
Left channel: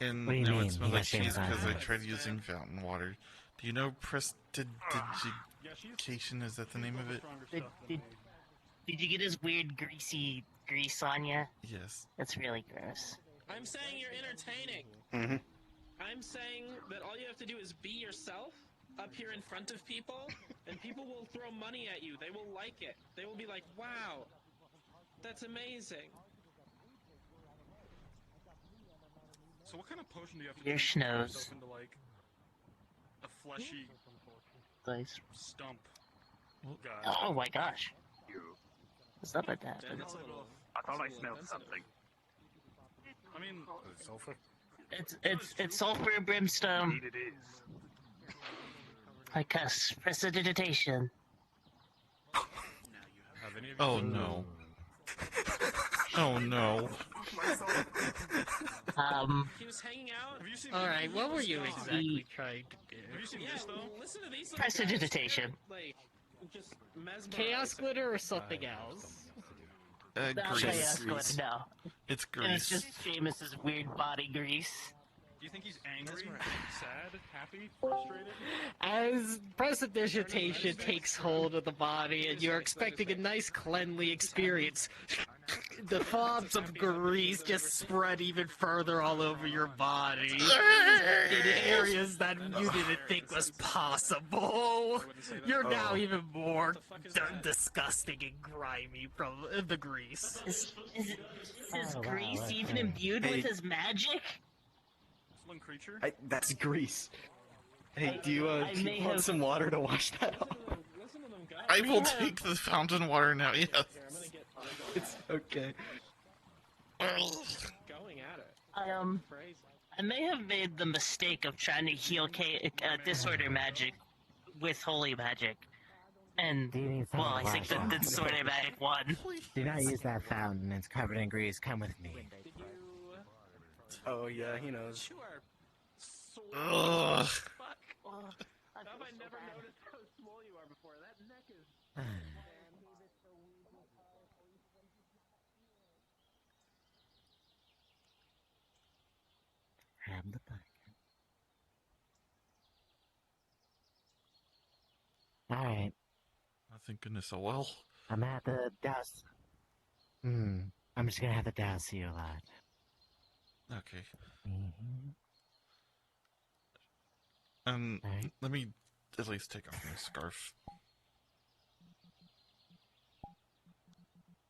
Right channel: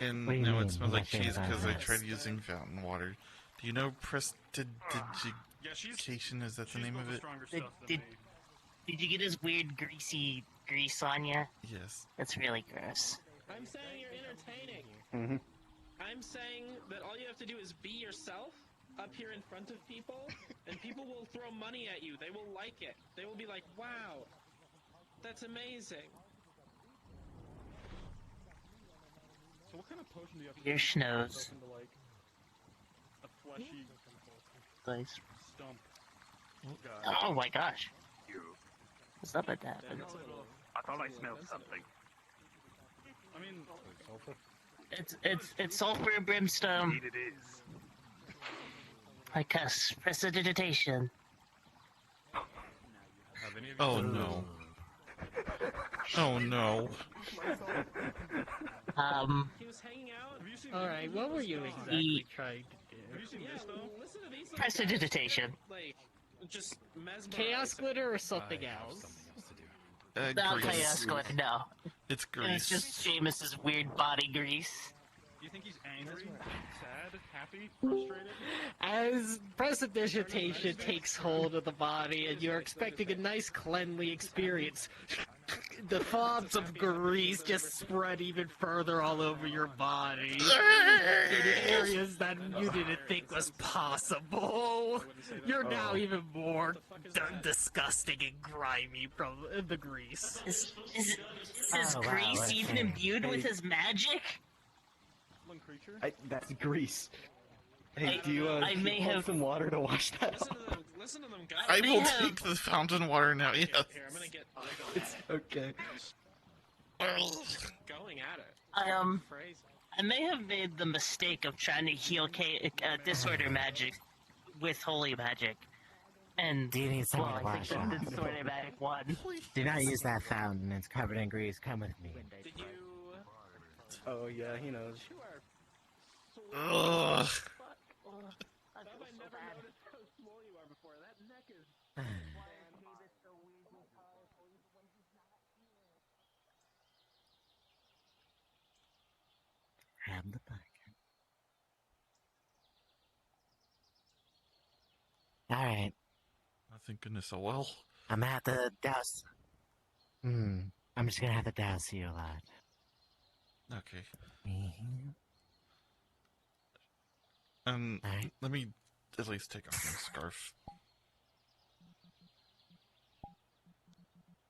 And What do you now mean? it smells You like got cheese Seamus on because I his tried using fountain water. Do you know prestidigitation? Is that the name of it? Did you get his weird greasy grease on you? Yes. That's really gross. I'm saying you're entertaining. Mm-hmm. I'm saying that all you have to do is be yourself up here in front of people, and people will throw money at you. They will like it. They will be like, wow, that's amazing. So what kind of potion do you have to Your do schnoz. into, like, a fleshy Nice. stump guy? Oh my gosh. What's up with that? I thought I smelled something. I mean, sulfur. It's sulfur and brimstone. Indeed it is. Like us. Prestidigitation. Have any of you Oh no. Oh no. He was hanging out. Have you seen Alright, what were you exactly trying to do? Have you seen this though? Listen to these. Prestidigitation. Like, just mesmerized. Chaos glitter or something else? Grease. Chaos glitter, no. It's It's grease. just Seamus's weird body grease. Do you think he's angry, sad, happy, frustrated? As prestidigitation takes hold of the body and you're expecting a nice cleanly experience, the fobs of grease just spread even further all over your body in areas that you didn't think was possible. You're now even more disgusting and grimy from the grease. Is Grease even imbued with his magic? Creature? That's grease. Hey, do you I may want have- some water to wash that off? Listen to them, guys. I will take the fountain water now, yes. It's okay. Going at it. I may have made the mistake of trying to heal disorder magic with holy magic. And, Do you need some well, I think wash the off? disorder magic won. Do not use that fountain. It's covered in grease. Come with me. Oh yeah, he knows. Ugh. I never noticed how small you are before. That neck is. Grab the bucket. Alright, Oh, thank goodness, a well. I'm at the douse. I'm just gonna have to douse you a lot. Okay. Mhm. Let me at least take off my scarf.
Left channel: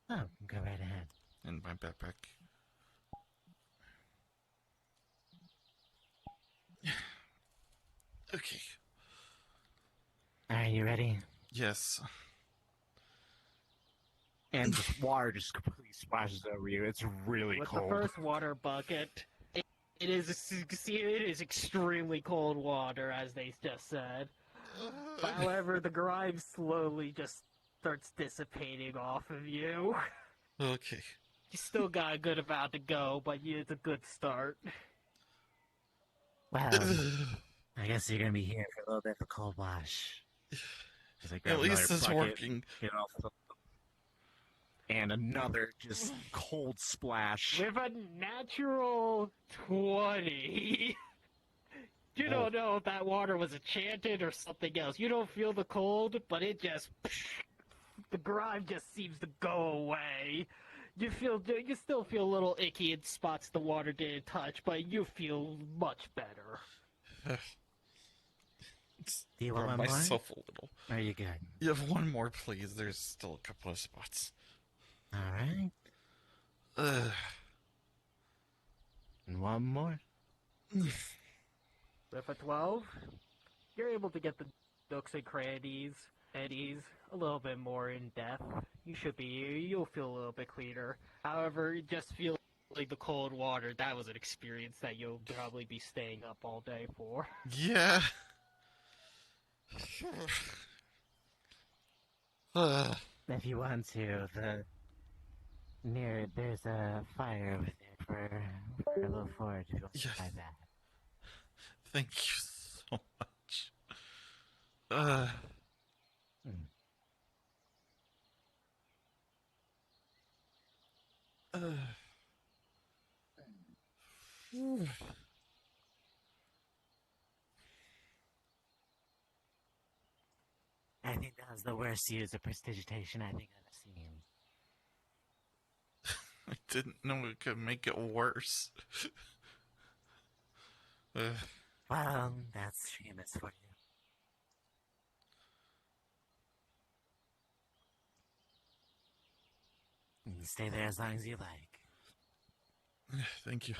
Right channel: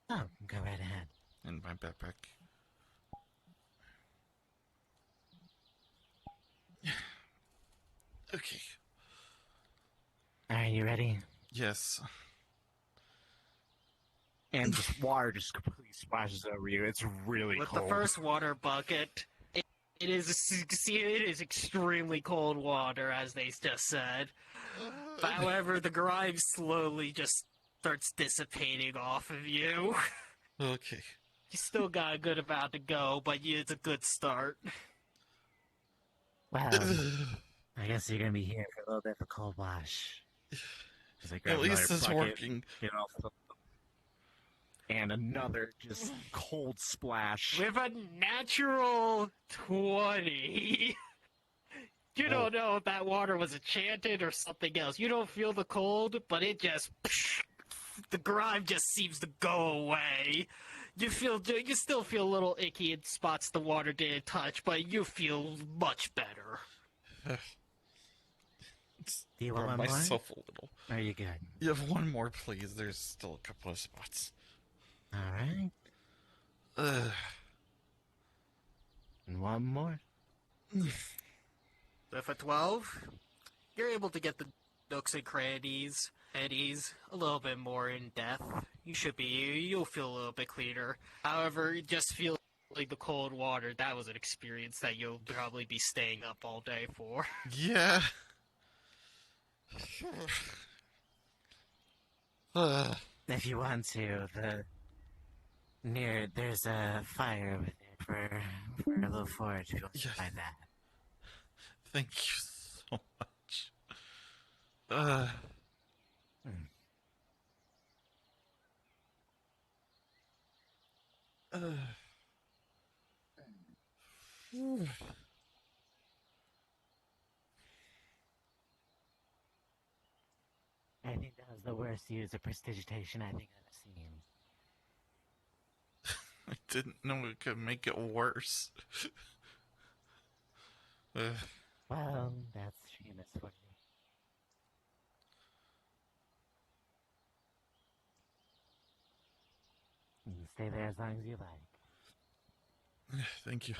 Oh, go right ahead. And my backpack. Okay. Alright, you ready? Yes. And the water just completely splashes over you. It's really With cold. the first water bucket, it is extremely cold water, as they just said. However, the grime slowly just starts dissipating off of you. Okay. You still got a good amount to go, but it's a good start. Well, I guess you're gonna be here for a little bit of a cold wash. At least it's working. and another just cold splash. With a natural 20. You don't know if that water was enchanted or something else. You don't feel the cold, but it just... The grime just seems to go away. You still feel a little icky in spots the water didn't touch, but you feel much better. Do you want one more? myself a little. Are you good? You have one more, please. There's still a couple of spots. All right. And one more. With a 12, you're able to get the nooks and crannies, eddies, a little bit more in depth. You'll feel a little bit cleaner. However, you just feel like the cold water, that was an experience that you'll probably be staying up all day for. Yeah. If you want to, there's a fire over there for a little forge. If you want to try that. Thank you so much. I think that was the worst use of prestidigitation I think I've seen. I didn't know it could make it worse. Well, that's Seamus for you. You can stay there as long as you like. Thank you.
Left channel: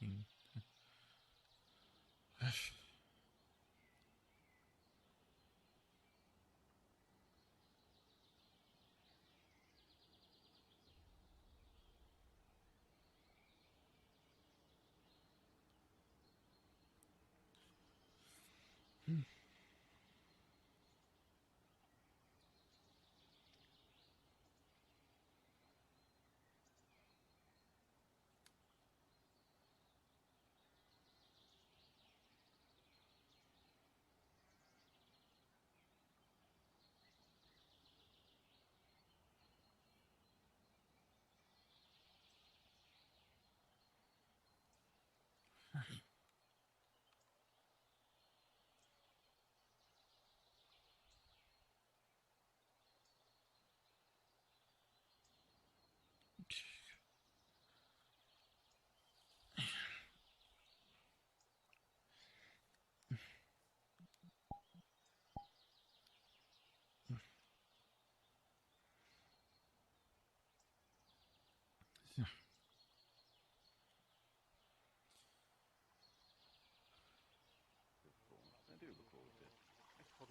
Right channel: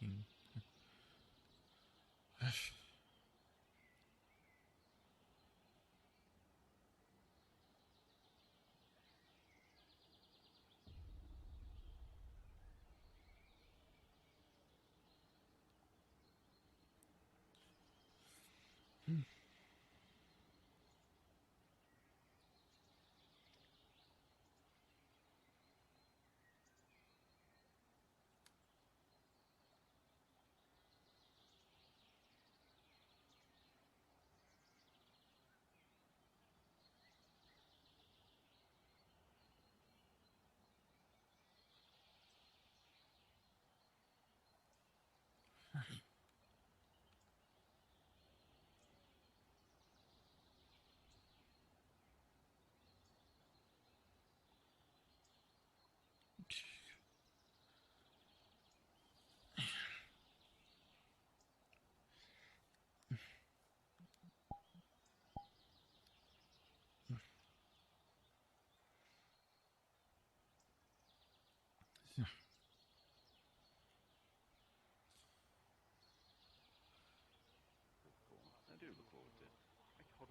$15.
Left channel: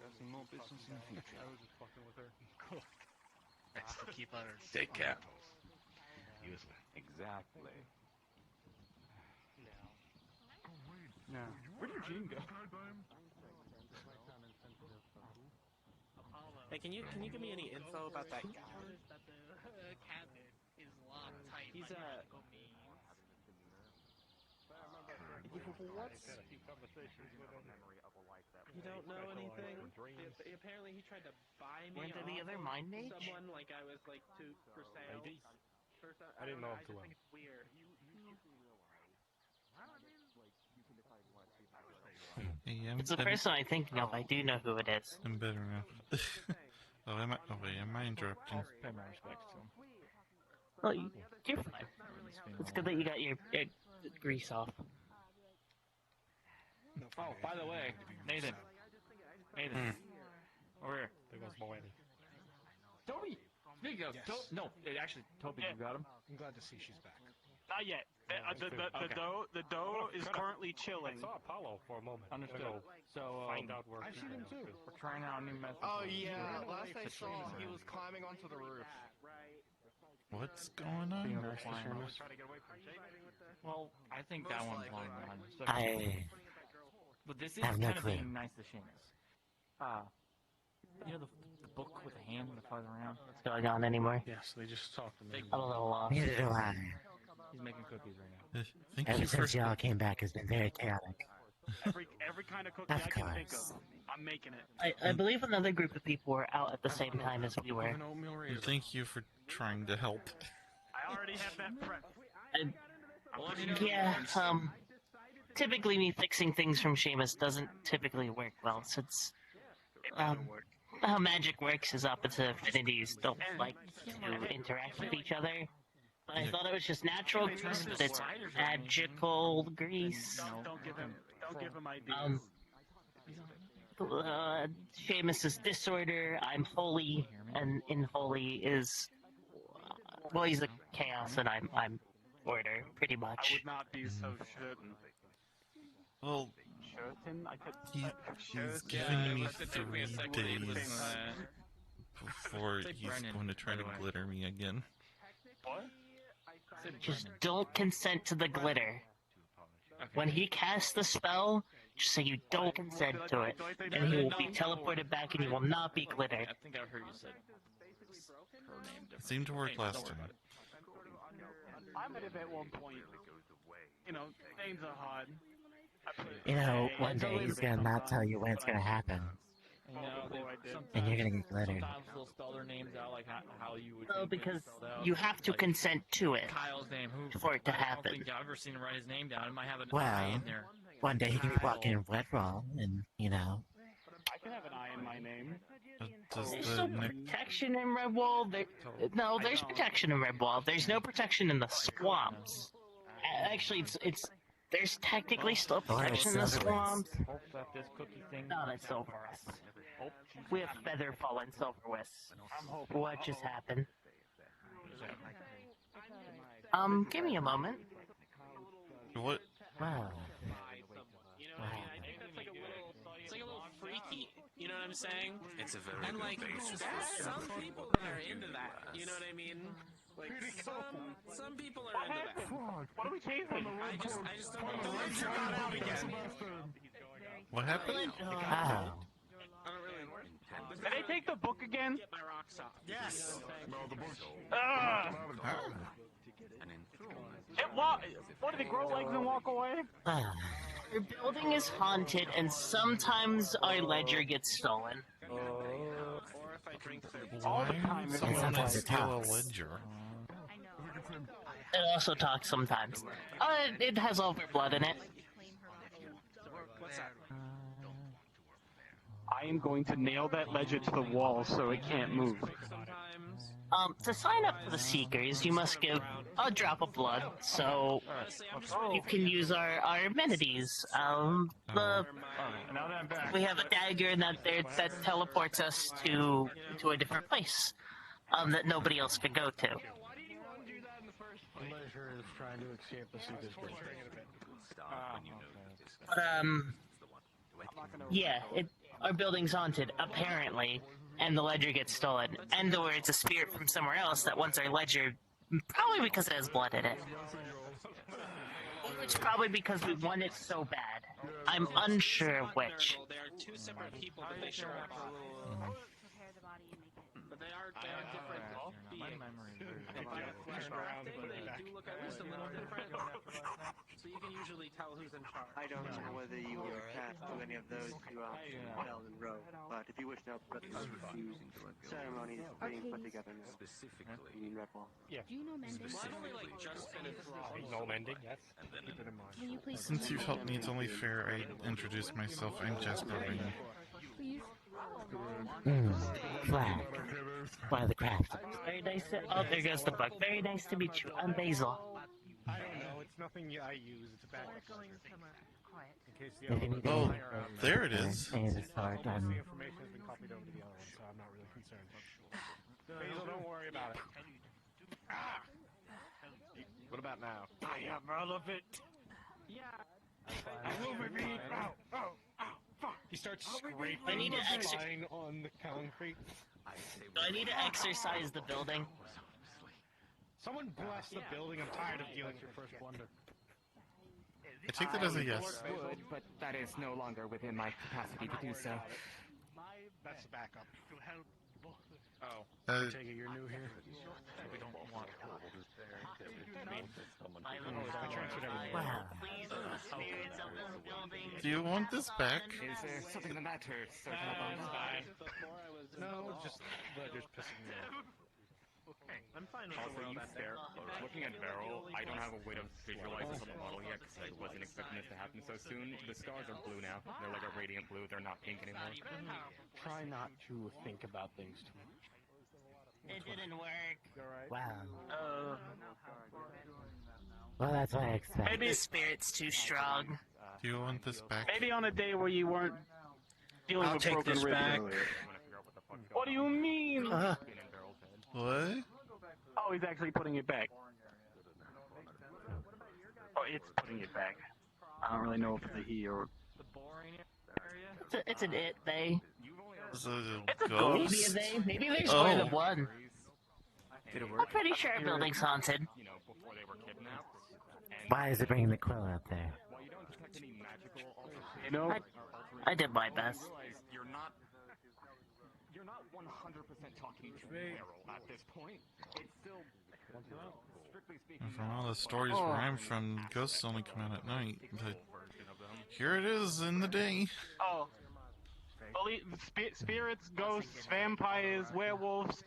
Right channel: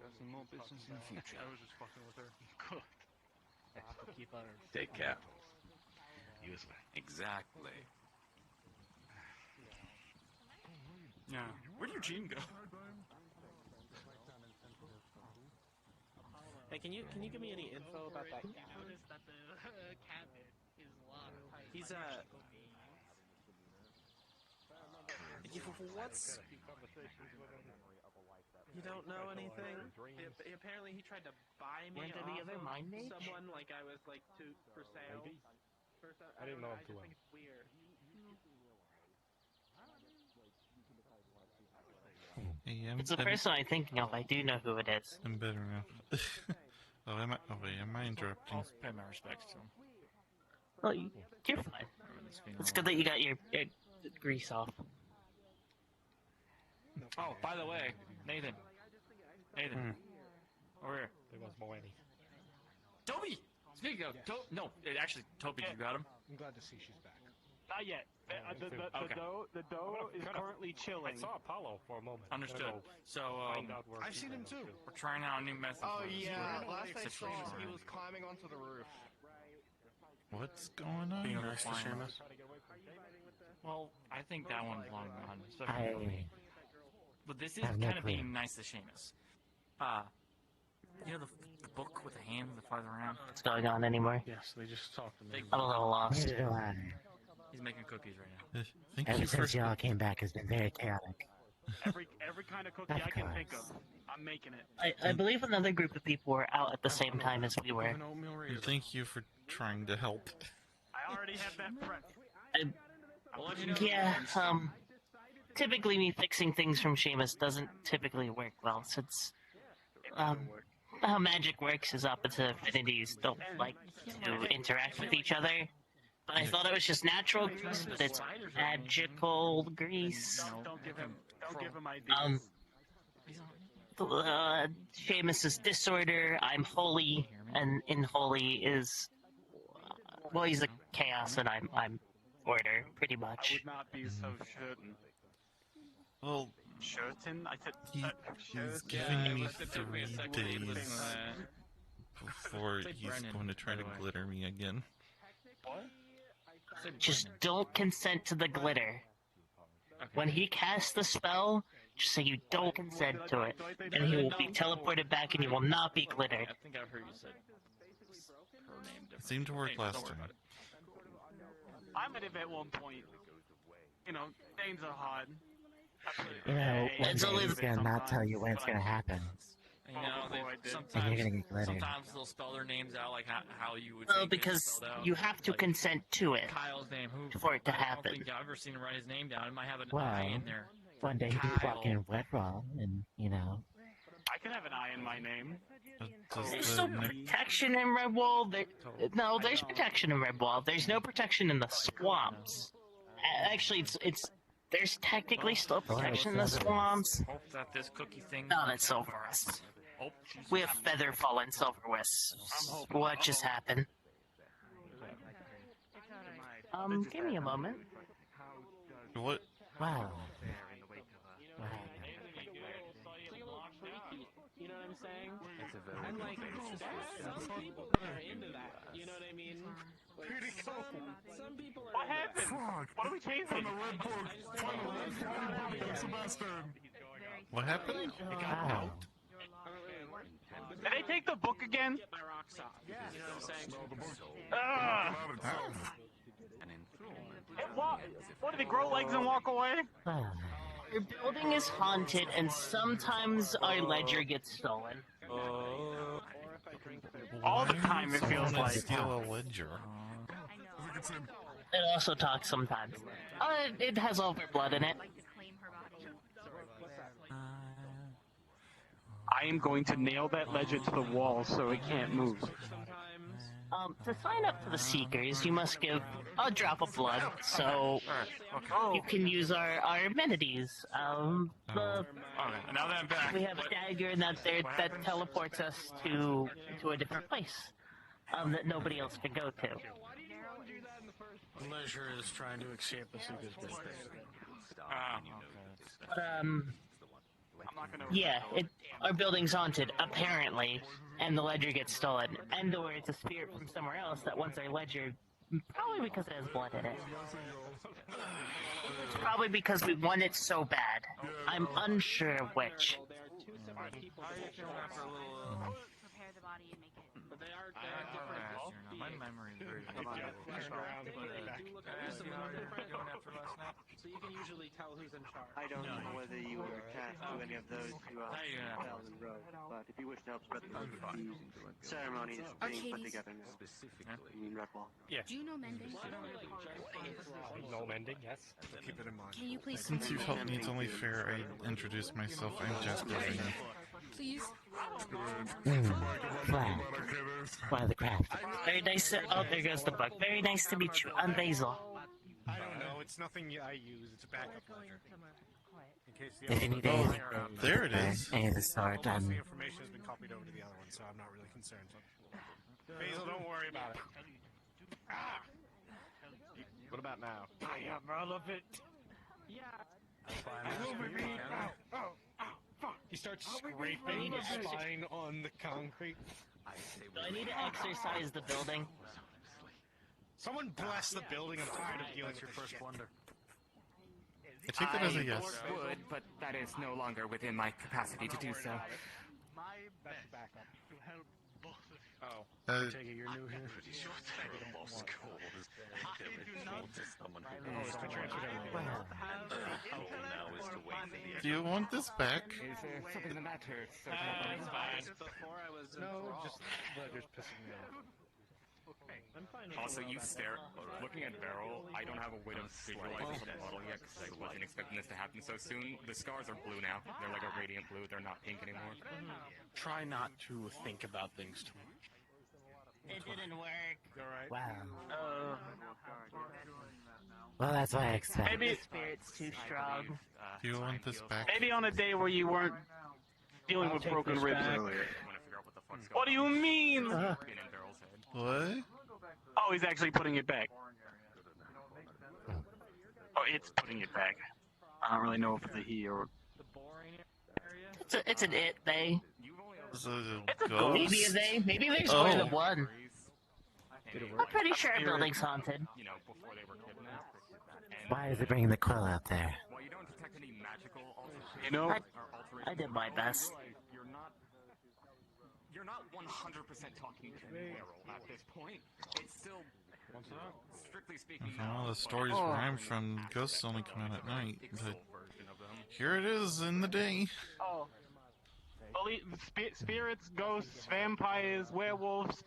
Got some more business in the future. I was just fucking with her. Cool. Best to keep on our Take care. Exactly. Yeah. Where'd Eugene go? Hey, can you give me any info about that? You notice that the cabinet is locked tight. He's what's? You don't know anything? Apparently he tried to buy me Weren't there the other mind mage? someone like I was like for sale. I didn't know him too well. I just think it's weird. Hey, It's the person I'm thinking of. I do know who it is. I'm better now. Am I interrupting? Pay my respects to him. Oh, you're fine. It's good that you got your grease off. Oh, by the way, Nathan. Nathan. Over here. There goes Moen. Toby! Speaking of, no, actually, Toby, you got him? I'm glad to see she's back. Not yet. The dough is currently chilling. I saw Apollo for a moment. Understood. So, find out where I've she's seen him going too. We're trying out a new method. Oh, yeah. Last I saw, he was climbing onto the roof. What's going on? Well, I think that one's long run. But this is I have no kind of clue. being nice to Seamus. You know the book with the hand that flies around? What's going on anymore? Yes, they just talked to me. I'm a little lost. Neither do I. He's making cookies right now. Thank Ever you for... since y'all came back has been very chaotic. Every kind of cookie Of I can think course. of, I'm making it. I believe another group of people were out at the same time as we were. Thank you for trying to help. I already have that prep. Yeah, typically me fixing things from Seamus doesn't typically work well, since, how magic works is opposite affinities don't like to interact with each other. But I thought it was just natural grease, but it's magical grease. Don't give him ideas. Seamus is disorder, I'm holy, and in holy is, well, he's a chaos, and I'm order, pretty I much. would not be so certain. Well, Certain? I could. he's giving me 3 days before he's going to try to glitter me again. Just don't consent to the glitter. When he casts the spell, just say you don't consent to it, and he will be teleported back and you will not be glittered. I think I've heard you said her name different. It seemed to work last time. I'm at it at one point. You know, names are hard. You know, one day he's gonna not tell you when it's gonna happen. You know, And you're gonna get glittered. Sometimes they'll spell their names out like how you would. Well, because you have to consent to it Kyle's name, who for it to I don't happen. think I've ever seen him write his name down. It might have an Well, I in there. one day he can be walking in wet raw, and you know. I can have an I in my name. There's still protection in Redwall. No, there's protection in Redwall. There's no protection in the swamps. Actually, there's technically still protection in the swamps. Hope that this cookie thing. No, that's Silverwest. We have Featherfall in Silverwest. What just happened? Give me a moment. What? Wow. You know what I'm saying? It's a very And good like, basis some for people are into that. You know what I mean? Like, some people are into that. What are we chasing? What happened? Wow. Did they take the book again? Get my rocks off. Yes. You know what I'm saying? Ah! an enthrallment. What, did they grow legs and walk away? Our building is haunted, and sometimes our ledger gets stolen. Why would someone want to steal a ledger? It also talks sometimes. It has Overblood in it. I am going to nail that ledger to the wall so it can't move. To sign up for the Seekers, you must give a drop of blood, so you can use our amenities. We have a dagger that teleports us to a different place that nobody else can go to. Leisure is trying to escape the Seeker's birthday. Yeah, our building's haunted, apparently, and the ledger gets stolen. And or it's a spirit from somewhere else that wants our ledger, probably because it has blood in it. It's probably because we want it so bad. I'm unsure of which. There are two separate people that they show up for a little. But they are different. Turn around and put you back. So you can usually tell who's in charge. I don't know whether you were attached to any of those who fell in row, but if you wish to help spread the ceremony is being put together now. Specifically. In Redwall. Yes. Do you know mending? No mending, yes. Can you please? Since you've helped me, it's only fair I introduce myself. I'm Jasper Ring. Please. Flag. One of the craft. Very nice. Oh, there goes the bug. Very nice to meet you. I'm Basil. I don't know. It's nothing I use. It's a backup. If you need Oh, anything, there it is. any of the sort, Most of the information has been copied over to the other one, so I'm not really concerned. Basil, don't worry about it. Ah! What about now? I am relevant. Yeah. He starts I scraping need the to spine on the concrete. Do I need to exercise the building? Someone bless the building. I'm tired of dealing with First Wonder. I take that as a yes. Would, but that is no longer within my capacity to do so. That's backup. Oh. I take it you're new here. I transferred everything. Do you want this back? Is there something the matter, Sir Cowabunga? Fine. No, just Ledger's pissing me off. I'm fine with Also, you stare. Looking at Beryl, I don't have a way to visualize this on the model yet because I wasn't expecting this to happen so soon. The stars are blue now. They're like a radiant blue. They're not pink anymore. Try not to think about things too much. It didn't work. Wow. Oh. Well, that's what I expect. The spirit's too strong. Do you want this back? Maybe on a day where you weren't dealing with broken ribs earlier. What do you mean? What? Oh, he's actually putting it back. Oh, it's putting it back. I don't really know if it's a he or... It's an it, they. Is it a It's a ghost? Maybe a they. Maybe there's Oh. more than one. I'm pretty sure our building's haunted. You know, before they were kidnapped. And Why is it bringing the quill out there? well, you don't detect any magical. You know? I did my best. You're not 100% talking to Beryl at this point. It's still, strictly speaking, From all the stories where I'm from, ghosts only come out at night. But here it is in the day. Oh. Spirits, ghosts, vampires, werewolves.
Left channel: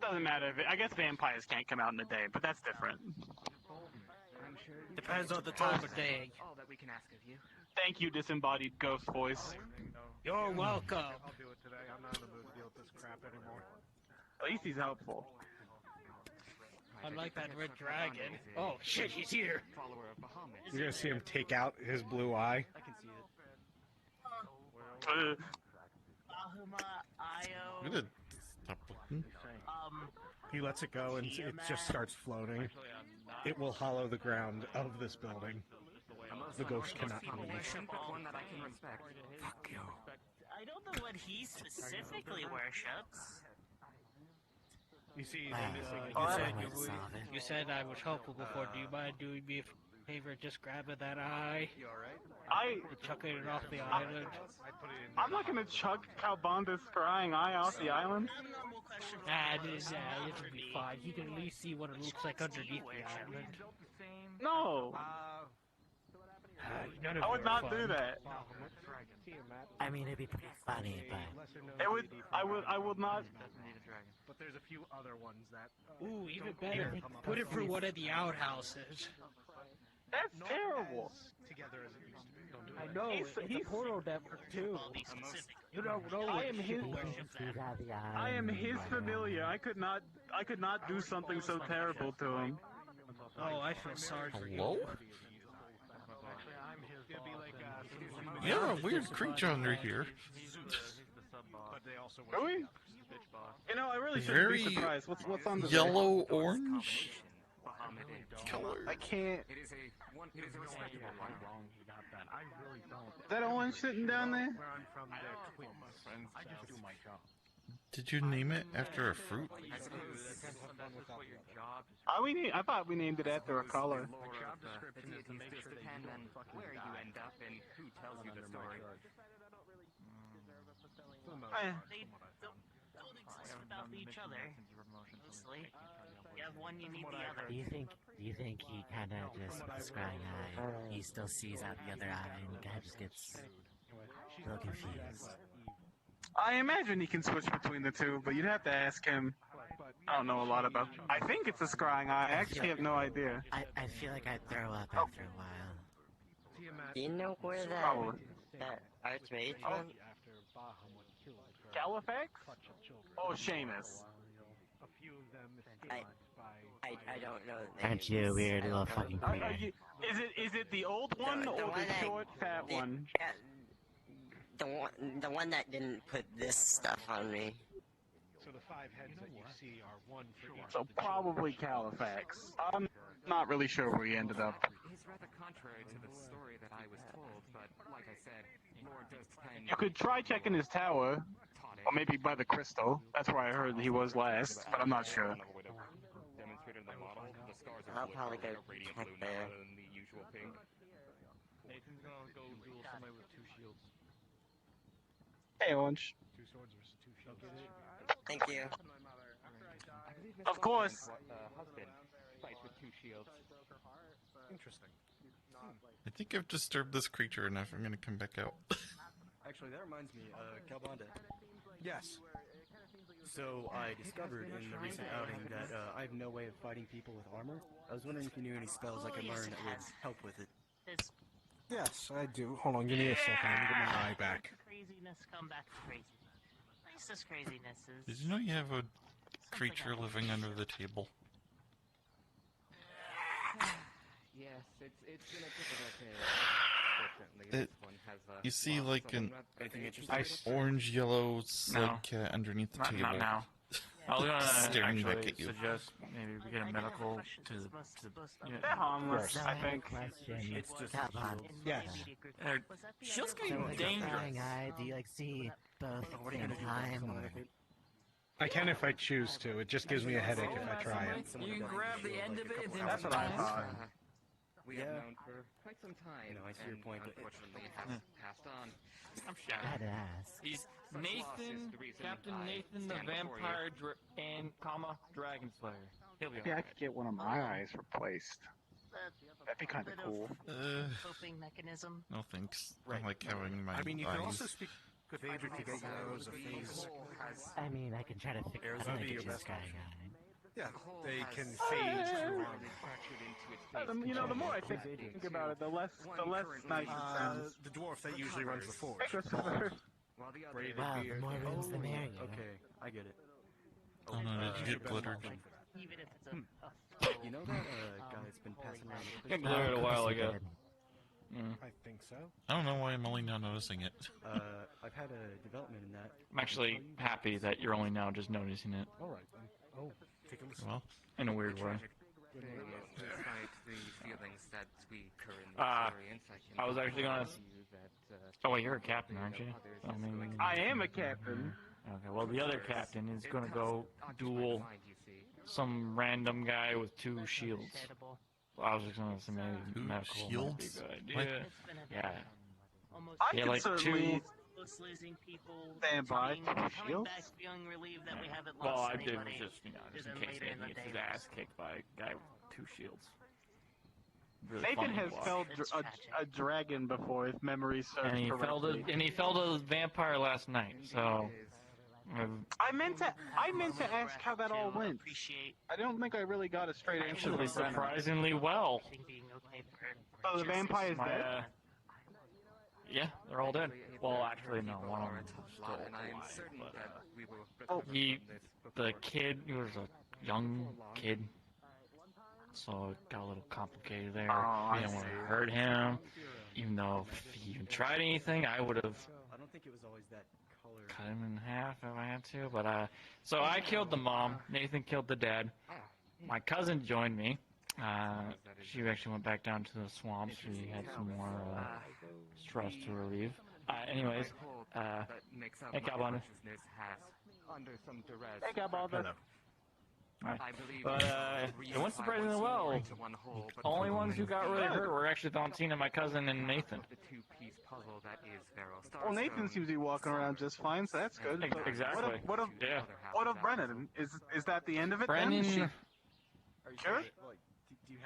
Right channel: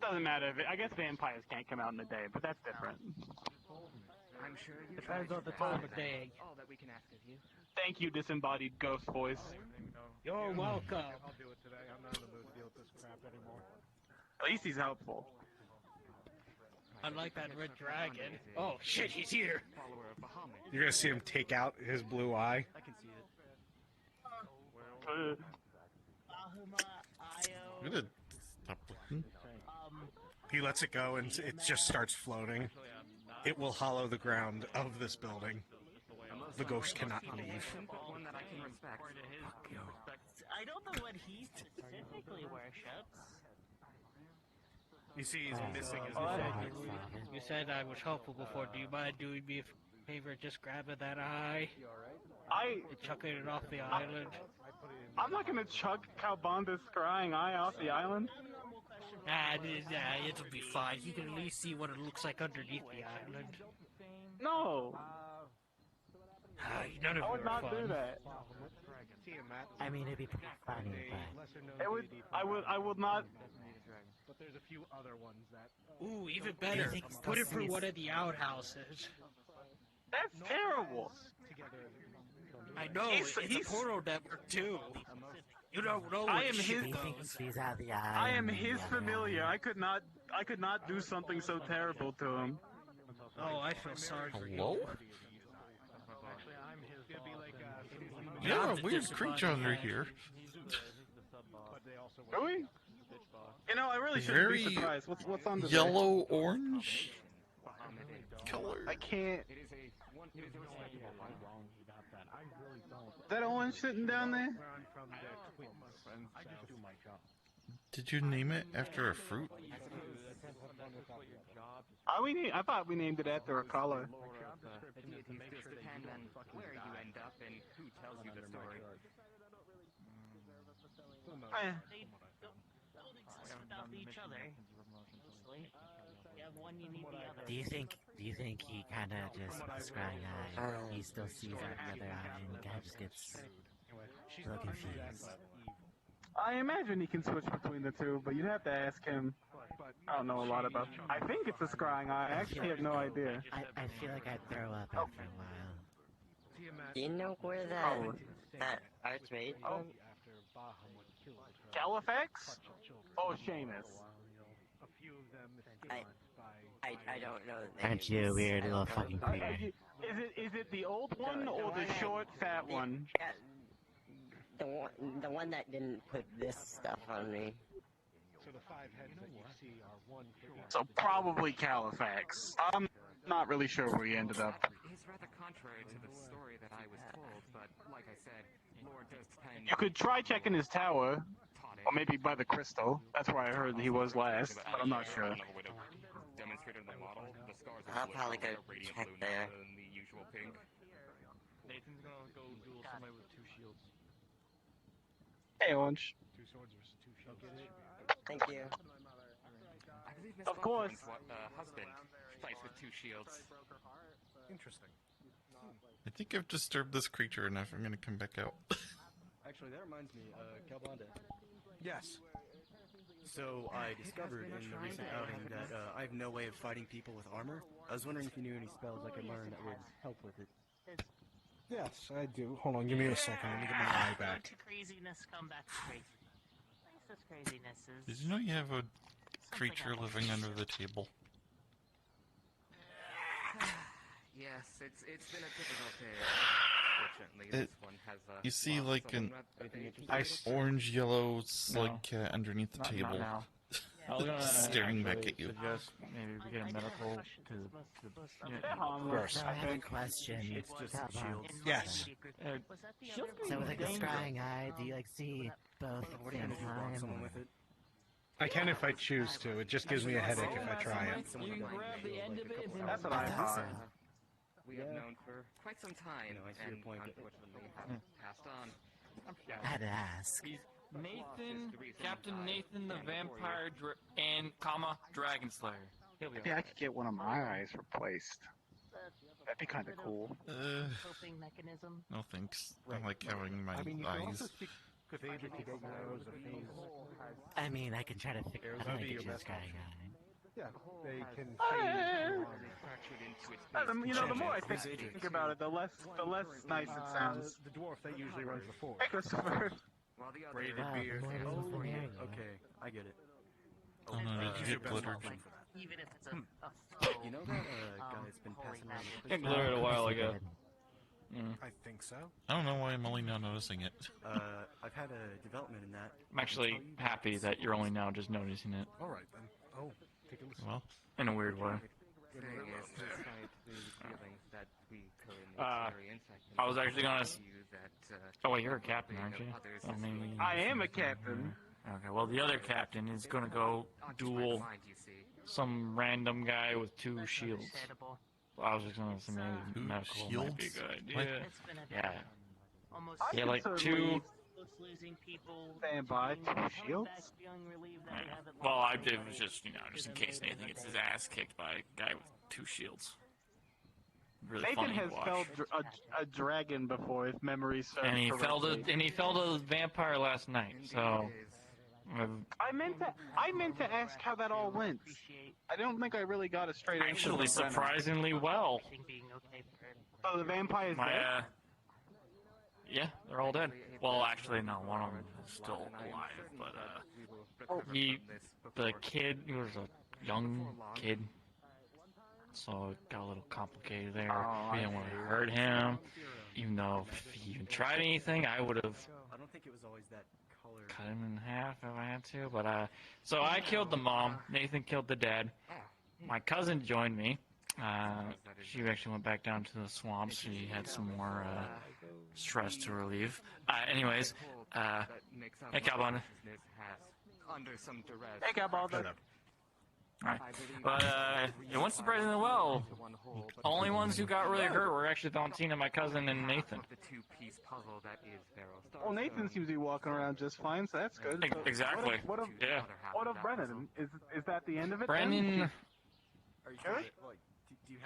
Doesn't matter. I guess vampires can't come out in the day, but that's different. Depends on the time of day. all that we can ask of you. Thank you, disembodied ghost voice. You're welcome. I'll do it today. I'm not in the mood to deal with this crap anymore. At least he's helpful. Unlike that red dragon. Oh shit, he's here. Follower of Bahamut. You're gonna see him take out his blue eye. I can see it. I'm gonna stop looking. He lets it go and it just starts floating. It will hollow the ground of this building. The ghost cannot leave. One that I can respect. I don't know what he specifically worships. You see, he's missing his You said I was helpful before. Do you mind doing me a favor, just grabbing that eye and chucking it off the island? I'm not gonna chuck Calbonda's crying eye off the island. It'll be fine. You can at least see what it looks like underneath the island. No. None of I would it not fun. do that. I mean, it'd be pretty funny, but... It would. I would not. But there's a few other ones that. Ooh, even better. Put it through one of the outhouses. That's terrible. I know. It's a portal network too. You don't know. I am his. I am his familiar. I could not do something so terrible to him. Oh, I feel sorry for you. Hello? You have a weird creature under here. Really? You know, I really shouldn't Very be surprised. What's on the yellow orange color. I can't. That orange sitting down there? Did you name it after a fruit? I thought we named it after a color. The deities just depend on where you end up and who tells you the story. They don't exist without each other. Honestly, you have one, you need the other. Do you think he kind of just, with the scrying eye, he still sees out the other eye and he kind of just gets a little confused? I imagine he can switch between the two, but you'd have to ask him. I don't know a lot about. I think it's a scrying eye. I actually have no idea. I feel like I'd throw up after a while. You know where that archmage? Oh. Califax? Oh, Seamus. I don't know the name. Aren't you a weird little fucking creeper? Is it the old one or the short, fat one? The one that didn't put this stuff on me. So the 5 heads that you see are one for each. So probably Califax. I'm not really sure where he ended up. It's rather contrary to the story that I was told, but like I said, Lord does tend. You could try checking his tower, or maybe by the crystal. That's where I heard he was last, but I'm not sure. Demonstrated the model. The scars I'll are probably go radiant check blue there. rather than the usual pink. Nathan's gonna go duel somebody with 2 shields. Hey, Orange. 2 swords versus 2 shields. Thank you. Of course. Husband fights with 2 shields. Interesting. I think I've disturbed this creature enough. I'm gonna come back out. Actually, that reminds me, Calbanda. Yes. So I discovered in the recent outing that I have no way of fighting people with armor. I was wondering if you knew any spells I could learn that would help with it. Yes, I do. Hold on, give me a second. Let me get my eye back. To craziness, come back to crazy. Racist craziness is... Did you know you have a creature living under the table? Yes, it's been a difficult day. Fortunately, this one has You see like an nice orange yellow slug cat underneath the Not table. now. I was gonna staring back actually at you. Suggest maybe we get a medical to Gross. I have a question. Yes. Shields So can with be a dangerous. scrying eye, do you like see both at the same time? I can if I choose to. It just gives me a headache if I try it. That's what I thought. We have known for quite some time. No, I see your and point. Unfortunately, has passed on. I had to ask. He's Nathan, Captain Nathan the Vampire and Dragon Slayer. Yeah, I could get one of my eyes replaced. That'd be kind of cool. Coping mechanism. No thanks. I like having my I mean, you can also eyes. speak with Adric to get your arrows of phase. I mean, I can try to figure out how to get your scrying eye. Yeah, they can phase around. You know, the more I think about it, the less nice it sounds. The dwarf that usually runs the force. Christopher. Wow, the more rooms the merrier. Okay, I get it. Oh no, did you get glittered? Even if it's a You know that guy that's been passing around the Got crystal? glittered a while ago. I think so. I don't know why I'm only now noticing it. I've had a development in that. I'm actually happy that you're only now just noticing it. All right then. Oh, take a listen. Well, in a weird way. I was actually gonna. Oh wait, you're a captain, aren't you? I am a captain. Okay, well the other captain is gonna go duel some random guy with 2 shields. I was just gonna say maybe 2 medical might be shields? good. What? Yeah. almost Yeah, like 2. losing people. Stand by, being 2 going shields. back, feeling relieved that we haven't Well, lost I did anybody. just just in case Nathan gets his ass kicked by a guy with 2 shields. Really Nathan funny has to watch. felled a dragon before, if memory serves And he felled correctly. a vampire last night. So I meant to ask how that all went. I don't think I really got a straight answer. actually from Brennan. surprisingly well. Oh, the vampire's My, dead? yeah, they're all dead. Well, actually, no, one of them is still alive, but the kid, he was a young kid, so it got a little complicated there. We didn't want to hurt him, even though if he even tried anything, I would have I don't think it was always that color. cut him in half if I had to. But so I killed the mom. Nathan killed the dad. My cousin joined me. She actually went back down to the swamp. She had some more stress to relieve. Anyways, hey, Calbana. Under some duress. Hey, Calbana. Right. But it went surprisingly well. Only ones who got really hurt were actually Valentina, my cousin, and Nathan. The 2-piece puzzle that is Varro's Well, Nathan seems to be walking around just fine, so that's good. But Exactly. What of Yeah. Brennan? Is that the end of it? Brennan, Sure.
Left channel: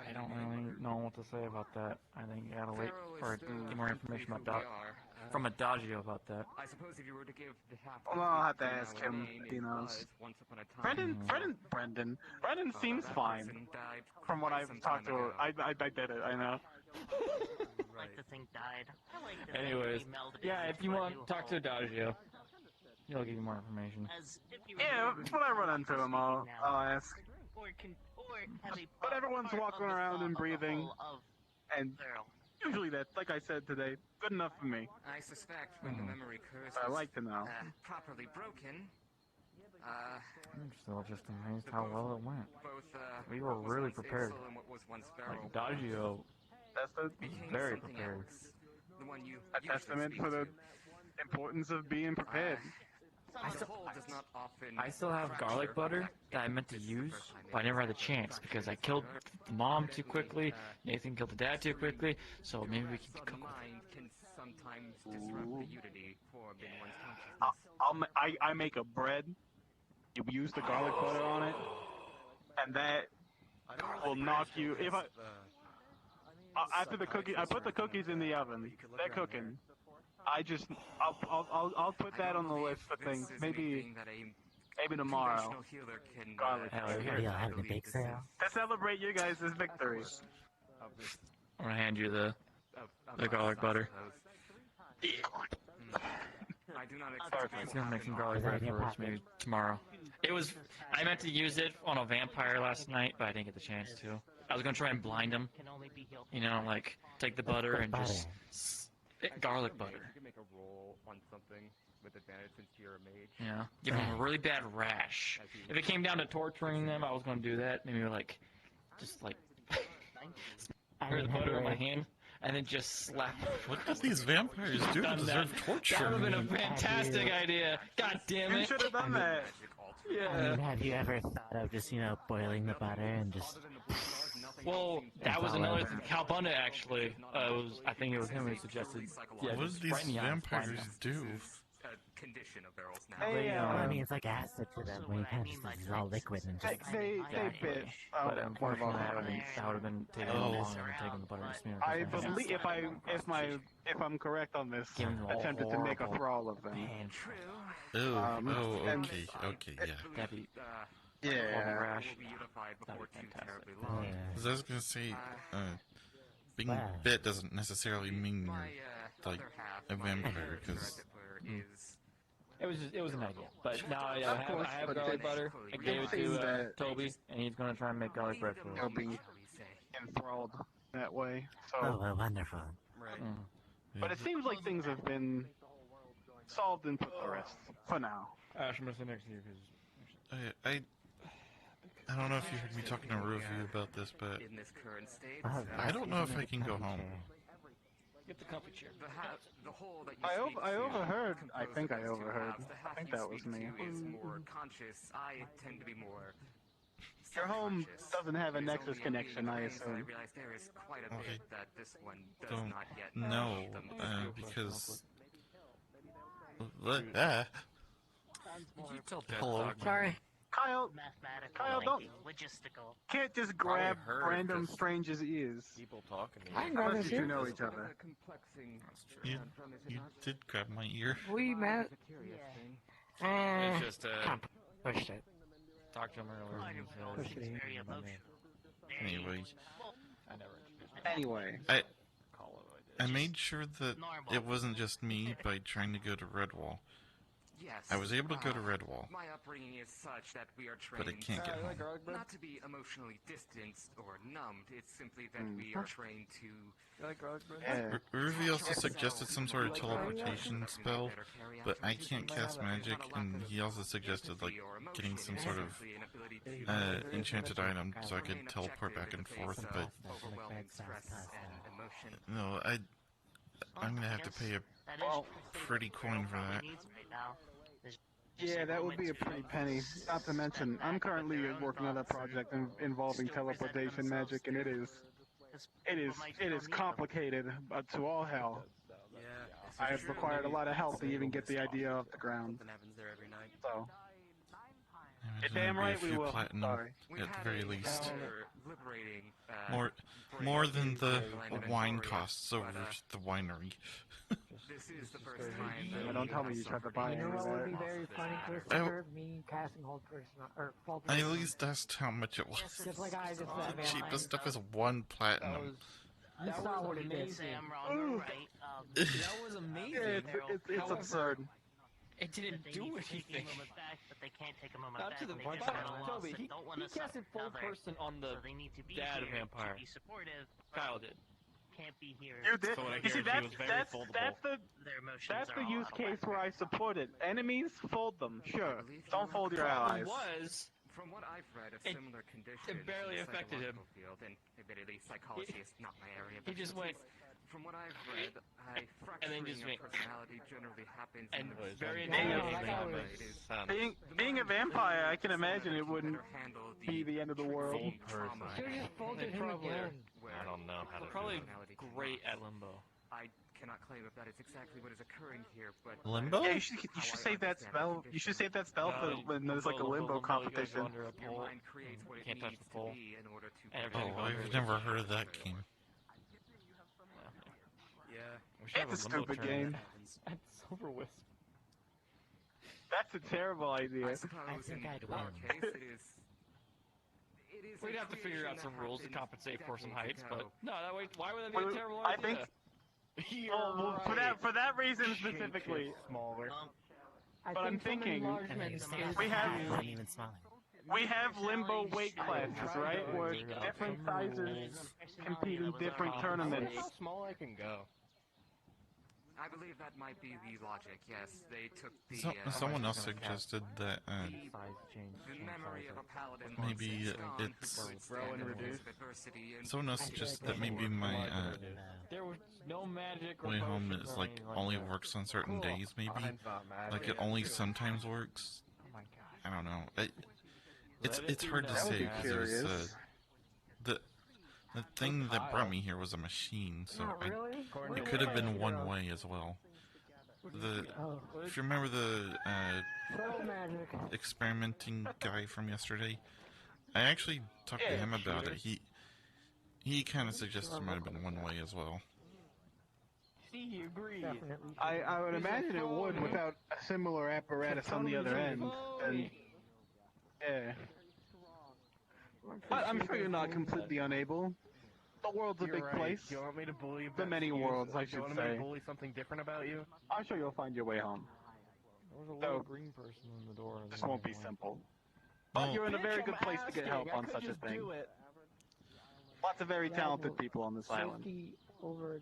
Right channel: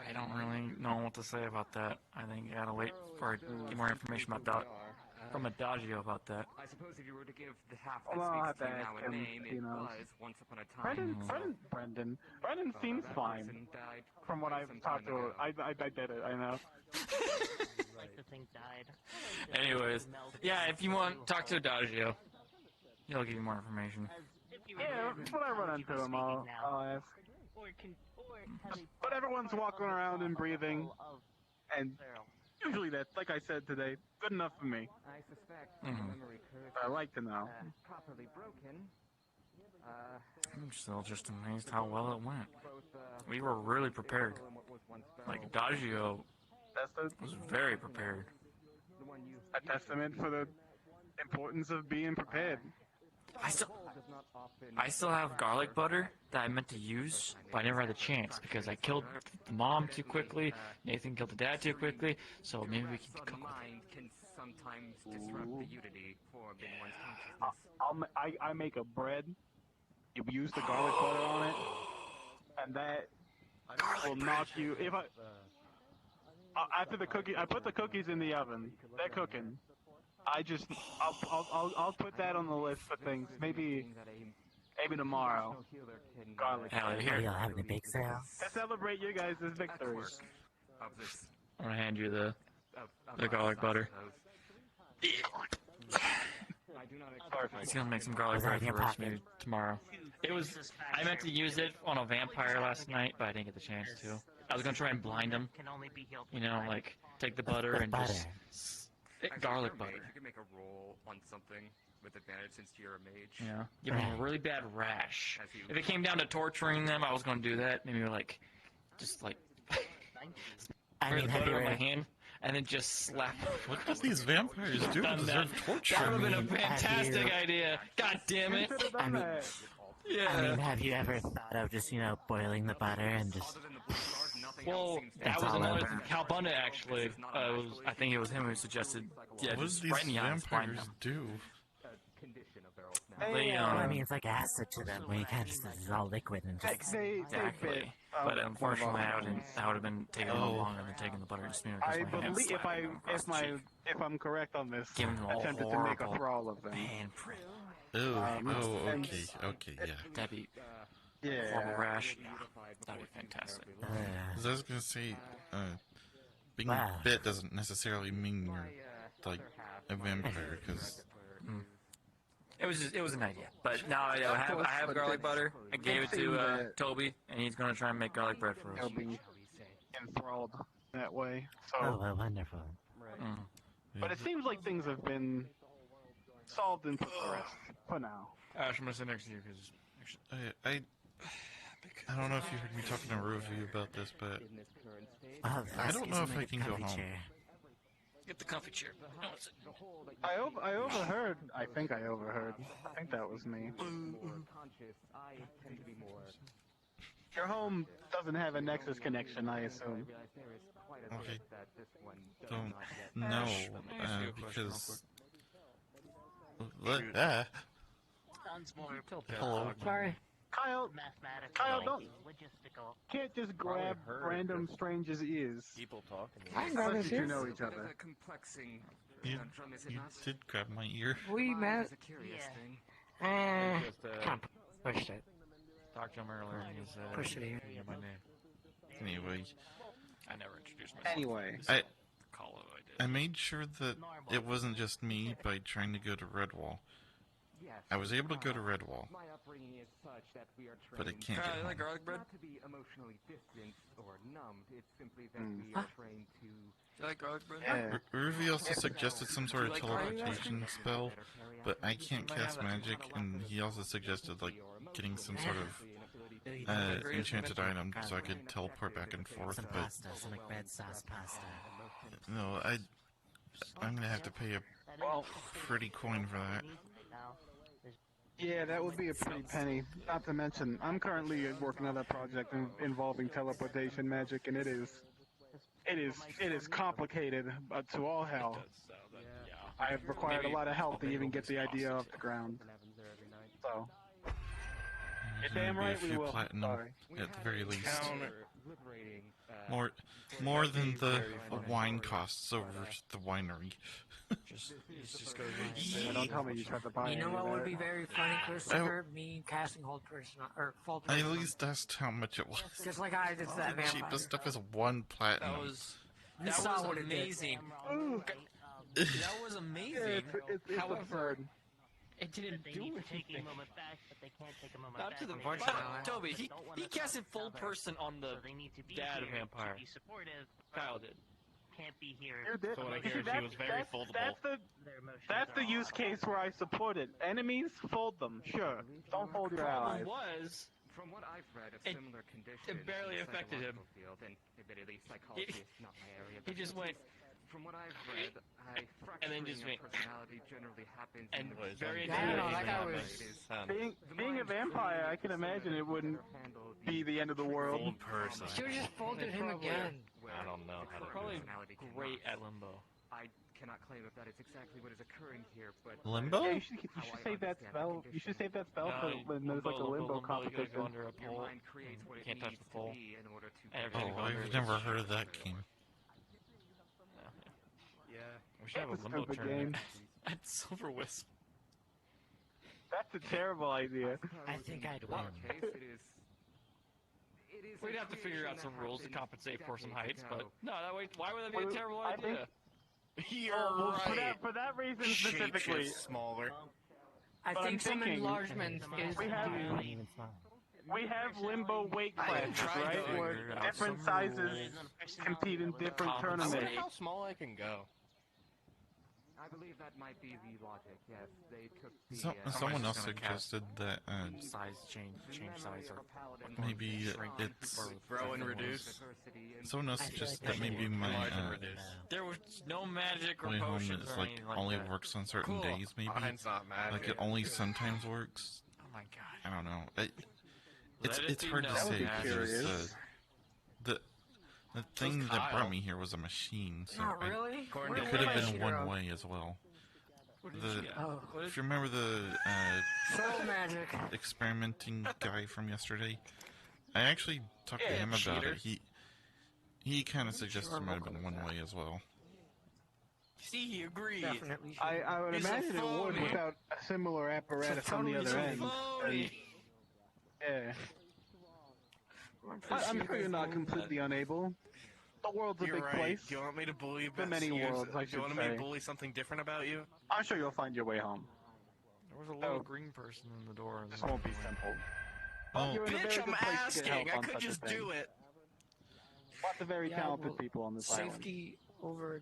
I don't really know what to say about that. I think you gotta wait for get more information about from Adagio about that. I suppose if you were to give the half Well, I'll have to ask him. He knows. Once upon a time. Brendan seems fine. From what I've talked to her, I bet it. I know. Like the thing died. Anyways, yeah, if you want to talk to Adagio, he'll give you more information. Yeah, when I run into him, I'll ask. But everyone's walking around and breathing. And usually that's, like I said today, good enough for me. I suspect the memory curse But I like to know. properly broken. I'm still just amazed how well it went. We were really prepared. Like, Adagio was very prepared. A testament for the importance of being prepared. I still have garlic butter that I meant to use, but I never had the chance because I killed the mom too quickly, Nathan killed the dad too quickly, so maybe we can cook with Mind can sometimes disrupt the unity formed in one's consciousness. I make a bread. You use the garlic butter on it, and that will knock you. If I after the cookie, I put the cookies in the oven. They're cooking. I'll put that on the list of things. Maybe tomorrow. Garlic butter. Are you having a bake sale? To celebrate your guys' victories. I'm gonna hand you the garlic butter. He's gonna make some garlic bread for us maybe tomorrow. I meant to use it on a vampire last night, but I didn't get the chance to. I was gonna try and blind him. You know, like, take the butter and just... garlic butter. You can make a roll on something with advantage since you're a mage. Yeah. Give him a really bad rash. If it came down to torturing them, I was gonna do that. Maybe like, just like... put the butter in my hand. And then just slap. What do these vampires do to deserve torture? That would have been a fantastic idea. God damn it. Have you ever thought of just, boiling the butter and just... Well, that was another thing. Calbunda actually, I think it was him who suggested... Yeah, what do these vampires do? It's like acid to them when you kind of just dissolve liquid and just... They bit but one of our unfortunately, friends. that would have been taking longer than taking the butter and smear. I believe if I'm correct on this, attempted to make a thrall of them. Okay, yeah. That'd be rash. That'd be fantastic. Because I was gonna say, being bit doesn't necessarily mean you're like a vampire. Because it was an idea, but now I have garlic butter. I gave it to Toby, and he's gonna try and make garlic bread for us. He'll be enthralled that way. So. Oh, well, wonderful. But it seems like things have been solved and put to rest for now. I'm gonna sit next to you because I don't know if you heard me talking to Ruvi about this, but I don't know if I can go home. Get the comfy chair. I overheard. I think I overheard. I think that was me. Your home doesn't have a Nexus connection, I assume. I don't know, because... Hello. Sorry. Kyle, don't... Logistical. Can't just grab random strangers' ears. People talking. I can grab his You ear. know each other. You did grab my ear. We met. Pushed it. Talked to him earlier. Pushed it. Anyway. I never introduced myself. Anyway. I made sure that it wasn't just me by trying to go to Redwall. I was able to go to Redwall, but I can't get home. Not to be emotionally distanced or numbed, it's simply that we are trained to... You like garlic bread? Ruvi also suggested some sort of teleportation spell, but I can't cast magic, and he also suggested like getting some sort of enchanted item so I could teleport back and forth, but no, I'm gonna have to pay a pretty coin for that. Yeah, that would be a pretty penny. Not to mention, I'm currently working on a project involving teleportation magic, and it is complicated, but to all hell. I have required a lot of help to even get the idea off the ground. So, There's gonna be a few platinum at the very least. More than the wine costs over the winery. Don't tell me you tried to buy any of that. What would be very funny, Christopher? Me casting hold person or full I person. at least asked how much it was. Just like I did that. The cheapest stuff is 1 platinum. You saw what it did. That was amazing. Yeah, it's absurd. It didn't do anything. Not to the point. Toby, he casted full person on the dad vampire. Kyle did. can't be here. You did. So what I You see, hear is he was very foldable. That's the use case where I supported. Enemies, fold them. Sure. Don't fold your allies. was, from what I've read of It- similar conditions, it barely in the affected him. psychological Field, and admittedly, psychology is not my area. he of just went, expertise. From what I've read, and then fracturing just of went, personality generally happens and in the very Yeah, intimidating. it is. Being a vampire, I can imagine it wouldn't be the end of the world. Fold person. You just folded him again. I don't know how to Probably do it. great at limbo. I cannot claim if that is exactly what is occurring here, but Limbo? Yeah, you should save that spell. You should save that spell for when there's like a limbo You gotta competition. go under a your pole. mind creates what You it can't touch needs the to pole. be in order to. And everything Oh, goes under I've the never pole. heard of that game. Yeah. We should have It's a a limbo stupid tournament. game. At Silver Wisp. That's a terrible idea. I think I'd win. We'd have to figure out some rules to compensate for some heights, but no, that way. Why would that be a Well, terrible I think- idea? You're Well, right. for that reason specifically. Smaller. But I'm thinking we have Even smaller. we have limbo weight classes, right? Where different sizes compete in different tournaments. How small I can go. I believe that might be the logic. Yes, they took the. Someone else suggested that Size change size up. maybe it's. Grow and reduce. Someone else suggested that maybe my There was no magic or way home potion is or like anything like only that. works on certain days. Maybe Mine's not magic. like it only sometimes works. Oh my god. I don't know. It's Let it it's be hard to known. say be because there's curious. the thing that brought me here was a machine, so Not really? it could have been one way as well. If you remember the experimenting guy from yesterday, I actually talked to him about it. He kind of suggested it might have been one way as well. See, he agreed. I would imagine it would without a similar apparatus on the other end. And, yeah. But I'm sure you're not completely unable. The world's a You're big right. place. You want me to believe The this? many You- worlds, I you should want me say. to bully something different about you? I'm sure you'll find your way home. There was a So- little green person in the door. This won't be simple. Oh, You're in a very Bitch, good I'm place to get help asking. I on could such a just thing. do it. Lots of very talented people on this island. Safety over.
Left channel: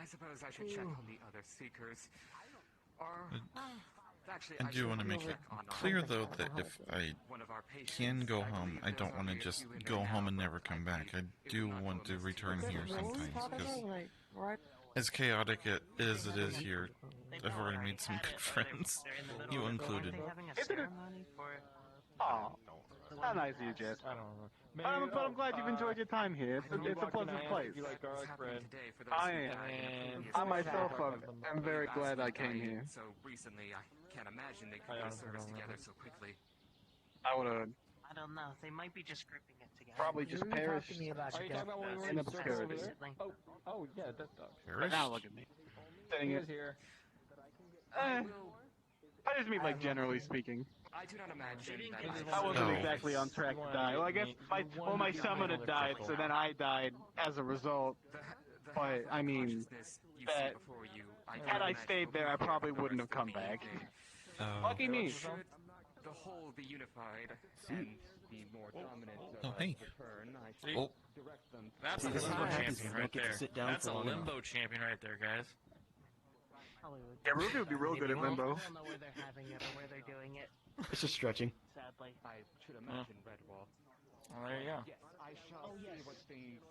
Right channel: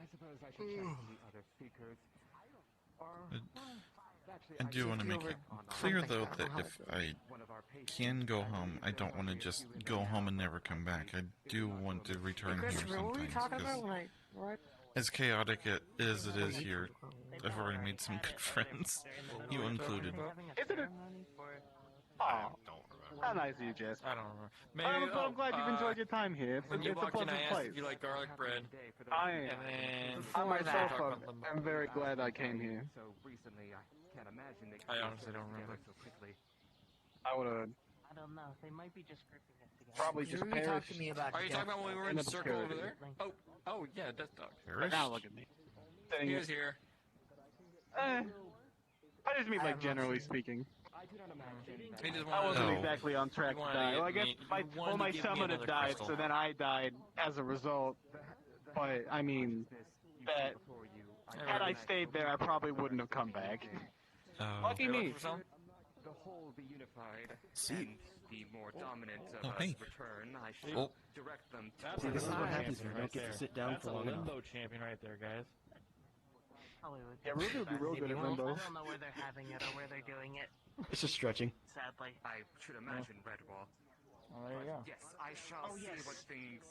I suppose I should check the other seekers. Actually, I do want to make it clear though that if I can go home, I don't want to just go home and never come back. I do want to return here sometimes because as chaotic it is here, I've already made some good friends, you included. Isn't it? Oh, how nice of you, Jess. I don't know. But I'm glad you've enjoyed your time here. It's a pleasant place. You like garlic bread? I myself am very glad I came here. So recently, I can't imagine they I could honestly service don't together remember. so quickly. I would have I don't know. They might be just gripping it together. probably just perished Are you talking about when we were in in the circus over obscurity. there? Oh yeah, Death Dog. Perished? Now look at me. Saying He it. was here. I just mean like generally speaking. I do not imagine He just I wanted wasn't to- exactly on track he to wanted die. to Well, I get guess me- he my wanted to give me summon had another died, crystal. so then I died as a result. But I mean, that had I stayed there, I probably wouldn't have come back. Lucky me. the whole be unified See. and be more dominant Oh, of hey. return. I should Oh. direct them. That's See, a this is limbo what happens champion when you right don't get to there. sit down That's for a long enough. limbo champion right there, guys. Hollywood. Yeah, Ruby would be real good at I limbo. don't know where they're having it or where they're doing it, It's just stretching. sadly. I should imagine Redwall. Well, there you go. Yes, I shall see what things.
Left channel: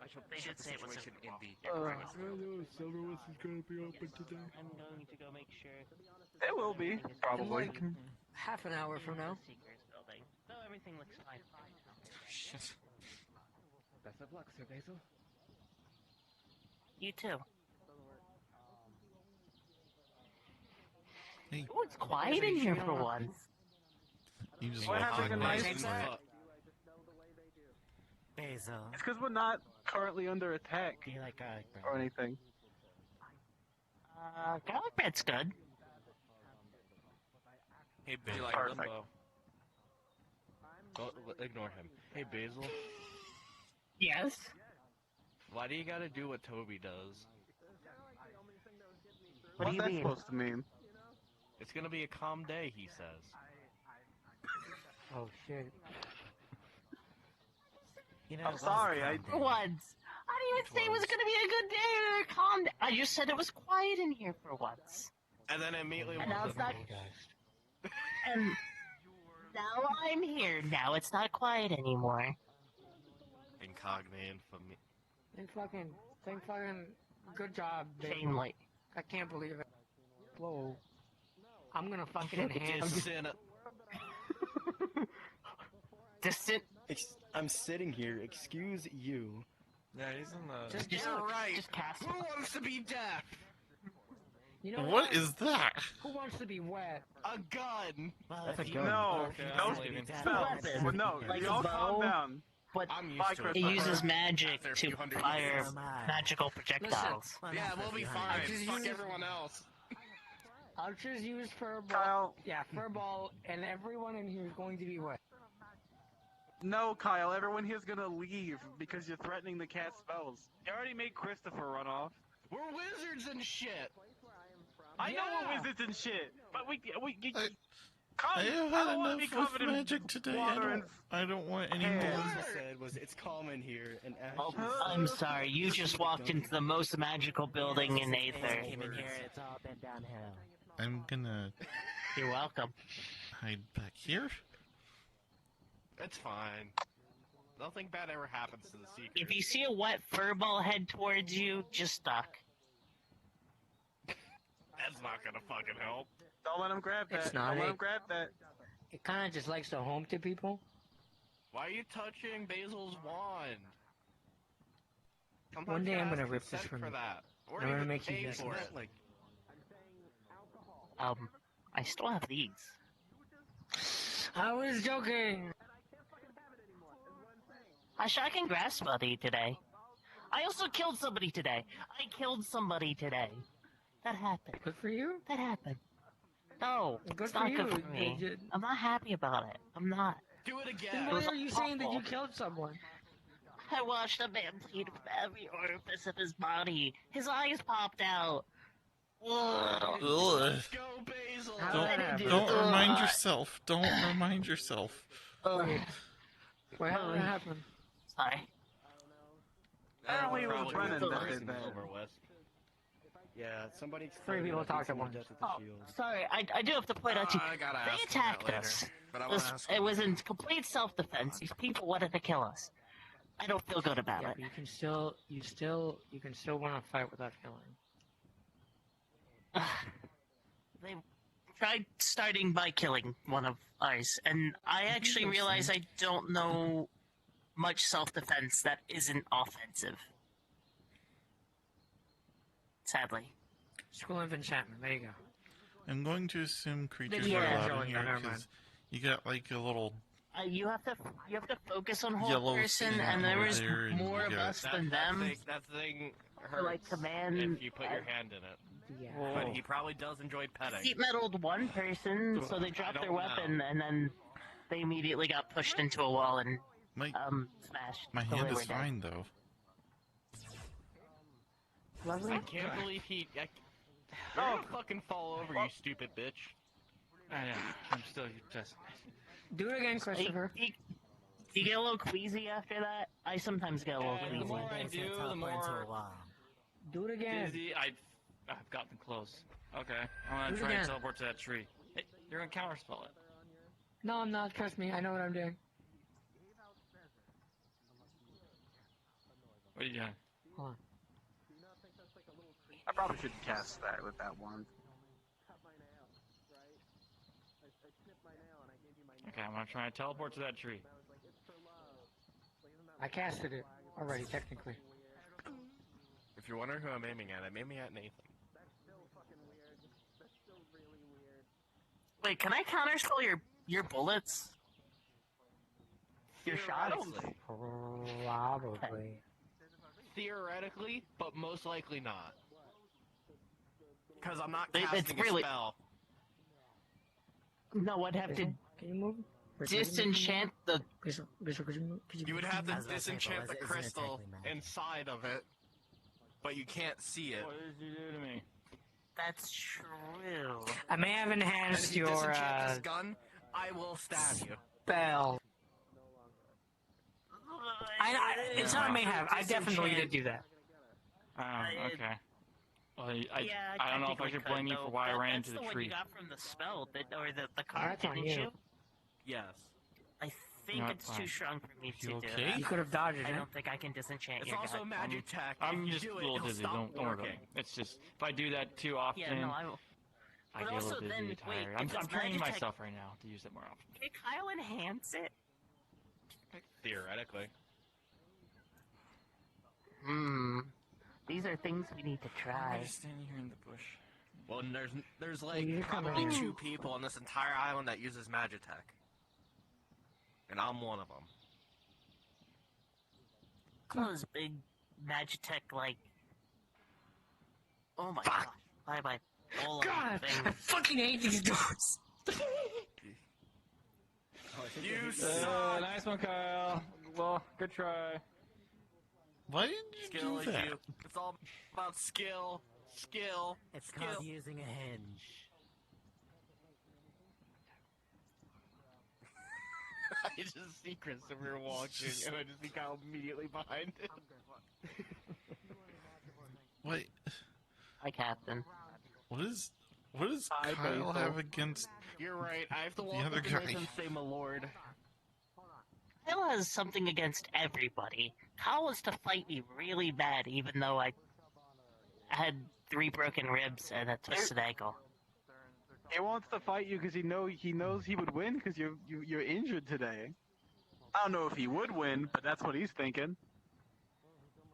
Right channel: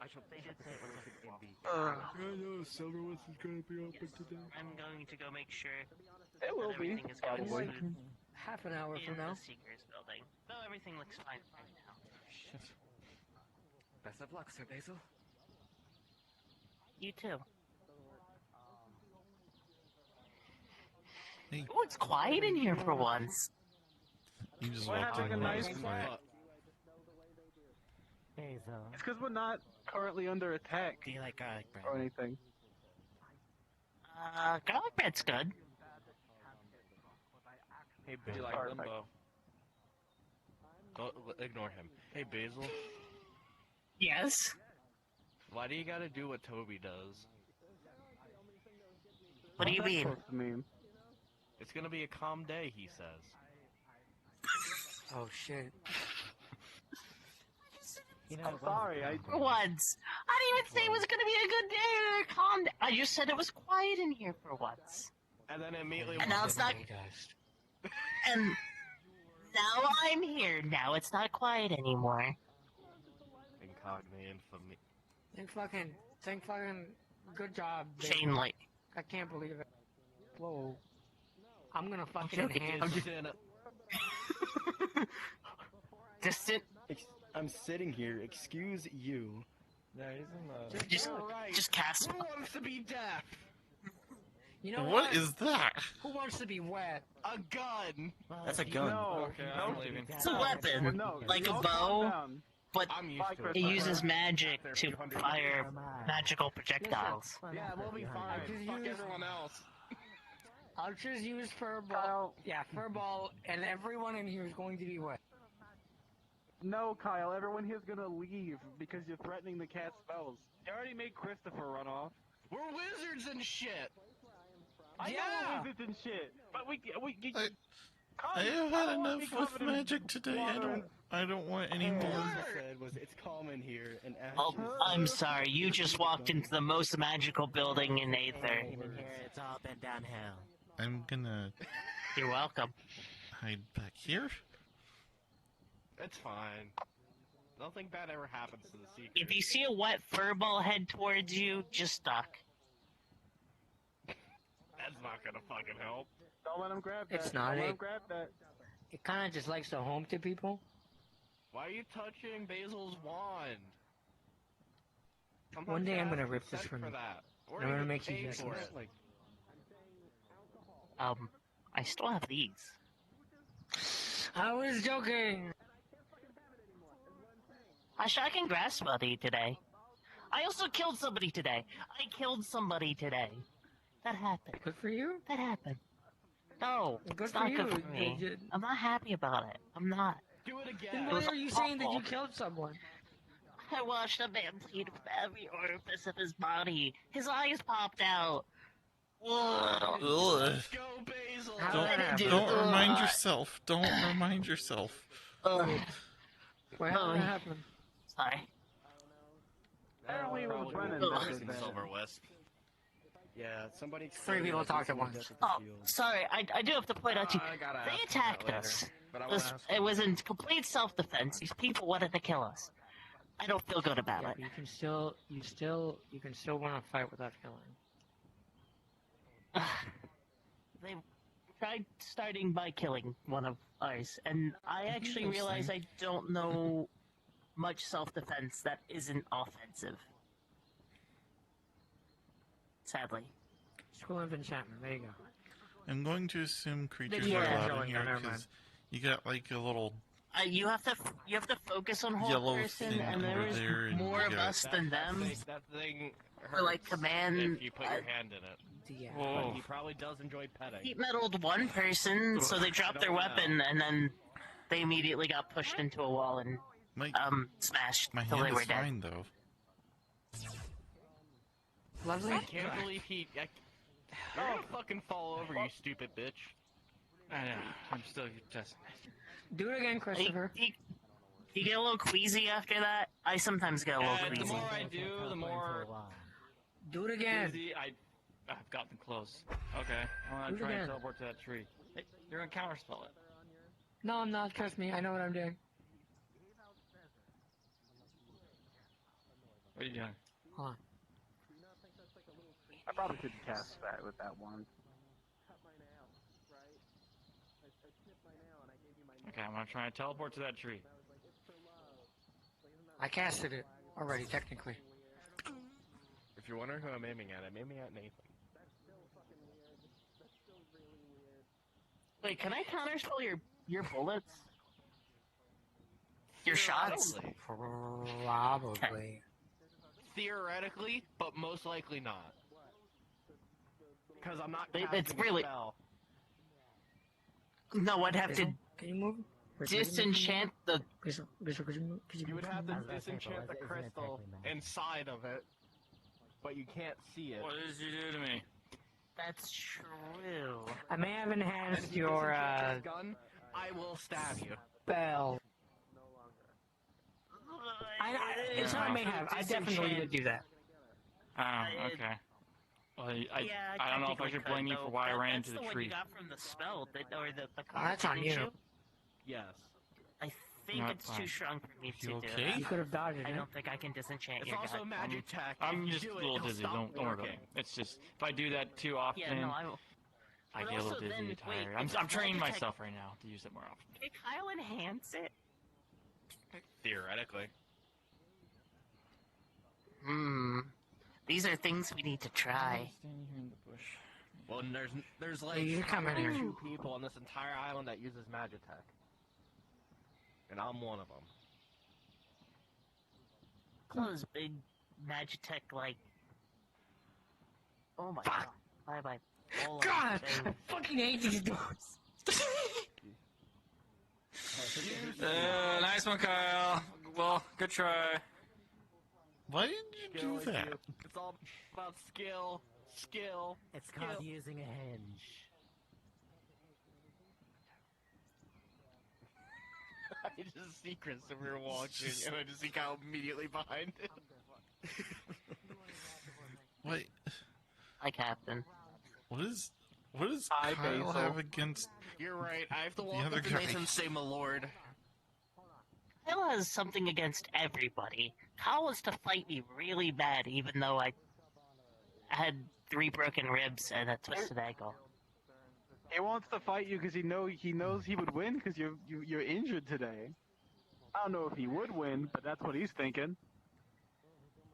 I shall They check did the say it was situation in the. Silver Wisp is gonna be open today. I'm going to go make sure It will be, everything is going probably. smooth Half an hour in from now. the Seekers building. No, everything looks fine right now. Shit. Best of luck, Sir Basil. You too. Hey, Oh, it's quiet in here for once. you just We're walked having in a and nice it's night. like, Basil. It's because we're not currently under attack Do you like garlic bread? or anything. Garlic bread's good. Hey, Do you like Perfect. limbo? Ignore him. Hey, Basil. Yes. Why do you gotta do what Toby does? What do you What's that mean? supposed to mean? It's gonna be a calm day, he says. Oh shit. know, sorry, For once. I didn't even say it was gonna be a good day. Calm down. I just said it was quiet in here for once. And then immediately And now it's not. And now I'm here. Now it's not quiet anymore. Incognito for me. Think fucking, good job, babe. Shane, like. I can't believe it. Whoa. I'm gonna fucking enhance it. Distant. I'm sitting here. Excuse you. Yeah, he's in the... Just cast. Who wants to be deaf? You know What is that? Who wants to be wet? A gun! That's a gun. No, Okay, I'm leaving. It's a weapon. No, Like a calm bow. down. But I'm used to it. it uses magic to fire magical projectiles. Yeah, we'll be fine. Fuck everyone else. I'll just use furball. Yeah, furball, and everyone in here is going to be wet. No, Kyle, everyone here's gonna leave because you're threatening to cast spells. You already made Christopher run off. We're wizards and shit! I know we're wizards and shit, but I have had enough with magic today. I don't want any more. All I said was it's calm in here, and Ash. I'm sorry, you just walked into the most magical building in Aether. It's all been downhill. I'm gonna You're welcome. hide back here. That's fine. Nothing bad ever happens to the secret. If you see a wet furball head towards you, just duck. That's not gonna fucking help. Don't let him grab that. It's not Don't let a- him grab that. It kind of just likes to home to people. Why are you touching Basil's wand? One day I'm gonna rip this Consent from for you. that. I'm gonna make you pay use for this. it. I still have these. I was joking. I shot and grass buddy today. I also killed somebody today. That happened. Good for you. That happened. No, Good it's for not you. good for me. I'm not happy about it. I'm not. Do it again. Then It why was are you saying that you awful. killed someone? I watched a man bleed from every orifice of his body. His eyes popped out. Ugh. Let's go, Basil! Don't remind yourself. Don't remind yourself. Why how did that happen? Sorry. We were running that. Silver Wisp. Yeah, somebody. Three people talked at once. Sorry, I do have to point out to you, they attacked us. It was in complete self-defense. These people wanted to kill us. I don't feel good about it. You can still want to fight without killing. They tried starting by killing one of ours, and I actually realized I don't know much self-defense that isn't offensive. Sadly. School of Enchantment. There you go. I'm going to assume creatures Yeah. are allowed in Never here mind. because you got like a little You have to focus on whole yellow person, thing and there over is there, and more you of got- us than them. That thing For hurts like command. if you put your hand in it. Yeah. But he probably does enjoy petting. Heat meddled one person, so they dropped their weapon, and then they immediately got pushed into a wall and smashed. My till hand they were is dead. fine though. I can't believe he... You're gonna fucking fall over, you stupid bitch. I know. I'm still just... Do it again, Christopher. You get a little queasy after that? I sometimes get a little The queasy. more I do, the more... Do it again. Dizzy, I've gotten close. Okay, I'm Do gonna it try again. and teleport to that tree. You're gonna counterspell it. No, I'm not. Trust me. I know what I'm doing. What are you doing? Hold on. I probably should cast that with that one. Okay, I'm gonna try and teleport to that tree. I casted it already, technically. If you're wondering who I'm aiming at, I'm aiming at Nathan. Wait, can I counterspell your bullets? Your shots? Probably. Theoretically, but most likely not. Because I'm not It's casting really- a spell. No, I'd have to Can you move? disenchant the. Crystal, could you move? You would have to disenchant the crystal inside of it, but you can't see it. What did you do to me? That's true. I may have And enhanced if you your disenchant this gun, I will stab you. spell. I It's I may have. I definitely did do that. Oh, okay. Well, Yeah, I don't know if I technically should blame could, you for though. why I ran That's into the the one tree. you got from the spell, or the card, That's on didn't you. you? Yes. I think Not it's too fine. strong for me to do okay? that. You could have dodged it. I don't think I can disenchant It's your also god. magic tech. I'm If just you a do it, little it'll dizzy. stop Don't worry about working. it. It's just if I do that too often, Yeah, no, I will. I But get a little also dizzy then, and wait, tired. if I'm it's training magic myself right now to use it more often. Can Kyle enhance it? Theoretically. These are things we need to try. I'm just standing here in the bush. Well, and there's like You're coming probably here. 2 people on this entire island that uses Magitech. And I'm one of them. Those big Magitech, like... Oh my god. Why am I... God, I fucking hate these doors. Nice one, Kyle. Well, good try. Why did you Skill do is that? you. It's all about skill. Skill. It's called using a hinge. I just see Christopher walking, and I just see Kyle immediately behind him. Wait, Hi, Captain. what does Hi, Kyle Basil. have against? You're right. I have to walk other up to guy. Nathan and say, my lord. Kyle has something against everybody. Kyle was to fight me really bad, even though I had 3 broken ribs and a twisted ankle. He wants to fight you because he knows he would win because you're injured today. I don't know if he would win, but that's what he's thinking.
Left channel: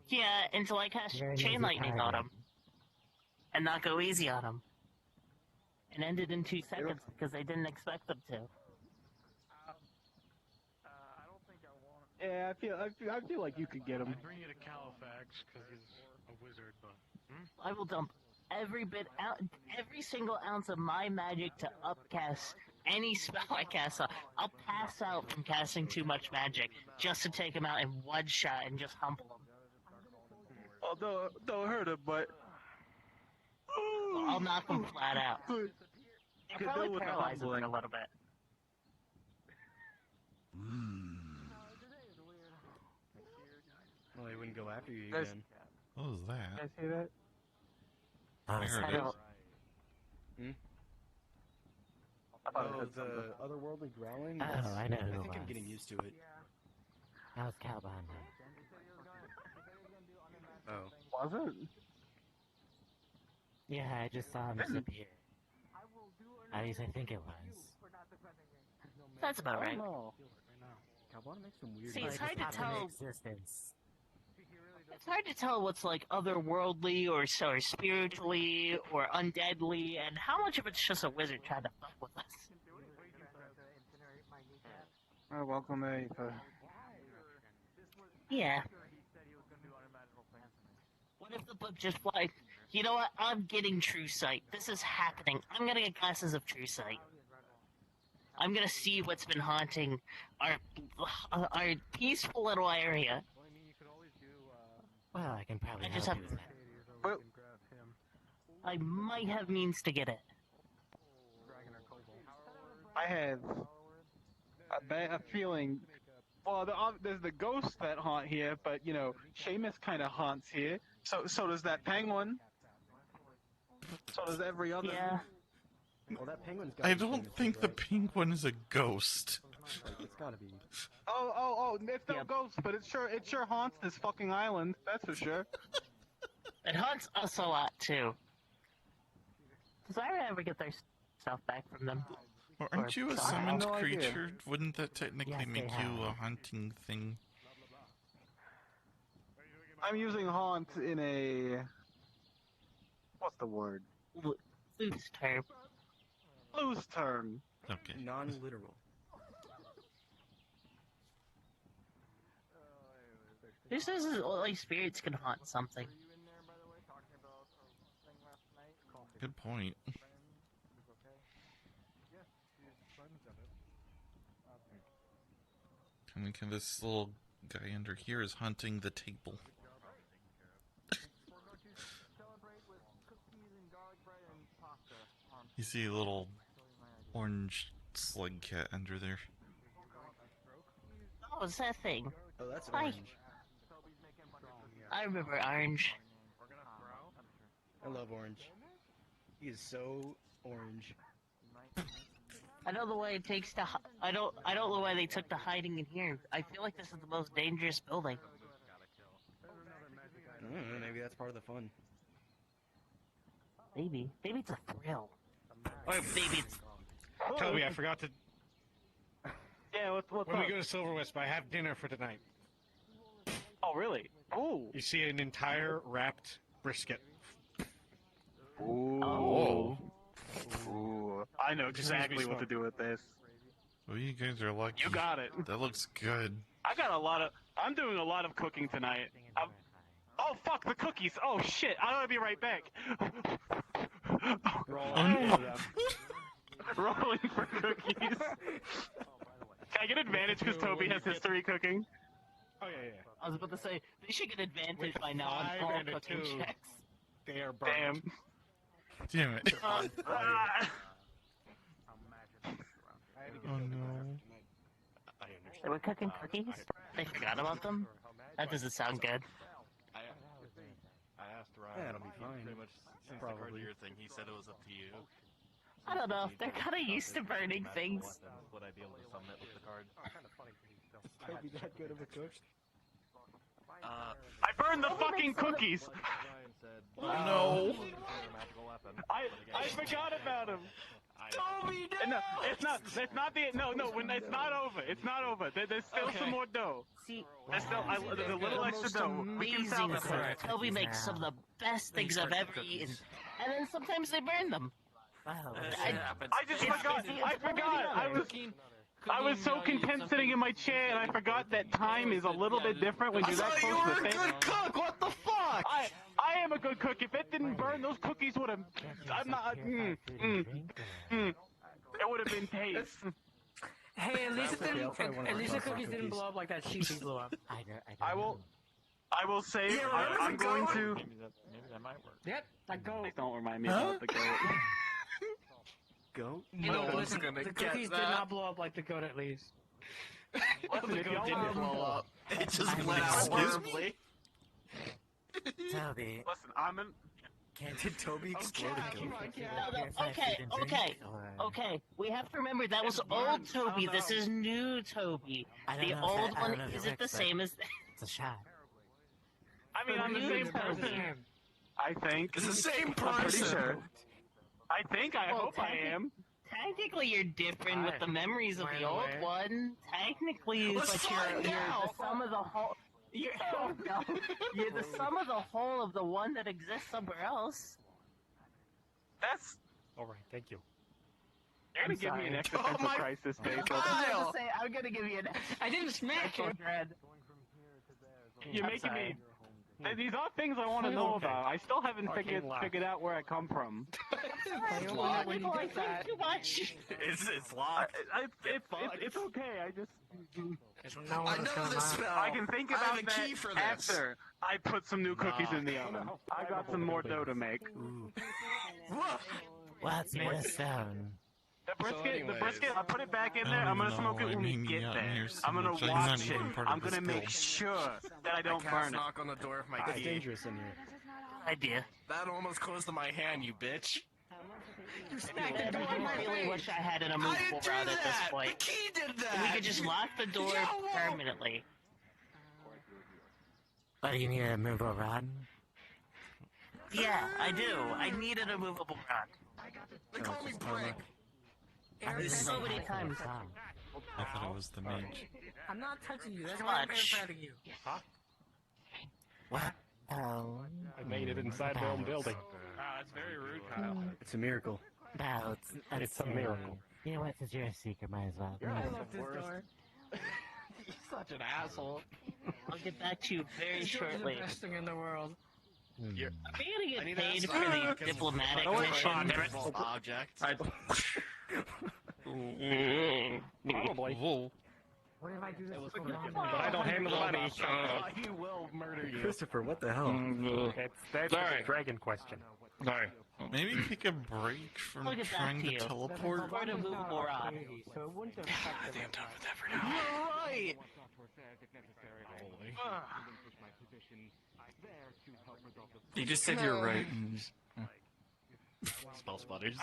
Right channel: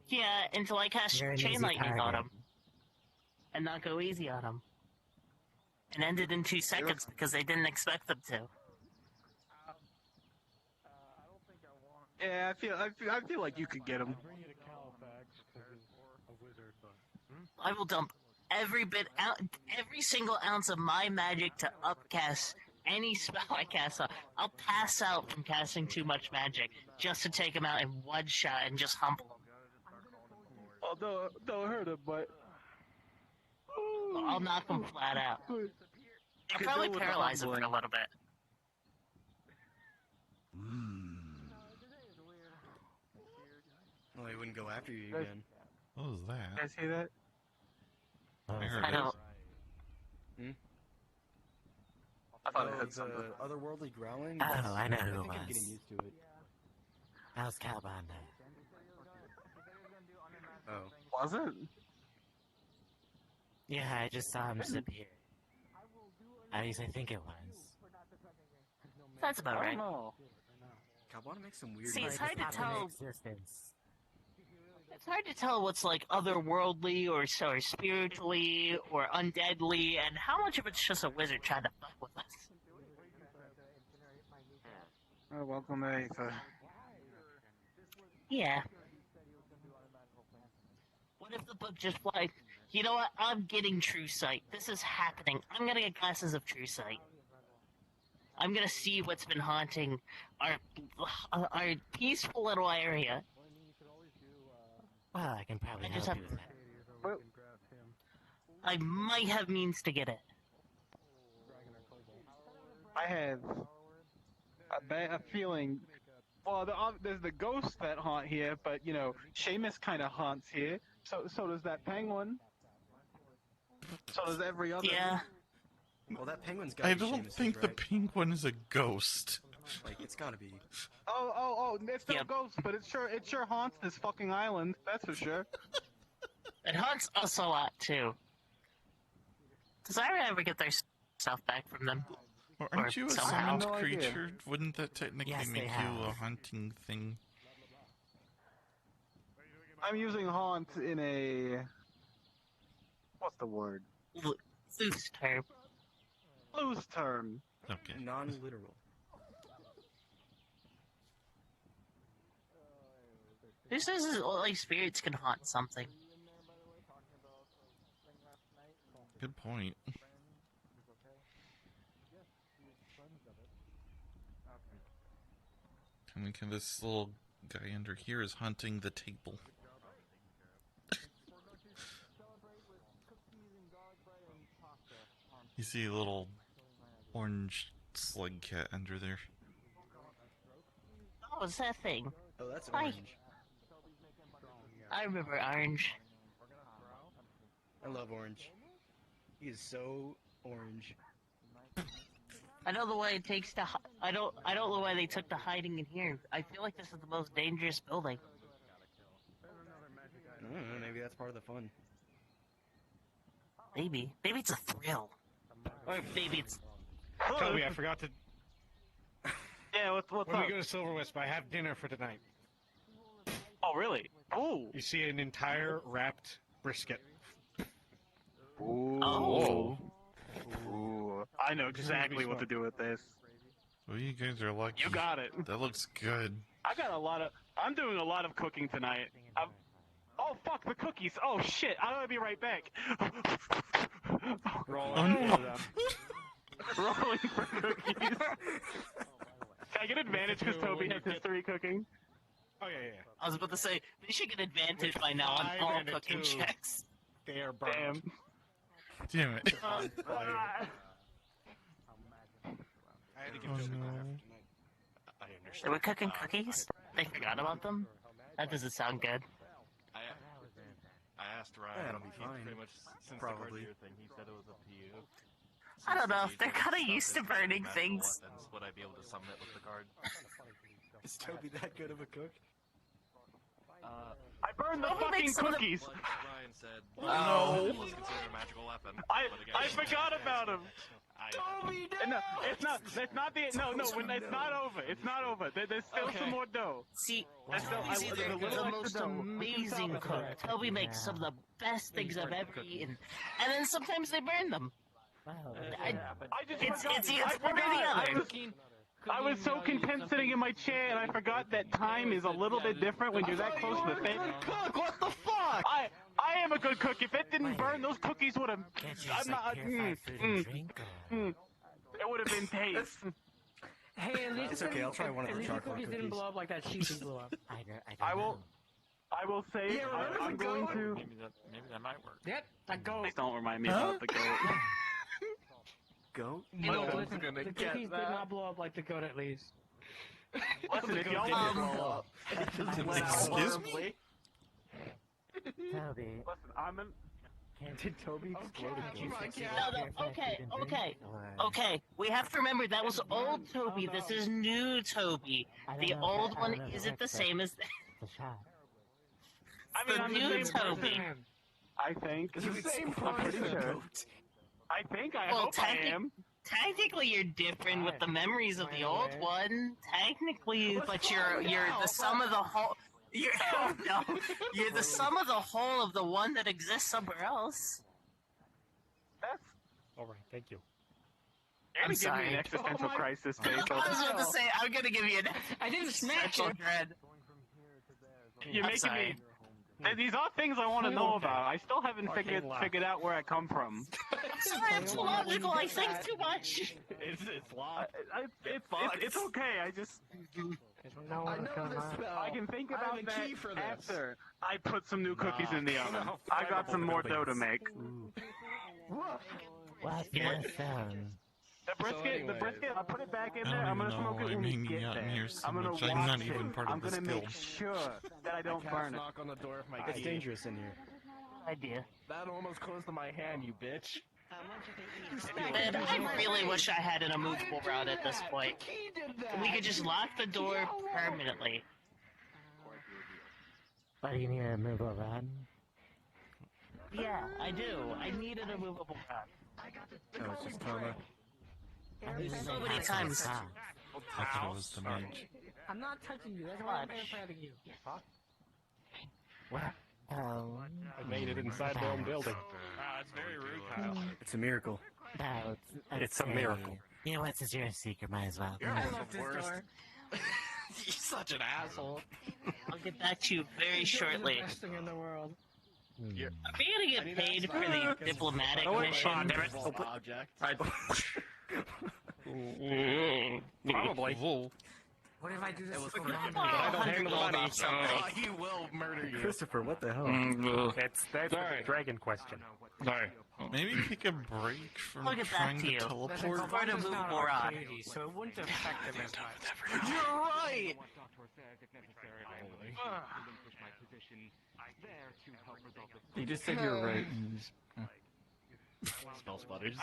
Yeah, until I cast You're an Chain easy Lightning on target. him. And not go easy on him. And ended in 2 seconds because they didn't expect them to. Yeah, I feel like you could get him. Bring you to Califax because he's a wizard, but. I will dump every single ounce of my magic to upcast any spell I cast on. I'll pass out from casting too much magic just to take him out in one shot and just humble him. Although, don't hurt him, but I'll knock him flat out. I'll Could probably do with the paralyze him for a humbling. little bit. Well, he wouldn't go after you Guys- again. What was that? you guys hear that? I heard I it. don't. Oh, the otherworldly growling? Oh, I know who I it think I'm was. getting used to it. That was Calbande. Oh. Was it? Yeah, I just saw him disappear. At least I think it was. That's about right. Cowbana makes some weird See, it's Like, hard to pop into tell. existence. It's hard to tell what's like otherworldly or spiritually or undeadly, and how much of it's just a wizard trying to fuck with us. Oh, welcome to Aether. Yeah. What if the book just like, you know what? I'm getting true sight. This is happening. I'm gonna get glasses of true sight. I'm gonna see what's been haunting our peaceful little area. Well, I can probably I help just you have- with that. I might have means to get it. I have a feeling. Well, there's the ghosts that haunt here, but you know, Seamus kind of haunts here. So does that penguin. So does every other. Yeah. Well, that penguin's got I don't think the penguin is a ghost. Like, it's gotta be. Oh! It's no ghost, but it sure haunts this fucking island. That's for sure. It haunts us a lot too. Does Iron ever get their stuff back from them? Well, aren't you a somehow? summoned no idea. creature? Wouldn't that technically Yes, they make you a have. hunting thing? I'm using haunt in a. What's the word? Loose term. Loose term. Okay. Non-literal. Who says like spirits can haunt something? Good point. I mean, this little guy under here is hunting the table. You see a little orange slug cat under there. Oh, it's that thing. Oh, that's Hi. orange. I remember Orange. I love Orange. He is so orange. I know the way it takes to. I don't know why they took the hiding in here. I feel like this is the most dangerous building. I don't know, maybe that's part of the fun. Maybe it's a thrill. Or maybe it's. Toby, I forgot to. Yeah, what's When up? we go to Silver Wisp, I have dinner for tonight. Oh, really? Ooh. You see an entire wrapped brisket. Ooh. Whoa. Ooh. I know exactly what to do with this. Well, you guys are lucky. You got it. That looks good. I'm doing a lot of cooking tonight. Oh, fuck, the cookies. Oh, shit. I'm gonna be right back. Oh, no. Rolling for cookies. Can I get advantage because Toby has history cooking? Oh, yeah. I was about to say they should get advantage by now on 5 all and a cooking 2. checks. They are burnt. Damn it. Oh, Oh no. They were cooking cookies? They forgot about them? That doesn't sound good. I asked Ryan. That'll be fine. Pretty much since the cartier thing, he said it was up to you. I don't know, they're kind of used to burning things. Would I be able to summon it with the card? Is Toby that good of a cook? I burned the fucking cookies! Ryan said, No. It's considered a magical weapon. I forgot about him. Toby, No, it's not. That's not the. No. When it's not over. It's not over. There's still some more dough. See, There's still, there's a little the extra most dough. amazing cook. Toby makes some of the best things I've ever eaten, and then sometimes they burn them. I forgot. I was so content sitting in my chair, and I forgot that time is a little bit different when you're that close to the thing. Cook, what the fuck? I am a good cook. If it didn't burn, those cookies would have. I'm not. It would have been taste. Hey, at least the cookies didn't blow up like that cheese blew up. I will say I'm going to. Maybe that might work. Yep, like go. Please don't remind me about the goat. Goat? You know, No the one's gonna the get cookies did that. not blow up like the goat at least. The goat didn't blow up. It just Excuse me? Toby, Listen, I'm in. Did Toby explode a goat? Okay. We have to remember that was old Toby. This is new Toby. The old one isn't the same as. It's a shot. I mean, I'm the New same Toby. person. I think. It's the same I'm pretty person. sure. I think. I hope I am. Technically, you're different with the memories of the old one. Technically, but you're the sum of the whole. You're the sum of the whole of the one that exists somewhere else. That's. Alright, thank you. You're gonna give me an existential crisis, I Basil. was about to say, I'm gonna give you an. I didn't smash it. You're making me. These are things I want to know about. I still haven't figured out where I come from. Sometimes logical, I think too much. It's locked. It's okay. I just. I know this spell. I can think I about have a that key for this. after I put some new cookies in the oven. I got some more dough to make. What's your sound? The brisket, I'll put it back in I there. don't I'm even gonna know smoke why it I'm when we hanging get out in there. here so I'm gonna much. I'm not watch even it. part of I'm the gonna skill. make sure that I don't burn it. Knock on the door of my It's key. dangerous in here. Idea. That almost closed to my hand, you bitch. I really wish I had an immovable rod at this point. We could just lock the door permanently. What, do you need a movable rod? Yeah, I do. I need an immovable rod. Oh, it's just karma. There's so many times. I thought it was the mage. I'm not touching you. That's why I'm patting you. What? Oh. I made it inside my own building. It's very rude, Kyle. It's a miracle. It's a miracle. You know what? Since you're a seeker, might as well. You're the worst. You're such an asshole. I'll get back to you very shortly. The best thing in the world. Are we gonna get paid for the diplomatic mission? Object. Probably. What if I do this for But I don't handle the money, so. He will murder you. Christopher, what the hell? That's a dragon question. Sorry. Maybe take a break from I'll get back trying to to you. teleport. For an immovable rod. So it wouldn't have I think I'm done with that for now. You're right. You just said you're right. Spell sputters.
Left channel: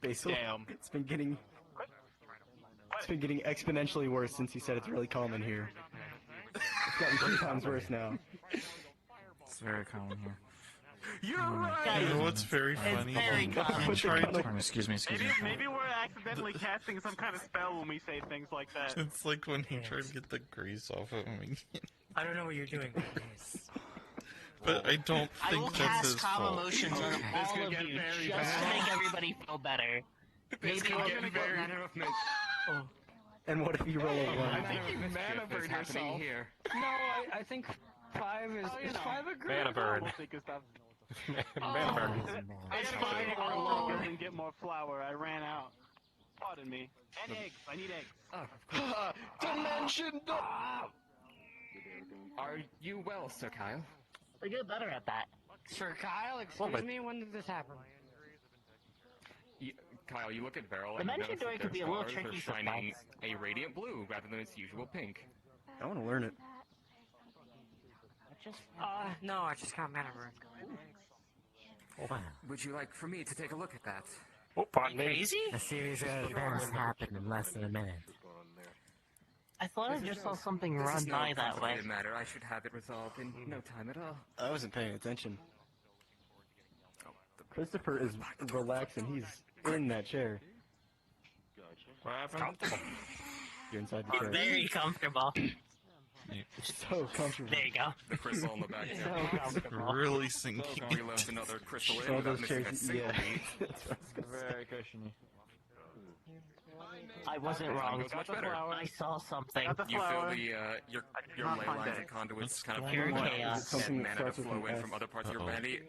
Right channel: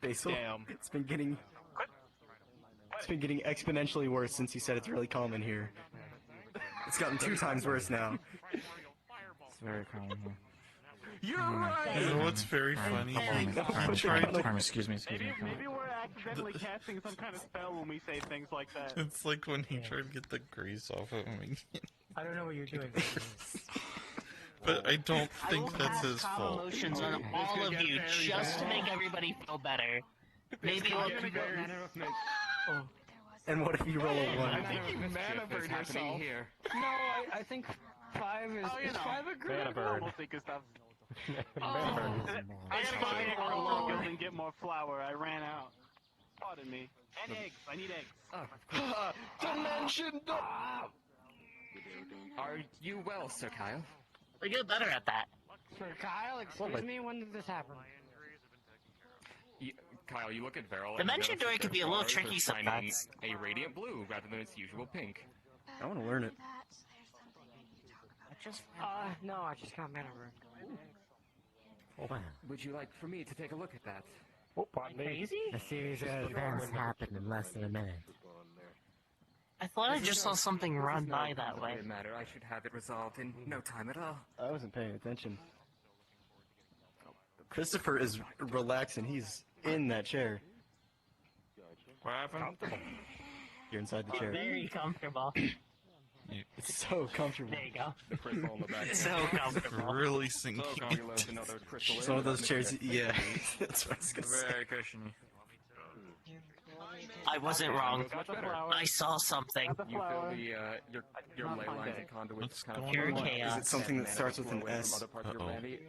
Basil, Damn. it's been getting exponentially worse since you said it's really common here. It's gotten 2 times worse now. It's very common here. You're right! You know what's very funny? He tried to... Excuse me. Maybe we're accidentally casting some kind of spell when we say things like that. It's like when he tried to get the grease off of him again. I don't know what you're doing. But I don't think that's his fault. Emotions on all of you just to make everybody feel better. Maybe And what if you roll a 1? I think you mana burn yourself. Here. No, I think 5 is 5 a good? Mana burn. It's 5 or longer and get more flour. I ran out. Pardon me. And eggs. I need eggs. Dimension! Are you well, Sir Kyle? we get better at that. Sir Kyle, excuse me, when did this happen? Kyle, you look at Beryl The and you mention notice door that can be their a little stars tricky are shining sometimes. a radiant blue rather than its usual pink. I want to learn it. No, I just got mana burn. Would you like for me to take a look at that? Oh, pardon me. Crazy? A series of events happened in less than a minute. I thought I just saw something run by that way. Matter. I should have it resolved in no time at all. I wasn't paying attention. Christopher is relaxing. He's in that chair. What happened? You're inside the chair. Very comfortable. So comfortable. There you go. The crystal on the back. So comfortable. Really sinking. Some of those chairs, yeah. That's what I was gonna say. Very cushiony. I wasn't wrong. I saw something. You feel the your ley lines and conduits kind of Pure flow out. chaos. Is it something that starts with an Flow in S? from other parts of your body,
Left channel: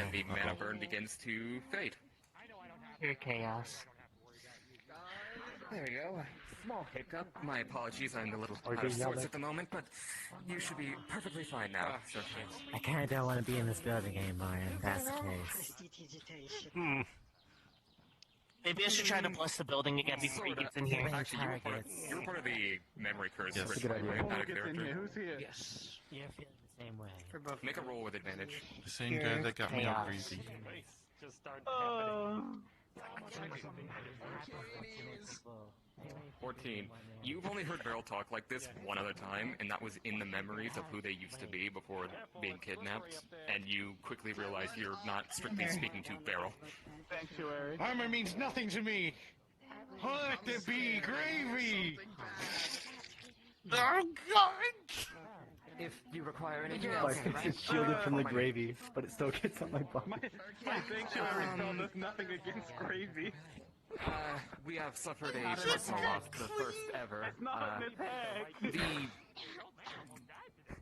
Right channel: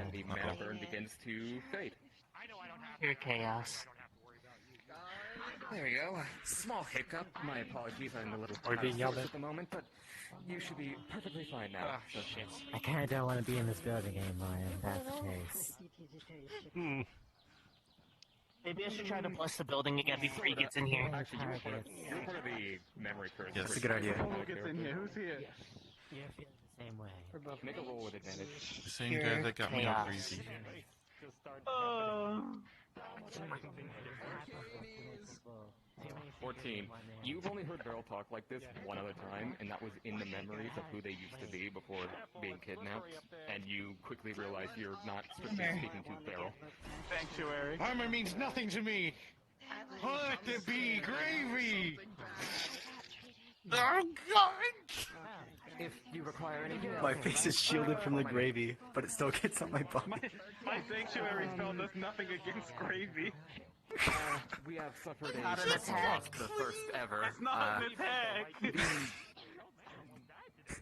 and the mana burn begins to fade. Pure chaos. There we go. Small hiccup. My apologies. I'm a little being yelled source at. at the moment, but you should be perfectly fine now. I kinda don't want to be in this building anymore, if that's the case. Maybe I should try to bless the building again before he gets in here. Actually, you were part of the memory curse. Yes. for That's a good Spark idea. back Who gets there, in too. here? Who's here? You're feeling the same way. Make a roll with advantage. The same guy that got me all crazy. 14. You've only heard Beryl talk like this one other time, and that was in the memories of who they used to be before being kidnapped, and you quickly realize you're not strictly speaking to Beryl. Sanctuary. Armor means nothing to me. Let it be gravy. Oh God! If you require any My face is shielded from the gravy, but it still gets on my body. My sanctuary spell does nothing against gravy. We have suffered a personal loss, the first ever.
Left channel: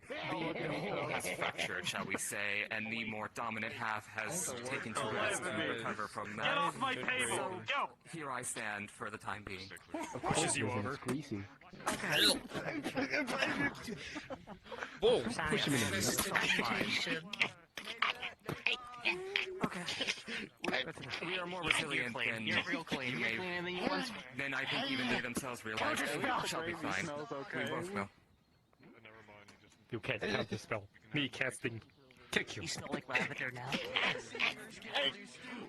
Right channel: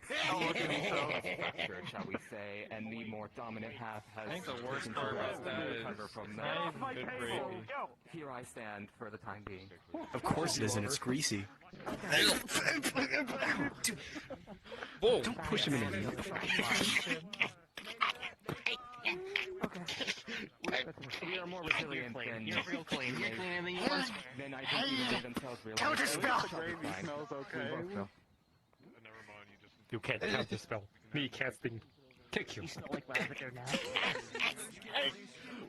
The whole has fractured, shall we say, and the more dominant half has taken to its recover from that. Here I stand for the time being. Of course it isn't. It's greasy. Whoa! Push him in there. We are more resilient than You're real clean. You're cleaner than you once were. Then I think even they themselves realize Counterspell! we shall be Gravy fine. smells okay. We both will. You can't counterspell. Me casting. Kick you. You smell like lavender now.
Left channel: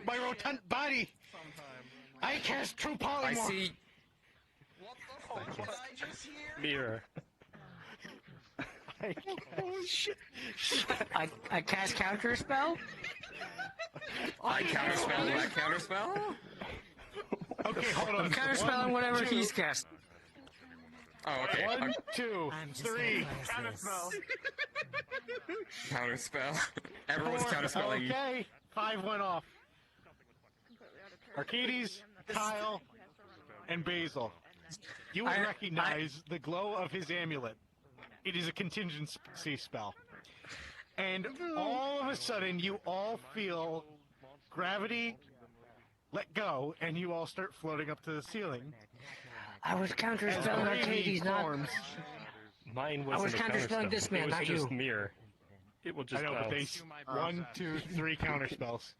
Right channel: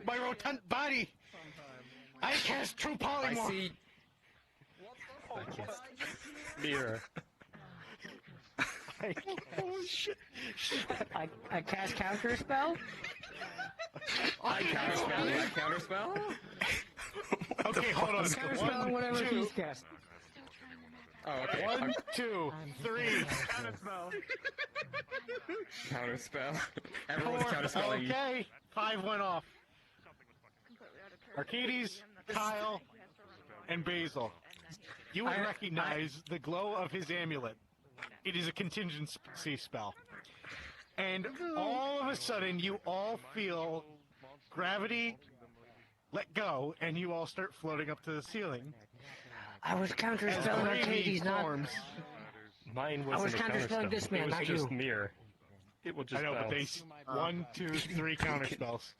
My rotant body. I cast true polymorph. I cast mirror. Oh shit! I cast counter spell? I counterspell. Okay, hold on. Counter spell on whatever he's cast. Oh, okay. 1, 2, 3. Counterspell. Everyone's 4. counterspelling. Okay, 5 went off. Arcades, Kyle, and Basil. You will recognize the glow of his amulet. It is a contingency spell. And all of a sudden, you all feel gravity let go, and you all start floating up to the ceiling. I was counter As spelling gravy Arcades, not. forms. Mine I was wasn't a counterspelling counterspell. this man, It was not just you. mirror. It will just I know, but they bounce. 1, 2, 3 counter spells.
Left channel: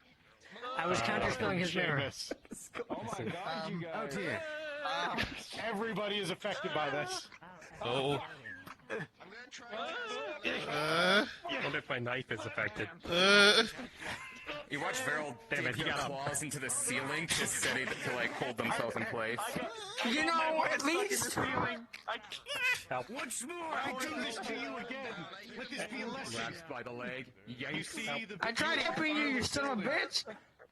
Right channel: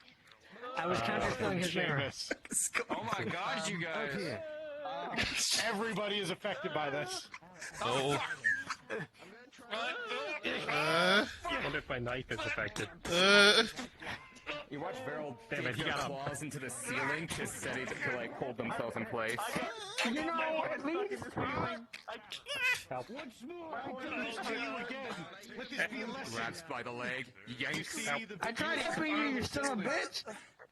I was counter spelling his mirror. Seamus. Oh my god, you guys. Okay. Everybody is affected by this. Oh. Wonder if my knife is affected. You watch Veril Damn it, dig he their got up. claws into the ceiling to steady to like hold themselves in place. You know, at least. Once more, I do this to you again. Let this be a lesson. Grabs by the leg, yanks. You see the I tried helping you, you son of a bitch.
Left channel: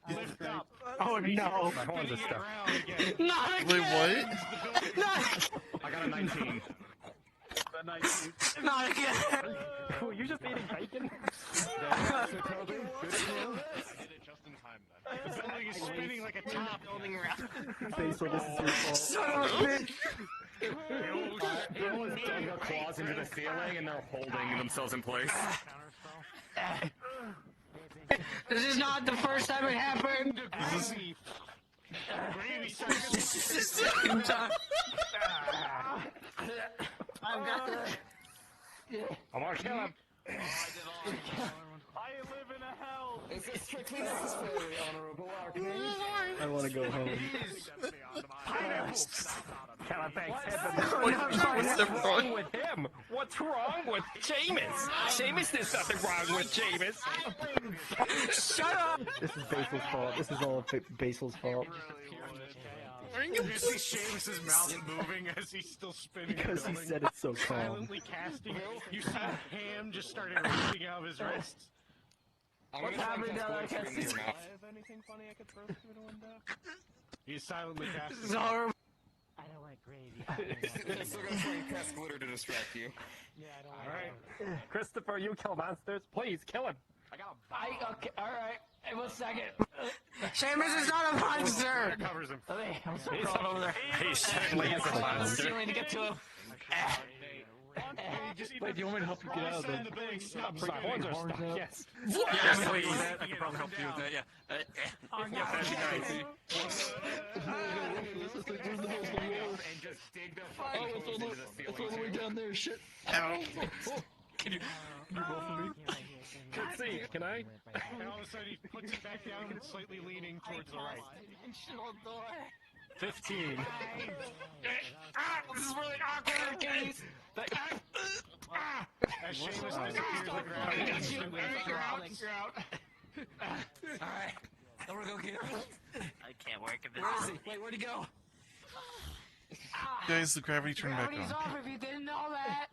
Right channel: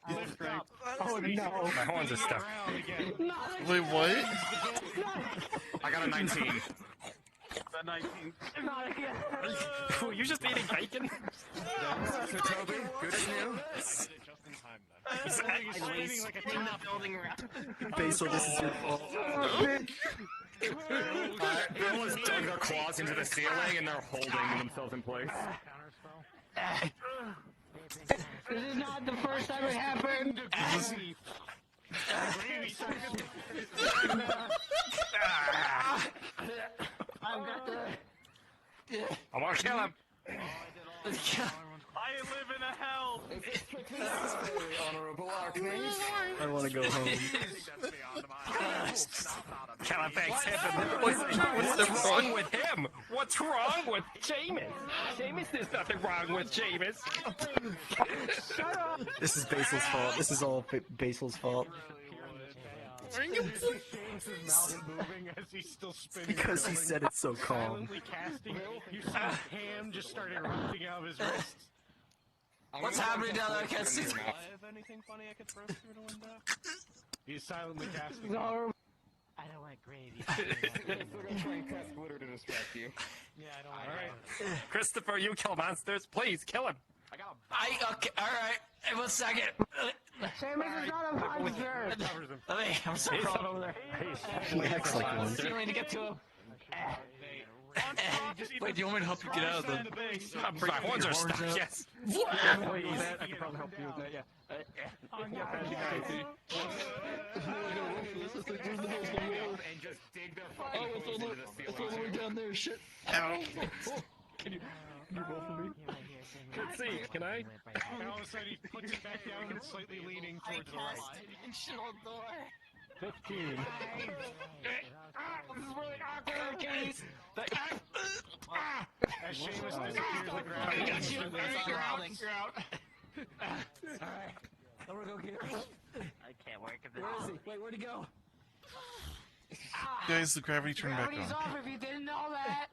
lift up. Oh no! My horns are stuck. Wait, what? I got a 19. Not again. Were you just eating bacon? The building is spinning like a top. Basil, this is your fault. Son of a bitch. Veril has dug their claws into the ceiling and they're holding themselves in place. This is not the first time it happened. I've got the. I want to kill him. I live in a hell. Is this strictly necessary, Honorable Archmage? I want to go home. What's wrong with him? What's wrong with Jameis? Jameis, there's nothing wrong with Jameis. Shut up! This is Basil's fault. This is all Basil's fault. You see Seamus's mouth moving as he's still spinning. Because he said it so calm. Silently casting. You see Ham just started erupting out of his wrists. What's happening down there? I can't see. Is anything funny I could throw through the window? He's silently casting. I don't like gravy. Still gonna try and press glitter to distract you. Yeah, I don't like Alright. Christopher, you kill monsters. Please, kill him. I got a Okay, alright. Hey, 1 second. Seamus is not a monster! I'm so proud over there. Stealing to get to him. Wait, do you want me to help you get out of the... My horns are stuck, yes. I can probably help you with that, and just dig their fucking hose into the ceiling. It's all the way down there, shit. Ow. Can you roll for me? Let's see, can I? And all of a sudden he puts it back down and slightly leaning towards the right. 15. This is really awkward, guys. As Seamus disappears to the ground, he instantly drops. You're out. Alright. I'm gonna go get him. I can't work at this. Where is he? Wait, where'd he go? Guys, the gravity turned back Gravity's on. off if you didn't know that.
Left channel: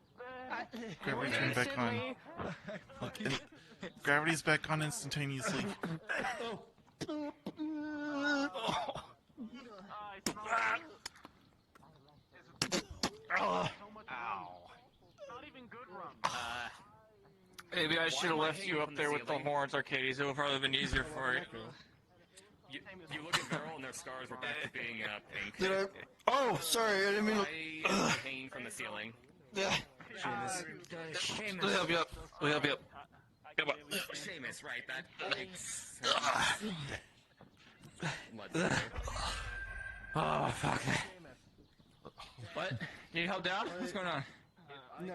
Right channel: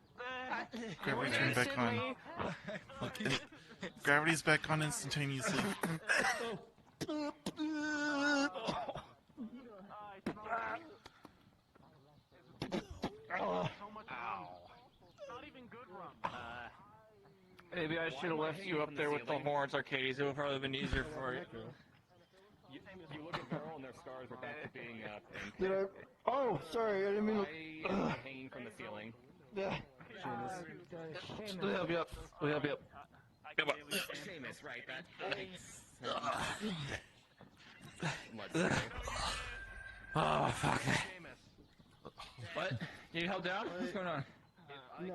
Gravity turned back on. Look, gravity's back on instantaneously. Maybe I should have left you up there with the horns, Arcades. It would probably have been easier for you. You look at Veril and their scars were back to being pink. Did I? Oh, sorry, I didn't mean to. Pain from the ceiling. Yeah. We'll help you up. We'll help you up. Come on. Seamus, right? Oh, fuck. What? Need help down? What's going on? No,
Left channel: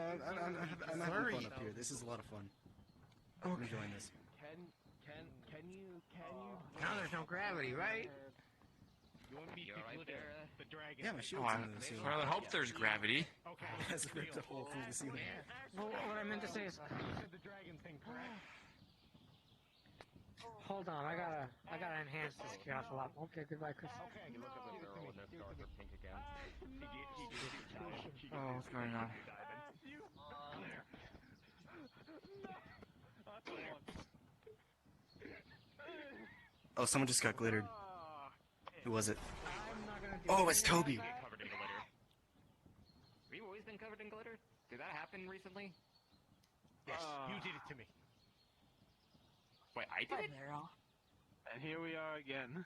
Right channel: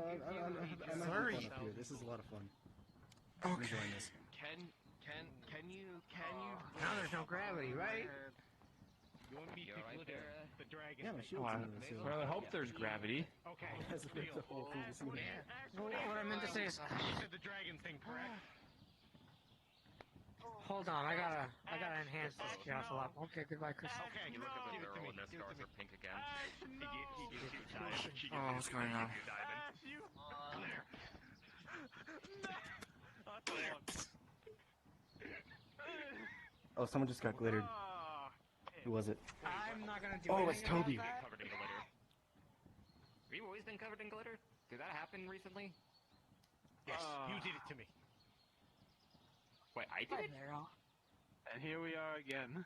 I'm sorry. Up here. This is a lot of fun. I'm enjoying this. Can you? Now there's no gravity, right? You want to meet people with the dragon? Yeah, my shield's in the ceiling. Well, I hope there's gravity. Okay. What I meant to say is, The dragon thing. hold on, I gotta enhance this chaos a lot. Okay, goodbye, Chris. You look at the Veril and their scars are pink again. Oh, what's going on? Oh, someone just got glittered. Who was it? Oh, it's Toby. Covered in glitter. We've always been covered in glitter? Did that happen recently? Yes, you did it to me. Wait, I did it? And here we are again.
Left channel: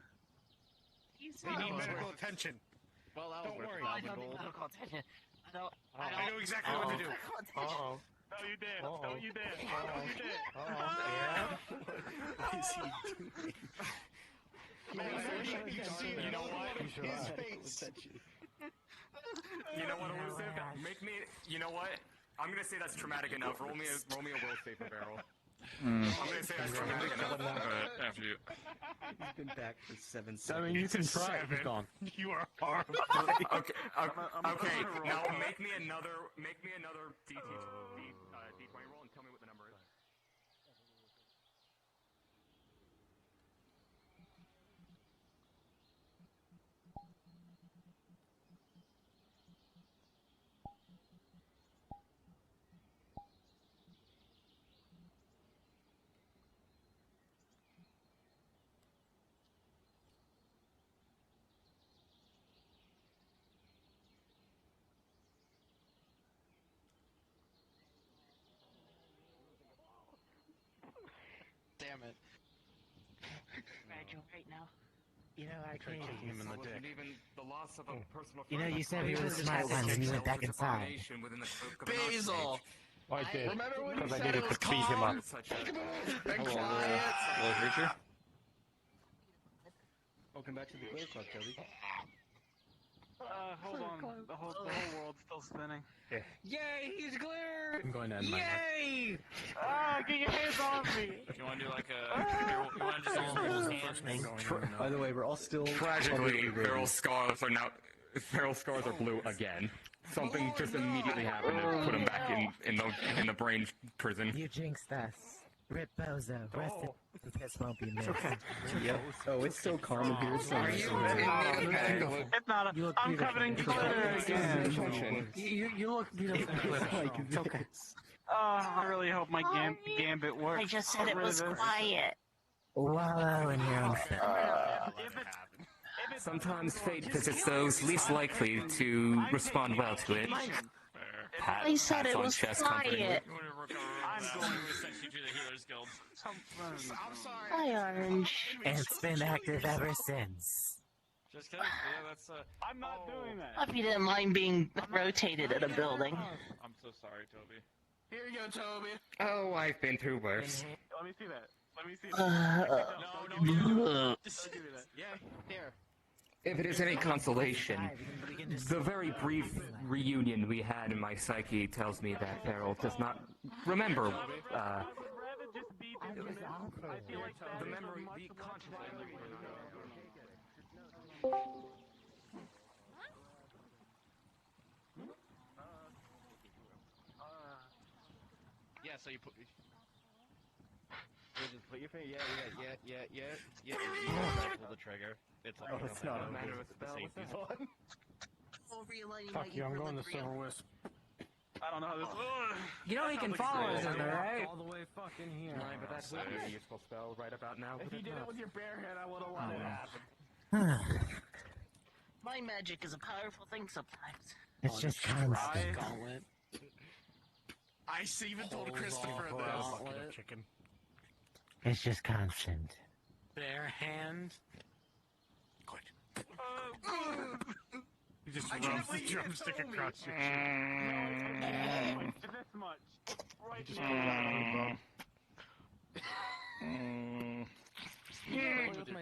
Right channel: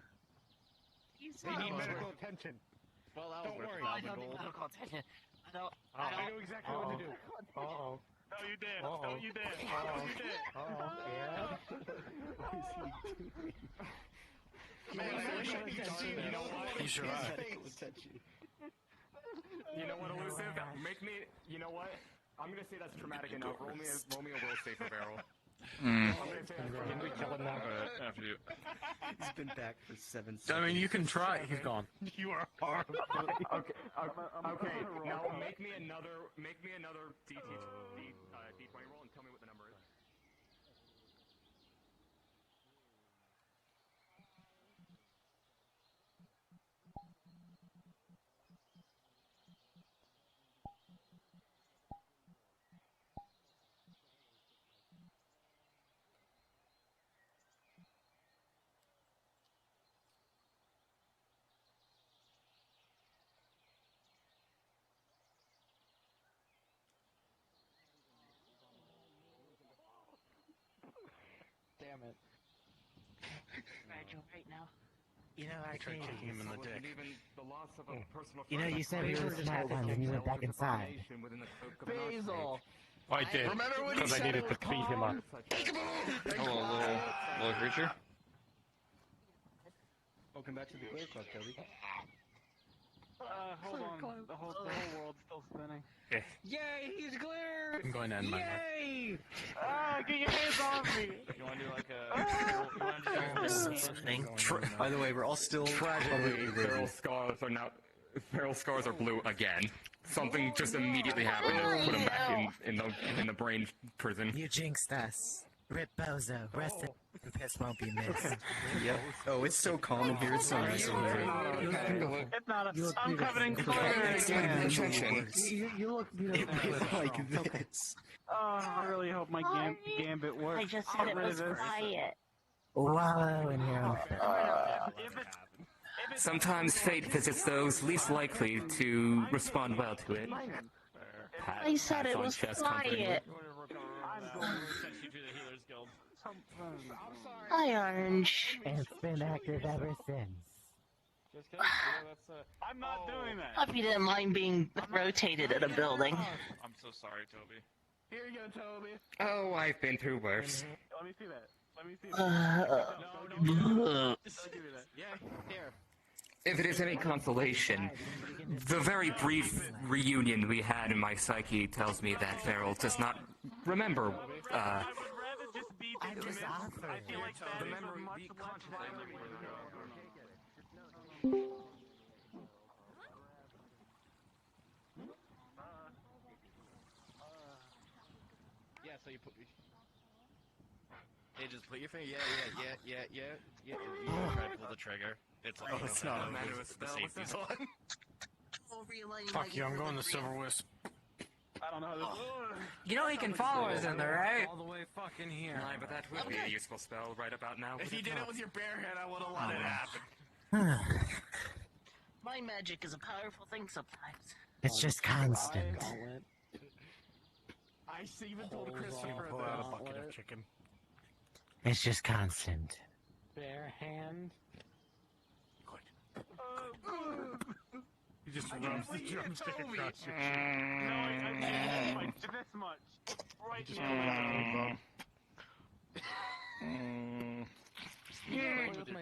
They need medical attention. Well, Don't worry. I don't need medical attention. I know exactly what to do. Uh-oh. No, you did. Uh-oh. No, you did. No, you did. What is he doing? You know what? His face. You know what, Elusive? Make me. You know what? I'm gonna say that's traumatic enough. Roll me a will save for Veril. Mm. He's been back for 7 seconds. I mean, you can try. He's gone. You are horrible. Okay, now make me another D20 roll and tell me what the number is. Damn it. Fragile right now. You know, I can't kick him in the dick. Even the loss of a personal You know, you said we were the smart ones and you went back inside. Basil! I did. Remember when Because he I said needed it to was beat him up. Little creature. Welcome back to the Glare Club, Toby. Hold on. The whole world's still spinning. Yay, he's glare! I'm going to end my life. Yay! Ah, get your hands off me! Do you want to do like a... By the way, we're all still Tragically, feral scars are blue again. Something just immediately happened to put him back in the brain prison. You jinxed us. Rip Bozo. Rest in piss won't be missed. Yep. Oh, it's so calm in here. It's so nice over there. It's not a... I'm covered in glitter again. You look beautiful. Oh, I really hope my gambit works. I just said it was quiet. Wallow in your own Sometimes fate visits those least likely to respond well to it. I said it was quiet. Hi, Orange. And it's been active ever since. Just kidding. I'm not doing that. Hope you didn't mind being rotated in a building. I'm so sorry, Toby. Here you go, Toby. Oh, I've been through worse. Let me see that. Let me see that. No. Just give me that. Yeah, here. If it is any consolation, the very brief reunion we had in my psyche tells me that Farrell does not remember, the memory, the conscious memory for not. Yeah, so you put... Yeah, just put your finger... Yeah. You pull the trigger. It's like... Oh, it's not a matter of the safety's on. Fuck you, I'm going to Silver Wisp. I don't know how this... You know he can follow us in there, right? All the way fucking here. Right, but that would be a useful spell right about now. If you did it with your bare hand, I would have let it happen. My magic is a powerful thing sometimes. It's just constant. I even told Christopher Pull out a this. bucket of chicken. It's just constant. Bare hand. You just rubs the drumstick across your cheek. This much. You just pull it out of the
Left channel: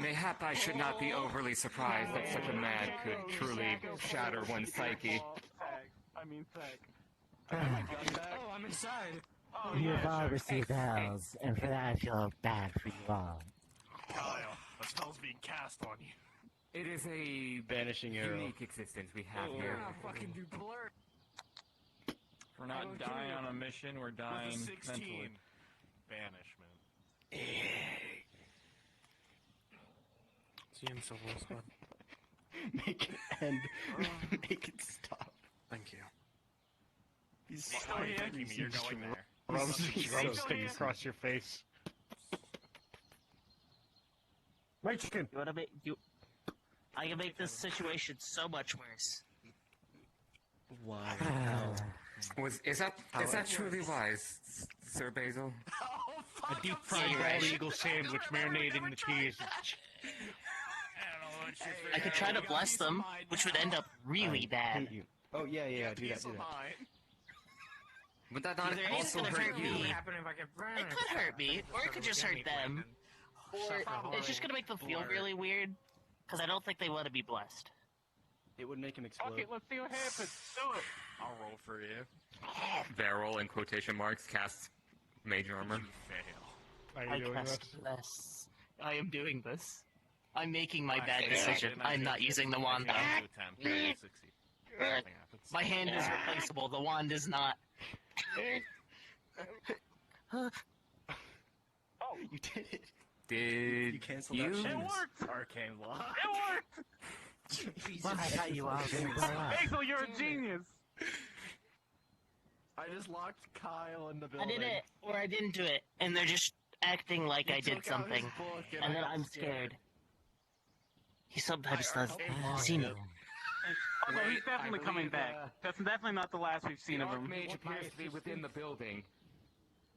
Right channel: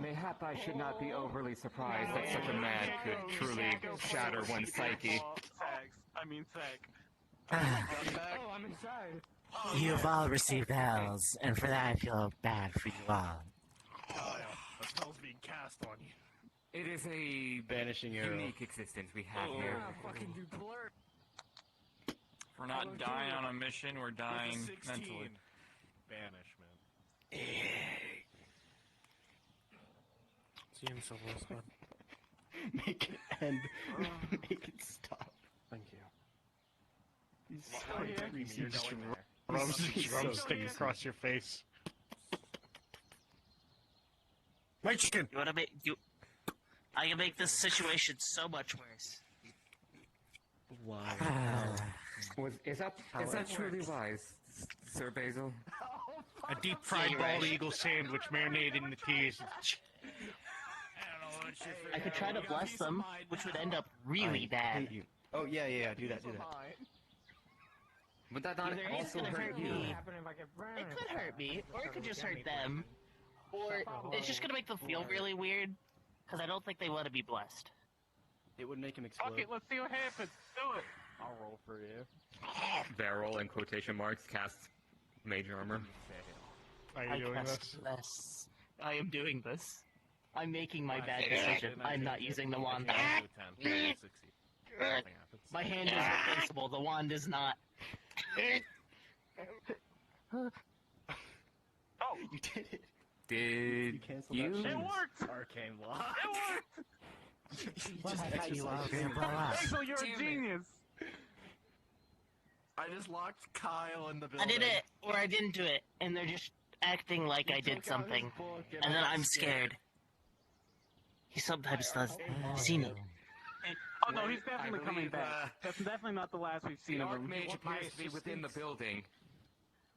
Mayhap I should not be overly surprised that such a man could truly shatter one's psyche. I mean, sick. Oh, I'm inside. Oh, You have all received hells, and for that I feel bad for you all. The spell's being cast on you. It is a Banishing arrow. unique existence we have here. Fucking do blur. If we're not dying on a mission, we're dying mentally. Banishment. See you in Silver Wisp, bud. Make it end. Make it stop. Thank you. He's so You just rubs the drumstick across your face. My chicken! You wanna make you? I can make this situation so much worse. Why? Is that truly wise, Sir Basil? A deep fried bald eagle sandwich marinated in the cheese. I could try to bless them, which would end up really bad. Hate you. Oh yeah. Do that. Would that not Either it's also gonna hurt hurt you? me, it could hurt me, or it could just hurt them, or it's just gonna make them feel really weird, because I don't think they want to be blessed. It would make him explode. Okay, let's see what happens. Do it. I'll roll for you. Barrel in quotation marks casts mage armor. Are you I doing cast this? this. I am doing this. I'm making my bad decision. I'm not using the wand. My hand is replaceable. The wand is not. You did it. Did You canceled that you? shit. It worked. Arcane lock. It worked. Basil, you're a genius. I just locked Kyle in the I building. did it, or I didn't do it, and they're just acting like I did something, and then I'm scared. He sometimes does. See me. Oh no, he's definitely coming back. That's definitely not the last we've seen The of him. Archmage appears to be within the building.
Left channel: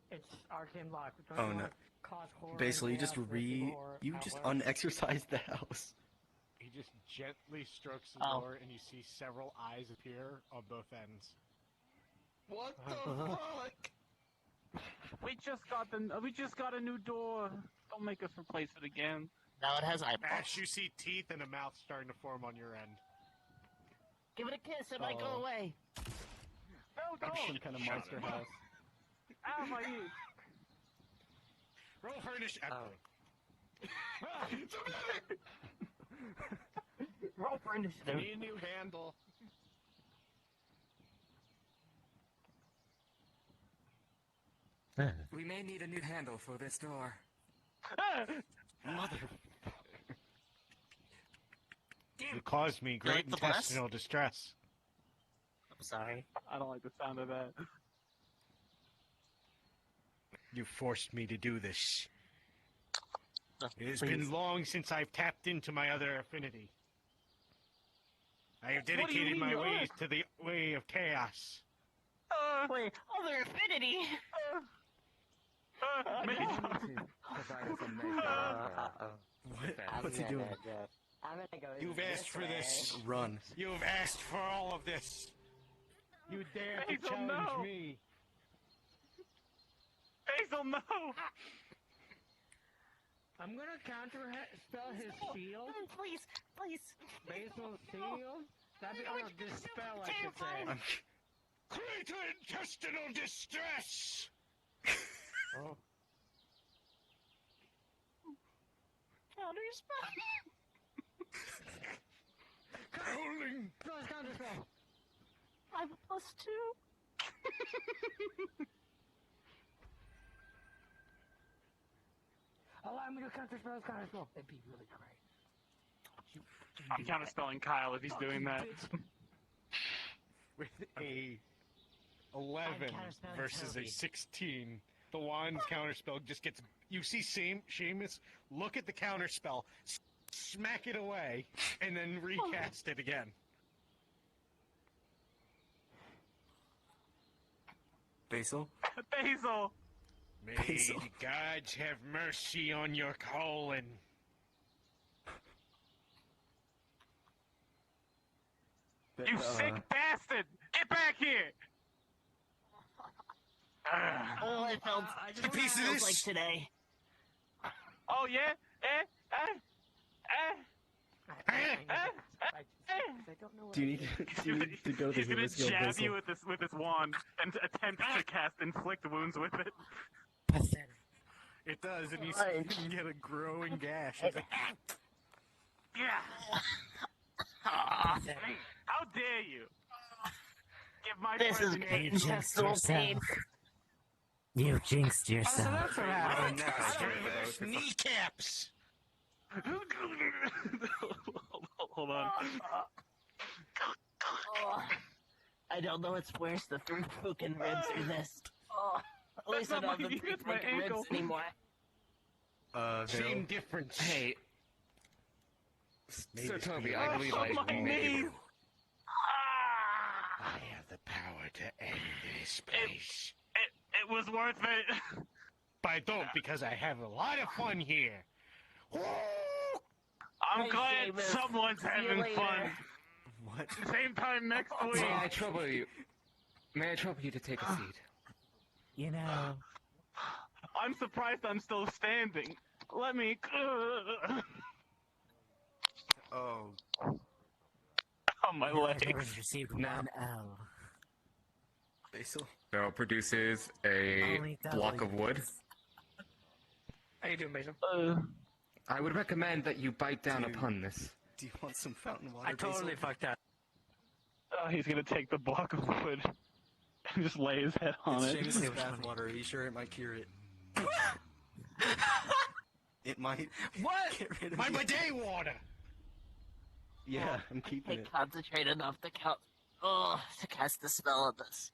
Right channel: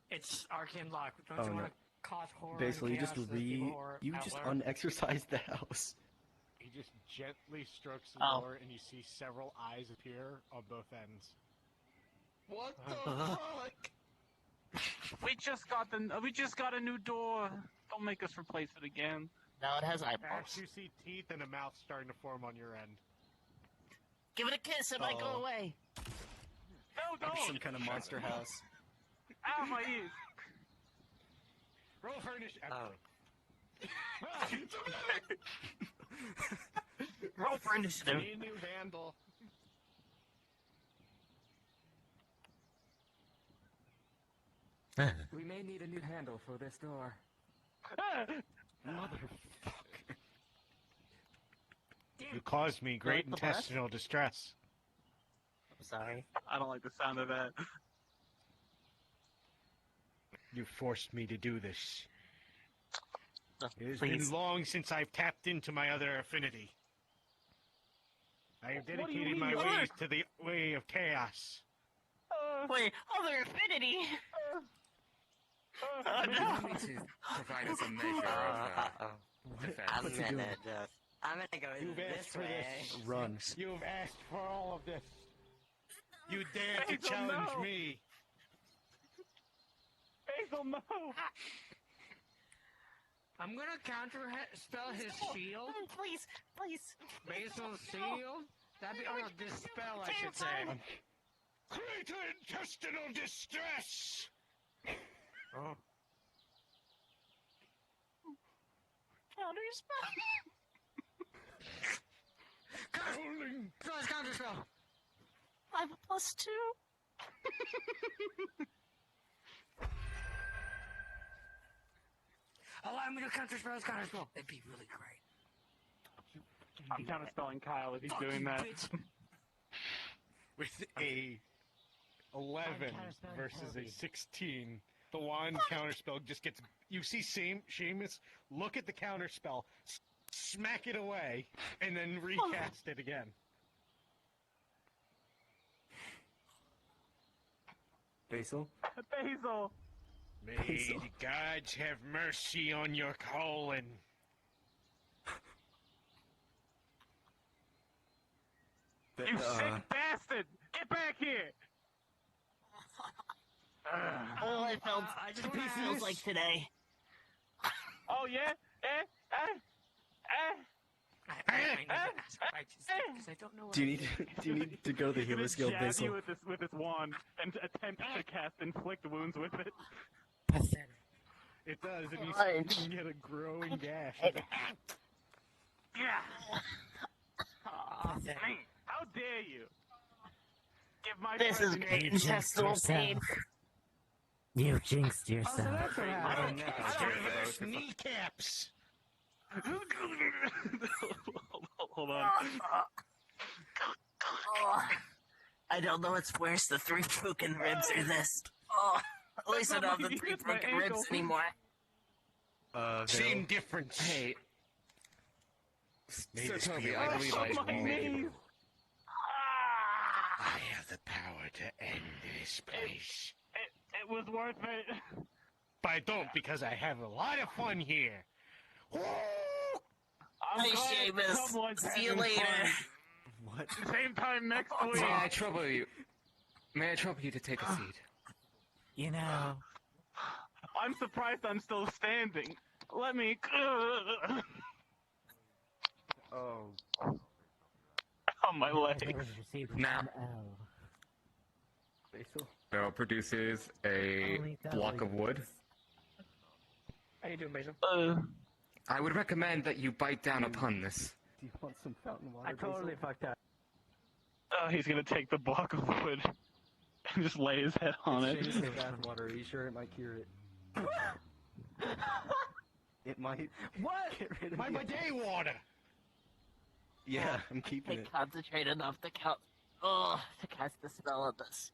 It's arcane lock. Don't Oh you no. wanna cause horror Basically, on you just canvas you just unexorcised the house. He just gently strokes the door, and you see several eyes appear on both ends. What the fuck? We just got a new door. Don't make us replace it again. Now it has eyeballs. As you see teeth and a mouth starting to form on your end. Give it a kiss, it might go away. Some kind of monster house. Ow, my ears. Roll harnish. Roll for initiative. Need a new handle. We may need a new handle for this door. You caused me great like the intestinal distress. I'm sorry. I don't like the sound of that. You forced me to do this. It has Please. been long since I've tapped into my other affinity. I have do you dedicated mean, my what? ways to the way of chaos. Wait, other affinity! You need to provide us a measure of What's he doing? I'm gonna go You've asked for this. Run. You've asked for all of this. You dare to Basil, challenge no. me. Basil, no. I'm gonna counter spell his shield. Please, please. Basil's shield. That'd be dispel, I should say. Greater intestinal distress. Counter spell. Howling. Counter spell. I have a +2. Allow me to counter spell. That'd be really great. I'm kind of spelling Kyle if he's doing that. With a 11 versus a 16, the wand counterspell just gets. You see Seamus look at the counterspell, smack it away, and then recast it again. Basil? Basil. May the gods have mercy on your colon. You sick bastard! Get back here! Oh, it felt. a piece of feels this. like today. Oh yeah? Do you need to go to the He's gonna healer's guild, jab Basil? you with this wand and attempt to cast inflict wounds with it. Pathetic. It does, and you Fine. can get a growing gash. Yeah! Pathetic. How dare you? Give my This is blessing. great You jinxed intestinal pain. yourself. You jinxed yourself. Reverse kneecaps. Hold on. I don't know what's worse, the 3 broken ribs or this. At least I That's don't have not the my- 3 that's my broken ribs ankle. anymore. Same difference. Hey, May Sir this Toby, be I our believe soul. I made I have the power to end this place. It was worth it. But I don't, because I have a lot of fun here. I'm glad Seamus. someone's See you having later. fun. What? Same time next week. May I trouble you? May I trouble you to take a seat? You know, I'm surprised I'm still standing. Let me. Oh. on my leg. Now, Basil? Pharaoh produces a block of wood. How you doing, Basil? I would recommend that you bite down upon this. Do you want some fountain water? I totally Basil? fucked up. He's gonna take the block of wood and just lay his head on it. It's bath water. Are you sure it might cure it? It might. What? Get rid of My you. bidet water! Yeah, I'm keeping I it. concentrate enough to cast the spell on this.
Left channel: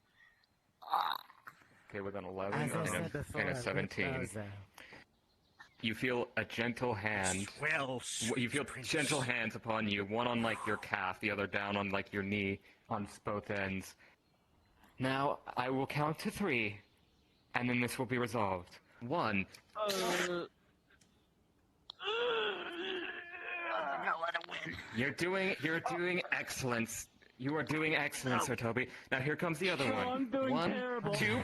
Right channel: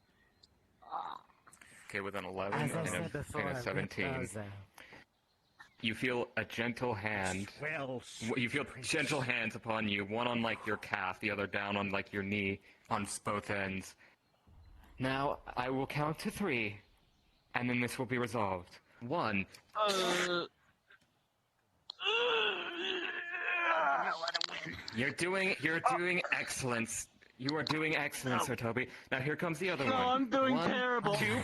Okay, with an 11 As I and said before, a 17. You feel a gentle hand. You feel gentle hands upon you, one on like your calf, the other down on like your knee, on both ends. Now, I will count to 3, and then this will be resolved. 1. You're doing excellent. You are doing excellent, Sir Toby. Now here comes the other one. I'm doing 1, terrible. 2.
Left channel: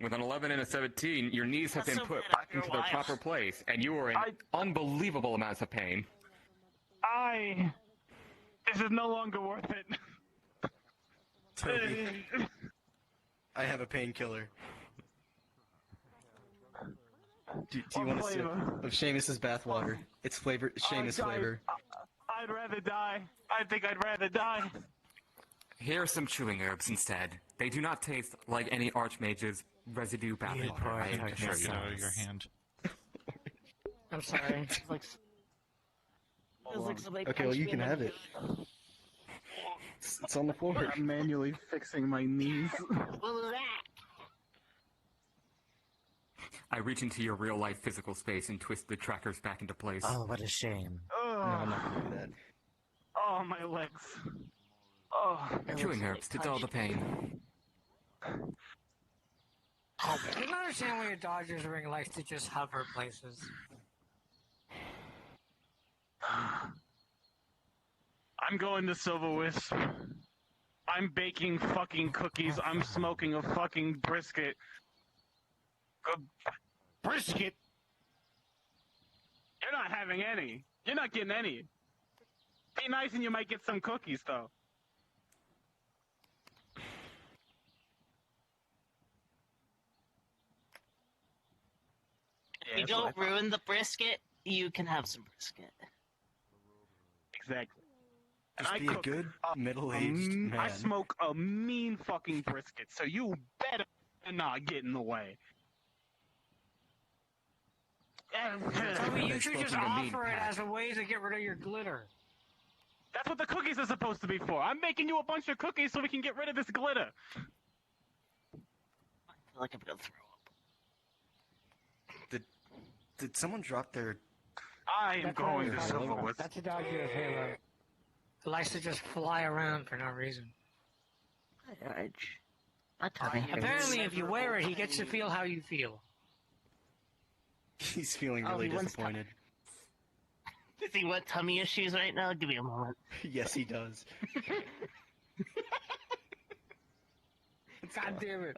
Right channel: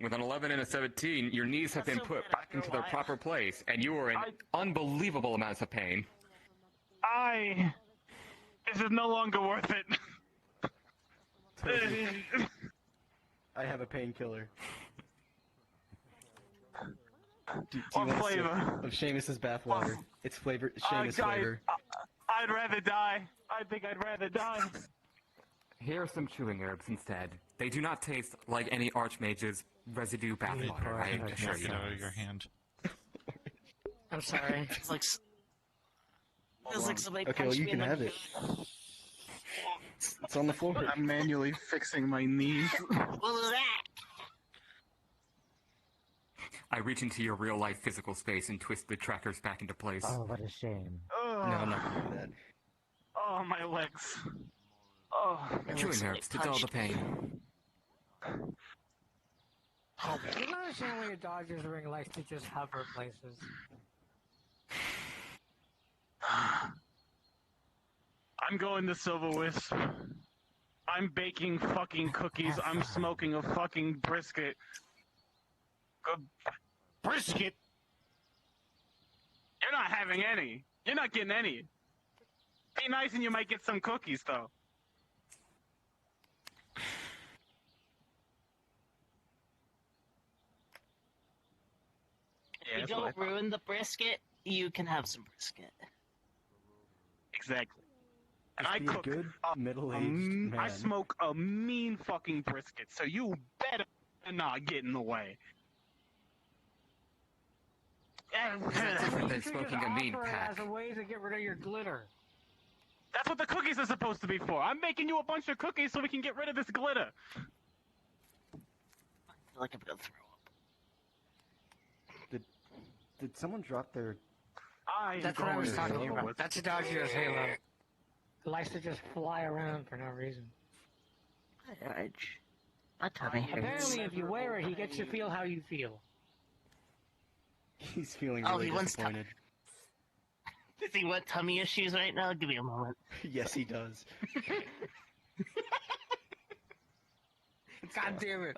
With an 11 and a 17, your knees have been put back into their proper place, and you are in unbelievable amounts of pain. This is no longer worth it. Toby, I have a painkiller. Do you want a sip of Seamus's bathwater? It's flavor, Seamus guys, flavor. I'd rather die. I think I'd rather die. Here are some chewing herbs instead. They do not taste like any Archmage's residue bathwater. I assure Knock you. it out of your hand. I'm sorry. It's like somebody Okay, well punched you me can in the have it. knee. It's on the floor. I'm manually fixing my knees. What was that? I reach into your real-life physical space and twist the trackers back into place. Oh, what a shame. No, I'm not gonna do that. Oh, my legs. Oh, Chewing herbs to dull the pain. I don't understand why a Dodgers ring likes to just hover places. I'm going to Silver Wisp. I'm baking fucking cookies. I'm smoking a fucking brisket. Brisket? You're not having any. You're not getting any. Be nice and you might get some cookies, though. If you don't ruin the brisket, you can have some brisket. Exactly. Just And be I a cook good middle-aged man. I smoke a mean fucking brisket, so you better not get in the way. You should just offer it as a way to get rid of your glitter. That's what the cookies are supposed to be for. I'm making you a bunch of cookies so we can get rid of this glitter. I feel like I'm gonna throw up. Did someone drop their... That's what I was talking about. That's a Dodger's halo. It likes to just fly around for no reason. My tummy hurts. Apparently, if you wear it, he gets to feel how you feel. He's feeling really disappointed. Does he want tummy issues right now? Give me a moment. Yes, he does. God damn it.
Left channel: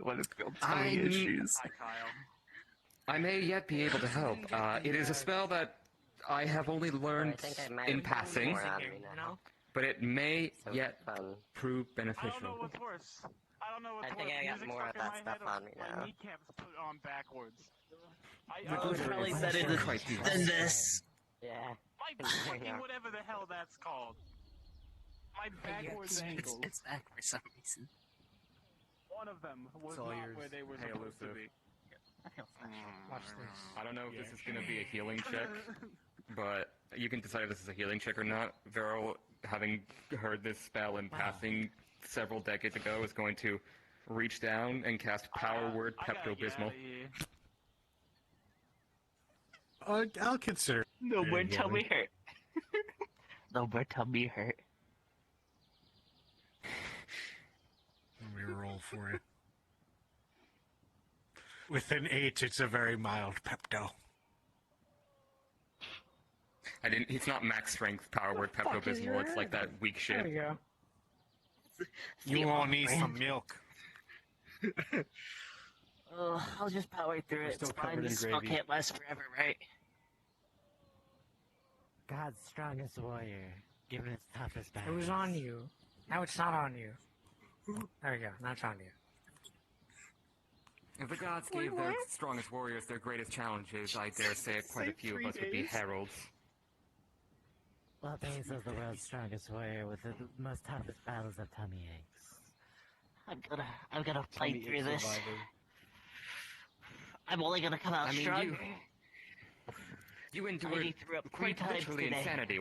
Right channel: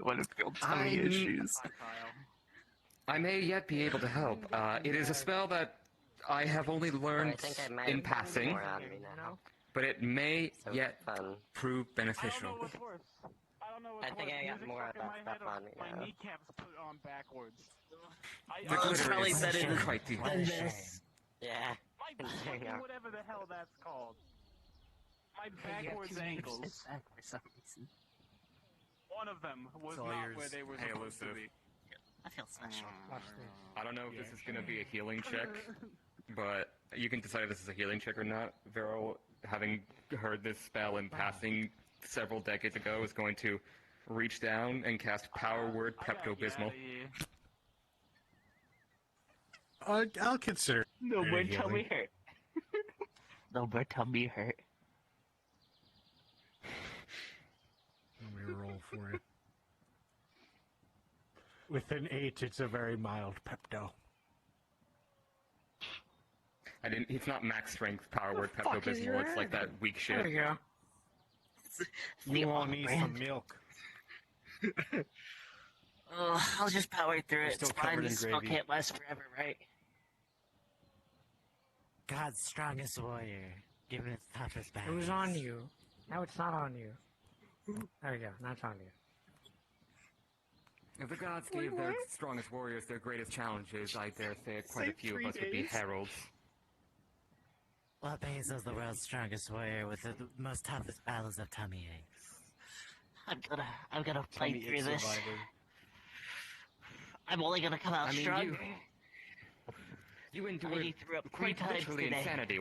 What if you tummy issues? I may yet be able to help. It is a spell that I have only learned in passing, but it may yet prove beneficial. I think I got more of that stuff on me My now. kneecaps put on backwards. The glitter is quite the this. Yeah. My fucking whatever the hell that's called. My backwards ankles. It's back for some reason. One of them was It's all not yours. where they were Hey, supposed to Elusive. be. I feel special. Watch this. I don't know if this is going to be a healing check, but you can decide if this is a healing check or not. Vero, having heard this spell in passing several decades ago, is going to reach down and cast Power Word Pepto-Bismol. I'll consider. No more healing. tummy hurt. No more tummy hurt. Let me roll for it. With an 8, it's a very mild Pepto. I didn't. It's not max strength power word Pepto Bismol. It's like that weak shit. There you go. You won't need some milk. I'll just power through You're it. still It's fine. covered in This spell gravy. can't last forever, right? God's strongest warrior, given its toughest It battle. was on you. Now it's not on you. There we go. Now it's on you. If the gods gave their strongest warriors their greatest challenges, I dare say quite a few of us would be heralds. Well, Basil's the world's strongest warrior with the most toughest battles of tummy aches. I'm gonna play Tummy through ache this. survivor. I'm only gonna come out stronger. You I endured already threw up 3 quite times literally today. insanity.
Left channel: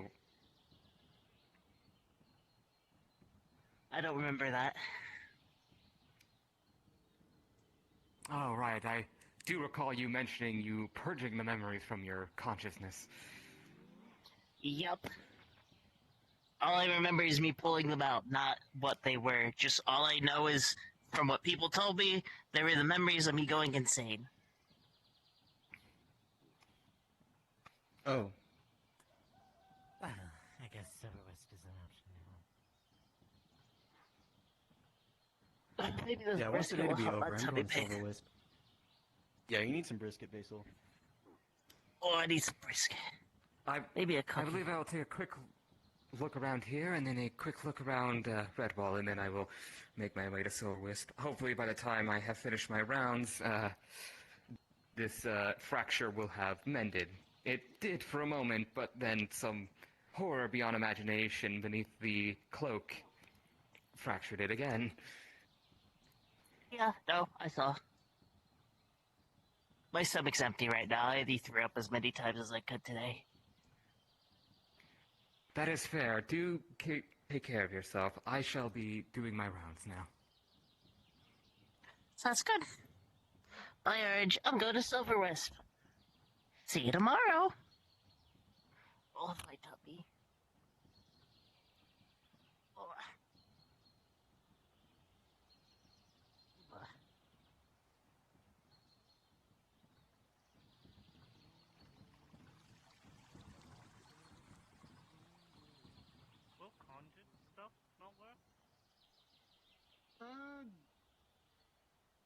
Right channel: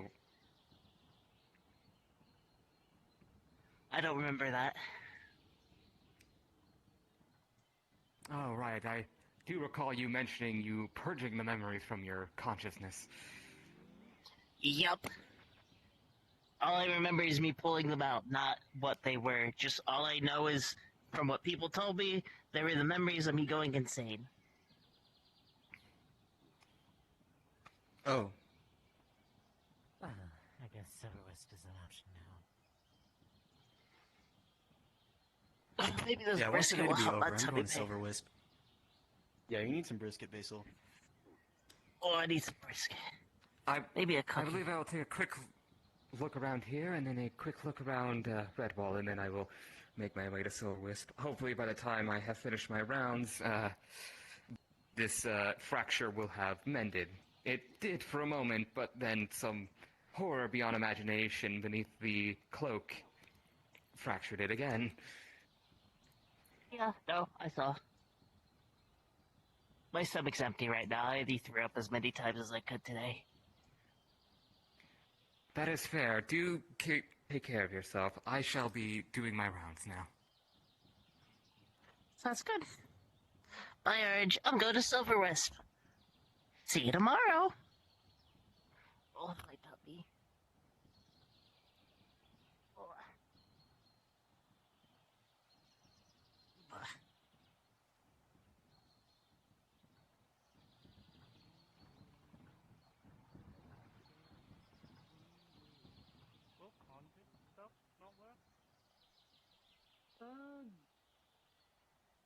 I don't remember that. Oh, right. I do recall you mentioning you purging the memories from your consciousness. Yep. All I remember is me pulling them out, not what they were. Just all I know is, from what people told me, they were the memories of me going insane. Oh. Well, I guess Silverwest is an option now. Maybe those Yeah, once the brisket day will to be help over, my I'm tummy going pain. Silver Wisp. Yeah, you need some brisket, Basil. Oh, I need some brisket. Maybe a I couple. believe I'll take a quick look around here, and then a quick look around Red Ball, and then I will make my way to Silver Wisp. Hopefully, by the time I have finished my rounds, this fracture will have mended. It did for a moment, but then some horror beyond imagination beneath the cloak fractured it again. Yeah, no, I saw. My stomach's empty right now. I already threw up as many times as I could today. That is fair. Do take care of yourself. I shall be doing my rounds now. Sounds good. Bye, Orange. I'm going to Silver Wisp. See you tomorrow. Oh, my tummy.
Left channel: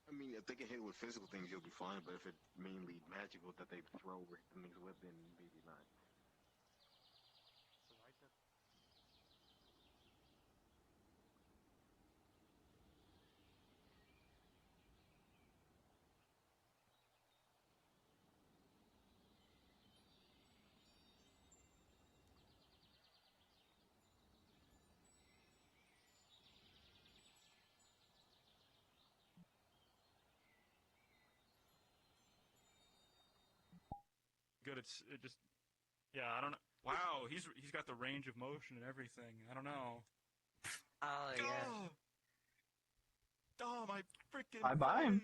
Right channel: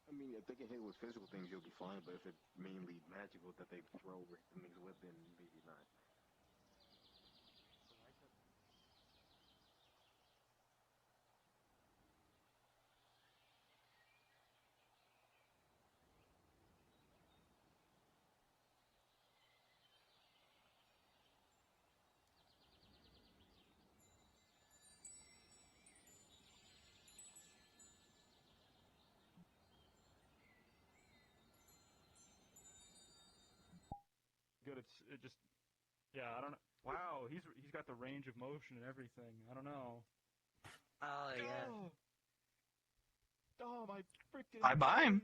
I mean, if they can hit with physical things, you'll be fine. But if it's mainly magical that they throw with things with, then maybe not. Good. It just. Yeah, I don't know. Wow, he's got the range of motion and everything. I don't know. Oh yeah. Oh, my freaking. Bye bye.